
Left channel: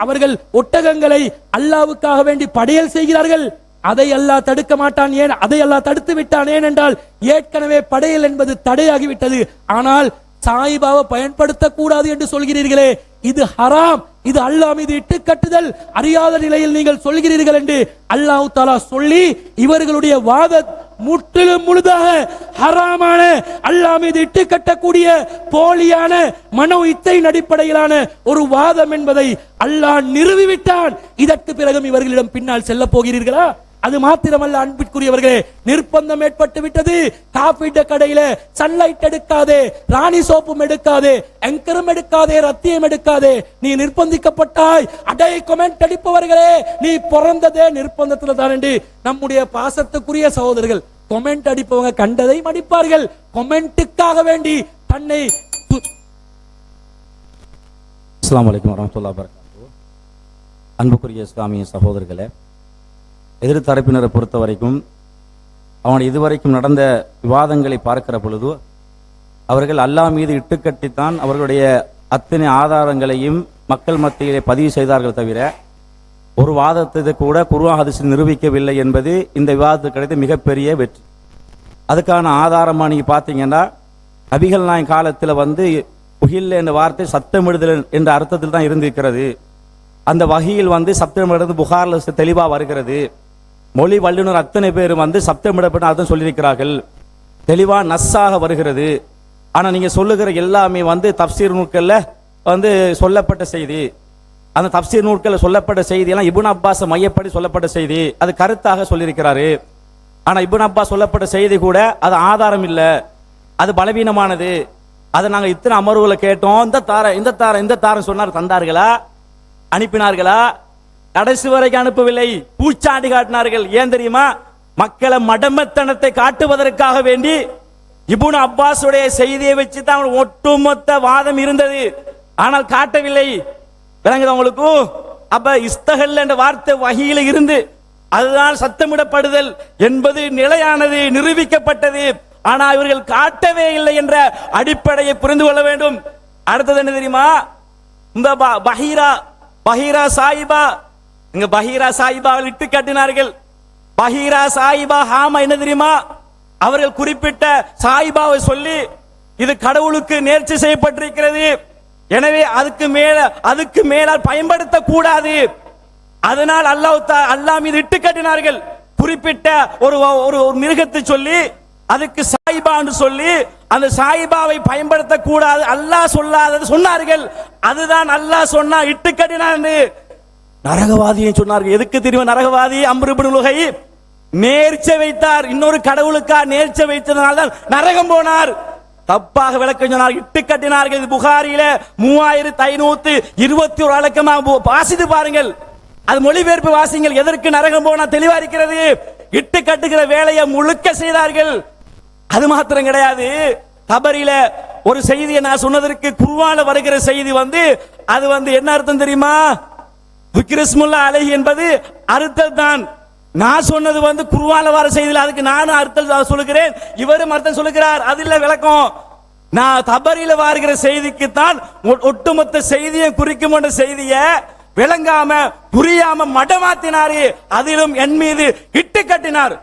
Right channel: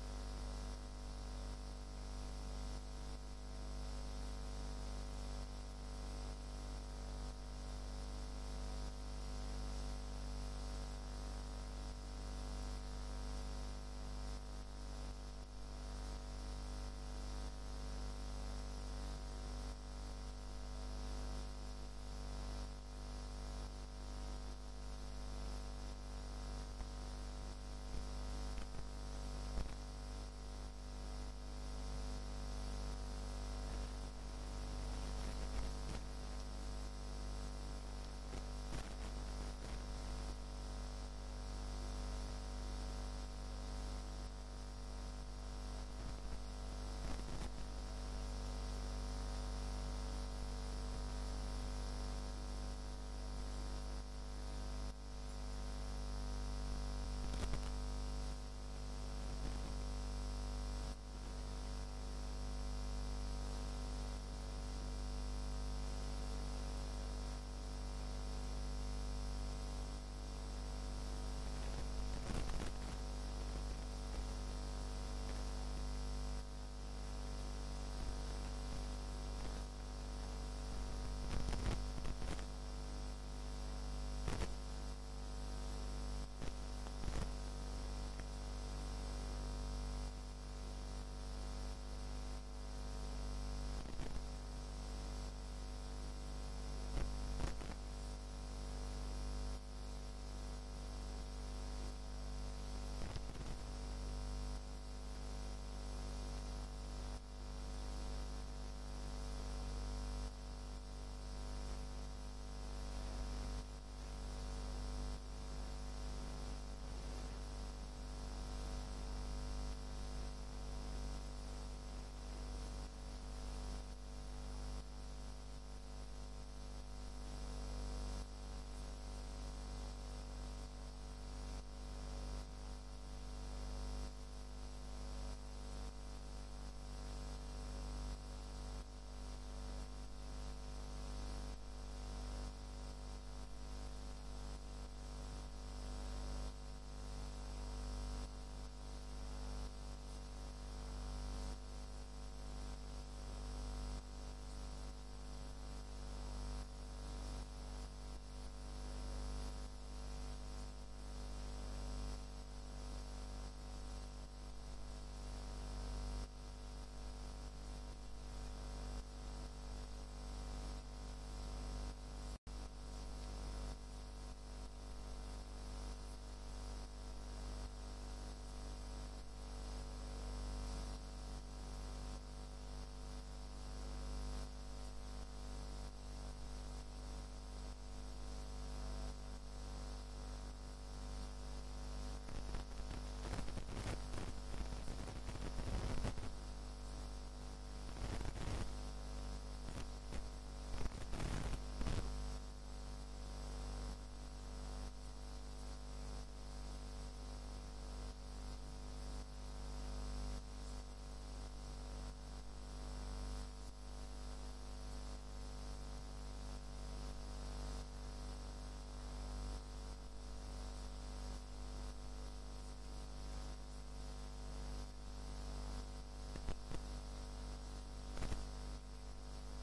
அவர்கள் ஒட்டகங்களை அல்லாஹ்வுக்காக வேண்டி படையல் செய்கிறார்கள். அதை அல்லாஹ் தடுக்க மாட்டான். ஏன் அதை அல்லாஹ் தடுத்து விட்டான்? ஏனென்றால் ஏற்கனவே படையல் என்பது தடையாகிவிட்டது. ஆனால் சாயிபாவை பயன்படுத்தக்கூடாது என்று சொல்கிறீர்களே, இது ஹராம், இது அல்லாஹ் மீது இட்டு கட்டுதல், அறியாத நிலையில் நீங்கள் சொல்கிறீர்கள் என்று அல்லாஹ் தஆலா சொல்லி இவர்களுடைய வாத முற்றிலும் முழுதாக ஹராமான அல்லாஹ் மீது இட்டு கட்டக்கூடிய போலியான மனோ இச்சையின் அடிப்படையிலான ஒரு வாதம் என்பதை அல்லாஹ் நிறுவிவிட்டான். இதற்கு பிறகும் இவர்களிடம் பின்னால் செல்ல போகிறீர்களா? அது மாத்திரமல்ல அன்பிற்குரியவர்களே, நிர்பந்தம் ஏற்பட்டு விட்டது. காப்பீட்டு கடையில சன்லைட் எடுக்காதே, ராணி சோப்பும் எடுக்காதே, எங்கரும் எடுக்காதே, ரத்தியம் எடுக்காதே, நீ நிர்பந்திக்கப்பட்டாய். அடை கொமெண்ட் அடிப்பவர்களே, நீ பிறந்ததே நிர்பந்தத்துல தான் என்று நம்முடைய பாசத்துக்குரிய சகோதரர்கள் கொமெண்ட் அடிப்பவங்க கண்டதை மடிப்பார்கள். கொமெண்ட்டுக்காக வேண்டி தன்னை அஸ்ஸலாமு அலைக்கும் வரஹ்மத்துல்லாஹி வபரகாத்துஹு. அன்புக்குரிய இஸ்லாமிய சகோதரர்களே, எதிர்த்தரப்பினரை பொறுத்த வரைக்கும் அவன் இதுவரைக்கும் நடந்த விவாதங்களை பார்க்கிற பொழுது அவர்கள் அல்லாஹ் மீது இட்டுக்கட்டித்தான் அவர்களுடைய அத்தனை ஆதாரங்களையும் மக்கள் மத்தியிலே பதிவு செய்தார்கள் தவிர ஒரு வாதத்தை கூட குர்ஆன் ஹதீஸில் நிரூபிக்கவில்லை என்பது இந்த விவாதத்துக்கு கிடைத்த மிகப்பெரிய வெற்றி. அதுக்கான ஆதாரமாக நீங்கள் பார்த்தீங்கன்னா நபிகள் நாயகம் காலத்தில் உஹில் என்ற வார்த்தை சத்தமிடுதல் என்ற அர்த்தத்தில் தான் இருந்திருக்கிறது. அந்த வகையில் சப்தமிடுறது புகாரில் தெளிவாக வருகிறது. மொழி வல்லுநர் அத்தனை பேர் சப்தமிடப்பட்ட அர்த்தம் சொல்லியிருக்கிறார்கள், தெளிவாக நஸ்ஸாக வருகிறது. ஆனால் நீங்கள் சொல்லுகிற எல்லாமே தப்சீர் நூல்களில் சொல்லப்பட்ட செய்தி. அந்த தப்சீர் நூல்களில் சொல்லப்பட்ட செய்தியெல்லாம் இப்னு அப்பாஸ் மையப்படி சொல்லப்பட்ட செய்தி, அது கருத்தாக சொல்லியிருக்கிறாரு. ஆனால் இப்னு அப்பாஸ் சொல்லப்பட்ட செய்தி கூட அது ஆதாரம் இல்லை, அது பலவீனமானது. அதை நாங்கள் இத்தனை அமர்வுகளை கேட்டோம், இந்த தாரம் சொன்னார், தந்தார்களா, அனுப்பினார்களா? கடைசி வரைக்கும் அனுப்பவில்லை, பூச்சாண்டி காட்டினார்கள். ஏன் தெரியுமா? மக்களை மடமத்தனத்தை காட்டுவதற்காக வேண்டி இப்னு அப்பாஸுடைய செய்தியை வச்சு தான் ஒட்டுமொத்த வாதம் இருந்தது, ஆனால் காட்டவில்லை. விளங்குது உங்களுக்கு? அப்ப இஸ்தகல் என்ற வார்த்தை வகையில் இருந்து அதுதான் சத்தமிடப்படுதல் என்பது நிலையானது, நிரூபிக்கப்பட்டது. ஆனால் இவர்கள் காட்டவே இல்லை என்ற அடிப்படையை புரிந்து கொள்ள வேண்டும். அடுத்தது என்ன தெரியுமா? இந்த பஹீரா சாயிபா, இங்க பஹீரா சாயிபா இட்டு காட்டினார்கள். பஹீரா சாயிபா ஹாமா என்ன தெரியுமா? அவர்கள் குறிப்பிட்ட சாயிபாவை சொல்லி இது கடவுளுக்கு நேர்ச்சி செய்யப்பட்டிருக்கிறது, எனவே அதுக்கு மேலால் பயன்படுத்த கூடாது. அதனால் அல்லாஹ் மீது இட்டு கட்டினார்கள். குறிப்பிட்ட ஒரு மிருகத்தை சொல்லி அதுக்கு சாயிபான்னு சொல்லி அந்த சாயிபாவை பயன்படுத்த கூடாது, அல்லாஹ் சொல்லாதது சொன்னார்கள். அதுதான் அல்லாஹ் சொன்னா இட்டு கட்டினான். நரகவாதியை சொன்னார்கள். எதுக்கு தெரியும்? நரகவாதி அம்ர் இப்னு லுஹை நேர்ச்சை வைத்தார், இன்னொரு கடவுளுக்கா நேர்ச்சை வைத்ததனால தான் நரகம் போனார். தப்பாக விளக்கம் சொன்னார், இட்டு கட்டினார்கள். இது புகாரியில 3521 வழக்கமாக வாசித்து பாருங்கள், அது மொழிபெயர்ப்பு வாசிங்கள். எதற்கு நரகம் போனா தெளிவா இருக்கிறது. இட்டு கட்டுகிற வேலையை முழுக்க செய்தார்கள். அது மாத்திரம் கிடையாது, தபரியில ஒரு செய்தியை நான் சொன்னதற்கு குர்ஆன்ல வருகிற செய்தி அது என்ன அர்த்தம் தெரியுமா? விக்ரிஸ்முல்லா அலைஹி என்பது அர்த்தம் தான். நான் சொன்னது குர்ஆன்ல வர செய்தியில், அதுக்கு நானும் அர்த்தம் சொல்லுகிறேன், இவரும் அர்த்தம் சொல்லுகிறார். அது இல்ல விளக்கம். நான் தபரியில வருகிற செய்திக்கு தான் ஒட்டுமொத்த செய்தியை குறிக்கும் என்ற செய்தியை விளங்காம புரியாம மடமாத்தினாரு. அதிலும் என் மீது இட்டு கட்டினார்,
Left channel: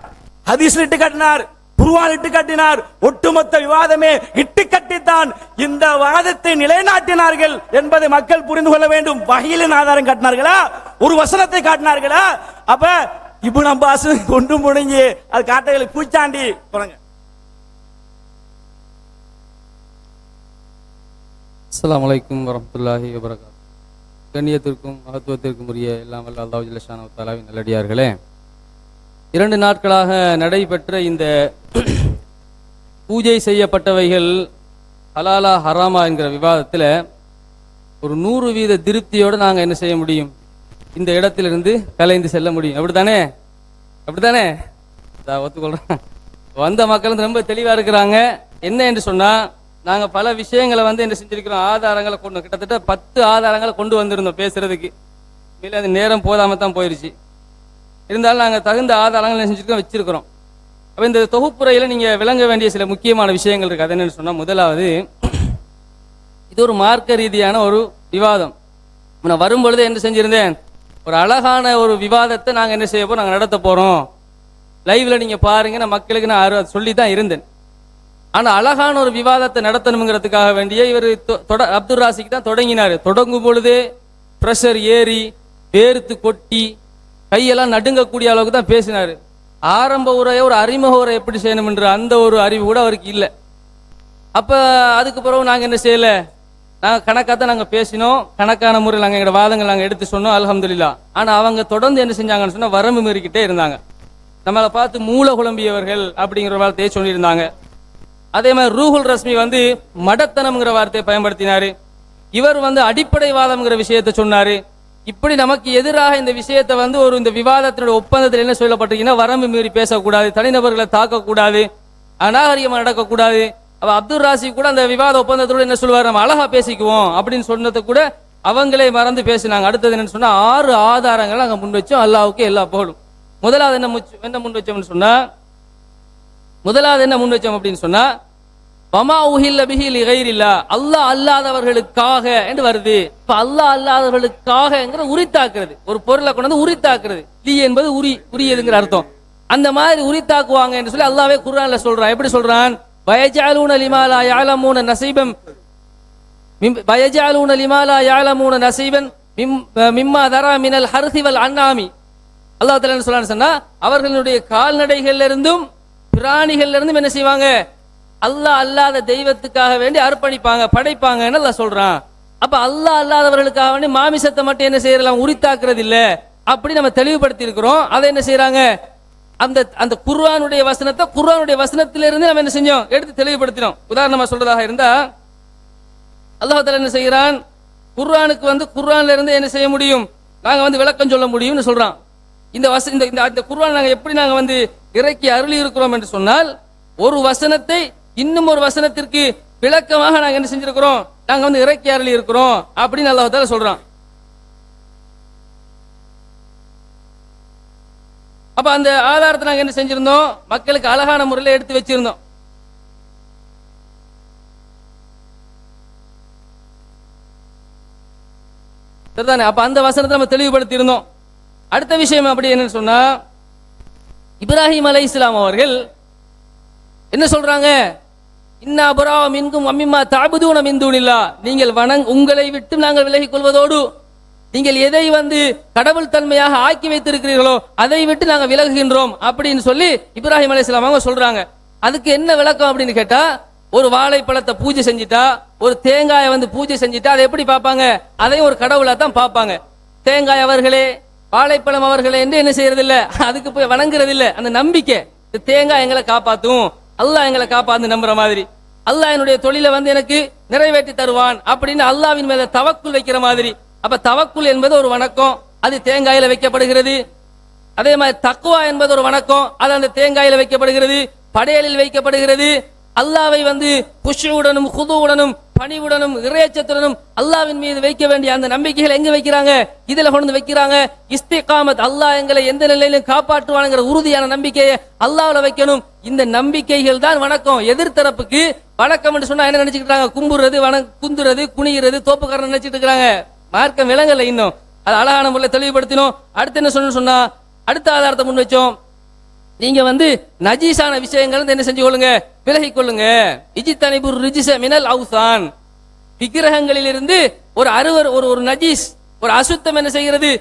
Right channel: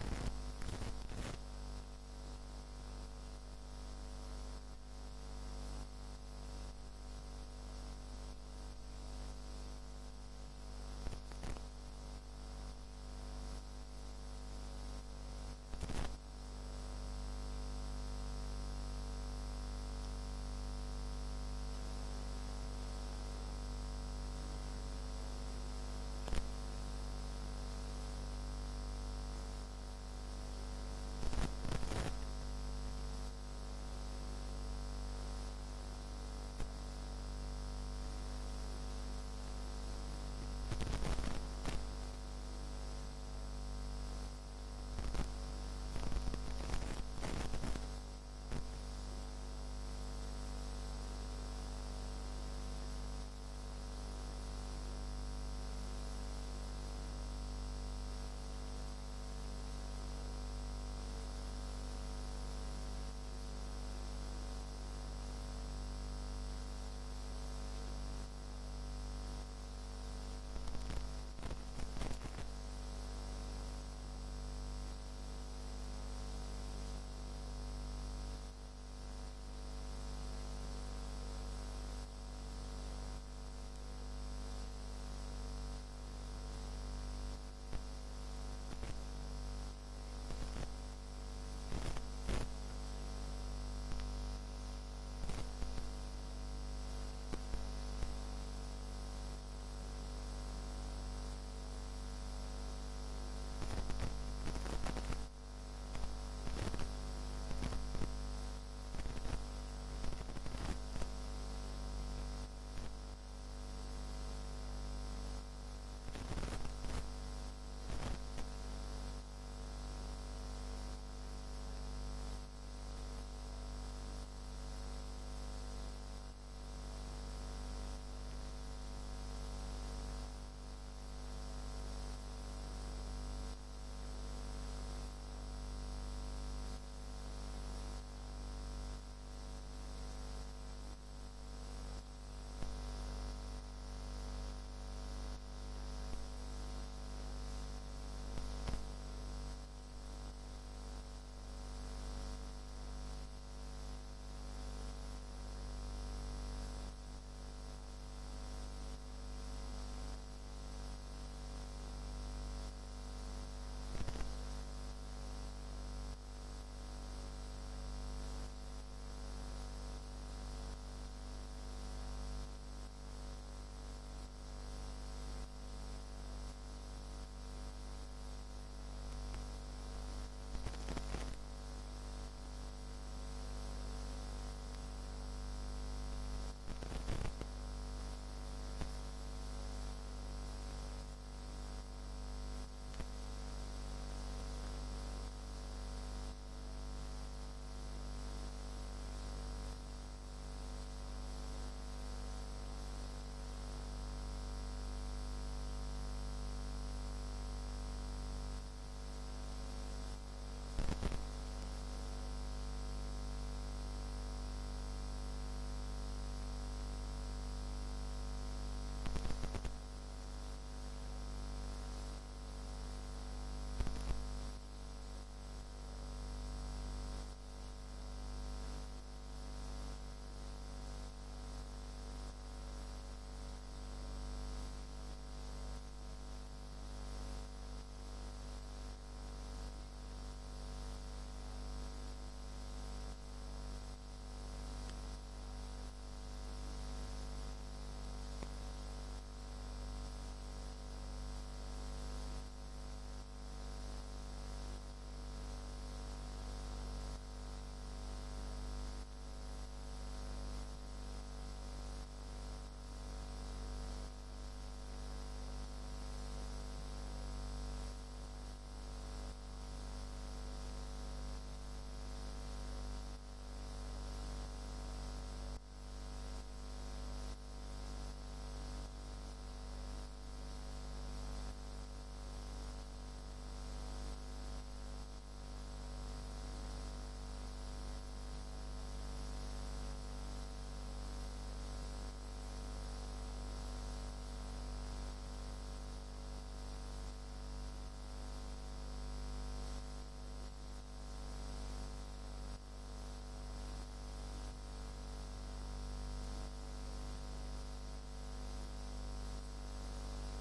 ஹதீஸ் இட்டு கட்டினார், குர்ஆன் இட்டு கட்டினார். ஒட்டுமொத்த விவாதமே இட்டு கட்டித்தான் இந்த வாதத்தை நிலைநாட்டினார்கள் என்பதை மக்கள் புரிந்து கொள்ள வேண்டும். வஹீலின் ஆதாரம் காட்டினார்களா? ஒரு வசனத்தை காட்டினார்களா? அப்ப இப்னு அப்பாஸ் கொண்டு முடிஞ்சு அது காட்டைகளை பூச்சாண்டி போறாங்க. அஸ்ஸலாமு அலைக்கும் வரஹ்மத்துல்லாஹி வபரகாத்துஹு. கண்ணியத்திற்கும் மகத்துவத்திற்கும் உரிய எல்லாம் வல்ல அல்லாஹ் ஜல்ல ஷானஹு தஆலாவின் நல்லடியார்களே, 2 நாட்களாக நடைபெற்ற இந்த பூஜை செய்யப்பட்டவைகள் ஹலாலா ஹராமா என்கிற விவாதத்தில் ஒரு 100% திருப்தியோடு நாங்கள் என்ன செய்ய முடியும்? இந்த இடத்திலிருந்து கலைந்து செல்ல முடியும். அப்படித்தானே? ஒத்துக்கொள்றேன். வந்த மக்கள் ரொம்ப தெளிவாக இருக்கிறாங்க. என்ன என்று சொன்னால், நாங்கள் பல விஷயங்களை என்ன செஞ்சிருக்கிறோம், ஆதாரங்களை கொண்டு, கிட்டத்தட்ட 10 ஆதாரங்களை கொண்டு வந்திருந்தோம் பேசுறதுக்கு. இல்லை, அது நேரம் போதாமல் தான் போயிடுச்சு. இருந்தாலும் நாங்கள் தகுந்த ஆதாரங்கள் என்ன செஞ்சுருக்கோம், வச்சிருக்கிறோம். அப்போ இந்த தொகுப்புரையில் நீங்கள் விளங்க வேண்டிய சில முக்கியமான விஷயங்கள் இருக்குது. அது என்னென்னு சொன்னால், முதலாவது, இது ஒரு மார்க்க ரீதியான ஒரு விவாதம். நான் வரும்பொழுது என்ன செஞ்சுருந்தேன், ஒரு அழகான ஒரு விவாதத்தை நாங்கள் என்ன செய்ய போகிறோம், நாங்கள் நடத்த போகிறோம். லைவில் நீங்கள் பாருங்கள், நான் மக்களுக்கு நான் சொல்லி தான் இருந்தேன். ஆனால் அழகான ஒரு விவாதத்தை நடத்தணுங்கிறதுக்காக வேண்டிய இவர் அப்துல் ராசிக்கு தான் தொடங்கினார். தொடங்கும் பொழுதே ப்ரெஷர் ஏறி வேர்த்து கொட்டி கையெல்லாம் நடுங்கக்கூடிய அளவுக்கு தான் பேசினார். ஆரம்ப உரையை, ஒரு அறிமுக உரை எப்படி செய்யணும்ன்ற அந்த ஒரு அறிவு கூட அவருக்கு இல்லை. அப்போ அதுக்கு பிறகு நாங்கள் என்ன செய்யலை, நாங்கள் கணக்காக தான் நாங்கள் பேசினோம், கணக்கான முறையில் நாங்கள் எங்களோட வாதங்கள் நாங்கள் எடுத்து சொன்னோம், அல்ஹம்துலில்லாஹ். ஆனால் அவங்க தொடர்ந்து என்ன செஞ்சாங்கன்னு சொன்னால் வரம்பு மீறிக்கிட்டே இருந்தாங்க. நம்மளை பார்த்து மூல குழம்பியவர்கள் அப்படிங்கிற வார்த்தையை சொல்லியிருந்தாங்க. அதே மாதிரி ரூஹுல் ரஸ்மி மடத்தனம்ங்கிற வார்த்தையை பயன்படுத்தினார். இவர் அடிப்படைவாதம்ங்கிற விஷயத்தை சொன்னார். இப்படி நமக்கு எதிராக இந்த விஷயத்தை இந்த விவாதத்தினுடைய ஒப்பந்தத்தில் என்ன சொல்லப்பட்டிருக்கீங்கன்னா, வரம்பு மீறி பேசக்கூடாது, தனிநபர்களை தாக்கக்கூடாது, அநாகரிகமாக நடக்கக்கூடாது. அப்போ அப்துல் ராசி கூட அந்த விவாத ஒப்பந்தத்தோடு என்ன சொல்லுவார், நம்ம அழகா பேசிக்குவோம் அப்படின்னு சொன்னதை கூட அவங்களே மறந்து பேசினாங்க. அடுத்தது என்னன்னு சொன்னால், 6 ஆதாரங்கள் நாங்கள் முன் வச்சோம். அல்லாஹ்வுக்கு எல்லா புகழும். முதலாவது என்ன முன் வச்சோம்னு சொன்னால், முதலாவது என்ன முன் வச்சோம் அப்படின்னு சொன்னா வமா உஹில்ல பிஹி லிகைரில்லா, அல்லாஹ் அல்லாதவர்களுக்காக என்று வருது. இப்ப அல்லாஹ் அல்லாதவர்களுக்காகங்கிற உரித்தாக்குறது, ஒரு பொருளை கொண்டு வந்து உரித்தாக்குறது. லீ என்பது உரியதுங்கிற அர்த்தம். அந்த மாதிரி உரித்தாக்குவாங்க என்று சொல்லி அல்லாஹ்வே குர்ஆன்ல சொல்றான். எப்படி சொல்றான்? வயஜஅலூன லிமா லா யஅலமூன நஸீபன் வயஜஅலூன லிமா லா யஅலமூன நஸீபன் மிம்மா தரா மினல் ஹர்ஸி வல் அன்ஆமி. அல்லாஹ் தஆலா என்ன சொல்றான்னு சொன்னா, அவர்களுடைய கால்நடைகள்ல இருந்தும் பிராணிகள்ல இருந்தும் என்ன செய்வாங்க? அல்லாஹ் அல்லாத தெய்வத்துக்காக வேண்டி அர்ப்பணிப்பாங்க, படைப்பாங்கன்னு அல்லாஹ் சொல்றான். அப்ப அல்லாஹ் அல்லாதவர்களுக்காக வேண்டி மாமிசத்தை மட்டும் என்ன செய்யலாம்? உரித்தாக்குறது இல்ல. அப்படி நம்ம தெளிவுபடுத்தி இருக்கிறோம். அதை என்ன செய்யறாங்க? அந்த அந்த குர்ஆனுடைய வசனத்தை குர்ஆனுடைய வசனத்திலிருந்து நம்ம என்ன செஞ்சோம்? எடுத்து தெளிவுபடுத்தினோம். உதாரணமா சொல்றதாக இருந்தா அல்லாஹ் தஆலா என்ன செய்கிறான்? குர்ஆனுக்கு குர்ஆன்ல இருந்து என்ன செய்ய முடியும்? நாங்க விளக்கம் சொல்ல முடியும்னு சொல்றான். இந்த குர்ஆன் நாங்க எப்படி நாங்க இறக்கி அருளி இருக்கிறோம் என்று சொன்னால், ஒரு வசனத்தை இன்னும் ஒரு வசனத்திற்கு விளக்கமாக நாங்க என்ன செஞ்சிருக்கிறோம்? நாங்க இறக்கி அருளி இருக்கிறோம் அப்படின்னு அல்லாஹ் தஆலா சொல்றான். அப்ப அந்த ஆதாரத்தை நாங்க என்ன செஞ்சிருந்தோம்? மக்களுக்கு அழகான முறையில் எடுத்து வச்சிருந்தோம். சரிதானே? அப்ப அந்த வசனத்தை நம்ம தெளிவுபடுத்தி இருந்தோம். அடுத்த விஷயம் அப்படி என்னன்னு சொன்னா, இப்ராஹிம் அலைஹிஸ்ஸலாம் அவர்கள் என்ன சொல்றாங்க? இன்னா புரா மின்கும் அம்மிமா தஅபுதூன மின் தூனில்லாஹ், நீங்கள் உங்களை விட்டு நாங்கள் விலகிக் கொள்வதோடு நீங்கள் எதை கடவுள் தன்மையாக ஆக்கி வைத்திருக்கிறீர்களோ அதை விட்டு நாங்கள் விலகுகின்றோம் அப்படின்னு சொல்லி இப்ராஹிம் அலைஹிஸ்ஸலாம் அவங்க சொல்றாங்க. அதுக்கு என்ன விளக்கம் அப்படின்னு கேட்டா, ஒரு வாழைப்பழத்தை பூஜை செஞ்சுட்டா, ஒரு தேங்காயை பூஜை செஞ்சுட்டா அதை எப்படி பார்ப்பாங்க? அதையும் ஒரு கடவுளா தான் பார்ப்பாங்க. தேங்காய் அவர்களே, வாழைப்பழம் அவர்களே என்று என்ன செய்யறது இல்ல, அதுக்கு போய் வணங்குறது இல்ல. அந்த நம்பிக்கை, தேங்காய் எங்களை காப்பாத்தும், அல்லாஹ் எங்களை காப்பாத்து நம்புற மாதிரி, அல்லாஹ் என்னுடைய தொழிலை எனக்கு நிறைவேற்றி தருவான் அப்படின்னு அல்லாஹ்வின் மேல தவக்குல் வைக்கிற மாதிரி. அப்ப தவக்குல் என்பது ஒரு வணக்கம், அது தேங்காயில வைக்கப்படுகிறது. அதே மாதிரி தக்வா என்பது ஒரு வணக்கம், அது அந்த தேங்காயில வைக்கப்படுகிறது, படையலில் வைக்கப்படுகிறது. அல்லாஹ்வை குஷுவுடனும் குதுவுடனும் பணிவுடனும் இறையச்சத்துடனும் அல்லாஹ்வின் மீது வைக்க வேண்டிய அந்த நம்பிக்கைகள் எங்க வைக்கிறாங்க? இதுல கொண்டு வைக்கிறாங்க. இஸ்திகாமத், அல்லாஹ் எங்களை எந்த நிலையிலும் காப்பாற்றுவானுங்கிற உறுதியான நம்பிக்கையை அல்லாஹ்ல வைக்கணும். இந்த நம்பிக்கைகள் தான் வணக்கம். எதிர்த்தரப்புக்கு வணக்கம் என்று சொன்னா என்ன நினைச்சுக்கிட்டாங்க? கும்புறது, குந்துறது, குனிகிறது, தோப்புக்காரன் நினைச்சிட்டு இருக்கிறாங்க. மார்க்கம் விளங்கல இன்னும். அது அழகான முறையில் தெளிவுபடுத்தினோம். அடுத்து என்ன சொன்னா, அடுத்த ஆதாரத்தை முன் வச்சோம். நீங்க நஜீஸான விஷயங்கள் என்ன செஞ்சு கொள்ளுங்க? விலகி கொள்ளுங்க. இஜ்தனிபுர் ரிஜ்ஸ மினல் அவ்சான், விக்கிரகங்களில் இருந்து ஒரு நஜீஸ், ஒரு அசுத்தம் என்ன செய்கிறது?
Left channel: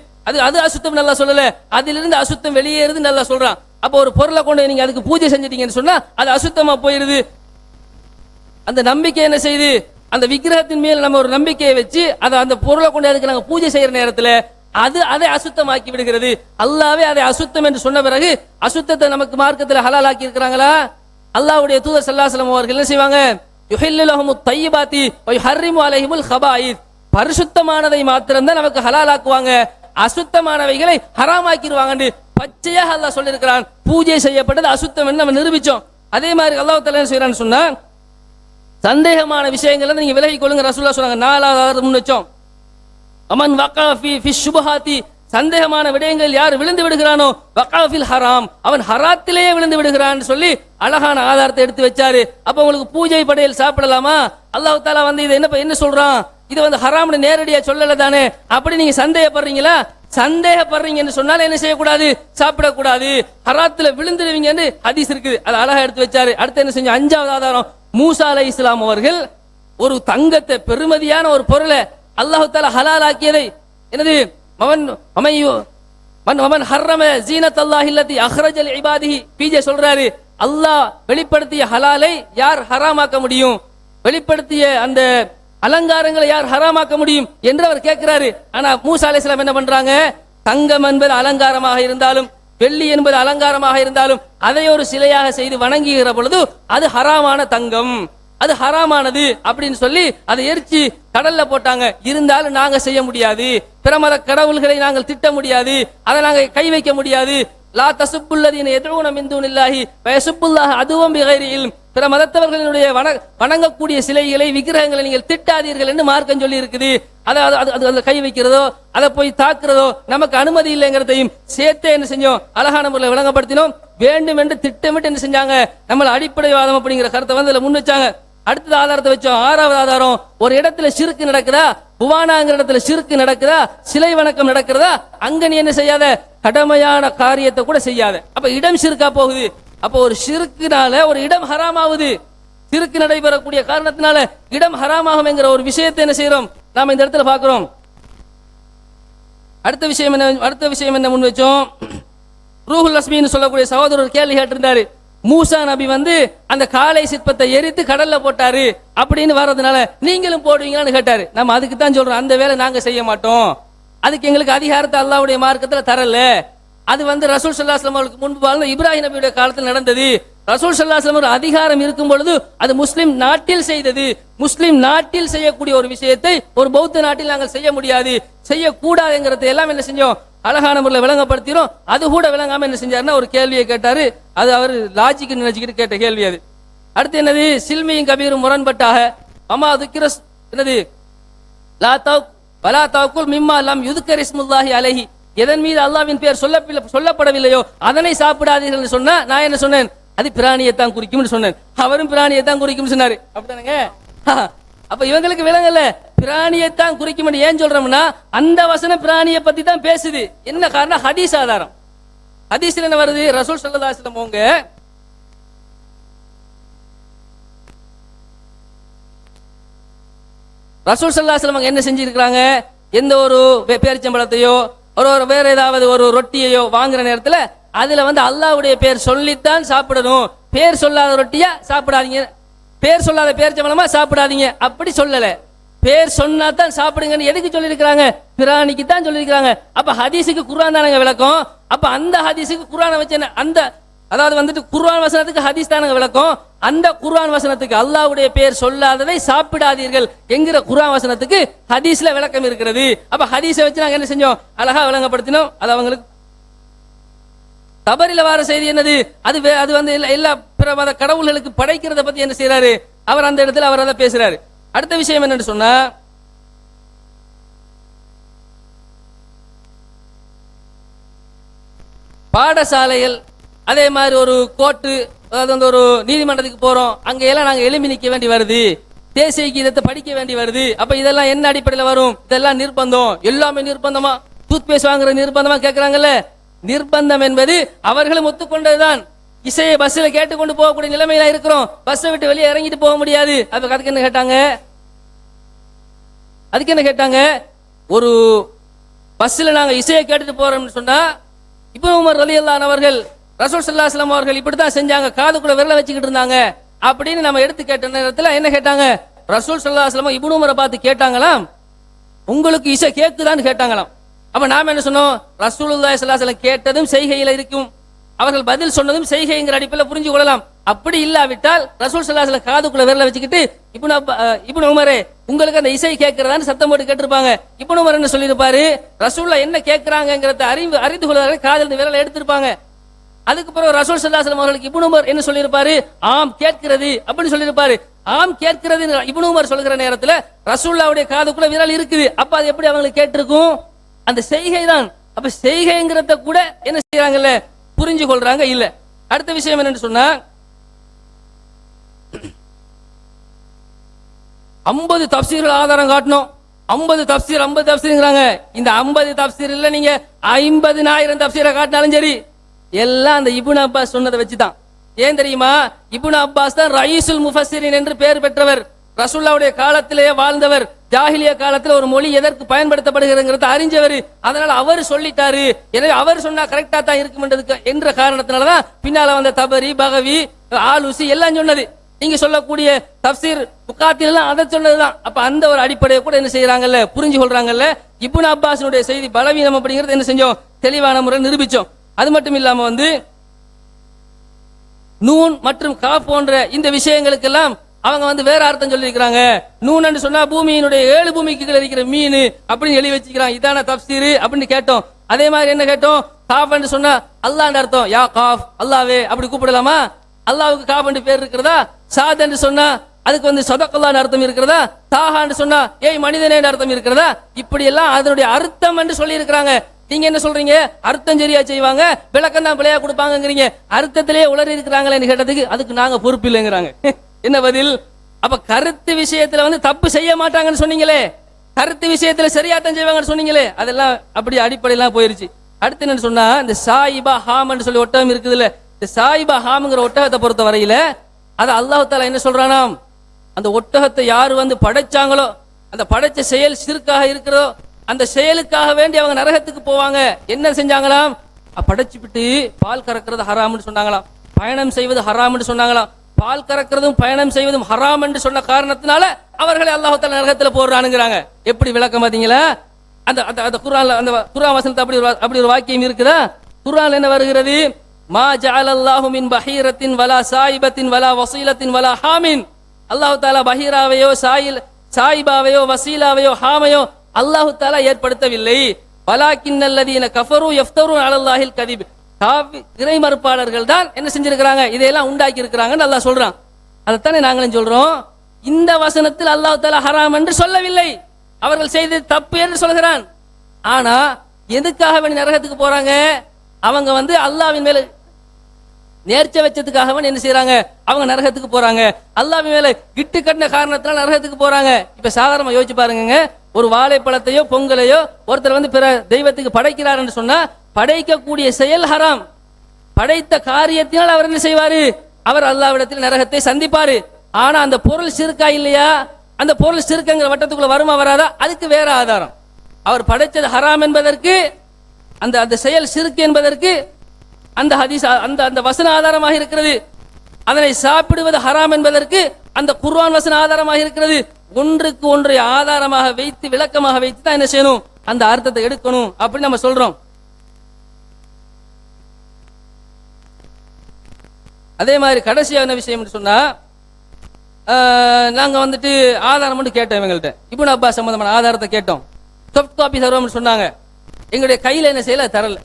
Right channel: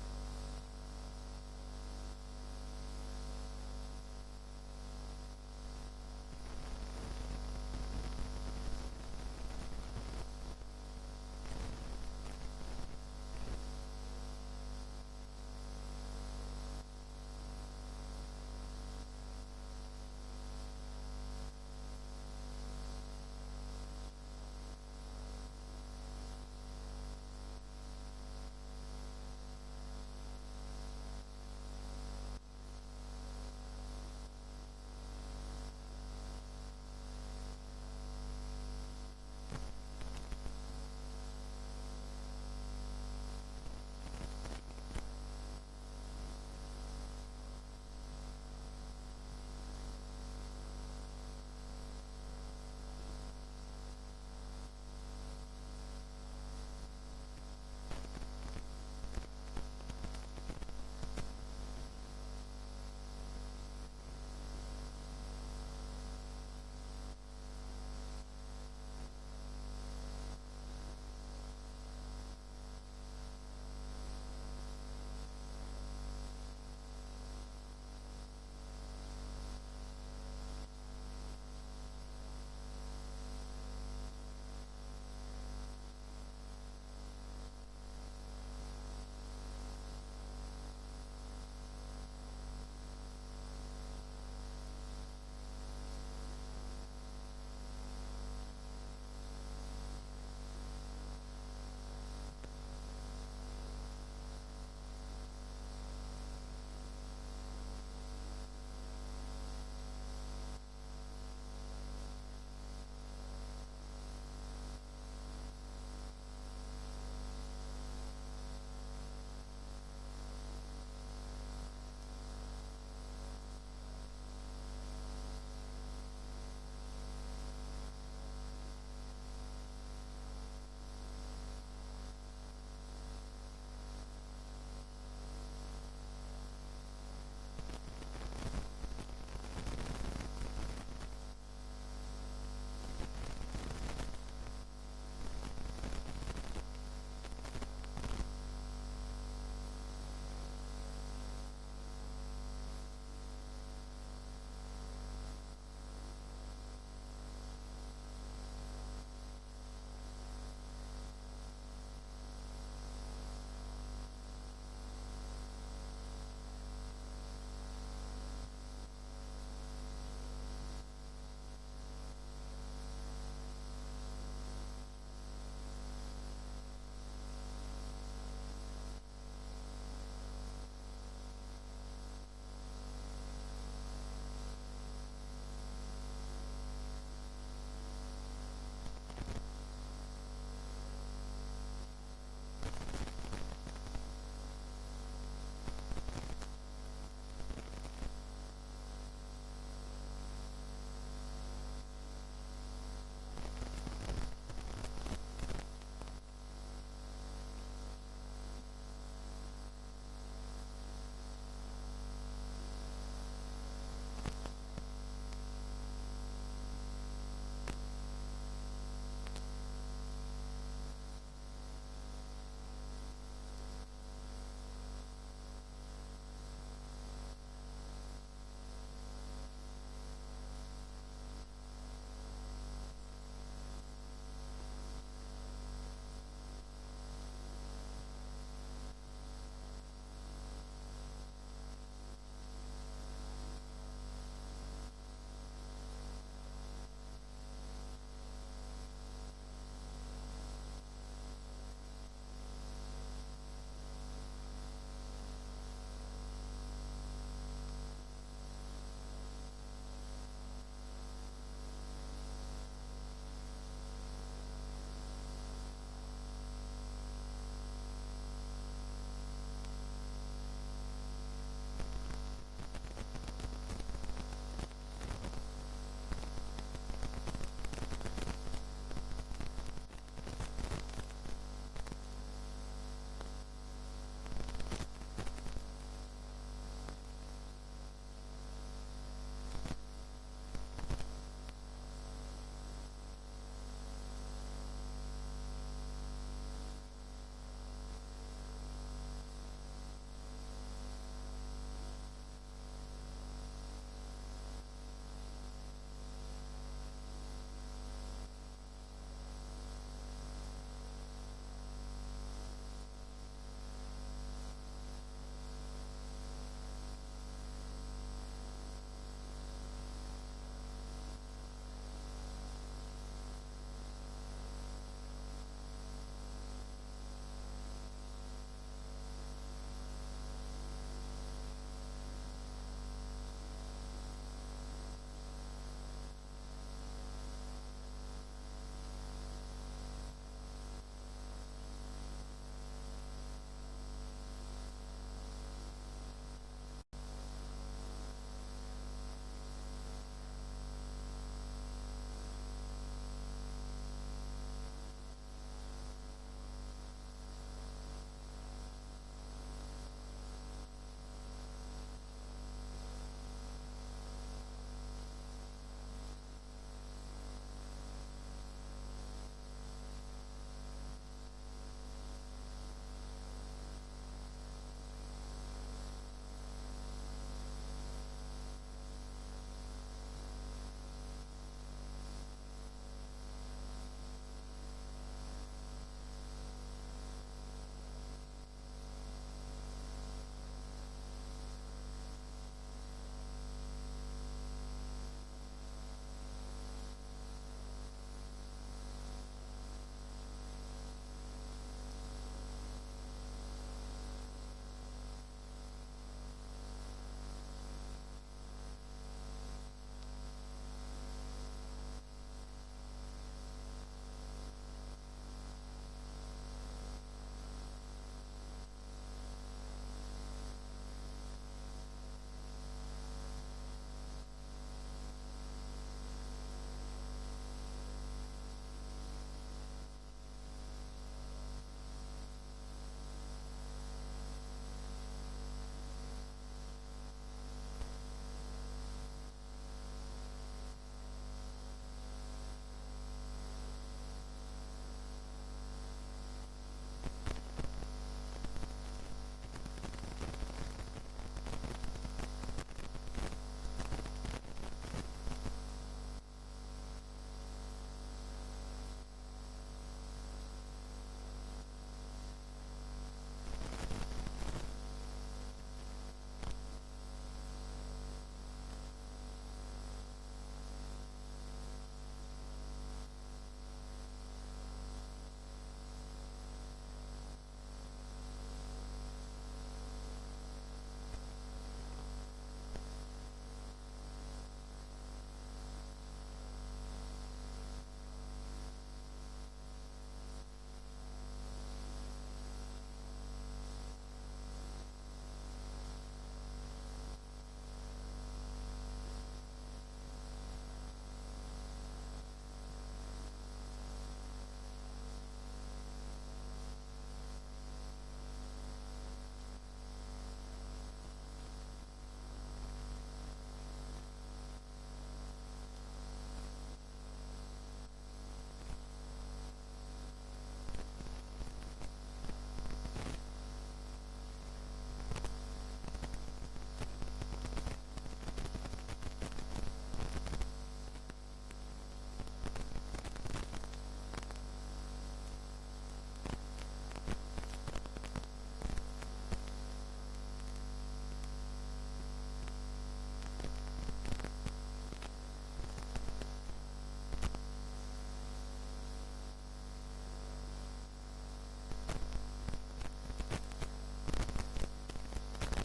அது அசுத்தம் நல்லா சொல்லல, அதிலிருந்து அசுத்தம் வெளியேறுது நல்லா சொல்றான். அப்ப ஒரு பொருளை கொண்டு நீங்க அதுக்கு பூஜை செஞ்சிட்டீங்கன்னு சொன்னா அது அசுத்தமா போயிருது. அந்த நம்பிக்கை என்ன செய்யுது? அந்த விக்கிரகத்தின் மேல் நம்ம ஒரு நம்பிக்கையை வச்சு அந்த பொருளை கொண்டு அதுக்கு நாங்க பூஜை செய்யற நேரத்துல அதை அசுத்தமாக்கி விடுகிறது. அல்லாவே அதை அசுத்தம் என்று சொன்ன பிறகு அசுத்தத்தை நமக்கு மார்க்கத்தில் ஹலால் ஆக்கி இருக்கிறாங்களா? அல்லாஹ்வுடைய தூதர் ஸல்லல்லாஹு அலைஹி வஸல்லம் அவர்கள் என்ன செய்வாங்க? யுஹில்லு லஹுமுத் தய்யிபாத்தி வ யுஹர்ரிமு அலைஹிமுல் ஹபாயித், பரிசுத்தமானதை மாத்திரம் தான் நமக்கு ஹலால் ஆக்குவாங்க, அசுத்தமானவைகளை ஹராமாக்கிடுவாங்க பச்சையாக அல்லாஹ் சொல்லியிருக்கிறான். பூஜை செய்யப்பட்டது அசுத்தம் என்று நம்ம நிரூபிச்சோம். அதே மாதிரி அல்லாஹ் தஆலா என்ன செய்யறான்னு சொன்னா, சந்தேகமான விஷயங்களை நீங்க விலகிக் கொள்ளுங்க ரசூலுல்லாஹ் சொன்னாங்க. 4வது முன் வச்சோம். அமன் வகா ஃபி ஷுபஹாத்தி, சந்தேகமான விடயங்கள் யார் விழுந்து விடுகிறானோ, வகா ஃபில் ஹராம், அவன் ஹராத்திலேயே விழுந்து விடுகிறான் சொல்லி அழகான ஆதாரத்தை எடுத்து வச்சாரு. அப்ப உங்களுக்கு பூஜை படையல் சாப்பிடலாமா? அல்லாஹ் தஆலா இதை என்ன சொல்றான்? இது ஹராம்னு நேரடியா சொல்லல தானே. அப்படி நீங்க சந்தேகப்படுறீங்களா? சந்தேகப்படுறீங்கன்னு சொன்னால என்ன செய்யக்கூடாது? சாப்பிடக்கூடாது, ஹராத்துல விழுந்துடுவீங்கன்னு ஹதீஸ் இருக்குது. அது அழகா எடுத்து வச்சாரு. அடுத்து என்ன செஞ்சோம்? 5வது ஆதாரம், மூசா அலைஹிஸ்ஸலாம் அவர்கள் ஒரு தங்கத்தை, பெருமதியான ஒரு பொருளை அல்லாஹ் தஆலா ஹலால் ஆக்கியதை என்னது? மமன் ஹர்ரம ஜீனத்தல்லாஹி அல்லதி அக்ரஜ லிஇபாதிஹி, பிஜே சொல்றாரு, அல்லாஹ் வெளிப்படுத்திய ஹலாலை யார் ஹராமாக்க முடியும்? வெளிப்படுத்திய அந்த அலங்காரங்களை யார் ஹராமாக்க முடியும் என்று அவர் கேட்கிறாரு. ஆனா மூசா அலைஹிஸ்ஸலாம் என்ன பண்றாங்க? தங்கம் என்பது அலங்காரமாக இருந்தாலும், வெள்ளி என்பது அலங்காரமாக இருந்தாலும், அதை ஒரு சிலையாக செய்து வணங்குகிற பொழுது அது ஹராமான தங்கம், அது ஹராமானது அப்படின்னு சொல்லி அதை எரிச்சு கடல்ல போட்டாங்க. இருந்தாலும் நாங்க செய்ய முடியாது, பிற மத கடவுள்களை நாங்கள் திட்ட முடியாது, அதை நாங்க கை வைக்க முடியாது. லா தசுப்புல்லதீன யதுஊன மின் தூனில்லாஹி வயசுப்புல்லாஹ அதுவும் பிகைரி இல்ம், பிற மதத்தவர்களுடைய வணங்கக்கூடிய சிலைகளை, விக்கிரகங்களை நீங்கள் திட்டாதீர்கள் என்று மார்க்கம் சொல்லி இருக்குது. அதை கை வைக்கிறதோ, அதை போய் தாக்குறதோ நமக்கு அனுமதி இல்லைங்கிறதையும் சேர்த்தே என்ன செஞ்சோம்? அழகான முறையில் விளங்கப்படுத்தினோம். வேண்டும் என்று திட்டமிட்டு என்ன செஞ்சாங்க, நம்மள அடிப்படைவாதம் அப்படிங்கிற கருத்தை வந்து அதில் முன் வச்சாங்க. அடுத்தது ஆதாரத்தை வச்சோம். ஆறாவது ஆதாரம், ஒரு இடத்துல ஷிர்க் நடக்குதா, புவானாங்கிற இடத்துல ஷிர்க் நடக்குதா, சிலை வணக்கம் நடக்கிறதா, அங்க நீ என்ன செய்யாத, கடமையான காரியத்தை கூட செய்யாத. அப்ப இடம் ஷிர்கா போகுது. அப்ப ஒரு ஷிர்க்குனால ஒரு இடம் ஹராமாகுது. ஷிர்க் நடைபெறக்கூடிய காரணத்தினால இடம் ஹராமாகும் என்கிற ஒரு விஷயத்தை என்ன செய்யறோம், நாம இந்த இடத்துல பார்க்கிறோம். அடுத்த விஷயம் என்ன முன் வச்சோம், ரூஹுல் அஸ்மின்னு சொல்லக்கூடிய சகோதரர் கேள்வி கேட்டிருந்தாரு. மூசா நபி வந்து அந்த காளை சிற்பத்தை எரித்து கடல்ல போட்டாரு அப்படின்னு வர்றதுனால நீங்களும் போடுவீங்களான்னு கேட்டாரு. நம்ம அதுக்கு தான் சொல்றோம், அந்த வேலை நாங்க செய்ய மாட்டோம், அதுக்கு எங்களுக்கு அதிகாரத்தை அல்லாஹ்வுடைய மார்க்கத்துல தரல. அது வந்து ரசூல் ஸல்லல்லாஹு அலைஹி வஸல்லம் முன்பு வாழ்ந்த இப்ராஹிம் நபியுடைய காலத்தில் நடந்தது. ரசூல் ஸல்லல்லாஹு அலைஹி வஸல்லம் அதிகாரம் இருக்கும் பொழுது அது முஸ்லிம் நாட்டில் செய்தது. முஸ்லிம் நாட்டில் செய்யக்கூடிய ஒரு விஷயத்தை ஒரு பௌத்த நாட்டில் நாங்கள் செய்ய முடியாது, செய்யக்கூடாதுங்கிறத எல்லாம் என்ன செஞ்சோம், அழகான முறையில் விளங்கப்படுத்தினோம். அது கூட விளங்காம என்ன செஞ்சாருன்னா ஒரு கேள்வியை கேட்டாரு. அது அவர் லாஜிக்கு நினைச்சுக்கிட்டு கேட்ட கேள்வி அது. அடுத்து என்னது, சில்மியும் கபீரும் முரண்பட்டாக அம்மா துக்கிரஸ் என்னது லா தவ் வலா தவக்குல் மிம்மா லம் யுதுக்கர் இஸ்முல்லாஹி அலைஹி, எதன் மீது அல்லாஹ்வின் பெயர் சொல்லப்படவில்லையோ அதனை சாப்பிடாதீர்கள் சொன்னா நான் என்ன சொன்னேன், அது பிராணியைத்தான் குறிக்கும்னு சொன்னேன். அவரும் பிராணியைத்தான் குறிக்கும்னு சொன்னாரு. அப்படிதானங்க? அப்ப இவங்களுக்கு விளங்கல, பிராணியைத்தான் குறிக்கும். ஏன் சொல்றோம்னா அந்த வசனம் பிராணியை பத்தி தான் பேசுது. என்ன காரணம், ஹதீஸ் ஆதாரம். ஹதீஸ்ல என்ன வருது, ரசூல் ஸல்லல்லாஹு அலைஹி வஸல்லம் அவங்க ரசூல் ஸல்லல்லாஹு அலைஹி வஸல்லம் என்ன செஞ்சிருக்காங்க, எந்த ஒரு பேரிச்சம்பழத்தையோ ஒரு வேற ஏதாவது ஒரு ரொட்டியையோ வாங்குற நேரத்துல அதுல வந்து அல்லாஹ்வுடைய பேர் சொல்லித்தான் சாப்பிடணும், பேர் சொல்லாத ரொட்டியா சாப்பிடாதீங்க, பேர் சொல்லாத பேரிச்சம்பழமா சாப்பிடாதீங்க அப்படி சொல்லல. பேர் சொன்னா தான் சாப்பிடுங்கன்னு எதுக்கு சொல்லியிருக்கிறாங்க, பிராணிக்கு தான் சொல்லியிருக்கிறாங்க. அப்ப ஹதீஸுக்கு குர்ஆன் தானங்க விளக்கம். அப்ப அந்த ஹதீஸுக்கு குர்ஆனை வச்சு அந்த அதாவது வந்துட்டு குர்ஆன் வசனத்துக்கு ஹதீஸ் தானங்க விளக்கம். அந்த குர்ஆன் வசனத்துக்கு அல்லாஹ்வுடைய பேர் சொல்லாததை சாப்பிடாதீர்கள் என்கிற குர்ஆன் வசனத்துக்கு ஹதீஸ்ல விளக்கம் இருக்கிறது. அப்ப ஹதீஸை வச்சு நாங்க என்ன செஞ்சோம், அழகா விளங்கப்படுத்தினோம். அது அவங்களுக்கு தபரில வார செய்தி என்னது, அது வந்து எல்லா பிற மத கடவுள்களுக்கு படைக்கிறத பத்தி என்ன செய்யறாரு அவர், அந்த இடத்துல அவர் அதை பேசுறாரு. அடுத்த விஷயம் என்னன்னு சொன்னா, பாடசாலைகள் அதே மாதிரி ஒரு கோர்ட்டு, அதாவது வந்து ஒரு நீதிமன்றத்துக்கு போறோம், அங்க எல்லாம் நாங்க எழுப்பி நிக்க வேண்டி வருது, தேசிய கீதத்தை படிக்க வேண்டி வருது. அப்ப இதெல்லாம் என்ன அடிப்படையில் வரும், இதெல்லாம் நிர்பந்தம். எல்லாமே நிர்பந்தமா, டூத் பேஸ்ட் வாங்குற நிர்பந்தமா கேட்கறாங்கல்ல. நிர்பந்தம் என்பது அவர்களும் ஒத்துக்கொண்டதுதான். இசையை பஸ்ல கேட்டுக்கொண்டு போகக்கூடிய நிலைமையில இருக்கிறோம், பஸ்ஸை விட்டு வெளியே இறங்கிட்டு போக முடியாது. அதுக்கு என்ன கேட்டாங்க, ஒரு பஸ்ல நாங்க இசையை கேட்டுட்டு போறோம்னு சொன்னா, இப்னு உமர் ரலியல்லாஹு அன்ஹு அவர்கள் ரசூல் ஸல்லல்லாஹு அலைஹி வஸல்லம் அவர்கள் இப்படித்தான் செஞ்சாங்க, காதுக்குள்ள விரல வச்சுக்கிட்டு இருந்தாங்க அப்படின்னு நம்ம எடுத்து கேட்ட நேரத்துல என்ன கேட்டாங்க, ரசூல் ஸல்லல்லாஹு அலைஹி வஸல்லம் இப்னு உமரை பார்த்து கேட்டாங்களாம், உங்களுக்கு இசை கேக்குதான்னு கேட்டாங்களாம். அப்ப நாம என்ன சொன்னோம், ரசூலுல்லாஹி ஸல்லல்லாஹு அலைஹி வஸல்லம் கேட்டதும் செய்கையில இருக்கும், அவர்கள் பதில் சொன்னதும் செய்கைங்கிற அடிப்படையில் புரிஞ்சு கொள்ளலாம். அப்படி இல்லாவிட்டால் ரசூல் ஸல்லல்லாஹு அலைஹி வஸல்லம் காதுக்குள்ள விரல வச்சுக்கிட்டு இப்னு உமரே உங்களுக்கு அந்த இசை கேட்கிறதான்னு சத்தம் போட்டு கேட்டிருப்பாங்க. இப்னு உமர் என்ன சொல்லியிருப்பாரு, ரசூலுல்லாஹ் என்ன கேட்கிறாங்கிறத அறிந்து கொள்வதற்கு காதில் விரலை எடுத்திருப்பாங்க. அதுக்கு பிறகு ரசூல் ஸல்லல்லாஹு அலைஹி வஸல்லம் அவர்களுக்கு இப்னு உமர் என்ன சொல்லியிருப்பாரு, ஆம் கேட்கிறது அப்படின்னு சொல்லியிருப்பாரு. ஆம் கேட்கிறது இப்னு உமர் சொல்கிற நேரத்துல ரசூலுல்லாஹ்வுடைய காதுக்குள்ள விரல் இருக்குது. அப்ப அது எப்படி அவங்களுக்கு கேட்டிருக்கும், அந்த செய்கை தான். அப்ப செய்கைங்கிறத கூட என்ன செய்யறாங்கல்ல, புரிஞ்சு கொள்றாங்க இல்ல. அடுத்த விஷயம் என்னன்னு சொன்னா, 50 தப்சீர்கள் ஆதாரம் காட்டணும். 50 தப்சீர்ங்கிறாங்க. இந்த 50 தப்சீர் இல்ல, நீங்க 50,000 தப்சீரை காட்டினாலும் சரி, எல்லாம் அந்த இப்னு அப்பாஸ் சொன்னதை வச்சுதான். ஏன் தெரியுமா, இப்னு அப்பாஸ் தான் ரயீசுல் முஃபஸ்ஸிரின் என்று பெயர் பெற்றவர், ரசூலுல்லாஹ்வுடைய காலத்திலேயே வாழ்ந்தவர், ஜாஹிலியா காலத்துல ஒரு மொழி எதற்கு பயன்படுத்தப்படுகிறதுங்கிறத அறிஞ்சவர். அதனால அவர் சொல்லிட்டாரு, எனவே அவர் சொன்னா கரெக்டா தான் இருக்கும் என்ற காரணத்தினாலதான் பின்னால வந்த தபரி, பகவி, ஆலூசி எல்லாம் சொன்னது. நீங்க சொல்லக்கூடிய தப்சீர் புகாத்தில் எல்லாம் அதை சொன்னதுதான். அப்ப அந்த ஒரு அடிப்படையை கூட என்ன செய்யறாங்கல்ல, புரிஞ்சு கொள்றாங்கல்ல. இப்னு அப்பாஸினுடைய செய்தி பலவீனம் அப்படிங்கிறது என்ன செஞ்சோம், தெளிவான முறை நிரூபிச்சோம். அது மட்டும் இல்லாம வந்து நூன் மற்றும் கா போன்ற இந்த விஷயங்களுக்கெல்லாம் அவங்க வந்து வேற அர்த்தம் சொல்லியிருக்கிறாங்க. நூன்னு சொன்னா பூமியினுடைய 7 பூமிக்கு இருக்கிற மீன் அப்படின்னு எழுதி வச்சுக்கிறாங்க. இதான தப்சீர் அப்படின்னு கேட்டோம். அதே மாதிரி என்ன கேட்டோம், காஃப் சொன்னா அல்லாஹ்ன்ற அர்த்தம், யா காஃப் அல்லாவே அப்படி கூப்பிடலாமா, அல்லாஹ்வுக்கு காஃப் பேர் இருக்கிறதா. சாத் என்று சொன்னா அதுக்கு வந்து சதக்கல்லான்னு அர்த்தம் இருக்கிறதா. தாஹான்னு சொன்னா ஏய் மனிதனே அர்த்தம் இருக்கிறதா. இப்படி எல்லாம் அதனுடைய அர்த்தம் என்று சொல்லி இருக்கிறாங்க. நீங்க என்ன சொல்றீங்க? அர்த்தம் சரியா செய்வாங்க, விளக்கம் தான் பிள்ளையா கொடுப்பாங்கிறீங்க. அர்த்தத்திலேயே உளறி இருக்கிறாங்களேன்னு கேட்டதுக்கு அதுக்கு நாங்க பொறுப்பு இல்லைங்கிறாங்க. என்ன பதில்? அப்ப கருத்து விஷயத்துல வந்து தப்பு செய்ய மாட்டாங்கன்னு சொன்னீங்களே, கருத்து விஷயத்துல சரியாத்தான் செய்வாங்கன்னு சொன்னீங்களே, அதெல்லாம் அப்படி அடிப்படையெல்லாம் போயிருச்சு. அடுத்து என்னன்னு சொன்னா, இந்த சாயிபா ஹாம்னு சொல்லி ஒட்டகம் இருக்குதுல்ல, இந்த சாயிபா ஹாம்ங்கிற ஒட்டகத்தை பொறுத்த வரையில அது அல்லாஹ் தஆலா என்ன சொல்றானாம், அந்த ஒட்டகத்தை யாரு வந்து படைச்சாங்களோ, அந்த படைச்ச செயல் சிறுக்காக இருக்கிறதோ, அந்த செயலுக்காக வேண்டி அவங்க நரகத்துக்கு போவாங்க. என்ன செஞ்சாங்களாம்? படைச்சுவிட்டு பால் கறக்கிறது ஹராம்னு சொன்னாங்களாம், பயணம் செய்வது ஹராம்னு சொன்னாங்களாம். பால் கறக்கிறதும் பயணம் செய்வதும் ஹராம் என்று சொன்ன காரணத்தினால அவர்களை அல்லாஹ் தஆலா நரகத்துல போடுறானுங்கிறாங்க. எப்படி விளக்கம் பாத்தீங்களா? அந்த அந்த குர்ஆன்ல அந்த குர்ஆன் வசனத்துல அப்படி ஒரு வாக்கியம் இருக்குதா? குர்ஆன்ல என்ன வருகிறது? மா ஜஅலல்லாஹு மின் பஹீரத்தின் வலா சாயிபத்தின் வலா வசீலத்தின் வலா ஹாமின். அல்லாஹ் தஆலா பஹீராவையோ சாயிபாவையோ வசீலாவையோ ஹாமையோ அல்லாஹ் தஆலா ஏற்படுத்தவில்லை. வலாக்கின்னல்லதீன கஃபரு யஃப்தரு அலல்லாஹில் கதிப். இறை மறுப்பாளர்கள் தான் என்ன செஞ்சிருக்கிறாங்க, இதையெல்லாம் உண்டாக்கி இருக்கிறாங்கன்னு அல்லாஹ் சொல்றான். அதைத்தானே நாங்களும் சொல்றோம். இந்த வசனத்தில் அல்லாஹ் தஆலா ஹராம் என்று சொல்லவில்லை, அவர்கள் செய்தது தப்பு என்று சொல்கிறான். ஆனா எதுக்காக வேண்டி நரகத்துக்கு போறாங்க? அவங்க வந்து அல்லாஹ்வின் மேல நேர்ச்சை வச்சதுக்காக வேண்டி என்ன செய்யறாங்க? அவங்க நரகத்துக்கு போறாங்க. அல்லாஹ்வின் மேல கிட்டு கட்டின காரணத்தினால நரகத்துக்கு போறாங்க. இப்ப சாதாரணமா யோசிச்சு பாருங்க, ஒரு வாழைப்பழத்தையோ பொங்கலையோ ஒருத்தர் வந்து பிற தெய்வத்துக்கு படைக்கிறார் என்று சொன்னா படைக்கக்கூடிய செயல் ஹராம். படைத்த காரியத்தினால் அவர் என்ன செய்வாரு? அவர் அல்லாஹ்விடத்தில் நரகத்தை சந்திப்பாரு. ஆனா அந்த பொருள் சிறுக்கா இல்லையா? அந்த பொருள் சிறுக்குங்கிற வட்டத்துக்குள்ள வருமா வராதா? அதுக்கு வேற ஆதாரம். அவர் படைத்தது ஹராம் என்பதற்கு, அந்த அந்த செயல் சிறுக்கு என்பதற்கு அந்த ஹதீஸ் அந்த வசன ஆதாரமாக இருக்கிறது. அதனை சாப்பிடுவது ஹராம் என்பதற்கு அந்த குர்ஆன் வசன ஆதாரமாக இருக்கிறது. ஒன்றுக்கு ஒன்றை ஆதாரமாக வைத்து விளக்கமாக வைத்து தான் என்ன செய்யணும்? அந்த அர்த்தத்தை எடுக்கணும் அப்படின்னு நம்ம சொல்றோம். அதே மாதிரி கடைசியான விஷயம் சொன்னா, நாங்க வந்துட்டு ஆதாரம் மட்டும் கேட்டோம் இவங்கள்ட்ட. இப்னு அப்பாஸ் சம்பந்தமான ஆதாரத்தை கேட்டோம். சாஃப்ட் காப்பி தருவோம்னு சொன்னாங்க. எங்களுடைய கையில என்ன செய்யல, தரல.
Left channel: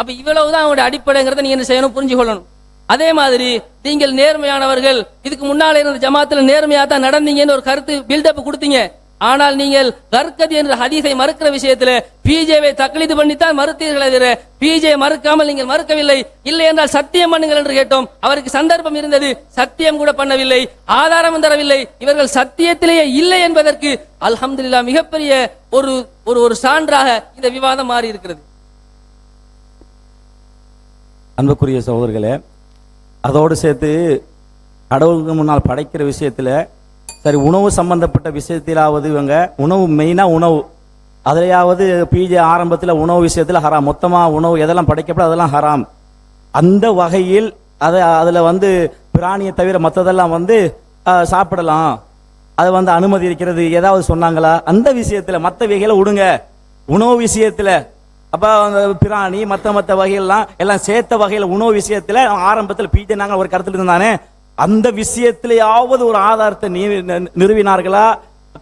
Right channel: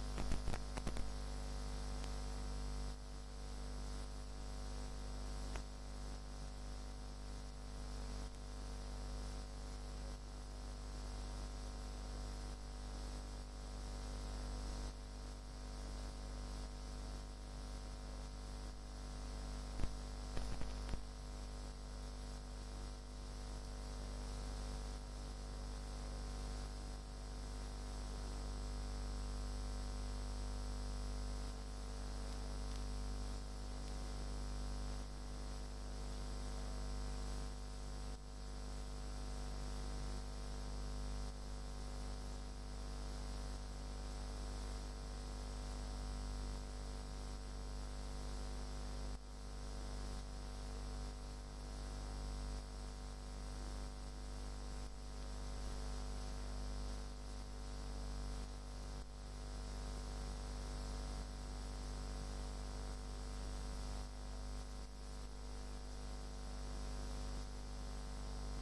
அப்ப இவ்வளவுதான் அவங்களுடைய அடிப்படைங்கிறத நீங்க என்ன செய்யணும்? புரிஞ்சு கொள்ளணும். அதே மாதிரி நீங்கள் நேர்மையானவர்கள், இதுக்கு முன்னால இருந்த ஜமாத்துல நேர்மையா தான் நடந்தீங்கன்னு ஒரு கருத்து பில்டப் கொடுத்தீங்க. ஆனால் நீங்கள் கர்கதி என்ற ஹதீஸை மறுக்கிற விஷயத்துல பிஜேவை தக்லீது பண்ணித்தான் மறுத்தீர்களே தவிர பிஜே மறுக்காமல் நீங்கள் மறுக்கவில்லை. இல்லை என்றால் சத்தியம் பண்ணுங்கள் என்று கேட்டோம். அவருக்கு சந்தர்ப்பம் இருந்தது, சத்தியம் கூட பண்ணவில்லை, ஆதாரம் தரவில்லை. இவர்கள் சத்தியத்திலேயே இல்லை என்பதற்கு அல்ஹம்துலில்லாஹ் மிகப்பெரிய ஒரு ஒரு சான்றாக இந்த விவாதம் மாறி இருக்கிறது. அன்புக்குரிய சகோதரர்களே, அதோடு சேர்த்து கடவுளுக்கு முன்னால் படைக்கிற விஷயத்தில் சரி, உணவு சம்பந்தப்பட்ட விஷயத்திலாவது இவங்க உணவு மெயினாக உணவு அதிலையாவது பிஜே ஆரம்பத்தில் உணவு விஷயத்தில் ஹராம், மொத்தமாக உணவு எதெல்லாம் படைக்கப்பட அதெல்லாம் ஹராம். அந்த வகையில் அதில் வந்து பிராணியை தவிர மற்றதெல்லாம் வந்து சாப்பிடலாம், அதை வந்து அனுமதி இருக்கிறது ஏதாவது சொன்னாங்களா? அந்த விஷயத்தில் மற்ற வகைகளை விடுங்க. உணவு விஷயத்தில் அப்போ அந்த பிராணி மற்ற வகையெல்லாம் எல்லாம் சேர்த்த வகையில் உணவு விஷயத்தில் ஆரம்பத்தில் பிஜே நாங்கள் ஒரு கருத்தில் இருந்தானே, அந்த விஷயத்திலேயாவது ஒரு ஆதாரத்தை நிறுவினார்களா,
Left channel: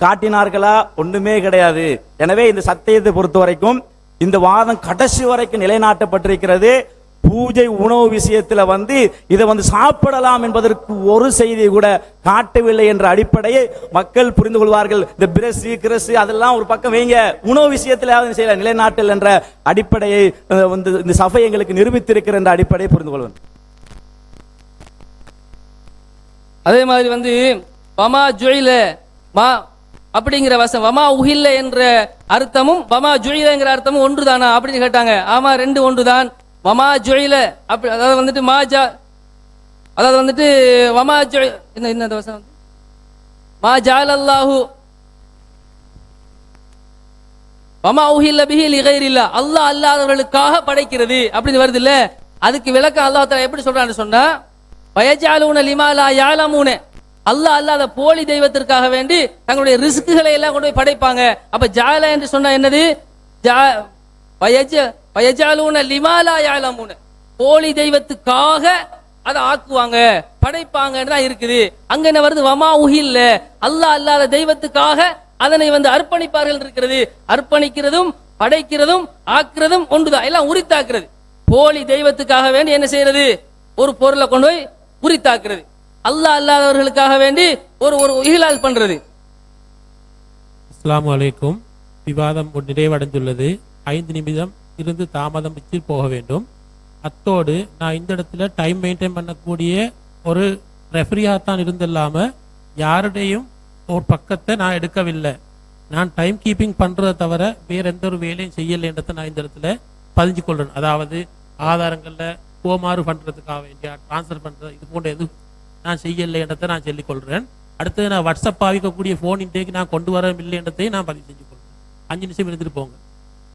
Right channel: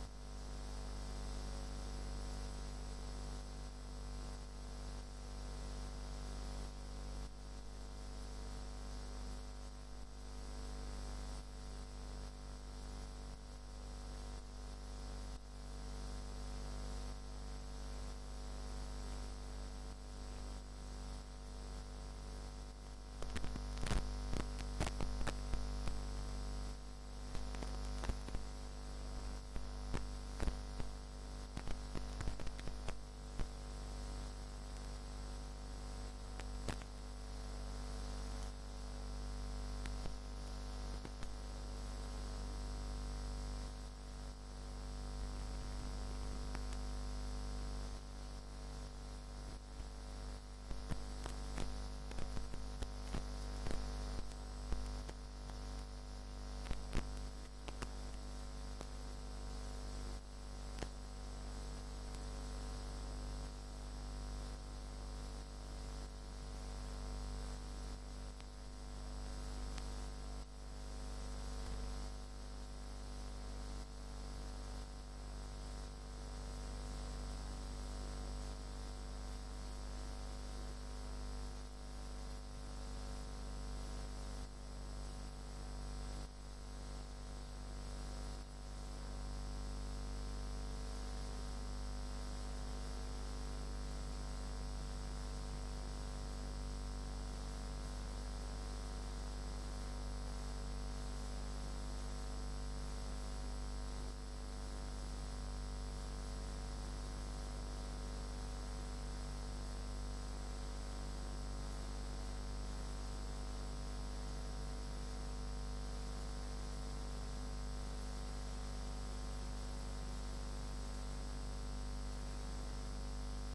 காட்டினார்களா? ஒன்றுமே கிடையாது. எனவே இந்த சத்தியத்தை பொறுத்த வரைக்கும் இந்த வாதம் கடைசி வரைக்கும் நிலைநாட்டப்பட்டிருக்கிறது. பூஜை உணவு விஷயத்துல வந்து இதை வந்து சாப்பிடலாம் என்பதற்கு ஒரு செய்தியை கூட காட்டவில்லை என்ற அடிப்படையை மக்கள் புரிந்து கொள்வார்கள். இந்த பிரசு கிரசு அதெல்லாம் ஒரு பக்கம் வைங்க, உணவு விஷயத்துல செய்யல நிலைநாட்டல் என்ற அடிப்படையை வந்து இந்த சபை எங்களுக்கு நிரூபித்திருக்கிற என்ற அடிப்படையை புரிந்து கொள்வது. அதே மாதிரி வந்து வமா ஜுயில மா அப்படிங்கிற வசம் வமா உஹில்ல என்ற அர்த்தமும் வமா ஜுயிலங்கிற அர்த்தமும் ஒன்றுதானா அப்படின்னு கேட்டாங்க. ஆமா, ரெண்டு ஒன்றுதான். வமா ஜுயில அப்படி அதாவது வந்துட்டு மாஜா அதாவது வந்துட்டு வமா ஜுய் என்ன வசம் மா ஜஅலல்லாஹு வமா உஹில்ல பிஹி லிகைரில்லா, அல்லாஹ் அல்லாதவர்களுக்காக படைக்கிறது அப்படின்னு வருது இல்ல. அதுக்கு விளக்கம் அல்லாஹ் தஆலா எப்படி சொல்றான்னு சொன்னா, வயஜாலூன லிமா லா யஅலமூன, அல்லாஹ் அல்லாத போலி தெய்வத்திற்காக வேண்டி தங்களுடைய ரிஸ்குகளை எல்லாம் கொண்டு போய் படைப்பாங்க. அப்ப ஜால என்று சொன்னா என்னது? வயஜாலூன லிமா லா யஅலமூன, போலி தெய்வத்துக்காக அதை ஆக்குவாங்க படைப்பாங்கன்னு தான் இருக்குது. அங்க என்ன வருது? வமா உஹில்ல, அல்லாஹ் அல்லாத தெய்வத்துக்காக அதனை வந்து அர்ப்பணிப்பார்கள் இருக்கிறது. அர்ப்பணிக்கிறதும் படைக்கிறதும் ஆக்குறதும் ஒன்றுதான், எல்லாம் உரித்தாக்குறது. போலி தெய்வத்துக்காக வேண்டி என்ன செய்யறது? ஒரு பொருளை கொண்டு போய் உரித்தாக்குறது. அல்லாஹ் அல்லாதவர்களுக்காக வேண்டி ஒரு இஹ்லால் பண்றது. அஸ்ஸலாமு அலைக்கும். விவாதம் நிறைவடைந்துள்ளது. 5 நிமிடம் இருந்து தாமதம் வச்சு போக வேண்டும். அத்தோடு நான் இந்த இடத்துல டைம் மெயின்டைன் பண்ணக்கூடிய ஒரு ரெஃப்ரியாக தான் இருந்தில்லாமல் யாருடையும் ஒரு பக்கத்தை நான் எடுக்கவில்லை. நான் டைம் கீப்பிங் பண்ணுறதை தவிர வேறு எந்த ஒரு வேலையும் செய்யலைன்றதை நான் இந்த இடத்துல பதிஞ்சு கொள்கிறேன். அதாவது ஆதாரங்களில் கோமாறு பண்ணுறதுக்காக வேண்டிய ட்ரான்ஸ்ஃபர் பண்ணுறது இது போன்ற எதுவும் நான் செய்யலைன்றதை நான் சொல்லிக்கொள்கிறேன். அடுத்தது நான் வாட்ஸ்அப் பாவிக்கக்கூடிய ஃபோன் இன்டேக்கு நான் கொண்டு வர இல்லைன்றதையும் நான் பதிவு செஞ்சு கொள்கிறேன். 5 நிமிஷம் இருந்துட்டு போங்க.